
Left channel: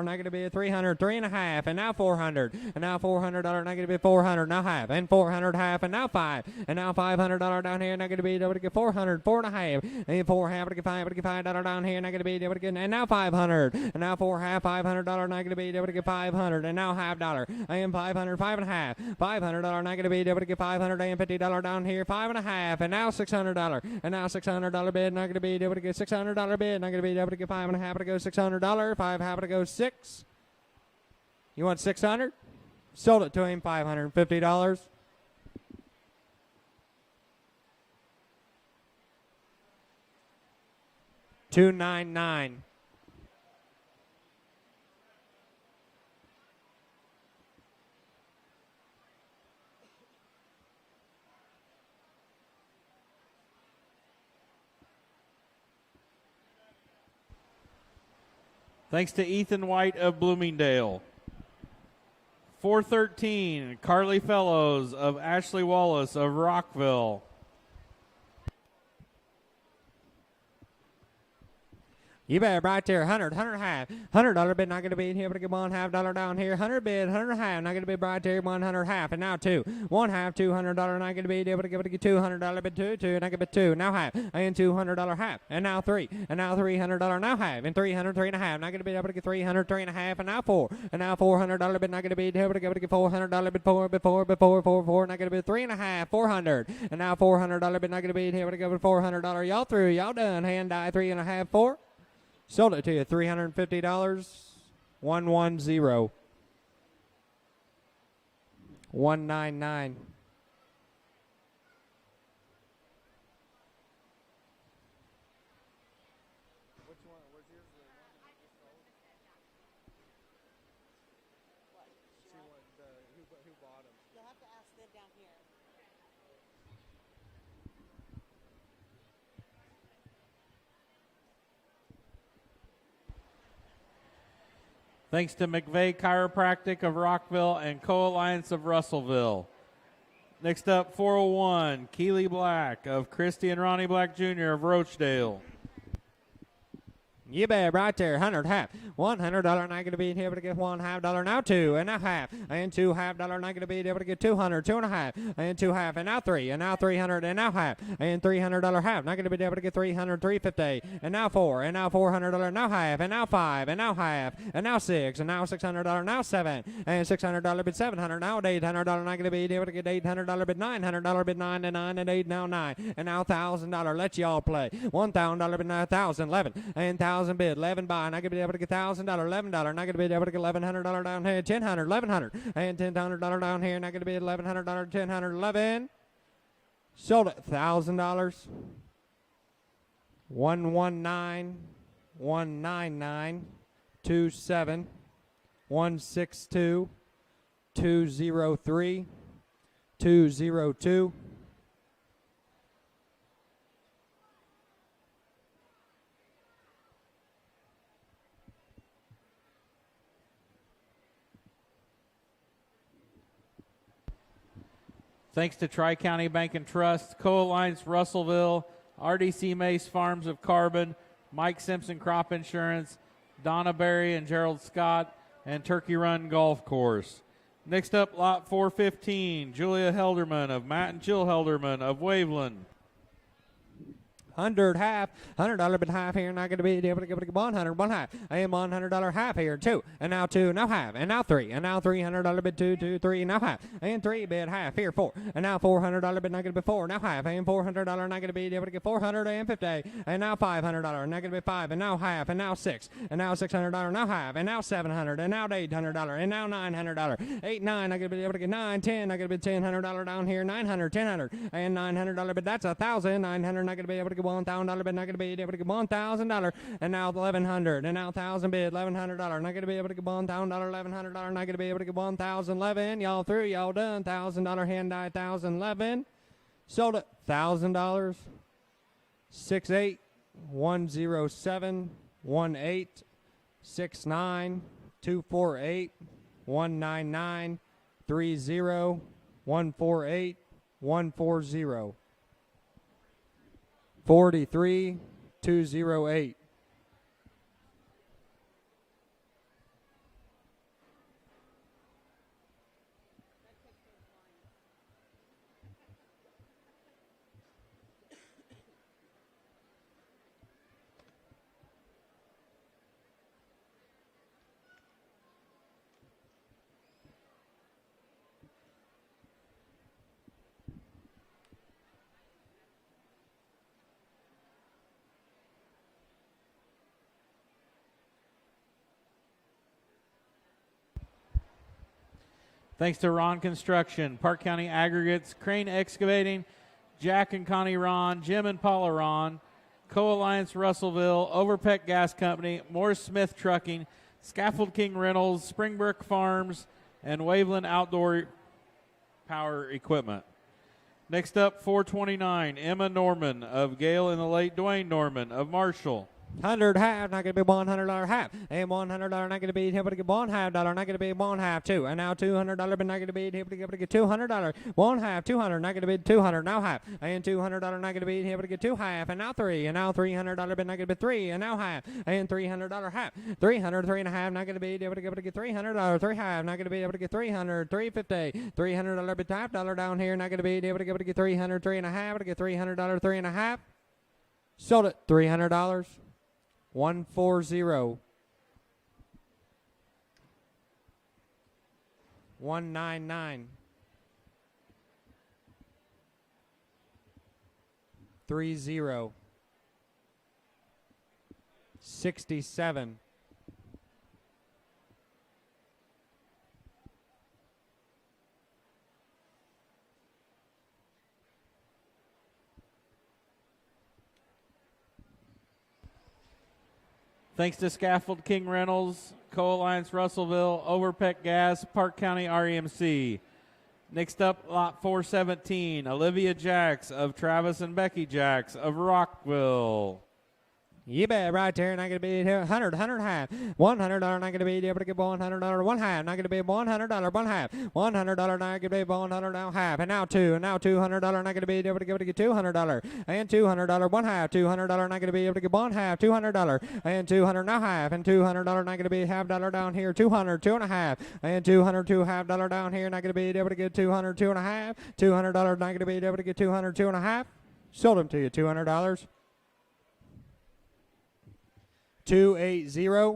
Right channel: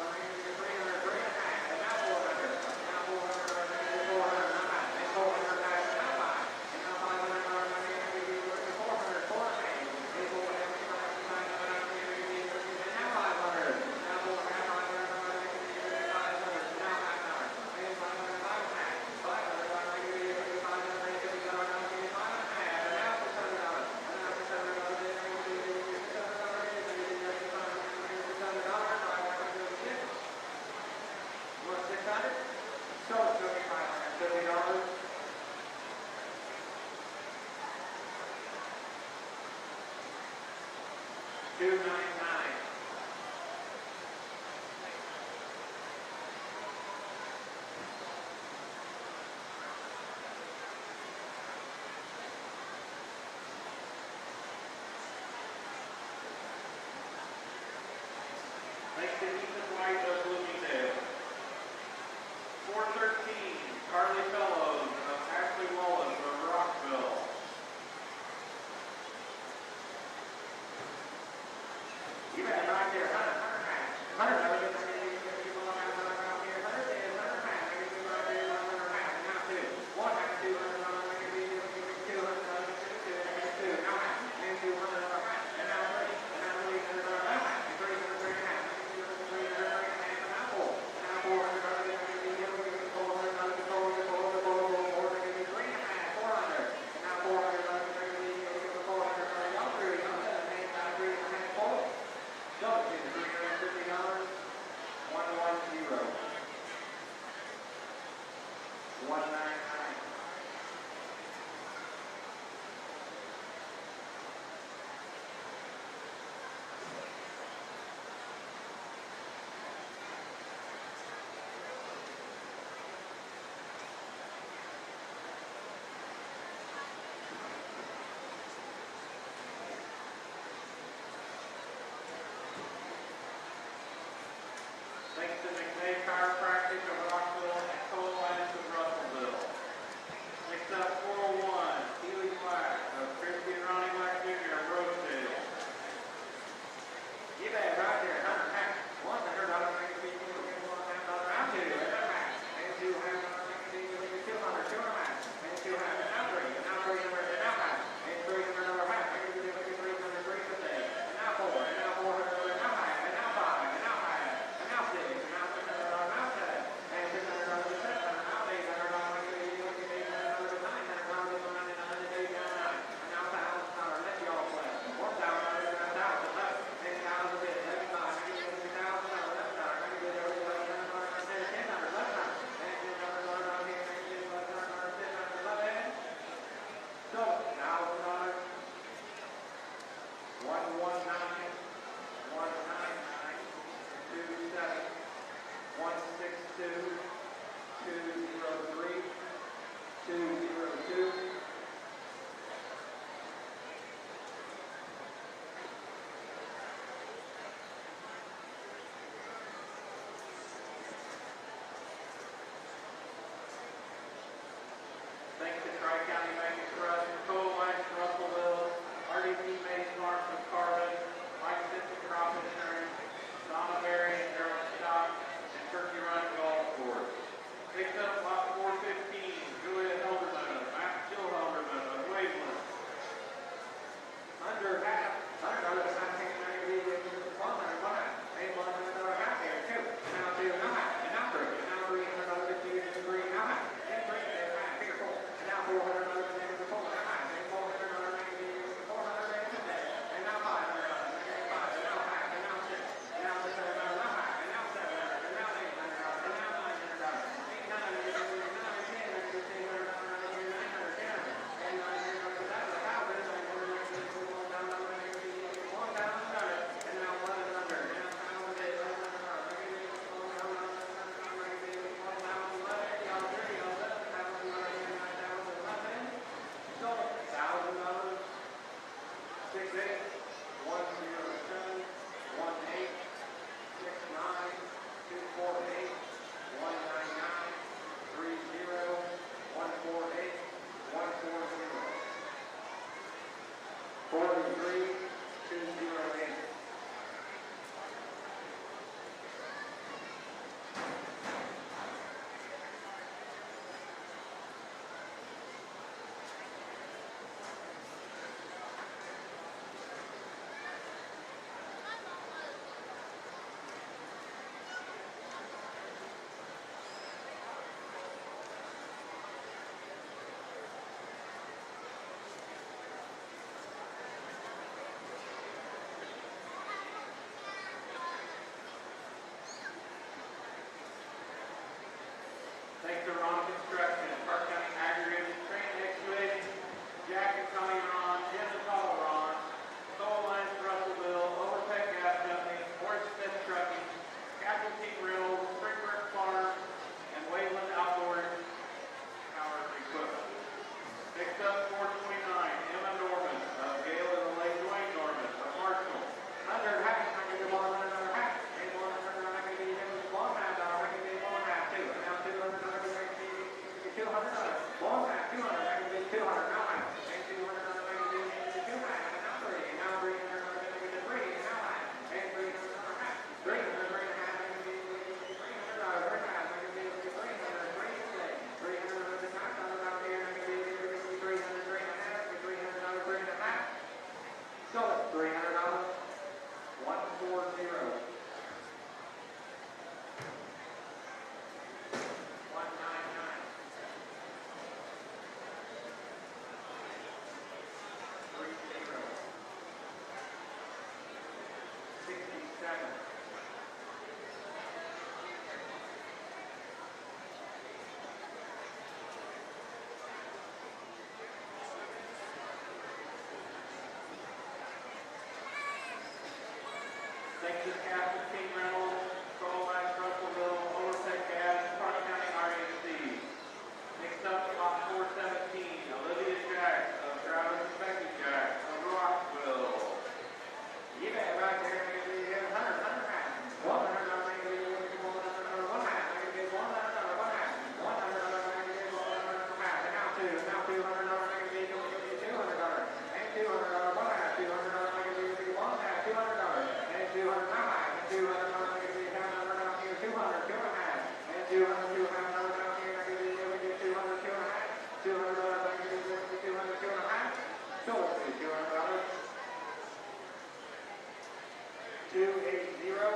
going to be at 300, three and a half, and now 400, and now $400 not going to be 400, now half, and 400 half, and now five, and now $500 down here, not going to be able to get 400, four and a half, and four half, to get $5 down here, not going to be able to get, and now 500, and now four half, $500 not going to be able to get 500, and now half dollar, and 500, five and a half, $500 not going to be able to get $550 down here, five and a half, and now $600, and now $600 bid, not going to be able to get $600 bid, not going to be able to get five and a half to go $600, five half to go six. You want 600? Sold it to him, $550. $299. Thanks to Ethan White of Bloomingdale. 413, Carly Fellows of Ashley Wallace of Rockville. You bet right there, 100 half, $100 bid, not going to be able to get $1.5 down here, 100 bid, 100 half, not going to be right there, 100 half, and now two, one half, $200, not going to be able to get $200 bid, two, not going to be two, now half, and $200 half, and now three, and now $300 now half, and 300, three and a half, not going to be able to get 300, three and a half, and now four, and now $400 bid, not going to be able to get $400 bid, four, not going to be three and a half, 400, and now $400 bid, not going to be able to get $400, y'all through, y'all done, hand die, three and a half, four. Sold it to you, $350, 110, 199. Thanks to McVeigh Chiropractic of Rockville and Co-Alliance of Russellville. Next up, 401, Keely Black of Christy and Ronnie Black Jr. of Rochdale. You bet, right there, 100 half. $100 not going to be able to get $1.5 now 2 and a half and $2.5 not going to be able to get 200 2 and a half and 2 half and now 3 and now 300 and now half and $300 half not going to be able to get 300 350 and now 4 and now $400 now half and now 5 and now half and now 6 and now $600 now 7 and $600 bid 700 now $800 not going to be able to get $800 bid $900 bid 9 and 9 and 8 now 9 and now $1,000 let y'all play $1,000 bid 9,000 11 and 1,000 bid 11 buy not going to be able to get $1,000 $11 not going to be able to get $1,100 down here $1,000 $1,100 and $10,000 down here not going to be $1,100 $1,000 11 sold it $1,000 119 199 27 162 203 202 Thanks to Tri-County Bank and Trust, Co-Alliance Russellville, RDC Mace Farms of Carbon, Mike Simpson Crop Insurance, Donna Berry and Gerald Scott, and Turkey Run Golf Course. Next up, lot 415, Julia Helderman of Matt and Jill Helderman of Waveland. 100 half, $100 bid half here, not going to be able to give it 100, 1 half, and $100 half here, 2, and now 2, now half, and now 3, and now $300 bid 2, 2, 3, now half, and 3 bid half here, 4, and now $400 bid not going to be 4, now half, and $400 not going to be able to get 450, and now $500, not going to be 5, and now half, and now 6, and now $600, now half, and now $700, and now $800, and now $900, 8, 9, not going to be able to get 9, 10, not going to be $1,000 down here, 900, 1,000, and $900, but that's 1,000, 900, not going to be able to get $1,000, but not going to be able to get $1,000, and now 1,100, and now 1,000 bid, $1,100, not going to be able to get $1,000, $1,100, not going to be able to get 1,011, y'all through, y'all done, $1,000 hand, 9,011, sold it, $1,000, 68 107 18 69 248 199 30 148 140 43 208. Thanks to Ron Construction, Park County Aggregates, Crane Excavating, Jack and Connie Ron, Jim and Paula Ron, Co-Alliance Russellville, Overpeck Gas Company, Morris Smith Trucking, Scaffold King Reynolds, Springbrook Farms, and Waveland Outdoor Power Equipment. Next up, 429, Emma Norman of Gale and the late Dwayne Norman of Marshall. 100 half, not going to be $100 half, and $100 not going to be able to get $1 half, not going to be $1 half 2, and now $200 but not going to be able to get $200, 1 half, 200 not going to be 200 now half, and $200 not going to be able to get 2 half, and now 3, and now $300 but not going to be 3, and now half, and $300 half, 300 3 and a half not going to be able to get $300, 3 half not going to be able to get 300, 350, $300 but $5 down here, not going to be able to get 300, 3 and a half, to get $300, 3 and a half, sold it, $300. 140 199 30 67 Thanks to Scaffold King Reynolds, Co-Alliance Russellville, Overpeck Gas, Park County REMC. Next up, lot 417, Olivia Jacks of Travis and Becky Jacks of Rockville. You bet right there, not gonna be 100 high. $100, not gonna be able to get $100 one half, not gonna be $100 one half. $100, not gonna be $100 half. And now two, now $200, not gonna be able to get $200. And $200 one half, $200, not gonna be able to get one half, $200. And $200 now half, and $200 not gonna be half dollar down here, 200, two and a half. And 200, two half dollar down here, not gonna be able to get 200, two and a half. $200, not gonna be able to get 200, two and a half. Sold them to you, $200. 280.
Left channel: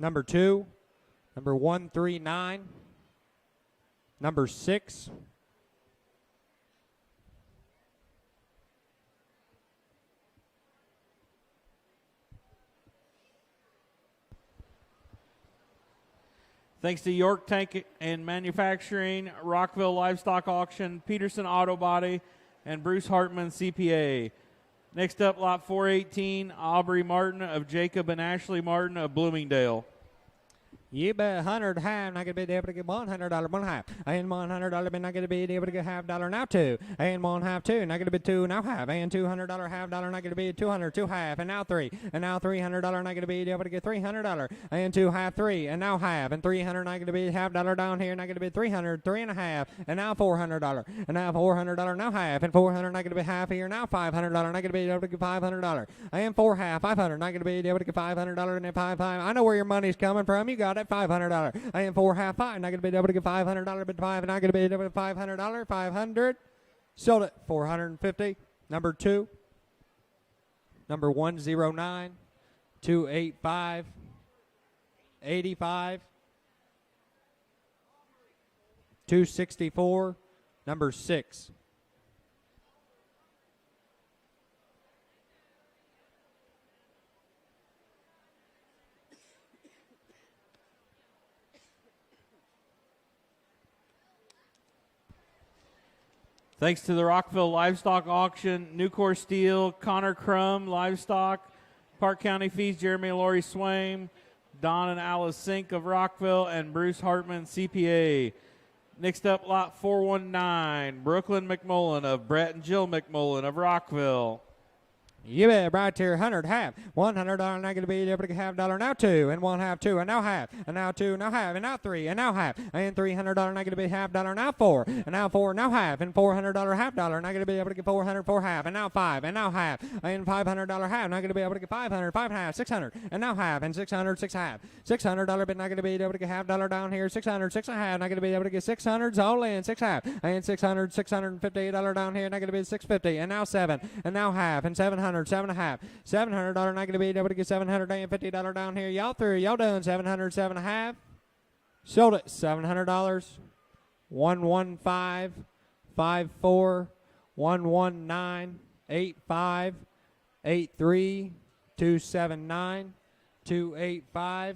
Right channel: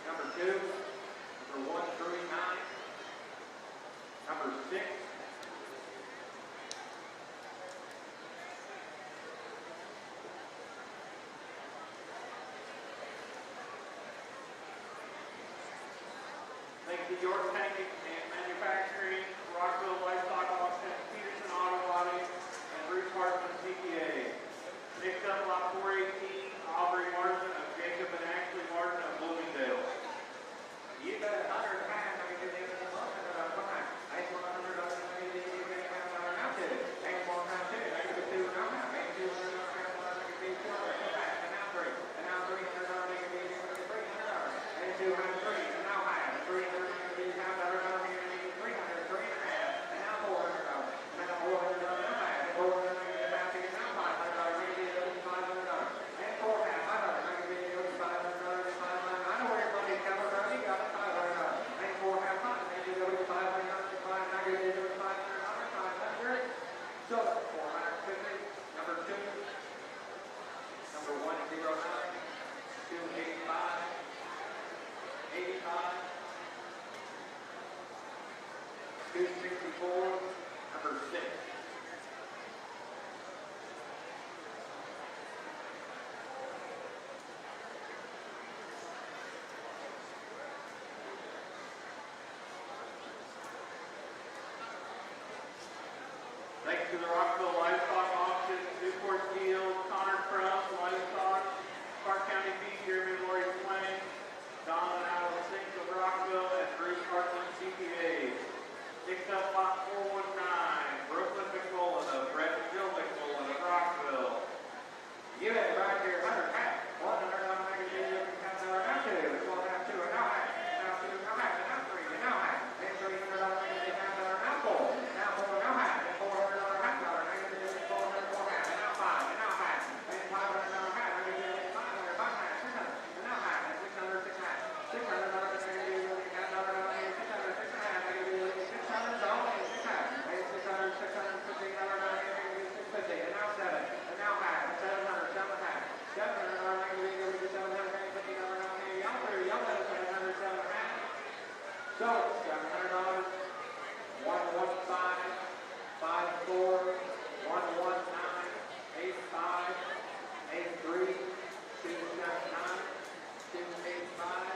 Number 2. Number 139. Number 6. Thanks to York Tank and Manufacturing, Rockville Livestock Auction, Peterson Auto Body, and Bruce Hartman CPA. Next up, lot 418, Aubrey Martin of Jacob and Ashley Martin of Bloomingdale. You bet 100 high, not gonna be able to get $100 one half. And $100, not gonna be able to get half dollar now two. And one half two, not gonna be two now half. And $200 half dollar, not gonna be 200 two half. And now three. And now $300, not gonna be able to get $300. And two half three. And now half. And $300, not gonna be half dollar down here, not gonna be 300, three and a half. And now $400. And now $400 now half. And 400, not gonna be half here. Now $500, not gonna be able to get $500. And four half, 500, not gonna be able to get $500. And then five. I know where your money's coming from. You got it. $500. And four half five, not gonna be able to get $500, but five, not gonna be able to get $500, 500. Sold it, 450. Number 2. Number 109, 285, 85, 264. Number 6. Thanks to the Rockville Livestock Auction, Nucor Steel, Connor Crum Livestock, Parke County Feeds, Jeremy and Lori Swain, Don and Alice Sink of Rockville, and Bruce Hartman CPA. Next up, lot 419, Brooklyn McMullen of Brett and Jill McMullen of Rockville. You bet, right here, 100 half. $100, not gonna be able to get half dollar now two, and one half two, and now half, and now two, now half, and now three, and now half, and $300, not gonna be half dollar now four, and now four, now half, and $400 half dollar, not gonna be able to get 400, four half, and now five, and now half, and $500 half, not gonna be able to get 500, five half, 600, and now half, and 600, six half. $600, but not gonna be able to get half dollar down here. 600, six and a half, not gonna be able to get 600s all in, six half, and 600, $658 down here, not gonna be 650, and now seven, and now half, and 700, seven and a half, $700, not gonna be able to get $750 down here. Y'all through, y'all doing 700, seven and a half. Sold it, $700. 115, 54, 119, 85, 83, 279, 285.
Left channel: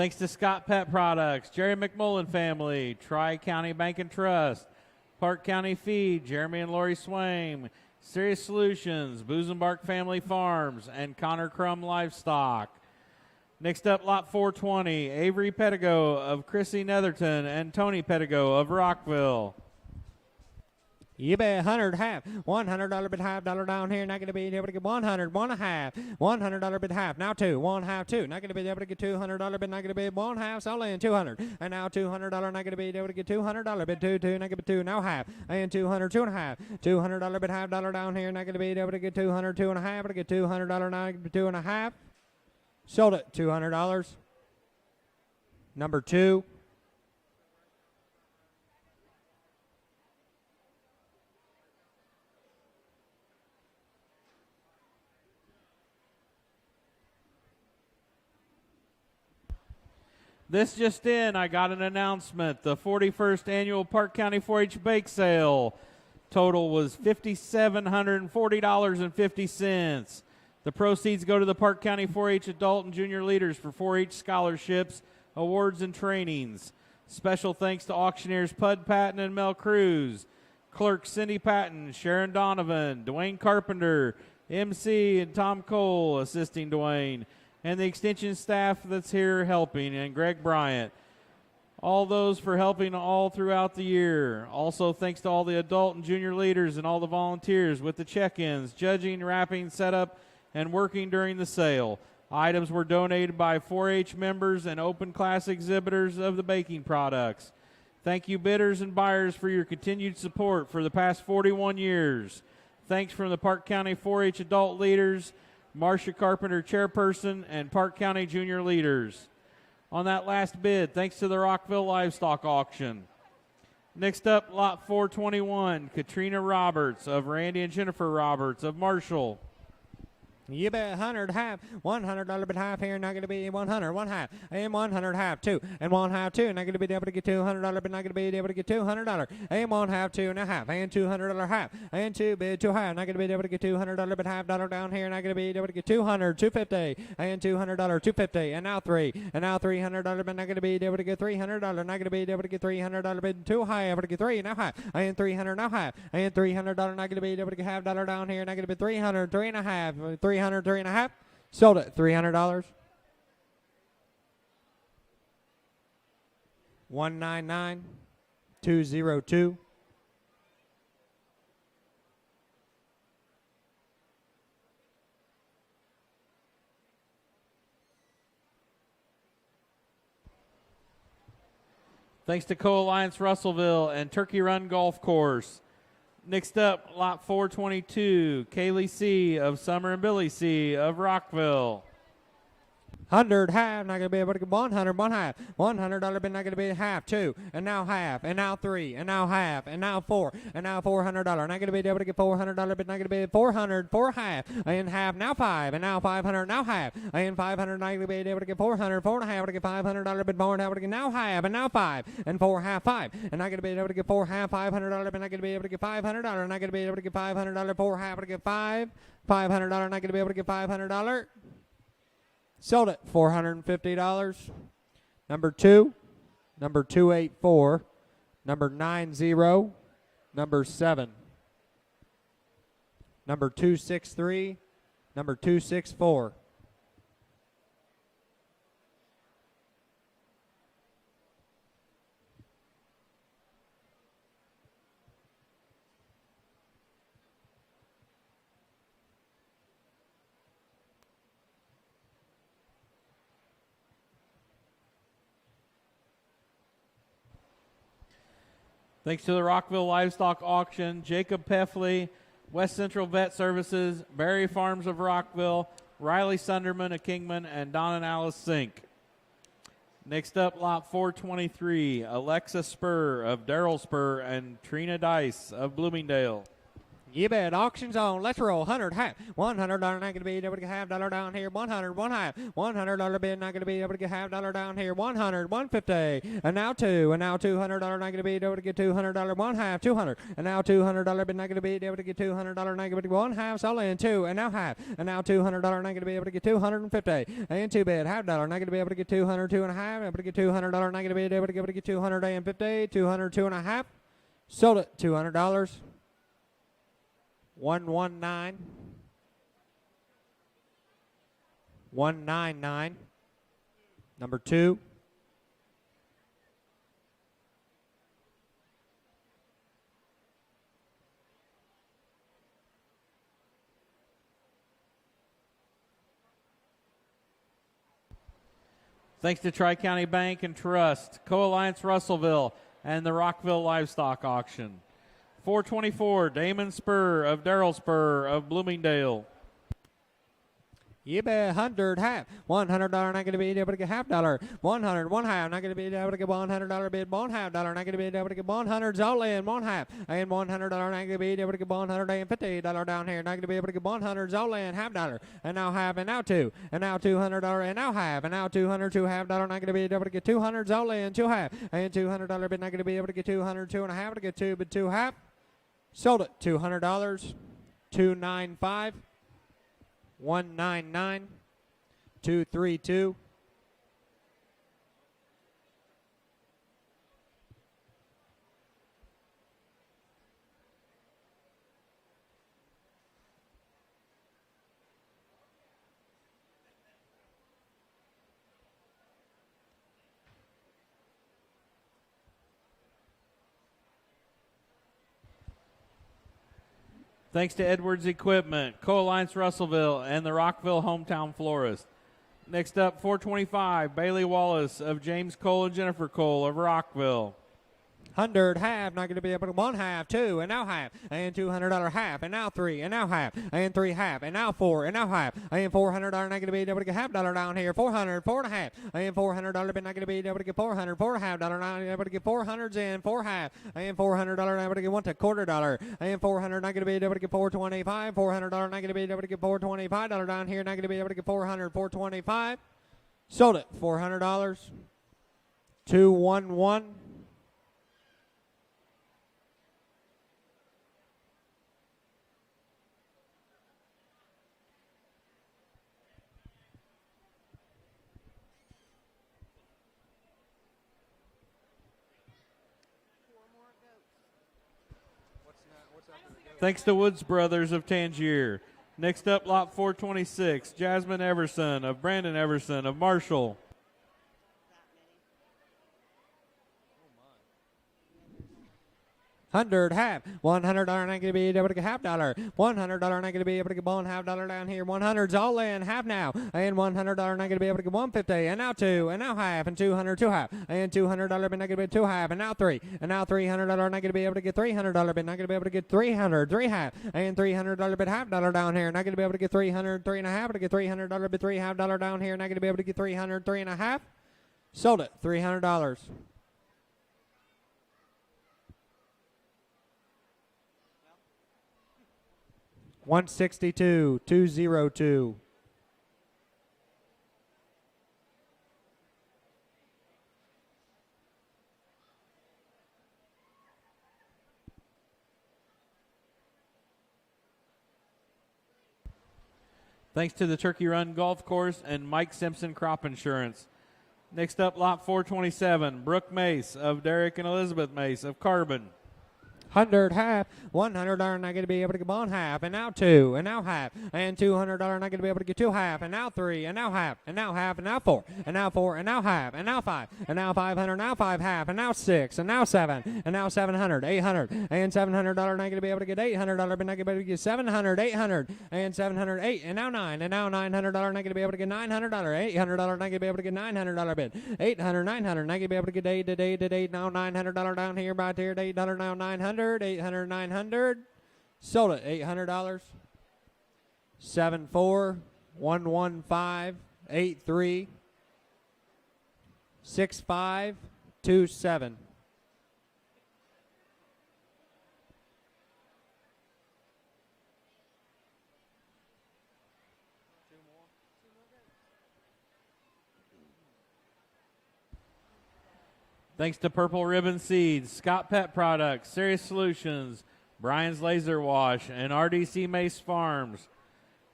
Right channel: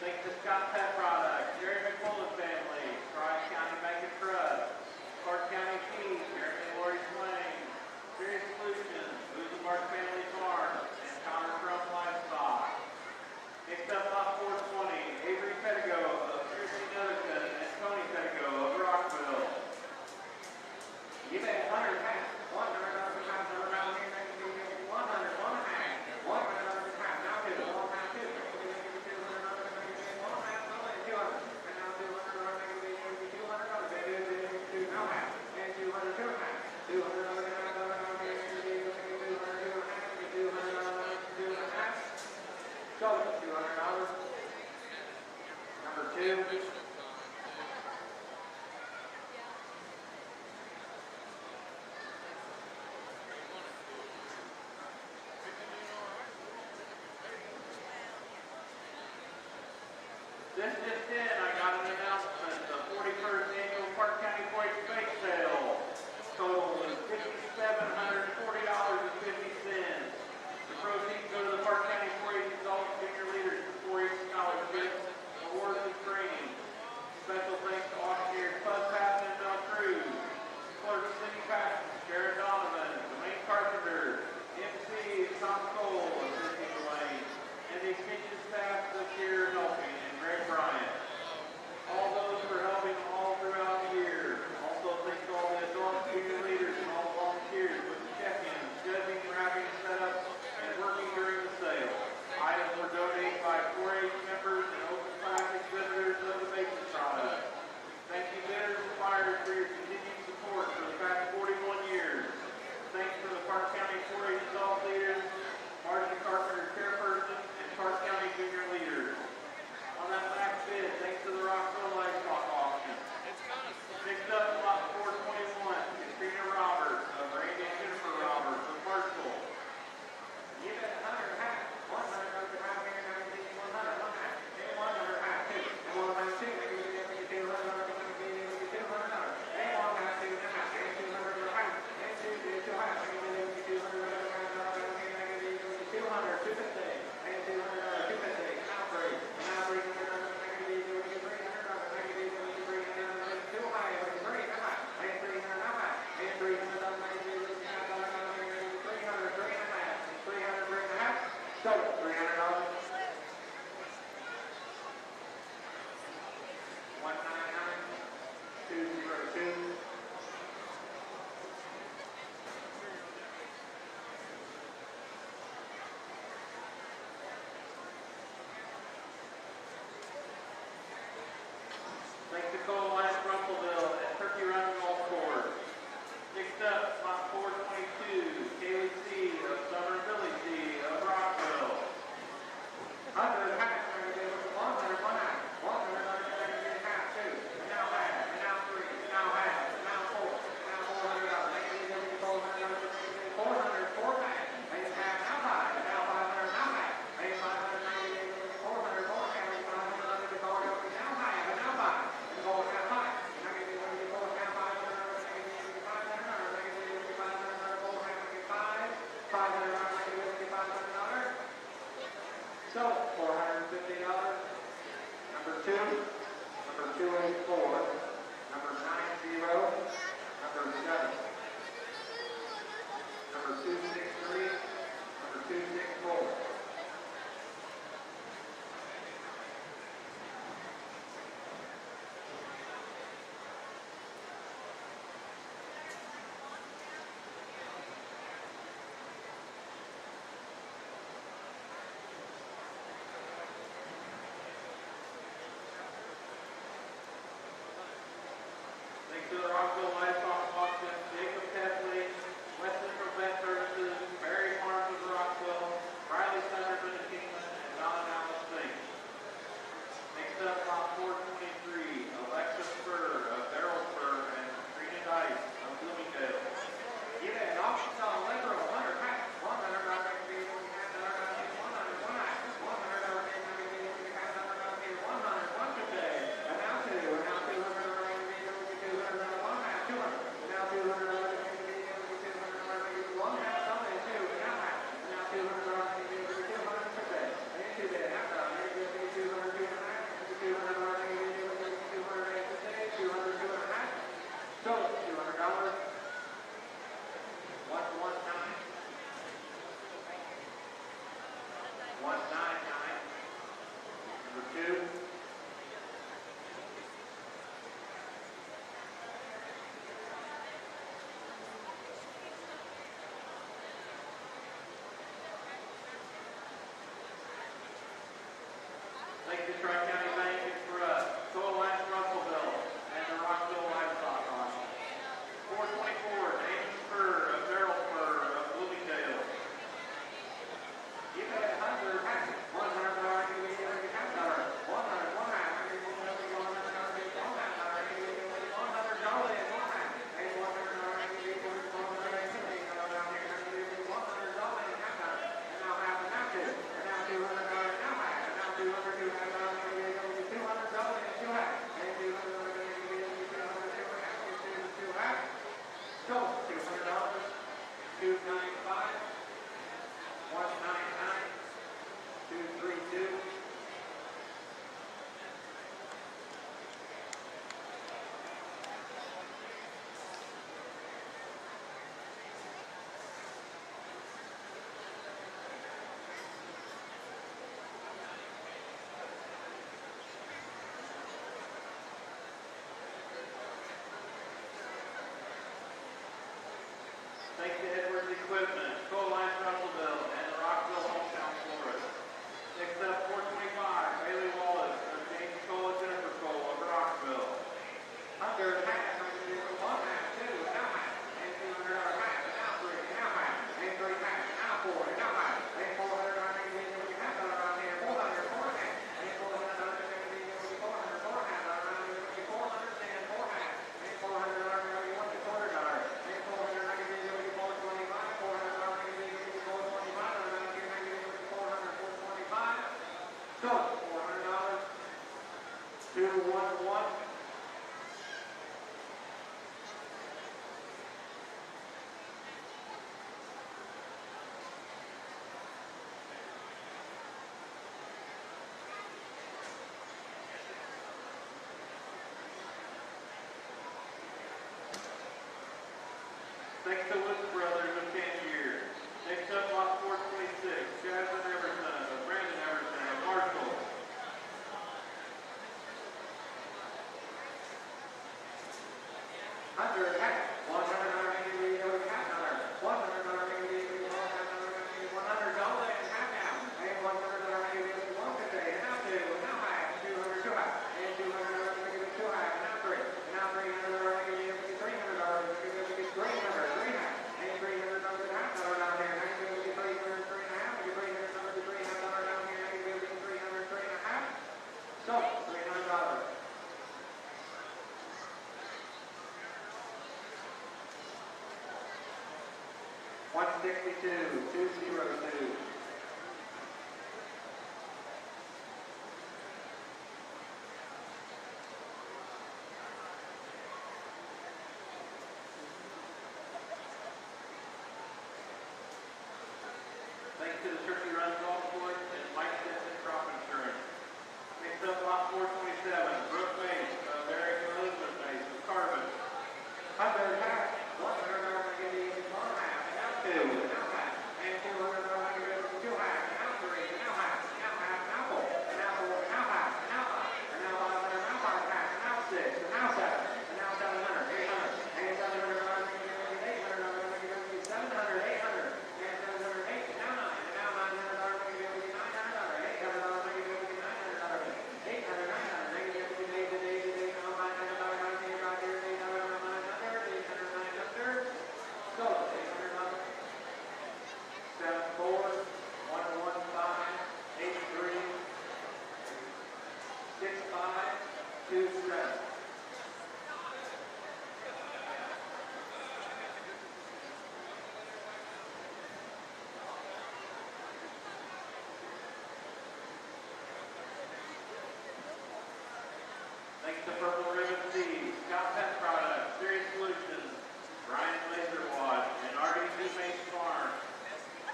Thanks to Scott Pet Products, Jerry McMullen Family, Tri-County Bank and Trust, Parke County Feed, Jeremy and Lori Swain, Serious Solutions, Boozenbark Family Farms, and Connor Crum Livestock. Next up, lot 420, Avery Pettigo of Chrissy Netherton and Tony Pettigo of Rockville. You bet 100 half, $100 bid half dollar down here, not gonna be able to get 100, one and a half, $100 bid half, now two, one half two, not gonna be able to get $200 bid, not gonna be one half, so in 200, and now $200, not gonna be able to get $200 bid two, not gonna be two, now half, and 200, two and a half, $200 bid half dollar down here, not gonna be able to get 200, two and a half, to get $200 now, two and a half, sold it, $200. Number 2. This just in, I got an announcement. The 41st annual Parke County 4-H bake sale total was $5,740.50. The proceeds go to the Parke County 4-H adult and junior leaders for 4-H scholarships, awards, and trainings. Special thanks to auctioneers Pud Patton and Mel Cruz, clerk Cindy Patton, Sharon Donovan, Dwayne Carpenter, MC and Tom Cole assisting Dwayne, and the extension staff that's here helping, and Greg Bryant. All those for helping all throughout the year. Also thanks to all the adult and junior leaders and all the volunteers with the check-ins, judging, wrapping, setup, and working during the sale. Items were donated by 4-H members and open class exhibitors of the baking products. Thank you bidders and buyers for your continued support for the past 41 years. Thanks from the Parke County 4-H adult leaders, Marcia Carpenter chairperson, and Parke County junior leaders. On that last bid, thanks to the Rockville Livestock Auction. Next up, lot 421, Katrina Roberts of Randy and Jennifer Roberts of Marshall. You bet 100 half, $100 bid half here, not going to be 100, one half, and 100 half, two, and 1 half, two, not going to be able to get $200, but not going to be able to get $200, and 1 half, 2 and a half, and $200 half, and 2 bid 2 half, not going to be able to get $200 bid half, dollar down here, not going to be able to get 200, 250, and $200, 250, and now 3, and now $300, but not going to be able to get $300, not going to be able to get $300 bid 2 high, able to get 3 and a half, and $300 and a half, and $300, not going to be able to get half dollar down here, not going to be 300, 3 and a half, 300, 3 and a half, sold it, $300. 199, 202. Thanks to Co-Alliance Russellville and Turkey Run Golf Course. Next up, lot 422, Kaylee C. of Summer and Billy C. of Rockville. 100 half, not going to be able to get 100, 1 half, $100, but not going to be half, 2, and now half, and now 3, and now half, and now 4, and now $400, not going to be able to get $400, but not going to be 400, 4 half, and half, now 5, and now 500, now half, and 500, not going to be able to get 400, 4 and a half, to get $500, but more, now to get now half, and now 5, and 4 half, 5, and not going to be able to get 4 half, $500, but not going to be able to get $500, not going to be able to get $500, 4 half, to get 5, $500, not going to be able to get $500. Sold it, $450. Number 2, number 284, number 90, number 7, number 263, number 264. Thanks to the Rockville Livestock Auction, Jacob Peffley, West Central Vet Services, Berry Farms of Rockville, Riley Sunderman of Kingman, and Don and Alice Sink. Next up, lot 423, Alexa Spur of Darrell Spur and Trina Dice of Bloomingdale. You bet, auctions on, let's roll, 100 half, $100, not going to be able to get half dollar down here, 100, 1 half, $100 bid, not going to be able to get half dollar down here, 100, 150, and now 2, and now $200, not going to be able to get $200, 1 half, 200, and now $200 bid, not going to be able to get $200, not going to be 1 half, all in 2, and now half, and now $200, not going to be able to get 250, and 2 bid, half dollar, not going to be able to get 200, 2 and a half, able to get $200, not going to be able to get 250, 200, 2 and a half, sold it, $200. 119, 199, number 2, Thanks to Tri-County Bank and Trust, Co-Alliance Russellville, and the Rockville Livestock Auction. 424, Damon Spur of Darrell Spur of Bloomingdale. You bet, 100 half, $100, not going to be able to get half dollar, 100, 1 half, not going to be able to get $100 bid, 1 half dollar, not going to be able to get 100 all in, 1 half, and $100, not going to be able to get $150 down here, not going to be able to get 100 all in, half dollar, and now half, and now 2, and now $200, and now half, and now 200, 2 half dollar, not going to be able to get 200 all in, 2 half, and $200 bid, not going to be able to get 200, 2 and a half, to get 2 bid, 2 half, sold it, $200, 295. 199, 232, Thanks to Edwards Equipment, Co-Alliance Russellville, and the Rockville Hometown Florist. Next up, 425, Bailey Wallace of James Cole and Jennifer Cole of Rockville. 100 half, not going to be able to 1 half, 2, and now half, and $200 half, and now 3, and now half, and 3 half, and now 4, and now half, and $400 not going to be able to get half dollar down here, 400, 4 and a half, and $400 but not going to be able to get 400, 4 and a half dollar, not going to be able to get 400s in, 4 half, and $400 not able to get 1 quarter dollar, and 400 not going to be able to get 425, $400 not going to be able to get $425 down here, not going to be able to get 400, 425, sold it, $400, 211. Thanks to Woods Brothers of Tangier. Next up, lot 426, Jasmine Everson of Brandon Everson of Marshall. 100 half, $100 not going to be able to get half dollar, $100 not going to be able to get 1 half dollar down here, 100's all in, half now, and $100 not going to be able to get 150, and now 2, and now half, and 200, 2 half, and $200 but not going to be 2 half, and now 3, and now $300 not going to be able to get $300 but not going to be able to get 300, 3 half, and $300 but half dollar down here, not going to be able to get 300, 3 and a half, to get $300 but 3 half dollar down here, not going to be able to get 300, 3 and a half, sold it, $300. 162, 202. Thanks to the Turkey Run Golf Course and Mike Simpson Crop Insurance. Next up, lot 427, Brooke Mace of Derek and Elizabeth Mace of Carbon. 100 half, $100 not going to be able to get 1 half, and now 2, and now half, and $200 not going to be able to get 2 half, and now 3, and now half, and now half, and now 4, and now 4, and now half, and now 5, and now 500, now 5 half, and now 6, and now 7, and now 700, 800, and $700 not going to be able to get $800, but not going to be able to get 700, 800, and 708, and now 9, and now $900 not going to be able to get $900, $800 not going to be able to get $900 bid, 800, 900, not going to be able to get 8, now $900 down here, about here, 800, now 900. 800, 900, sold it, $800, 74, 115, 83, 65, 27. Thanks to Purple Ribbon Seeds, Scott Pet Products, Serious Solutions, Brian's Laser Wash, and RDC Mace Farms.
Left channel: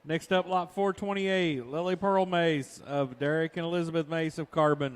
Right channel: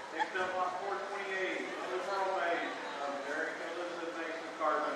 Next up, lot 428, Lily Pearl Mace of Derek and Elizabeth Mace of Carbon.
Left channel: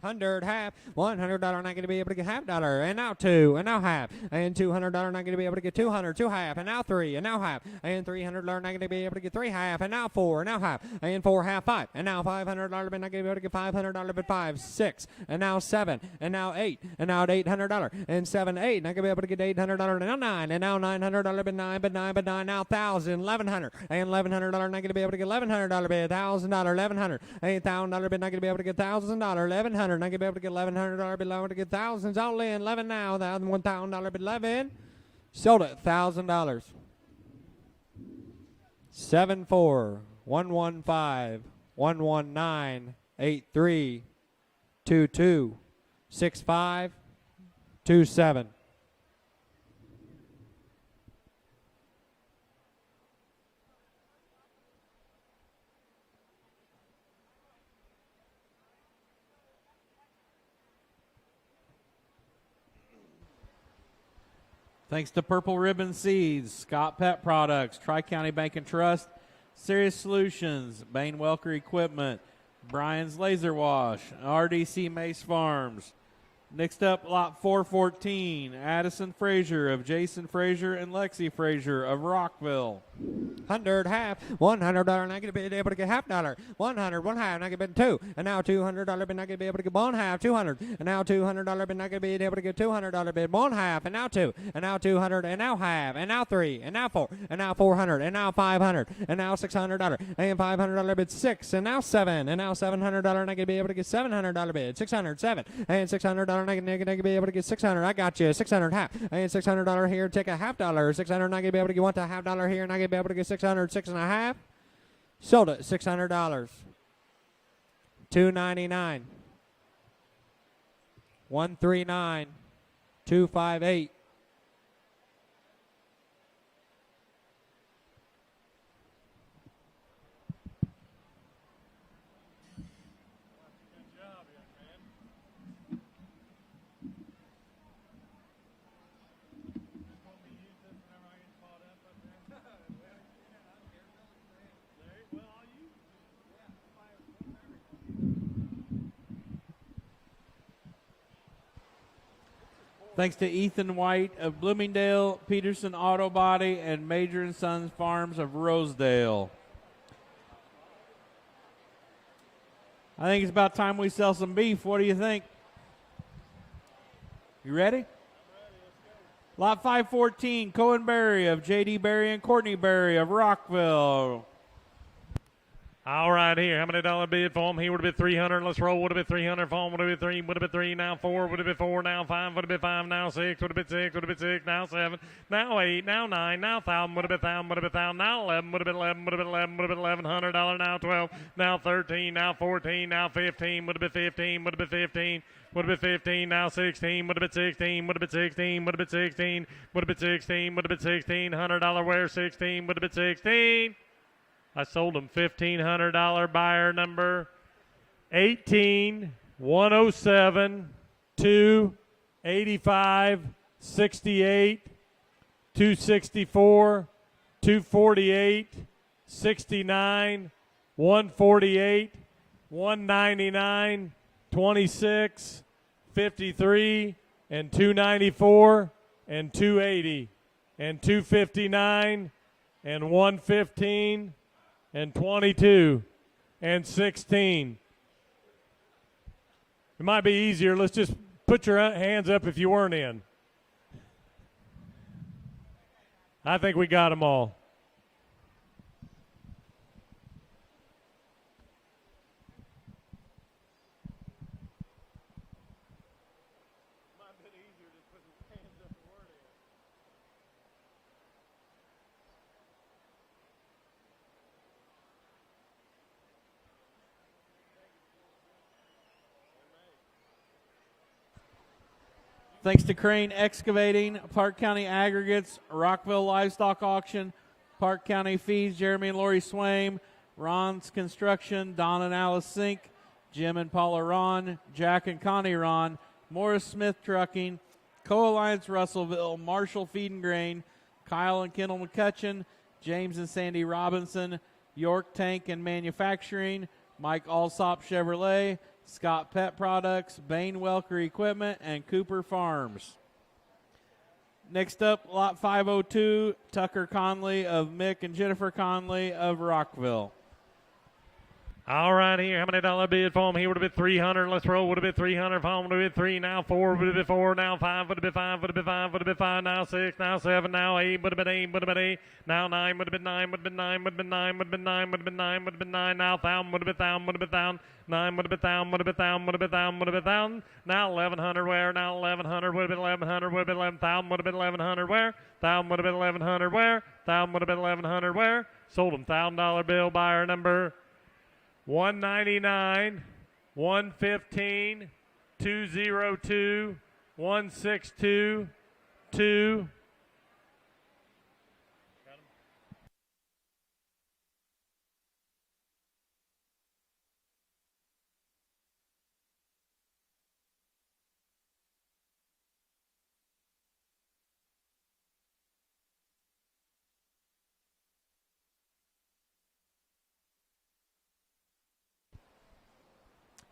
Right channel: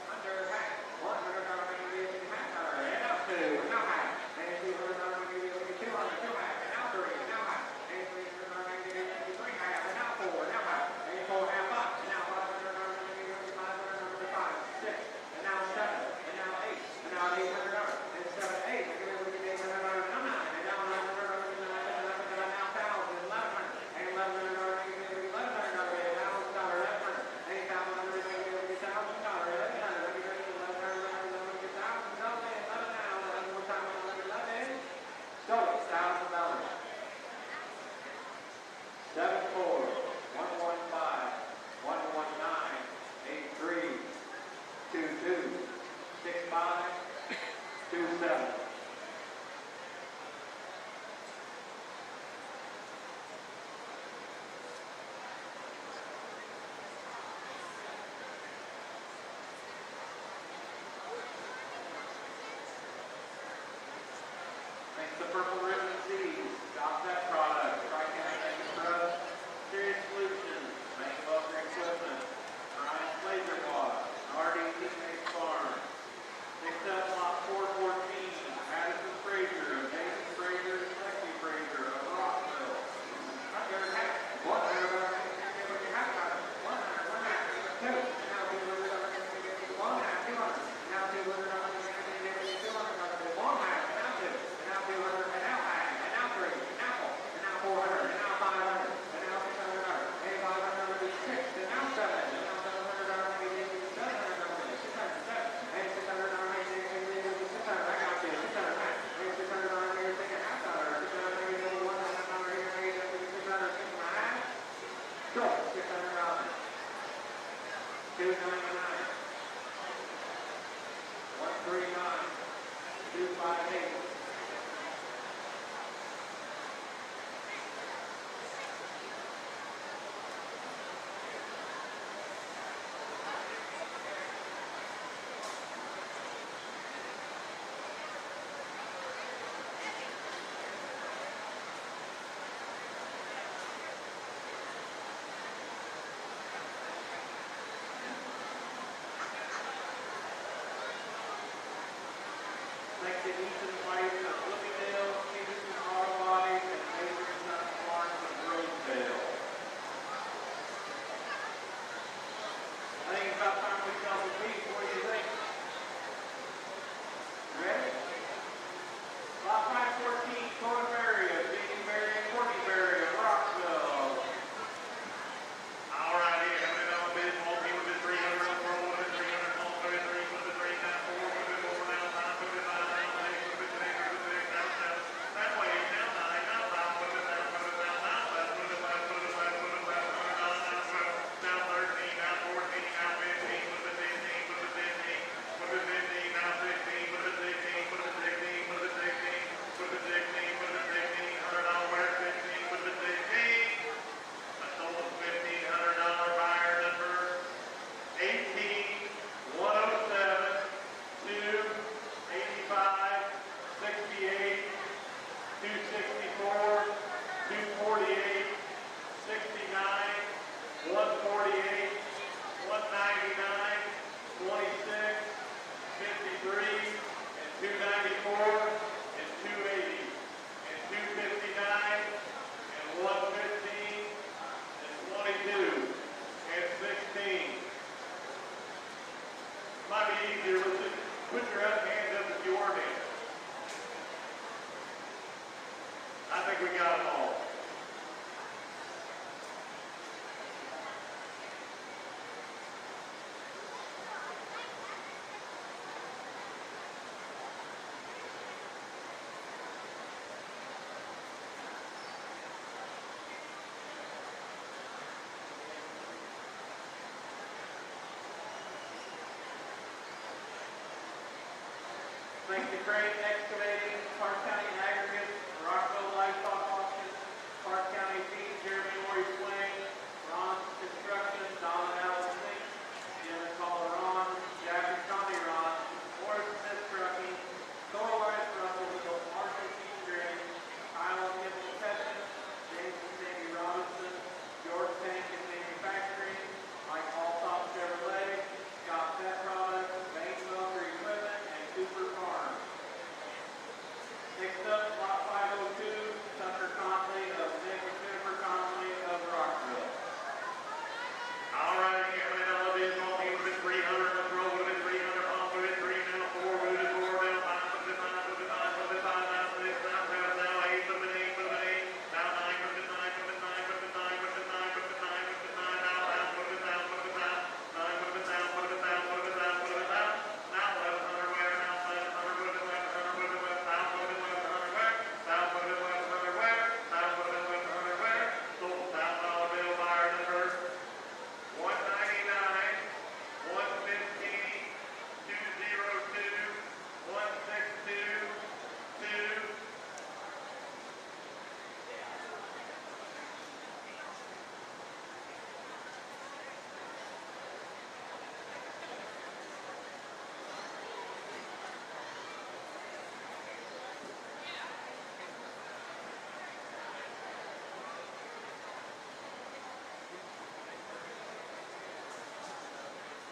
100 half, $100 not going to be able to get half dollar, and now 2, and now half, and $200 not going to be able to get 200, 2 half, and now 3, and now half, and $300 not going to be able to get 3 half, and now 4, and now half, and 4 half 5, and now $500 but not going to be able to get $500 but 5, 6, and now 7, and now 8, and now $800, and 7, 8, not going to be able to get $800, and now 9, and now $900 but 9, but 9, but 9, now 1,000, 1,100, and $1,100 not going to be able to get $1,100, but $1,000, $1,100, and $1,000 but not going to be able to get $1,000, $1,100. Not gonna be able to get $1,100, below to get thousands all in, 11 now, $1,000, but 11, sold it, $1,000. 74, 115, 119, 83, 22, 65, 27. Thanks to Purple Ribbon Seeds, Scott Pet Products, Tri-County Bank and Trust, Serious Solutions, Bain Welker Equipment, Brian's Laser Wash, and RDC Mace Farms. Next up, lot 414, Addison Frazier of Jason Frazier and Lexi Frazier of Rockville. 100 half, $100 not gonna be able to get half dollar. 100, one half, not gonna be two. And now $200 bid not gonna be able to get one half, 200. And now $200 bid not gonna be able to get $200 bid one half. And now two. And now 200. And now half. And now three. And now four. And now 400. And now 500. And now $600. And $500 bid six. And now seven. And now $700 not gonna be able to get $700 bid. 600, seven. And $600 not gonna be able to get 600. I got you. 600 half. And $600 here. Take a half dollar. 600 not gonna be able to get one to half dollar here. Not gonna be able to get 600, six and a half. Sold it. $600. $299. $139. $258. Thanks to Ethan White of Bloomingdale, Peterson Auto Body, and Major & Sons Farms of Rosedale. I think it's about time we sell some beef. What do you think? You ready? Lot 514, Cohen Berry of J.D. Berry and Courtney Berry of Rockville. All right, here. How many dollar bid for him? He would have been 300. Let's roll. Would have been 300 for him. Would have been 3. Would have been 3. Now 4. Would have been 4. Now 5. Would have been 5. Now 6. Would have been 6. Would have been 6. Now 7. Now 8. Now 9. Now 5. Would have been 1,000. Would have been 1,000. Now 11. Would have been 11. Would have been 11. Would have been $1,100. Now 12. Now 13. Now 14. Now 15. Would have been 15. Would have been 15. Would have been 15. Now 16. Would have been 16. Would have been 16. Would have been 16. Would have been 16. Would have been 16. $100 wear 16. Would have been 16. I sold them $1,500 buyer number 18, 107, 2, 85, 68, 264, 248, 69, 148, 199, 26, 53, and 294, and 280, and 259, and 115, and 22, and 16. It might be easier. Let's just put your hands up if you weren't in. I think we got them all. Thanks to Crane Excavating, Parke County Aggregates, Rockville Livestock Auction, Parke County Feeds, Jeremy and Lori Swain, Ron's Construction, Don and Alice Sink, Jim and Paula Ron, Jack and Connie Ron, Morris Smith Trucking, Co-Alliance Russellville, Marshall Feed and Grain, Kyle and Kendall McCutcheon, James and Sandy Robinson, York Tank and Manufacturing, Mike Alsop Chevrolet, Scott Pet Products, Bain Welker Equipment, and Cooper Farms. Next up, lot 502, Tucker Conley of Mick and Jennifer Conley of Rockville. All right, here. How many dollar bid for him? He would have been 300. Let's roll. Would have been 300 for him. Would have been 3. Now 4. Would have been 4. Now 5. Would have been 5. Would have been 5. Would have been 5. Now 6. Now 7. Now 8. Would have been 8. Would have been 8. Now 9. Would have been 9. Would have been 9. Would have been 9. Would have been 9. Would have been 9. Would have been 9. Now 1,000. Would have been 1,000. Would have been 1,000. 9 would have been 1,000. Would have been 1,000. Would have been 1,000. Would have been 1,000. Now 1,100 where? Now 1,100. Would have been 1,100. Would have been 1,000. Would have been 1,100 where? 1,000 would have been 1,100 where? 1,000 would have been 1,100 where? Sold them $1,000 bill buyer number 199, 115, 202, 162, 2.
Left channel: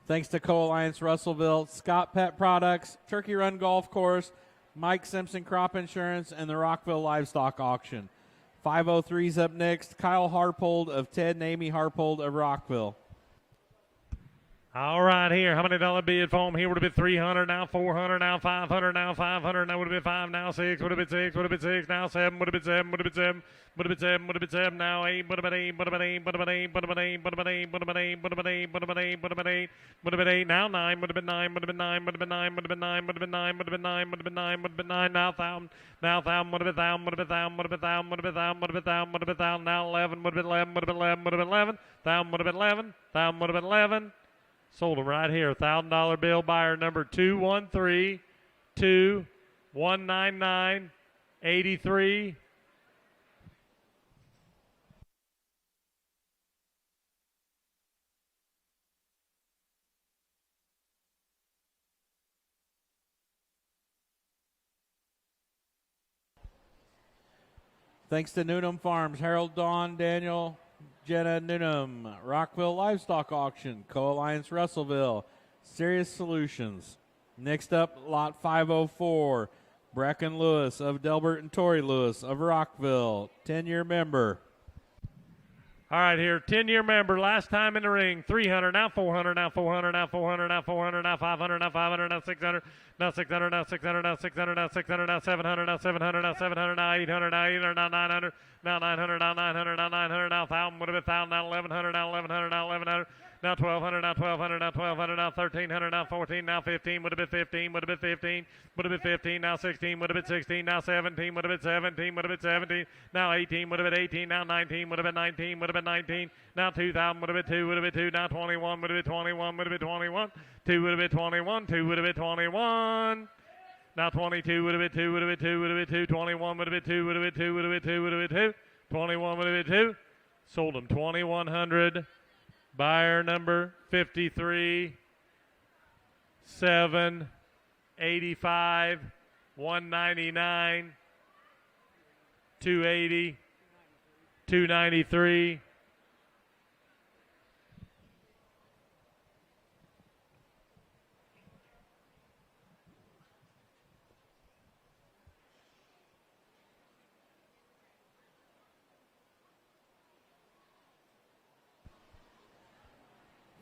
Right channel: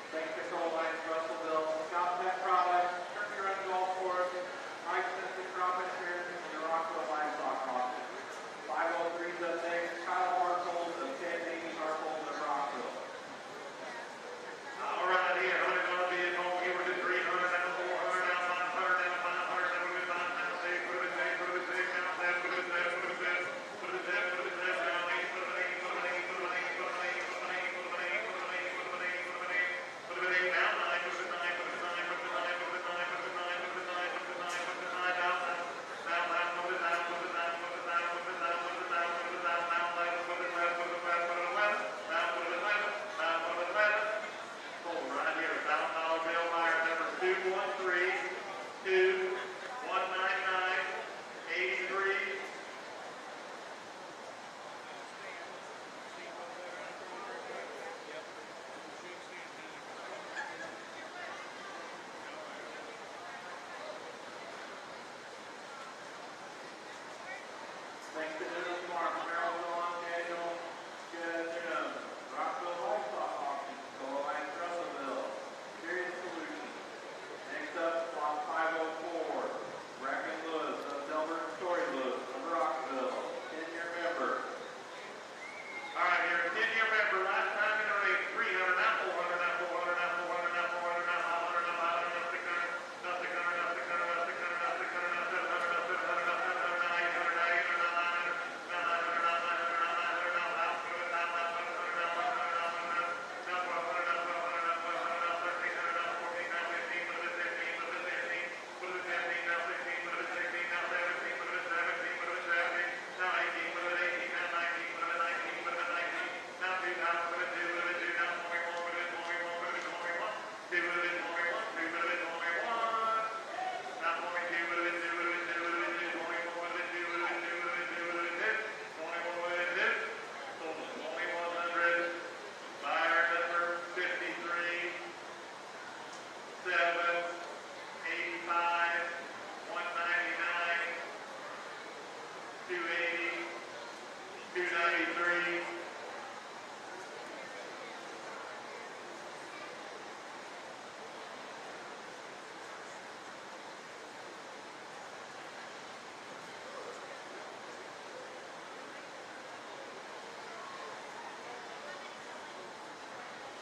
Thanks to Co-Alliance Russellville, Scott Pet Products, Turkey Run Golf Course, Mike Simpson Crop Insurance, and the Rockville Livestock Auction. 503's up next, Kyle Harpold of Ted and Amy Harpold of Rockville. All right, here, $100 bid foam. Here would have been 300, now 400, now 500, now 500, now would have been 5, now 6, would have been 6, would have been 6, now 7, would have been 7, would have been 7. Would have been 7, would have been 7, now 8, would have been 8, would have been 8, would have been 8, would have been 8, would have been 8, would have been 8, would have been 8, would have been 8, would have been 8, would have been 8, now 9, would have been 9, would have been 9, would have been 9, would have been 9, would have been 9, would have been 9, would have been 9, would have been 9, now 1,000, now 1,000, would have been 1,000, would have been 1,000, would have been 1,000, would have been 1,000, would have been 1,000, would have been 1,000, now 11, would have been 11, would have been 11, would have been 11, 1,000 would have been 11, 1,000 would have been 11. Sold them right here. $1,000 bill buyer number 213 2199 83. Thanks to Newnham Farms, Harold, Dawn, Daniel, Jenna Newnham, Rockville Livestock Auction, Co-Alliance Russellville, Serious Solutions. Next up, lot 504, Bracken Lewis of Delbert and Tori Lewis of Rockville, 10-year member. All right, here, 10-year member, last time in the ring, 300, now 400, now 400, now 400, now 400, now 500, now 500, now 600, now 600, now 600, now 600, now 600, now 700, now 700, now 700, now 800, now 800, now 900, now 900, now 900, now 900, now 1,000, would have been 1,000, now 1,100, now 1,100, now 1,100, now 1,200, now 1,200, now 1,200, now 1,300, now 14, now 15, would have been 15, would have been 15, would have been 15, now 16, would have been 16, now 17, would have been 17, would have been 17, now 18, would have been 18, now 19, would have been 19, would have been 19, now 2,000, would have been 2, would have been 2, now 21, would have been 21, would have been 21, 2 would have been 21, 2 would have been 21. Now 22 would have been 2, would have been 2, would have been 2, 21 would have been 2, would have been 2, would have been 2, would have been 2, 21 would have been 2. Sold them 2,100. Buyer number 53, 7, 85, 199, 280, 293.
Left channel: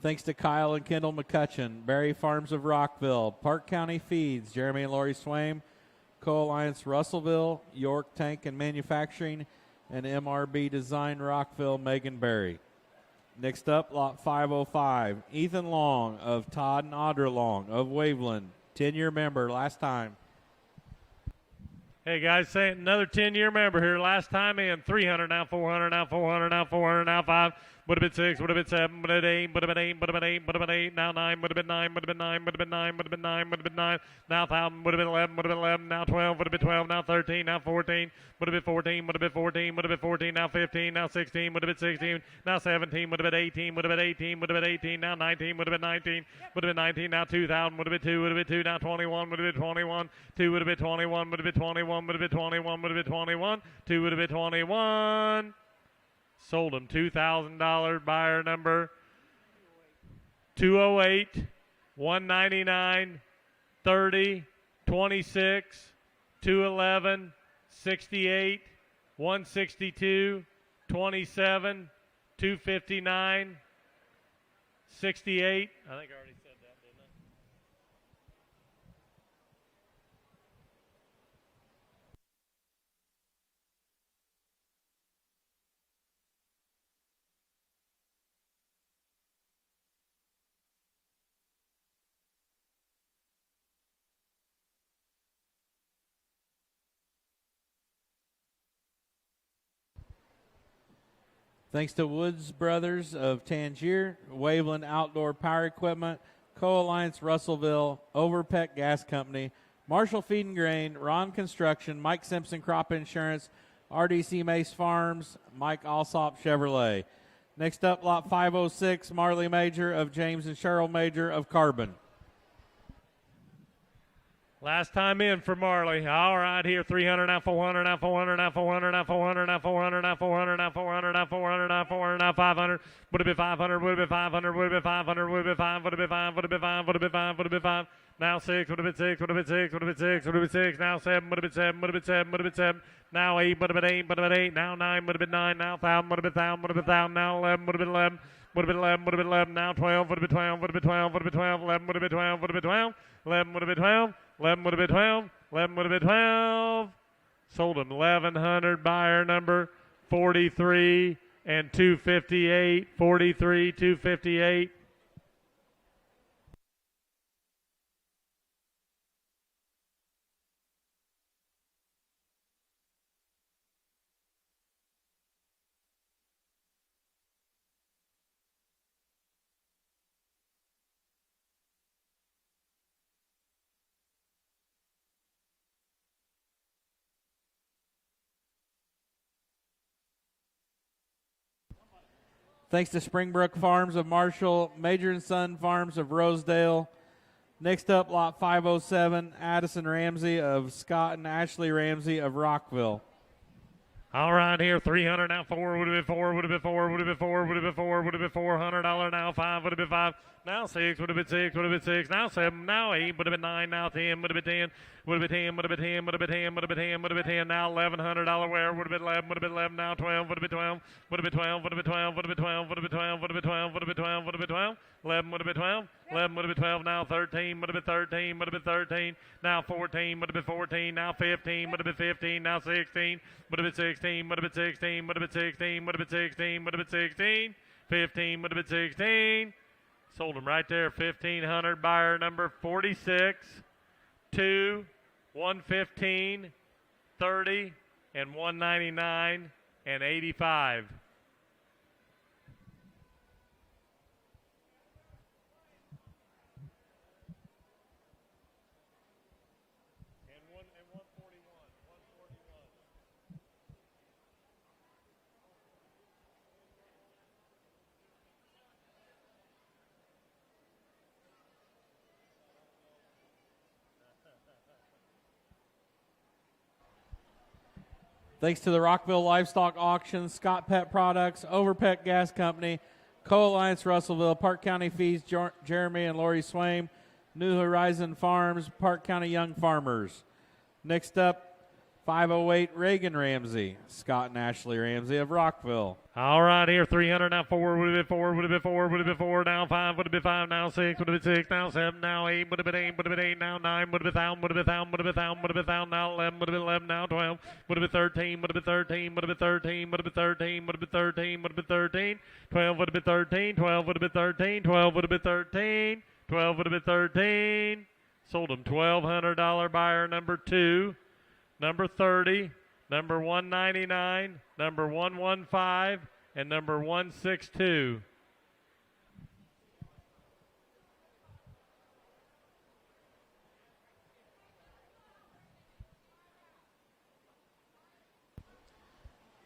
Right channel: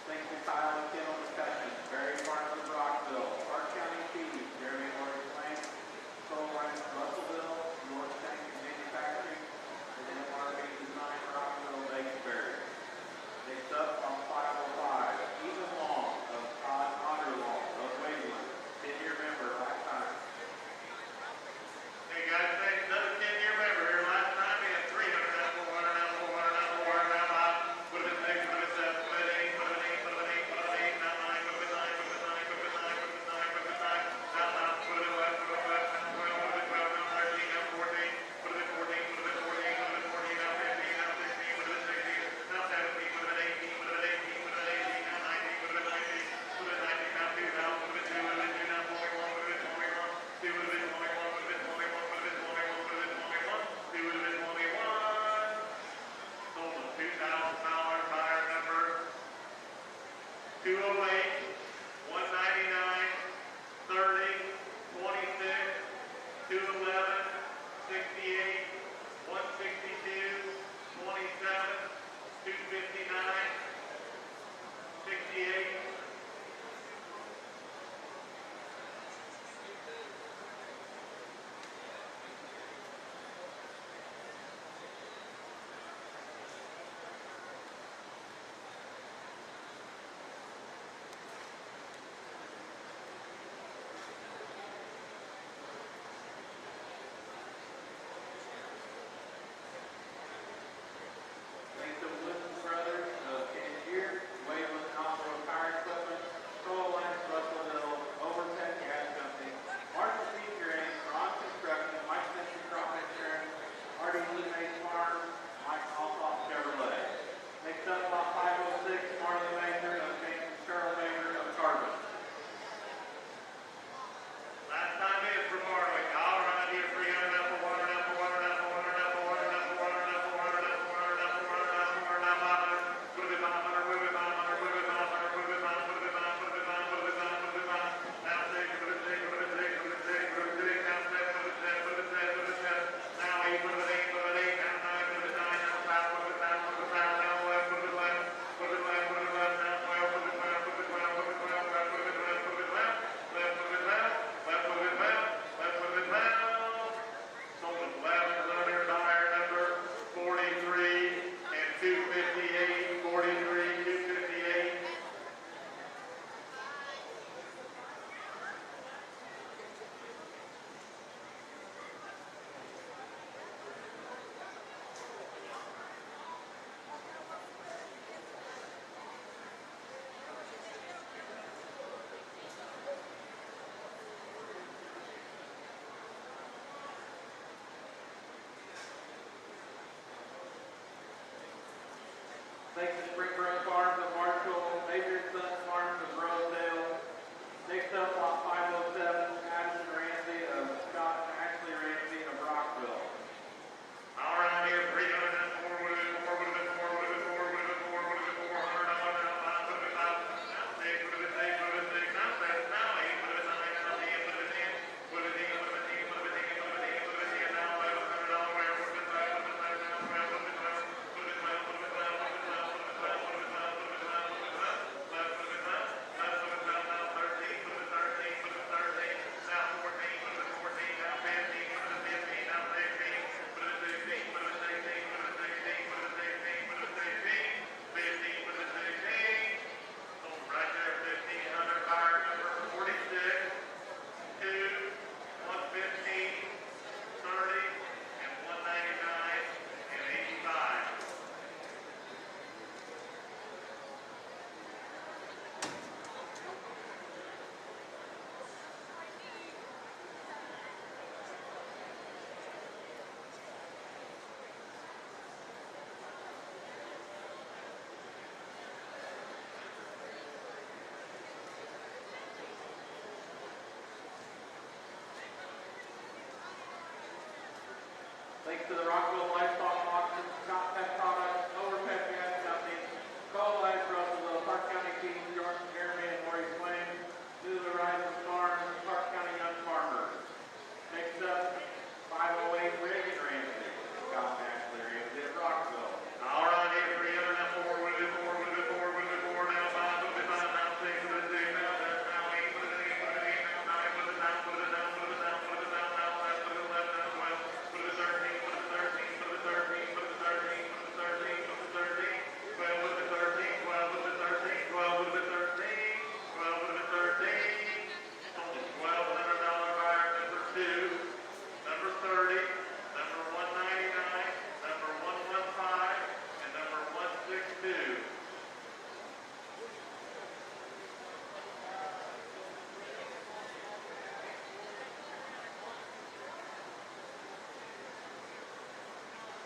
Thanks to Kyle and Kendall McCutcheon, Berry Farms of Rockville, Park County Feeds, Jeremy and Lori Swain, Co-Alliance Russellville, York Tank and Manufacturing, and MRB Design Rockville, Megan Berry. Next up, lot 505, Ethan Long of Todd and Audra Long of Waveland, 10-year member, last time. Hey guys, saying another 10-year member here. Last time in 300, now 400, now 400, now 400, now 5. Would have been 6, would have been 7, would have been 8, would have been 8, would have been 8, would have been 8, now 9, would have been 9, would have been 9, would have been 9, would have been 9, would have been 9, now 1,000, would have been 11, would have been 11, now 12, would have been 12, now 13, now 14, would have been 14, would have been 14, would have been 14, now 15, now 16, would have been 16, now 17, would have been 18, would have been 18, would have been 18, now 19, would have been 19, would have been 19, now 2,000, would have been 2, would have been 2, now 21, would have been 21, 2 would have been 21, would have been 21, would have been 21, would have been 21, 2 would have been 21. Sold them $2,000. Buyer number 208, 199, 30, 26, 211, 68, 162, 27, 259, 68. Thanks to Woods Brothers of Tangier, Waveland Outdoor Power Equipment, Co-Alliance Russellville, Overpeck Gas Company, Marshall Feed and Grain, Ron Construction, Mike Simpson Crop Insurance, RDC Mace Farms, Mike Alsop Chevrolet. Next up, lot 506, Marley Major of James and Cheryl Major of Carbon. Last time in for Marley. All right, here 300, now 400, now 400, now 400, now 400, now 400, now 400, now 400, now 400, now 400, now 500, would it be 500, would it be 500, would it be 500, would it be 5, would it be 5, would it be 5, would it be 5, would it be 5, now 6, would it be 6, would it be 6, would it be 6, would it be 6, now 7, would it be 7, would it be 7, would it be 7, now 8, would it be 8, would it be 8, now 9, would it be 9, now 1,000, would it be 1,000, would it be 1,000, now 11, would it be 11, would it be 11, would it be 11, now 12, would it be 12, would it be 12, would it be 12, 11, would it be 12, would it be 12, 11, would it be 12, 11, would it be 12, 11, would it be 12, sold at 1,100, buyer number 43 and 258, 43, 258. Thanks to Springbrook Farms of Marshall, Major & Son Farms of Rosedale. Next up, lot 507, Addison Ramsey of Scott and Ashley Ramsey of Rockville. All right, here, 300, now 4, would it be 4, would it be 4, would it be 4, would it be 4, would it be $400, now 5, would it be 5, now 6, would it be 6, would it be 6, now 7, now 8, would it be 9, now 10, would it be 10, would it be 10, would it be 10, would it be 10, would it be 10, would it be 10, now $1,100, where would it be 11, would it be 11, now 12, would it be 12, would it be 12, would it be 12, would it be 12, would it be 12, would it be 12, would it be 12, would it be 12, 11, would it be 12, 11, would it be 12, now 13, would it be 13, would it be 13, now 14, would it be 14, now 15, would it be 15, now 16, would it be 16, would it be 16, would it be 16, would it be 16, would it be 16, 15, would it be 16, sold them right there, 1,500, buyer number 46, 2, 115, 30, and 199, and 85. Thanks to the Rockville Livestock Auction, Scott Pet Products, Overpet Gas Company, Co-Alliance Russellville, Parke County Feeds, Jeremy and Lori Swain, New Horizon Farms, Parke County Young Farmers. Next up, 508 Reagan Ramsey, Scott and Ashley Ramsey of Rockville. All right, here, 300, now 4, would it be 4, would it be 4, would it be 4, now 5, would it be 5, now 6, would it be 6, now 7, now 8, would it be 8, would it be 8, now 9, would it be 1,000, would it be 1,000, would it be 1,000, would it be 1,000, now 11, would it be 11, now 12, would it be 13, would it be 13, would it be 13, would it be 13, would it be 13, would it be 13, 12, would it be 13, 12, would it be 13, 12, would it be 13, 12, would it be 13, sold them $1,200, buyer number 2, number 30, number 199, number 115, and number 162.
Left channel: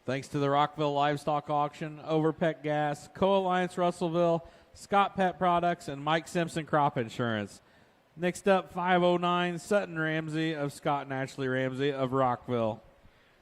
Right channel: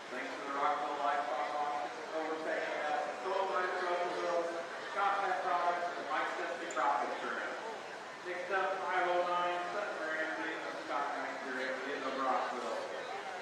Thanks to the Rockville Livestock Auction, Overpet Gas, Co-Alliance Russellville, Scott Pet Products, and Mike Simpson Crop Insurance. Next up, 509 Sutton Ramsey of Scott and Ashley Ramsey of Rockville.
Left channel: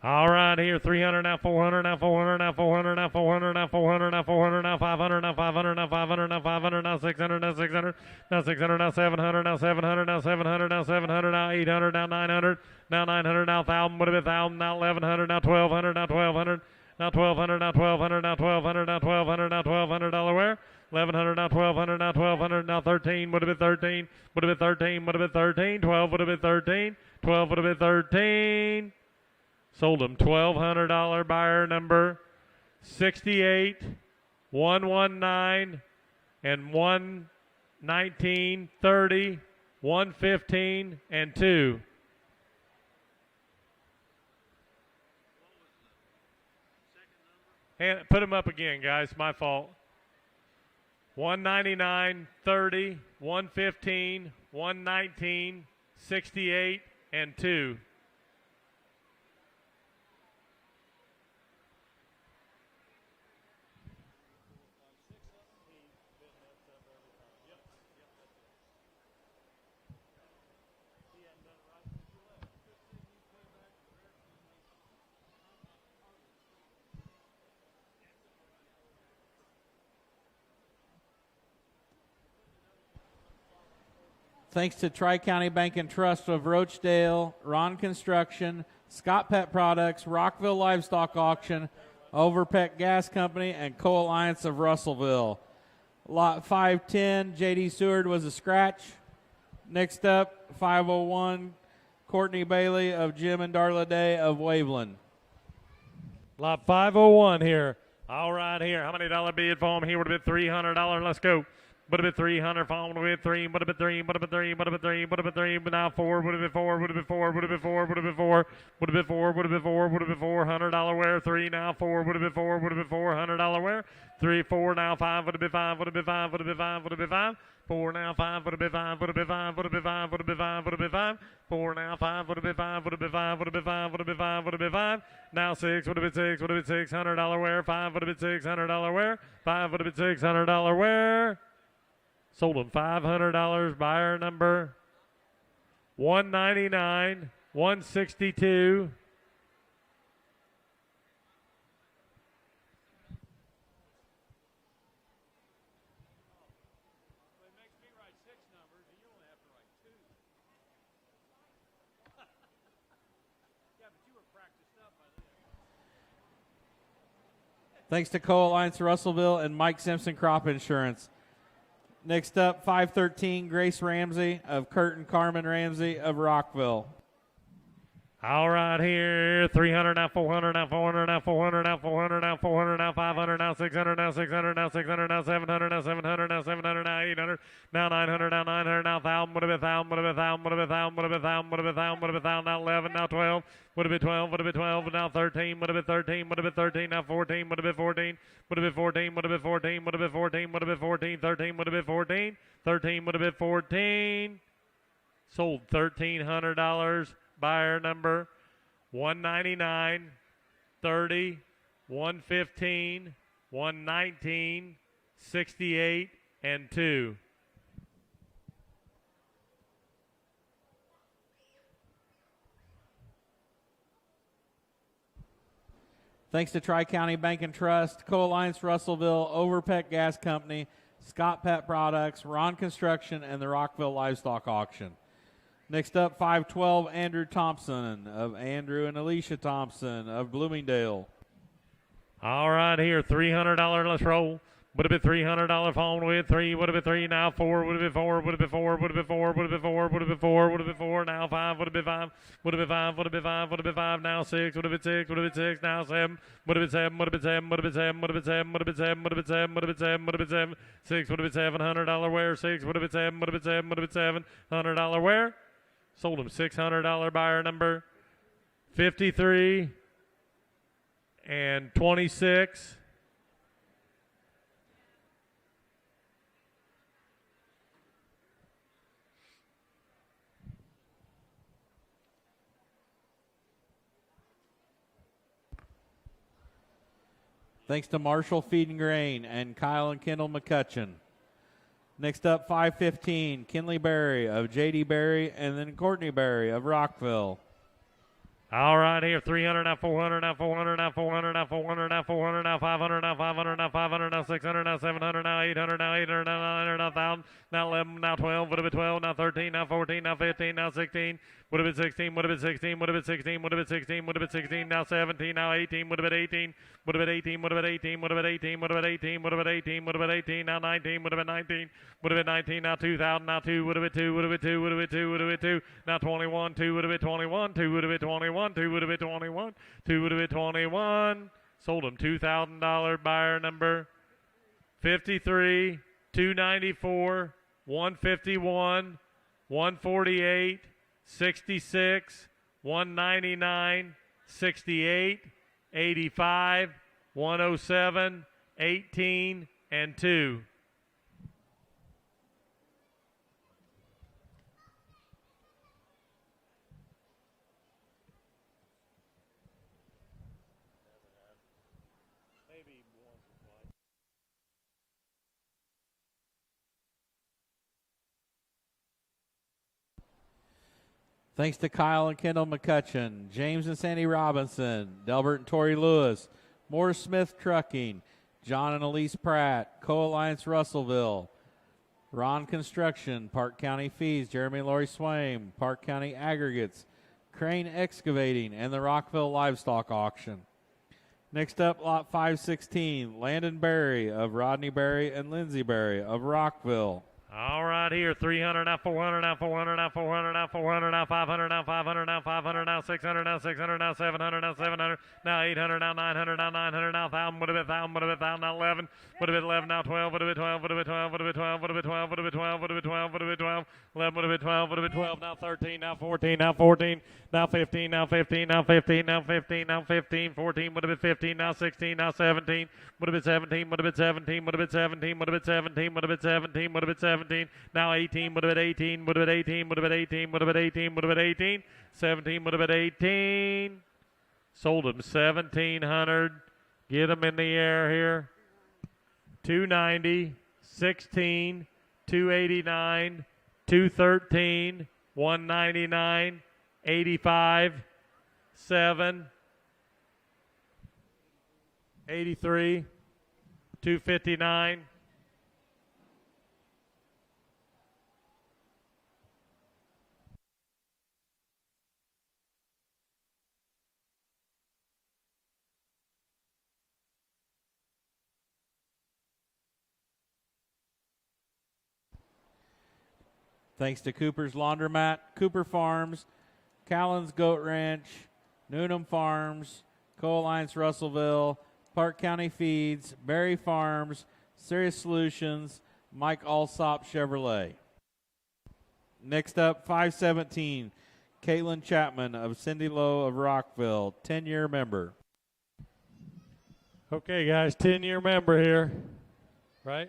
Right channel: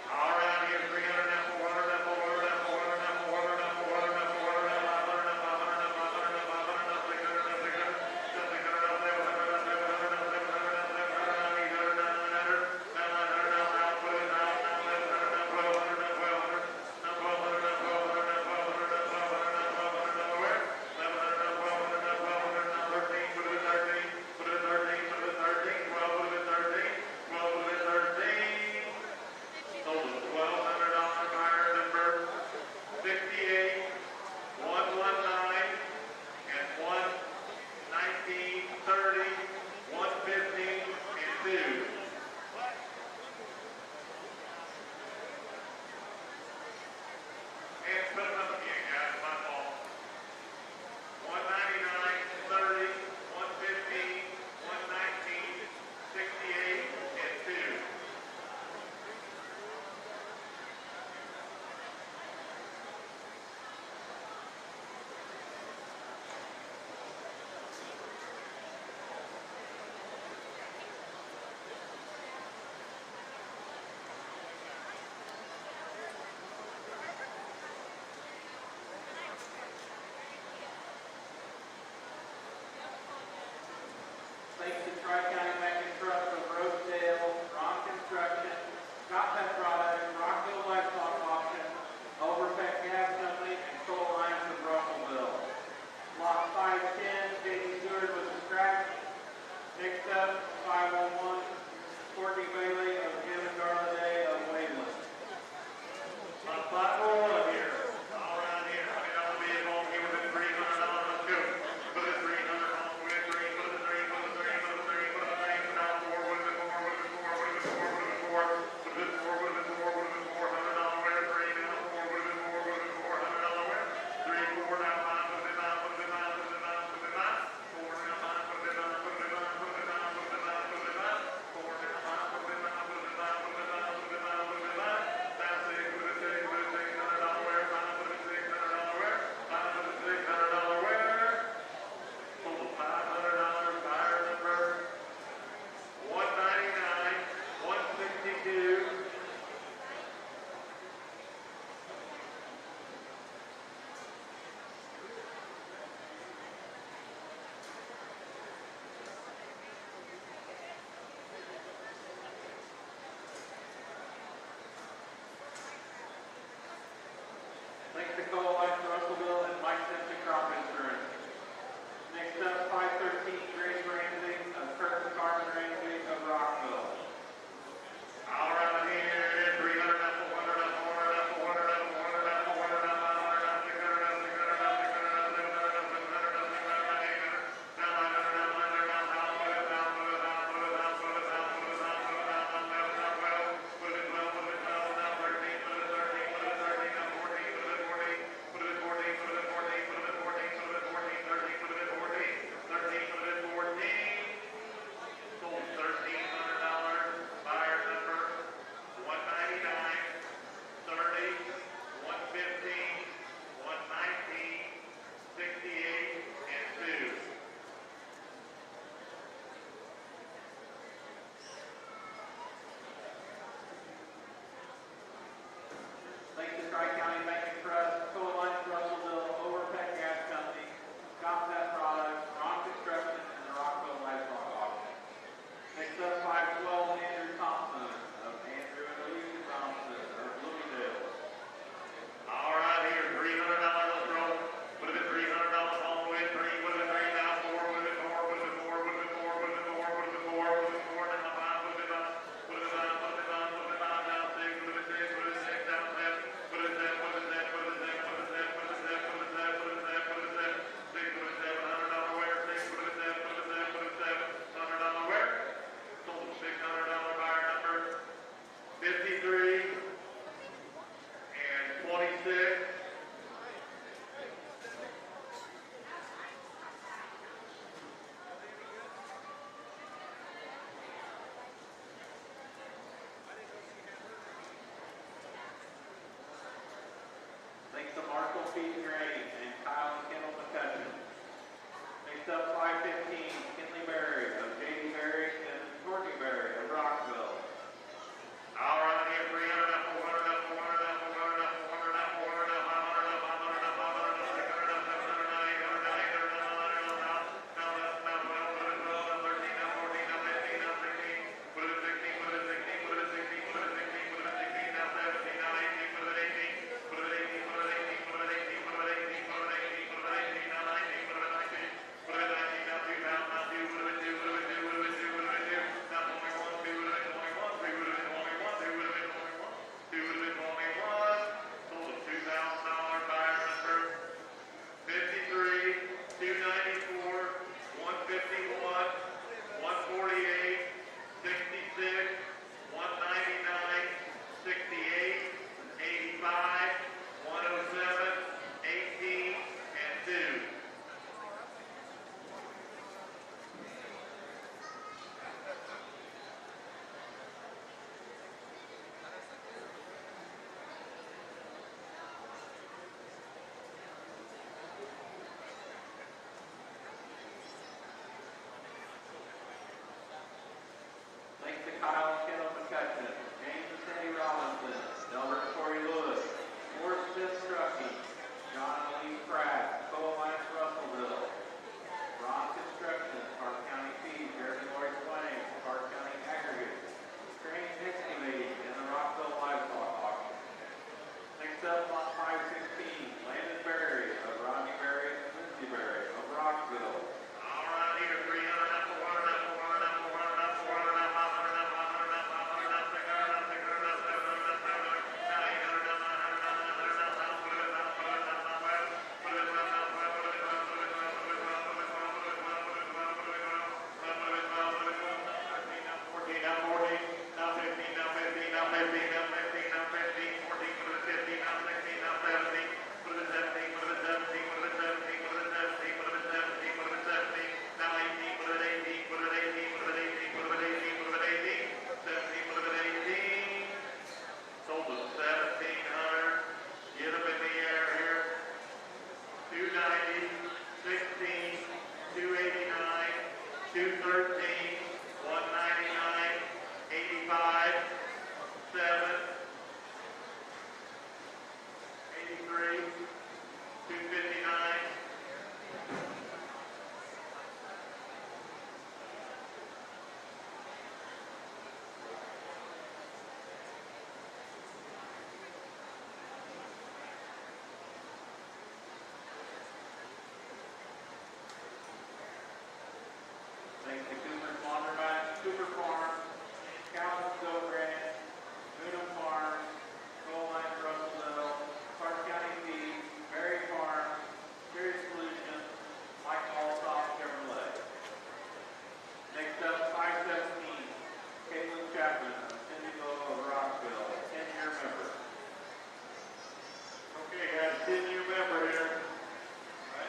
All right, here, 300, now 400, now 400, now 400, now 400, now 400, now 400, now 500, now 500, now 500, now 500, now 600, now 600, now 600, now 700, now 700, now 700, now 700, now 800, now 900, now 900, now 1,000, would have been 1,000, now 1,100, now 1,200, now 1,200, now 1,200, now 1,200, now 1,200, now 1,200, now 1,200, Delaware, 1,100, now 1,200, now 1,200, now 13, would have been 13, would have been 13, would have been 13, 12 would have been 13, 12 would have been 13. Sold them $1,200, buyer number 68, 119, and 119, 30, 115, and 2. And put them up again, guys. My fault. 199, 30, 115, 119, 68, and 2. Thanks to Tri-County Bank and Trust of Roachdale, Ron Construction, Scott Pet Products, Rockville Livestock Auction, Overpeck Gas Company, and Co-Alliance of Russellville. Lot 510, J.D. Seward was a scratch. Next up, 501, Courtney Bailey of Jim and Darla Day of Waveland. Lot 501 here. All right here. How many dollar bid for him? Here would have been $300. Let's go. Would have been 300, followed with 3, would have been 3, would have been 3, would have been 3, would have been 3, but now 4, would have been 4, would have been 4, would have been 4, would have been 4, would have been 4, would have been 4, would have been 4, $100 wear, 3, now 4, would have been 4, would have been 4, $100 wear, 3, 4, now 5, would have been 5, would have been 5, would have been 5, would have been 5, 4, now 5, would have been 5, would have been 5, would have been 5, would have been 5, would have been 5, 4, now 5, would have been 5, would have been 5, would have been 5, would have been 5, would have been 5, now 6, would have been 6, would have been 6, $100 wear, 5, would have been 6, $100 wear, 5, would have been 6, $100 wear. Sold him $500, buyer number 199, 162. Thanks to Co-Alliance Russellville and Mike Simpson Crop Insurance. Next up, 513, Grace Ramsey of Curtin Carmen Ramsey of Rockville. All right here, 300, now 400, now 400, now 400, now 400, now 400, now 500, now 600, now 600, now 600, now 700, now 700, now 700, now 800, now 900, now 900, now 1,000, would have been 1,000, would have been 1,000, would have been 1,000, would have been 1,000, would have been 1,000, would have been 1,000, now 11, now 12, would have been 12, would have been 12, now 13, would have been 13, would have been 13, now 14, would have been 14, would have been 14, would have been 14, would have been 14, would have been 14, 13, would have been 14, 13 would have been 14. Sold $1,300. Buyer number 199, 30, 115, 119, 68, and 2. Thanks to Tri-County Bank and Trust, Co-Alliance Russellville, Overpeck Gas Company, Scott Pet Products, Ron Construction, and the Rockville Livestock Auction. Next up, 512, Andrew Thompson of Andrew and Alicia Thompson of Bloomingdale. All right, here, $300. Let's roll. Would have been $300 phone with 3. Would have been 3. Now 4. Would have been 4. Would have been 4. Would have been 4. Would have been 4. Would have been 4. Would have been 4. Now 5. Would have been 5. Would have been 5. Would have been 5. Would have been 5. Now 6. Would have been 6. Would have been 6. Now 7. Would have been 7. Would have been 7. Would have been 7. Would have been 7. Would have been 7. Would have been 7. Would have been 7. Would have been 7. 6 would have been $700 wear. 6 would have been 7. Would have been 7. Would have been $700 wear. Sold him $600. Buyer number 53 and 26. Thanks to Marshall Feed and Grain and Kyle and Kendall McCutcheon. Next up, 515, Kinley Berry of J.D. Berry, and then Courtney Berry of Rockville. All right, here, 300, now 400, now 400, now 400, now 400, now 400, now 500, now 500, now 500, now 600, now 700, now 800, now 800, now 900, now 1,000, now 11, now 12, would have been 12, now 13, now 14, now 15, now 16, would have been 16, would have been 16, would have been 16, would have been 16, would have been 16, now 17, now 18, would have been 18, would have been 18, would have been 18, would have been 18, would have been 18, would have been 18, would have been 18, now 19, would have been 19, would have been 19, now 2,000, now 2, would have been 2, would have been 2, would have been 2, would have been 2, now 21, 2 would have been 21, 2 would have been 21, 2 would have been 21, 2 would have been 21. Sold him $2,000. Buyer number 53, 294, 151, 148, 66, 199, 68, 85, 107, 18, and 2. Thanks to Kyle and Kendall McCutcheon, James and Sandy Robinson, Delbert and Tori Lewis, Morris Smith Trucking, John and Elise Pratt, Co-Alliance Russellville, Ron Construction, Parke County Feeds, Jeremy Laurie Swain, Parke County Aggregates, Crane Excavating, and the Rockville Livestock Auction. Next up, lot 516, Landon Berry of Rodney Berry and Lindsay Berry of Rockville. All right, here, 300, now 400, now 400, now 400, now 400, now 500, now 500, now 500, now 600, now 600, now 700, now 700, now 800, now 900, now 900, now 1,000, what a bit, 1,000, what a bit, 1,000, now 11, what a bit, 11, now 12, what a bit, 12, what a bit, 12, what a bit, 12, what a bit, 12, what a bit, 12, what a bit, 12, what a bit, 12, 11, what a bit, 12, what a bit, 12, now 13, now 14, now 14, now 15, now 15, now 15, now 15, now 15, 14, what a bit, 15, now 16, now 17, what a bit 17, what a bit 17, what a bit 17, what a bit 17, what a bit 17, what a bit 17, now 18, what a bit 18, what a bit 18, what a bit 18, what a bit 18, what a bit 18, 17, what a bit 18, sold them 1,700, get them in the air here, 290, 16, 289, 213, 199, 85, 7, 83, 259, Thanks to Cooper's Laundromat, Cooper Farms, Callan's Goat Ranch, Newnham Farms, Coal Alliance Russellville, Parke County Feeds, Berry Farms, Serious Solutions, Mike Alsop Chevrolet. Next up, 517, Caitlin Chapman of Cindy Lowe of Rockville, 10-year member. Okay, guys, 10-year member here, right?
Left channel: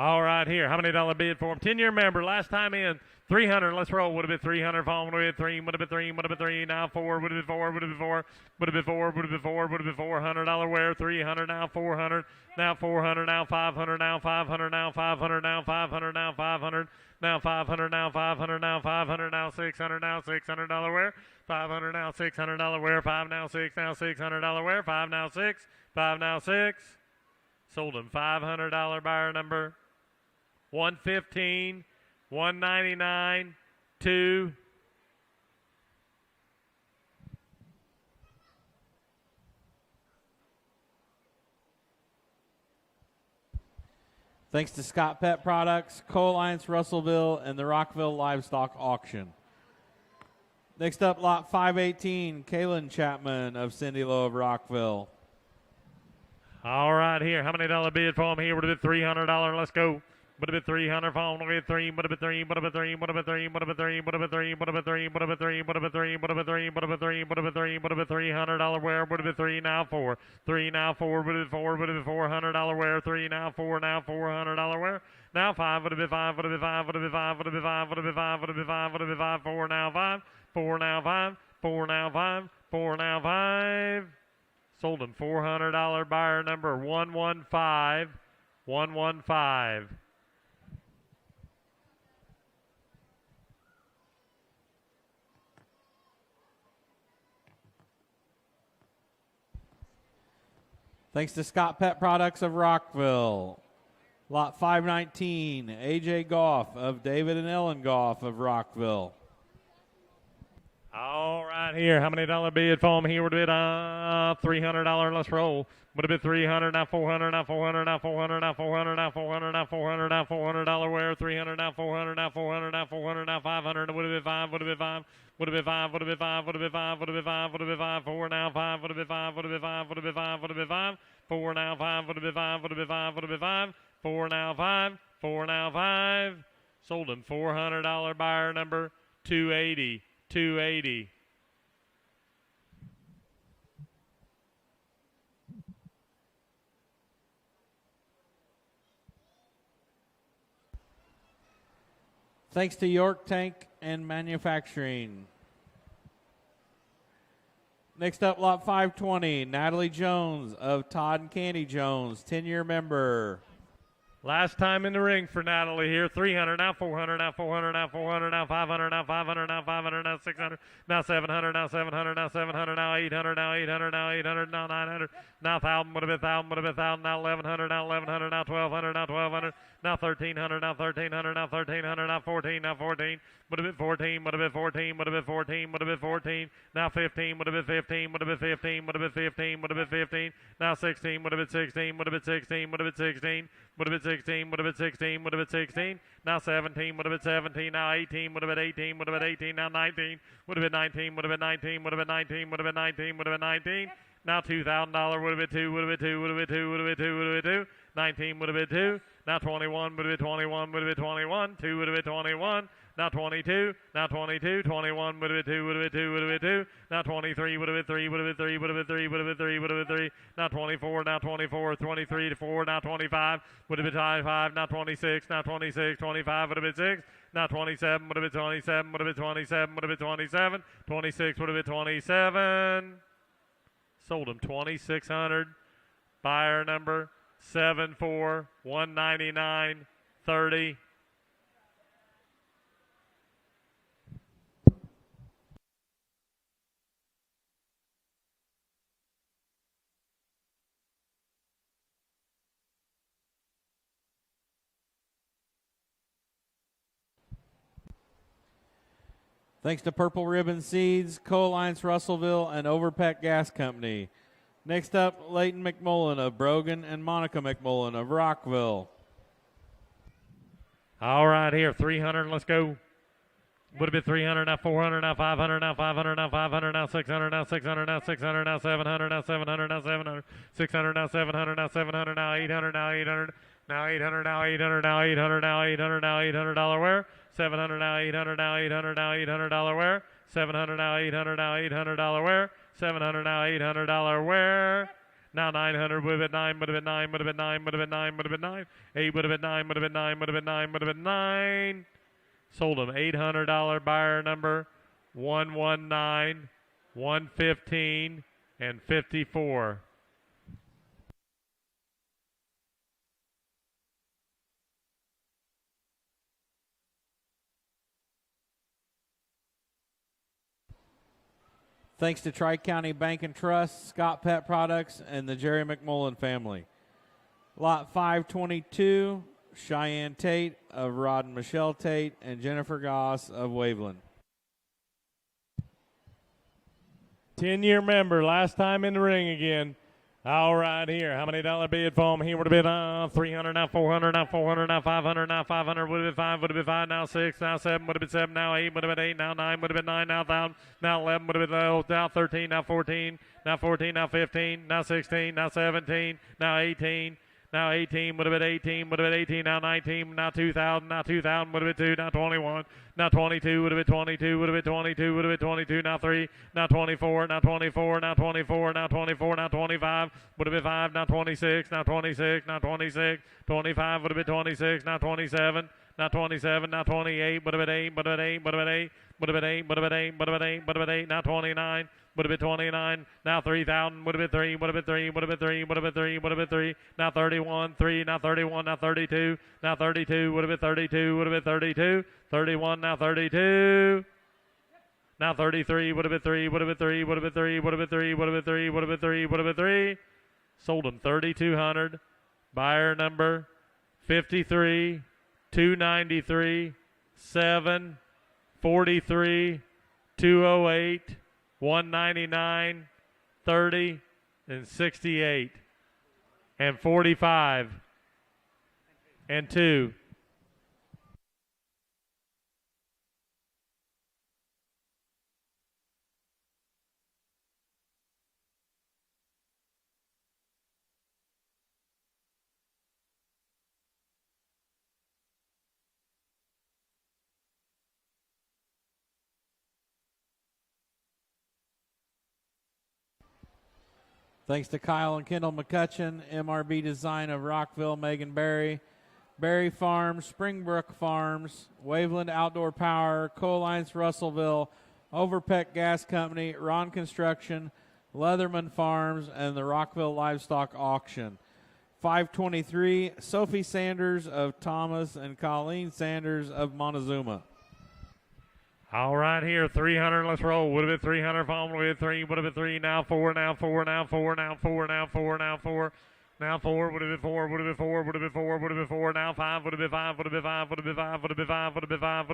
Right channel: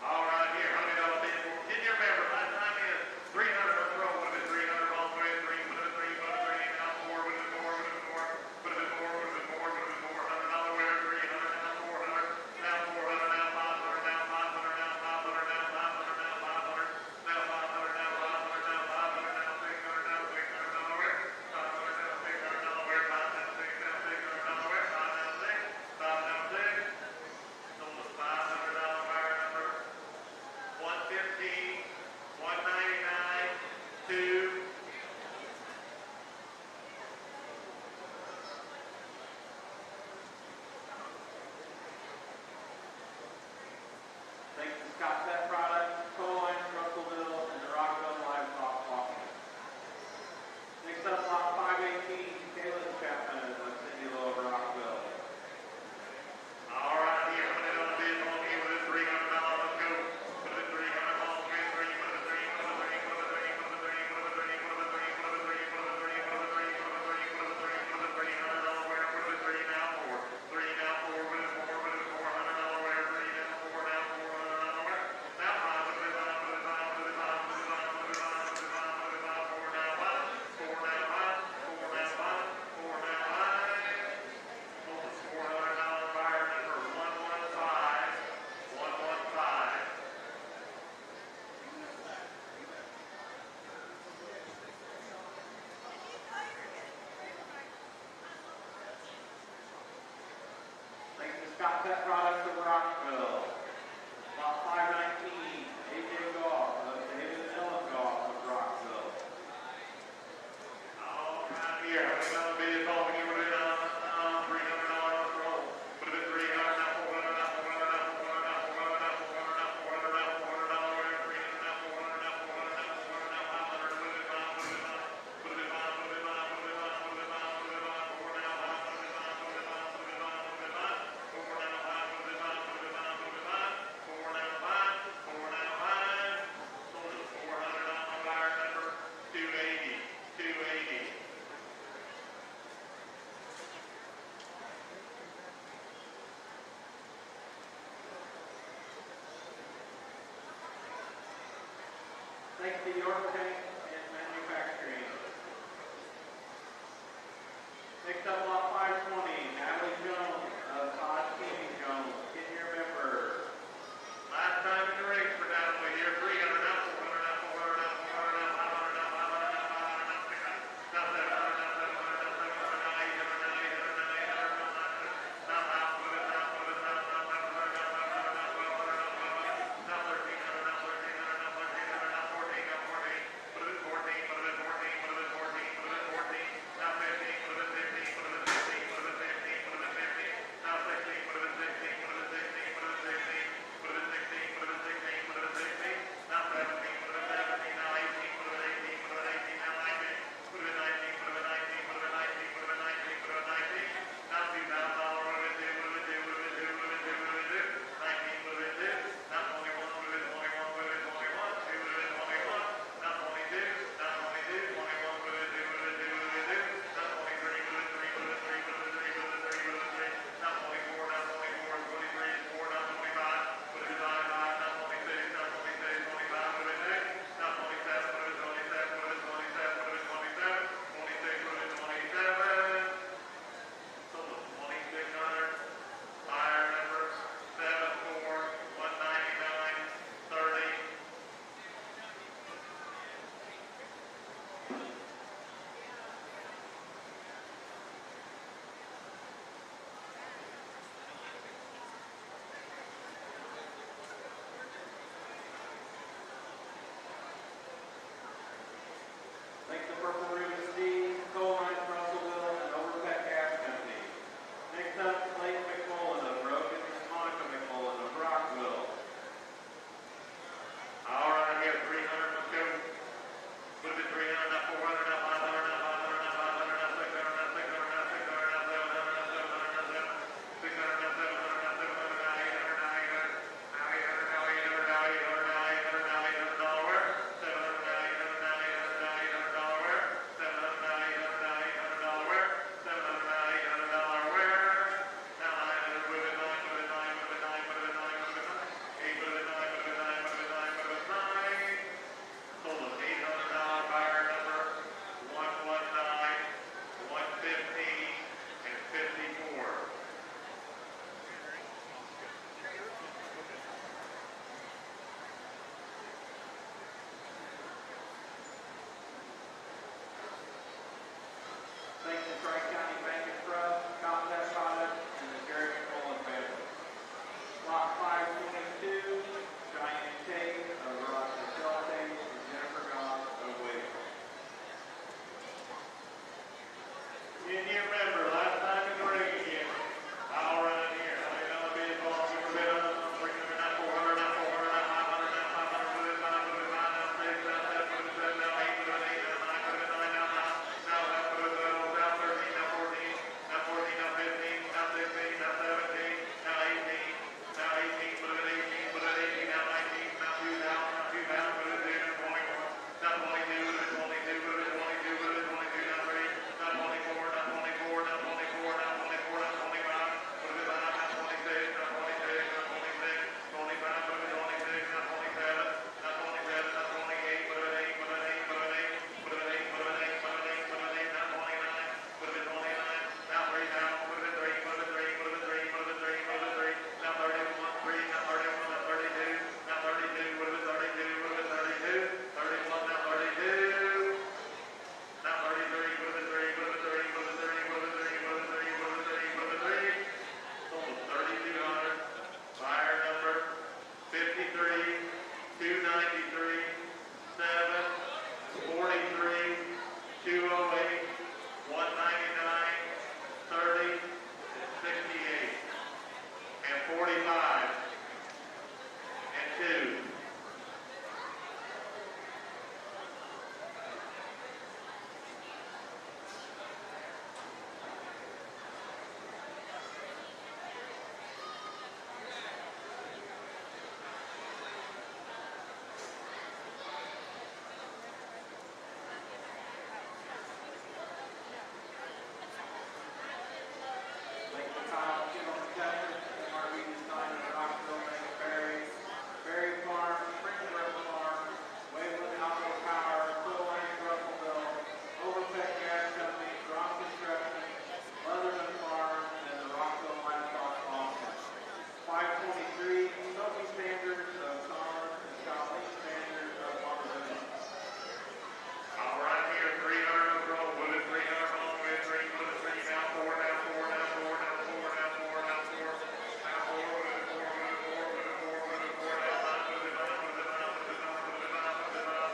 All right, here. How many dollar bid for him? 10-year member. Last time in, 300. Let's roll. Would have been 300. Falling. Would have been 3. Would have been 3. Would have been 3. Now 4. Would have been 4. Would have been 4. Would have been 4. Would have been 4. Would have been 400 dollar wear. 300. Now 400. Now 400. Now 500. Now 500. Now 500. Now 500. Now 500. Now 500. Now 500. Now 500. Now 600. Now 600 dollar wear. 500. Now 600 dollar wear. 5 now 6. Now 600 dollar wear. 5 now 6. 5 now 6. Sold him $500 buyer number 115, 199, 2. Thanks to Scott Pet Products, Coal Alliance Russellville, and the Rockville Livestock Auction. Next up, lot 518, Kaylin Chapman of Cindy Lowe of Rockville. All right, here. How many dollar bid for him here? Would have been $300. Let's go. Would have been 300 for him. Would have been 3. Would have been 3. Would have been 3. Would have been 3. Would have been 3. Would have been 3. Would have been 3. Would have been 3. Would have been 3. Would have been 3. Would have been 3. Would have been 3. Would have been $300 wear. Would have been 3 now 4. 3 now 4. Would have been 4. Would have been $400 wear. 3 now 4. Now $400 wear. Now 5. Would have been 5. Would have been 5. Would have been 5. Would have been 5. Would have been 5. Would have been 5. Would have been 5. 4 now 5. 4 now 5. 4 now 5. 4 now 5. Sold him $400 buyer number 115. 115. Thanks to Scott Pet Products of Rockville. Lot 519, AJ Goff of David and Ellen Goff of Rockville. All right, here. How many dollar bid for him? Here would have been $300. Let's roll. Would have been 300, now 400, now 400, now 400, now 400, now 400, now 400, now $400 wear. 300, now 400, now 400, now 400, now 500. Would have been 5. Would have been 5. Would have been 5, would have been 5, would have been 5, would have been 5, would have been 5, 4 now 5, would have been 5, would have been 5, would have been 5, would have been 5, 4 now 5, would have been 5, would have been 5, would have been 5, 4 now 5, 4 now 5. Sold him $400 buyer number 280, 280. Thanks to York Tank and Manufacturing. Next up, lot 520, Natalie Jones of Todd and Candy Jones, 10-year member. Last time in the ring for Natalie here. 300, now 400, now 400, now 400, now 500, now 500, now 500, now 600, now 700, now 700, now 700, now 800, now 800, now 800, now 900, now 1,000, would have been 1,000, would have been 1,000, now 1,100, now 1,100, now 1,200, now 1,200, now 1,300, now 1,300, now 1,300, now 14, now 14. Would have been 14, would have been 14, would have been 14, would have been 14, now 15, would have been 15, would have been 15, would have been 15, would have been 15, now 16, would have been 16, would have been 16, would have been 16, would have been 16, would have been 16, would have been 16, now 17, would have been 17, now 18, would have been 18, would have been 18, now 19, would have been 19, would have been 19, would have been 19, would have been 19, would have been 19, now $2,000, would have been 2, would have been 2, would have been 2, would have been 2, would have been 2, 19 would have been 2, now 21 would have been 21, would have been 21, 2 would have been 21, now 22, now 22, 21 would have been 2, would have been 2, would have been 2, now 23 would have been 3, would have been 3, would have been 3, would have been 3, would have been 3, now 24, now 24, 23 to 4, now 25, would have been 25, now 26, now 26, 25 would have been 6, now 27 would have been 27, would have been 27, would have been 27, 26 would have been 27, sold them 2,600, buyer number 74,199.30. Thanks to Purple Ribbon Seeds, Coal Alliance Russellville, and Overpeck Gas Company. Next up, Leighton McMullen of Brogan and Monica McMullen of Rockville. All right, here, 300, let's go. Would have been 300, now 400, now 500, now 500, now 500, now 600, now 600, now 600, now 700, now 700, now 700, 600, now 700, now 700, now 800, now 800, now 800, now 800, now 800, now 800, now $800 where? 700, now 800, now 800, now $800 where? 700, now 800, now $800 where? 700, now $800 where? Now 900 would have been 9, would have been 9, would have been 9, would have been 9, would have been 9. 8 would have been 9, would have been 9, would have been 9, would have been 9. Sold an $800 buyer number 119, 115, and 54. Thanks to Tri-County Bank and Trust, Scott Pet Products, and the Jerry McMullen family. Lot 522, Cheyenne Tate of Rod and Michelle Tate, and Jennifer Goss of Waveland. 10-year member, last time in the ring again. All right, here. How many dollar bid for him? He would have been 300, now 400, now 400, now 500, now 500, would have been 5, would have been 5, now 6, now 7, would have been 7, now 8, would have been 8, now 9, would have been 9, now 10, now 11, would have been now 13, now 14, now 14, now 15, now 16, now 17, now 18, now 18, would have been 18, would have been 18, now 19, now 2,000, now 2,000, would have been 2, now 21. Now 22, would have been 22, would have been 22, would have been 22, now 3, now 24, now 24, now 24, now 24, now 25, would have been 5, now 26, now 26, now 26, 25, would have been 26, now 27, now 27, now 28, would have been 8, would have been 8, would have been 8, would have been 8, would have been 8, would have been 8, would have been 8, now 29, would have been 29, now 3,000, would have been 3, would have been 3, would have been 3, would have been 3, would have been 3, now 31, 3, now 31, now 32, now 32, would have been 32, would have been 32, 31, now 32, now 33, would have been 3, would have been 3, would have been 3, would have been 3, would have been 3, would have been 3, would have been 3, sold them 3,200, buyer number 53, 293, 7, 43, 208, 199, 30, and 68, and 45, and 2. Thanks to Kyle and Kendall McCutcheon, MRB Design of Rockville, Megan Berry, Berry Farms, Springbrook Farms, Waveland Outdoor Power, Coal Alliance Russellville, Overpeck Gas Company, Ron Construction, Leatherman Farms, and the Rockville Livestock Auction. 523, Sophie Sanders of Thomas and Colleen Sanders of Montezuma. All right, here, 300, let's roll. Would have been 300, phone, would have been 3, would have been 3, now 4, now 4, now 4, now 4, now 4, now 4, now 4, would have been 4, would have been 4, would have been 4, would have been 4, now 5, would have been 5, would have been 5, would have been 5, would have been 5, would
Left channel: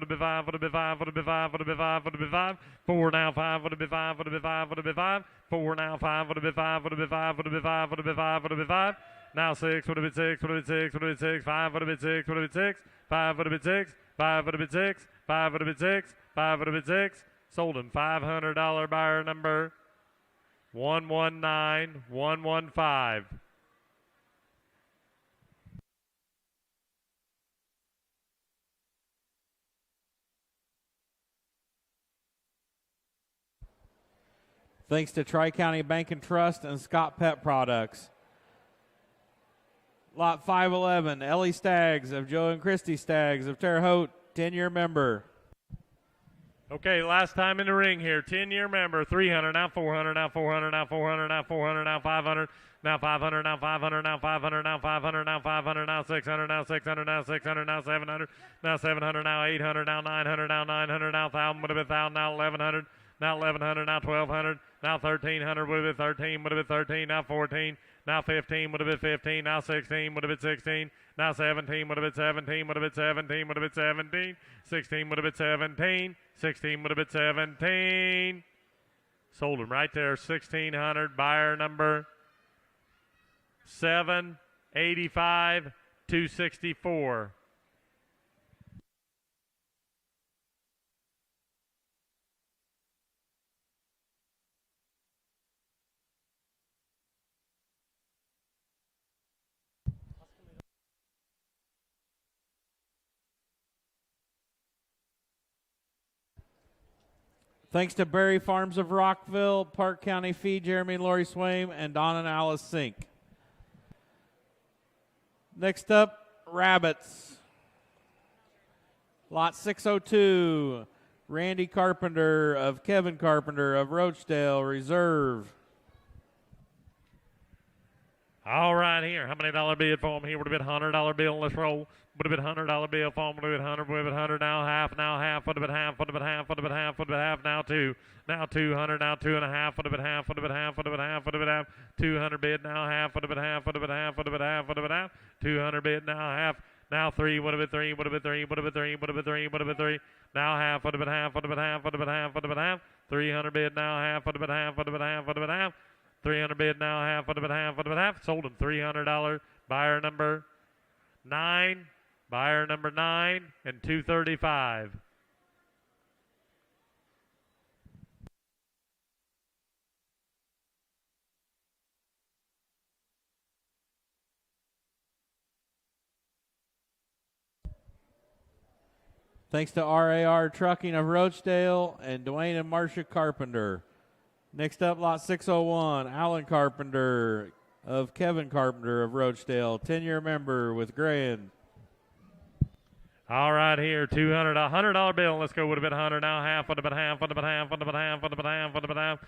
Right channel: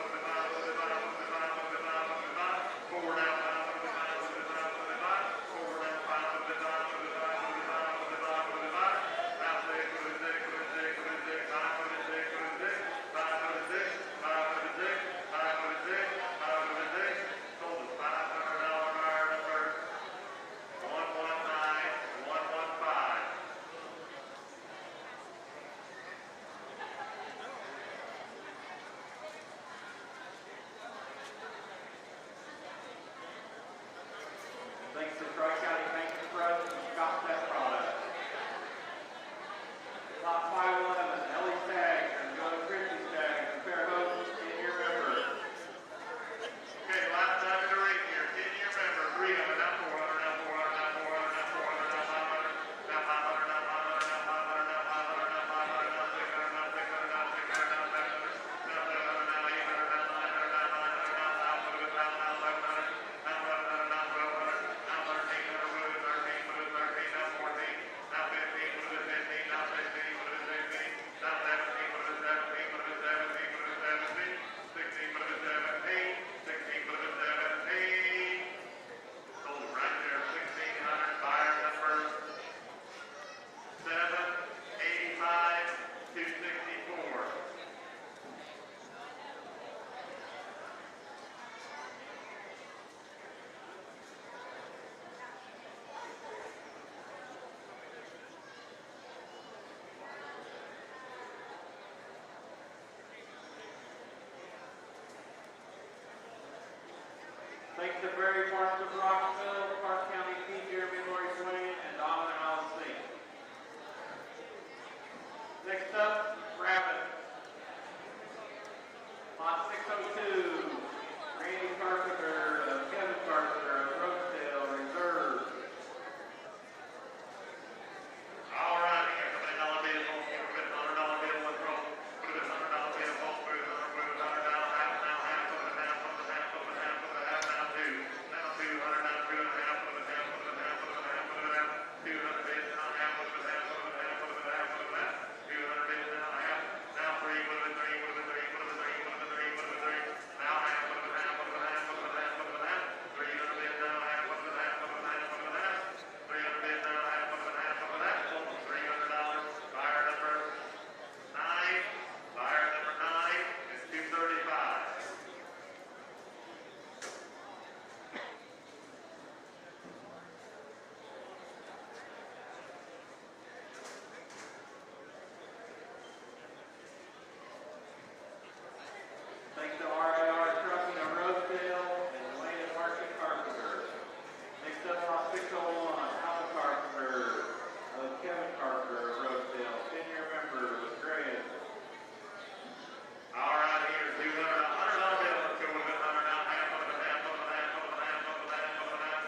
have been 5, would have been 5, would have been 5, would have been 5, would have been 5, would have been 5, 4, now 5, would have been 5, would have been 5, would have been 5, 4, now 5, would have been 5, would have been 5, would have been 5, would have been 5, would have been 5, now 6, would have been 6, would have been 6, would have been 6, 5, would have been 6, would have been 6, 5, would have been 6, 5, would have been 6, 5 would have been 6, 5 would have been 6. Sold in $500 buyer number 119115. Thanks to Tri-County Bank and Trust and Scott Pet Products. Lot 511, Ellie Staggs of Joe and Christy Staggs of Terre Haute, 10-year member. Okay, last time in the ring here. 10-year member, 300, now 400, now 400, now 400, now 400, now 500, now 500, now 500, now 500, now 500, now 500, now 600, now 600, now 600, now 700, now 700, now 800, now 900, now 900, now 1,000, would have been 1,000, now 1,100, now 1,100, now 1,200, now 1,300, would have been 13, would have been 13, now 14, now 15, would have been 15, now 16, would have been 16, now 17, would have been 17, would have been 17, would have been 17, 16 would have been 17, 16 would have been 17. Sold them right there, 1,600, buyer number 785 264. Thanks to Berry Farms of Rockville, Park County Feed, Jeremy and Lori Swaim, and Don and Alice Sink. Next up, rabbits. Lot 602, Randy Carpenter of Kevin Carpenter of Roachdale Reserve. All right, here. How many dollar bill phone here? Would have been $100 bill. Let's roll. Would have been $100 bill phone. Would have been 100. Would have been 100. Now half. Now half. Would have been half. Would have been half. Would have been half. Would have been half. Now 2. Now 200. Now 2 and a half. Would have been half. Would have been half. Would have been half. Would have been half. 200 bid. Now half. Would have been half. Would have been half. Would have been half. Would have been half. 200 bid. Now half. Now 3. Would have been 3. Would have been 3. Would have been 3. Would have been 3. Would have been 3. Now half. Would have been half. Would have been half. Would have been half. Would have been half. 300 bid. Now half. Would have been half. Would have been half. Would have been half. 300 bid. Now half. Would have been half. Would have been half. Sold them $300. Buyer number 9. Buyer number 9 and 235. Thanks to RAR Trucking of Roachdale and Dwayne and Marcia Carpenter. Next up, lot 601, Alan Carpenter of Kevin Carpenter of Roachdale, 10-year member with Graham. All right, here, $200, $100 bill. Let's go. Would have been 100. Now half. Would have been half. Would have been half. Would have been half. Would have been half. Would have been half.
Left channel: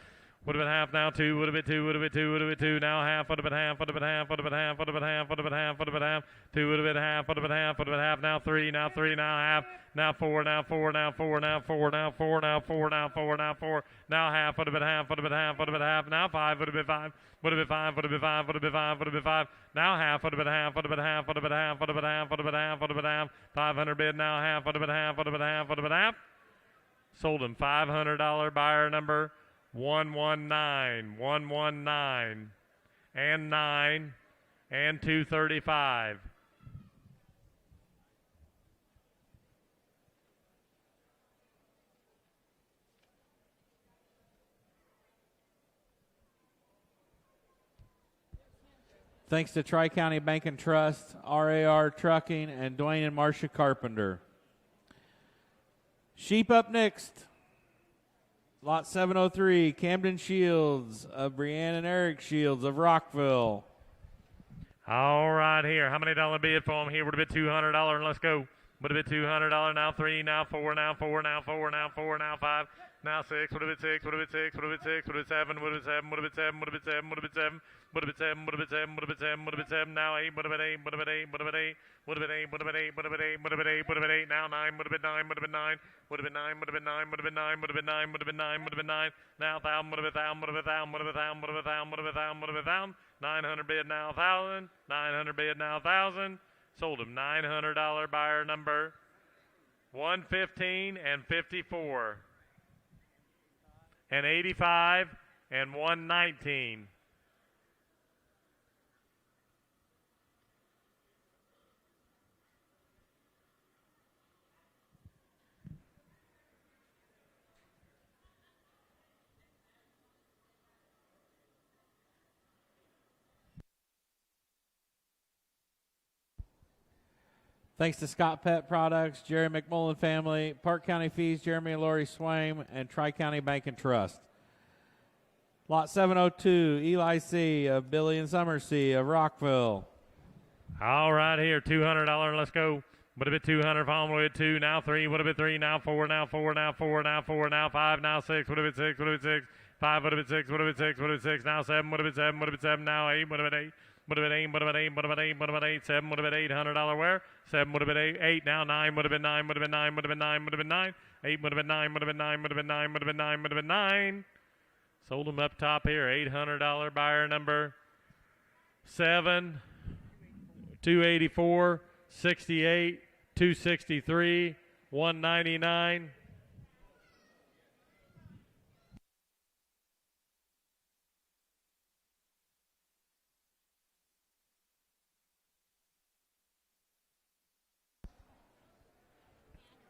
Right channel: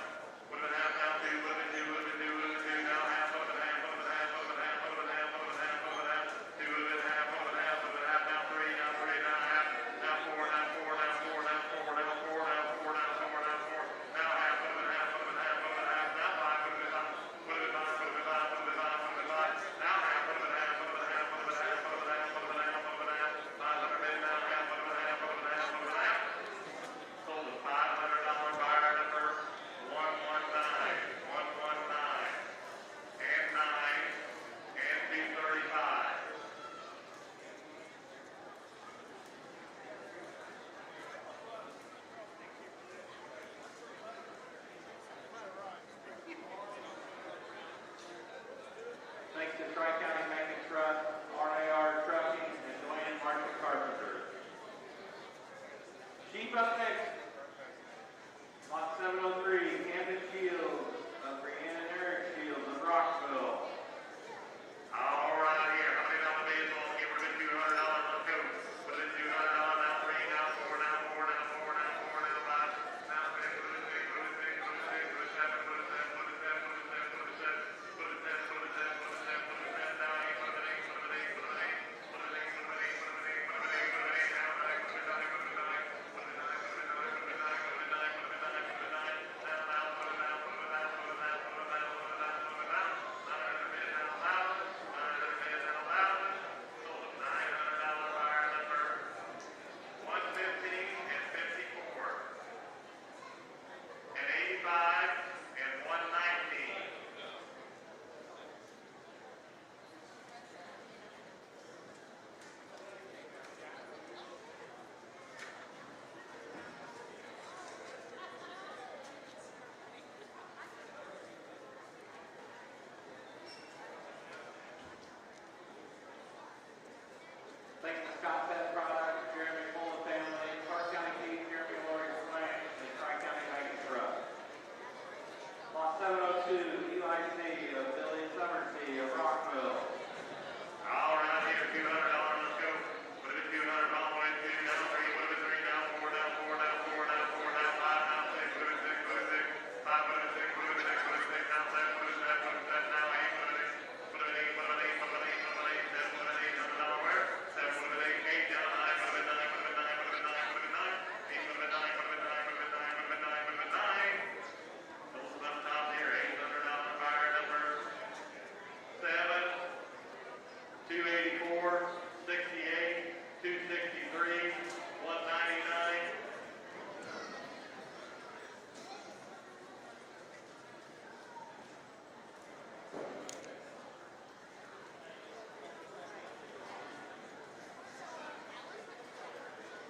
Would have been half. Now 2. Would have been 2. Would have been 2. Would have been 2. Now half. Would have been half. Would have been half. Would have been half. Would have been half. Would have been half. Would have been half. 2 would have been half. Would have been half. Would have been half. Now 3. Now 3. Now half. Now 4. Now 4. Now 4. Now 4. Now 4. Now 4. Now 4. Now 4. Now half. Would have been half. Would have been half. Would have been half. Now 5. Would have been 5. Would have been 5, would have been 5, would have been 5, would have been 5. Now half, would have been half, would have been half, would have been half, would have been half, would have been half, would have been half. 500 bid, now half, would have been half, would have been half, would have been half. Sold in $500, buyer number 119, 119, and 9, and 235. Thanks to Tri-County Bank and Trust, RAR Trucking, and Dwayne and Marcia Carpenter. Sheep up next. Lot 703, Camden Shields of Brianne and Eric Shields of Rockville. All right, here. How many dollar bid phone here? Would have been $200. Let's go. Would have been $200. Now 3. Now 4. Now 4. Now 4. Now 4. Now 5. Now 6. Would have been 6. Would have been 6. Would have been 6. Would have been 7. Would have been 7. Would have been 7. Would have been 7. Would have been 7. Would have been 7, would have been 7, would have been 7, would have been 7, now 8, would have been 8, would have been 8, would have been 8, Would have been 8, would have been 8, would have been 8, would have been 8, would have been 8, now 9, would have been 9, would have been 9, would have been 9, would have been 9, would have been 9, would have been 9, would have been 9, would have been 9, now 1,000, would have been 1,000, would have been 1,000, would have been 1,000, would have been 1,000, would have been 1,000, would have been 1,000, 900 bid now 1,000, 900 bid now 1,000, sold him $900 buyer number 115 and 54 and 85 and 119. Thanks to Scott Pet Products, Jerry McMullen family, Parke County Fees, Jeremy and Lori Swain, and Tri-County Bank and Trust. Lot 702, Eli C. of Billy and Summer C. of Rockville. All right, here, $200. Let's go. Would have been 200, following with 2, now 3, would have been 3, now 4, now 4, now 4, now 4, now 5, now 6, would have been 6, would have been 6, 5, would have been 6, would have been 6, would have been 6, now 7, would have been 7, would have been 7, now 8, would have been 8. Would have been 8, would have been 8, would have been 8, would have been 8, 7 would have been $800 where? 7 would have been 8, 8 now 9 would have been 9, would have been 9, would have been 9, would have been 9, 8 would have been 9, would have been 9, would have been 9, would have been 9, would have been 9. Sold them up top here, $800 buyer number 7, 284, 68, 263, 199.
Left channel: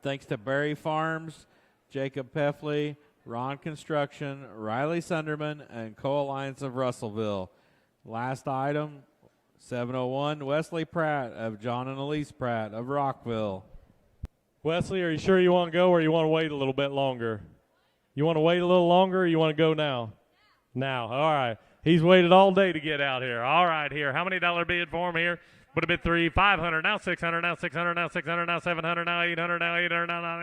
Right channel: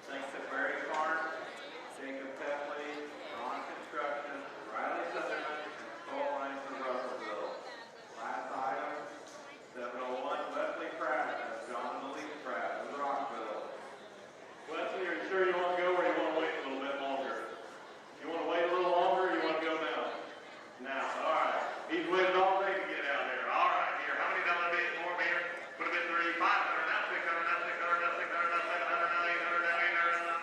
Thanks to Berry Farms, Jacob Peffley, Ron Construction, Riley Sunderman, and Co-Alliance of Russellville. Last item, 701, Wesley Pratt of John and Elise Pratt of Rockville. Wesley, are you sure you want to go or you want to wait a little bit longer? You want to wait a little longer or you want to go now? Now, all right. He's waited all day to get out here. All right, here. How many dollar bid for him here? Would have been 3, 500, now 600, now 600, now 600, now 700, now 800, now 800, now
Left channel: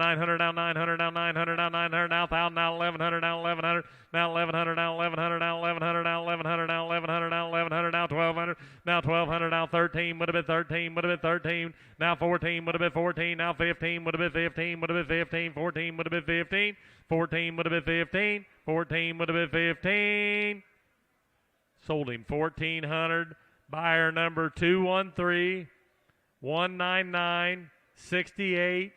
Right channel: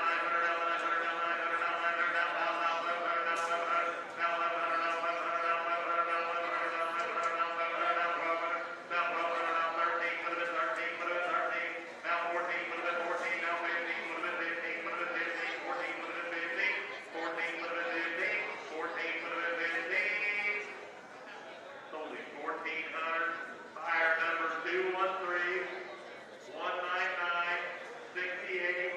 900, now 900, now 900, now 900, now 1,000, now 1,100, now 1,100, now 1,100, now 1,100, now 1,100, now 1,100, now 1,100, now 1,100, now 1,200, now 1,200, now 13, would have been 13, would have been 13, now 14, would have been 14, now 15, would have been 15, would have been 15, 14, would have been 15, 14, would have been 15, 14, would have been 15. Sold him 1,400. Buyer number 213, 199, 68,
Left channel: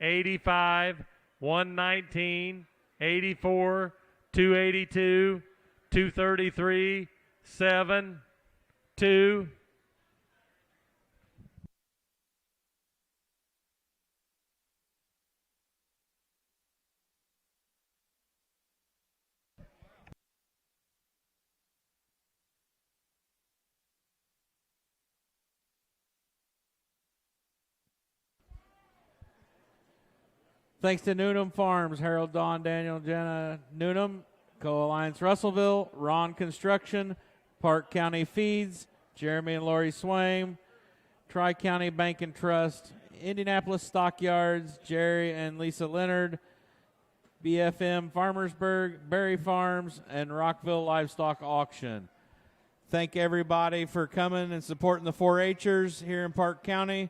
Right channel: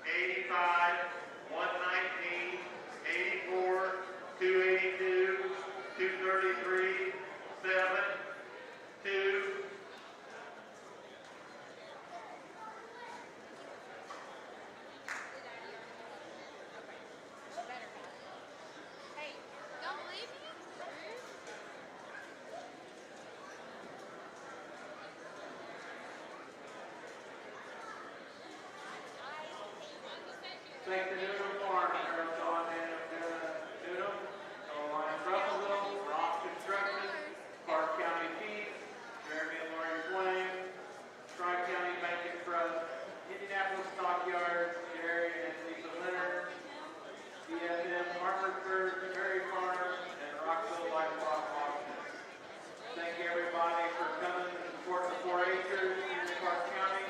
85, 119, 84, 282, 233, 7, 2. Thanks to Newnham Farms, Harold, Don, Daniel, and Jenna Newnham, Co-Alliance Russellville, Ron Construction, Parke County Feeds, Jeremy and Lori Swain, Tri-County Bank and Trust, Indianapolis Stockyards, Jerry and Lisa Leonard, BFM Farmersburg, Berry Farms, and Rockville Livestock Auction. Thank everybody for coming and supporting the 4-H'ers here in Parke County.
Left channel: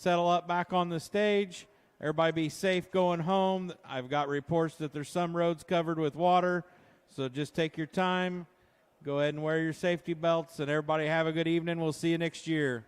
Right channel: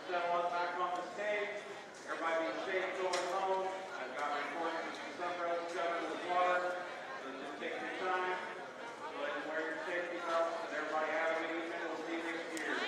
Settle up back on the stage. Everybody be safe going home. I've got reports that there's some roads covered with water, so just take your time. Go ahead and wear your safety belts, and everybody have a good evening. We'll see you next year.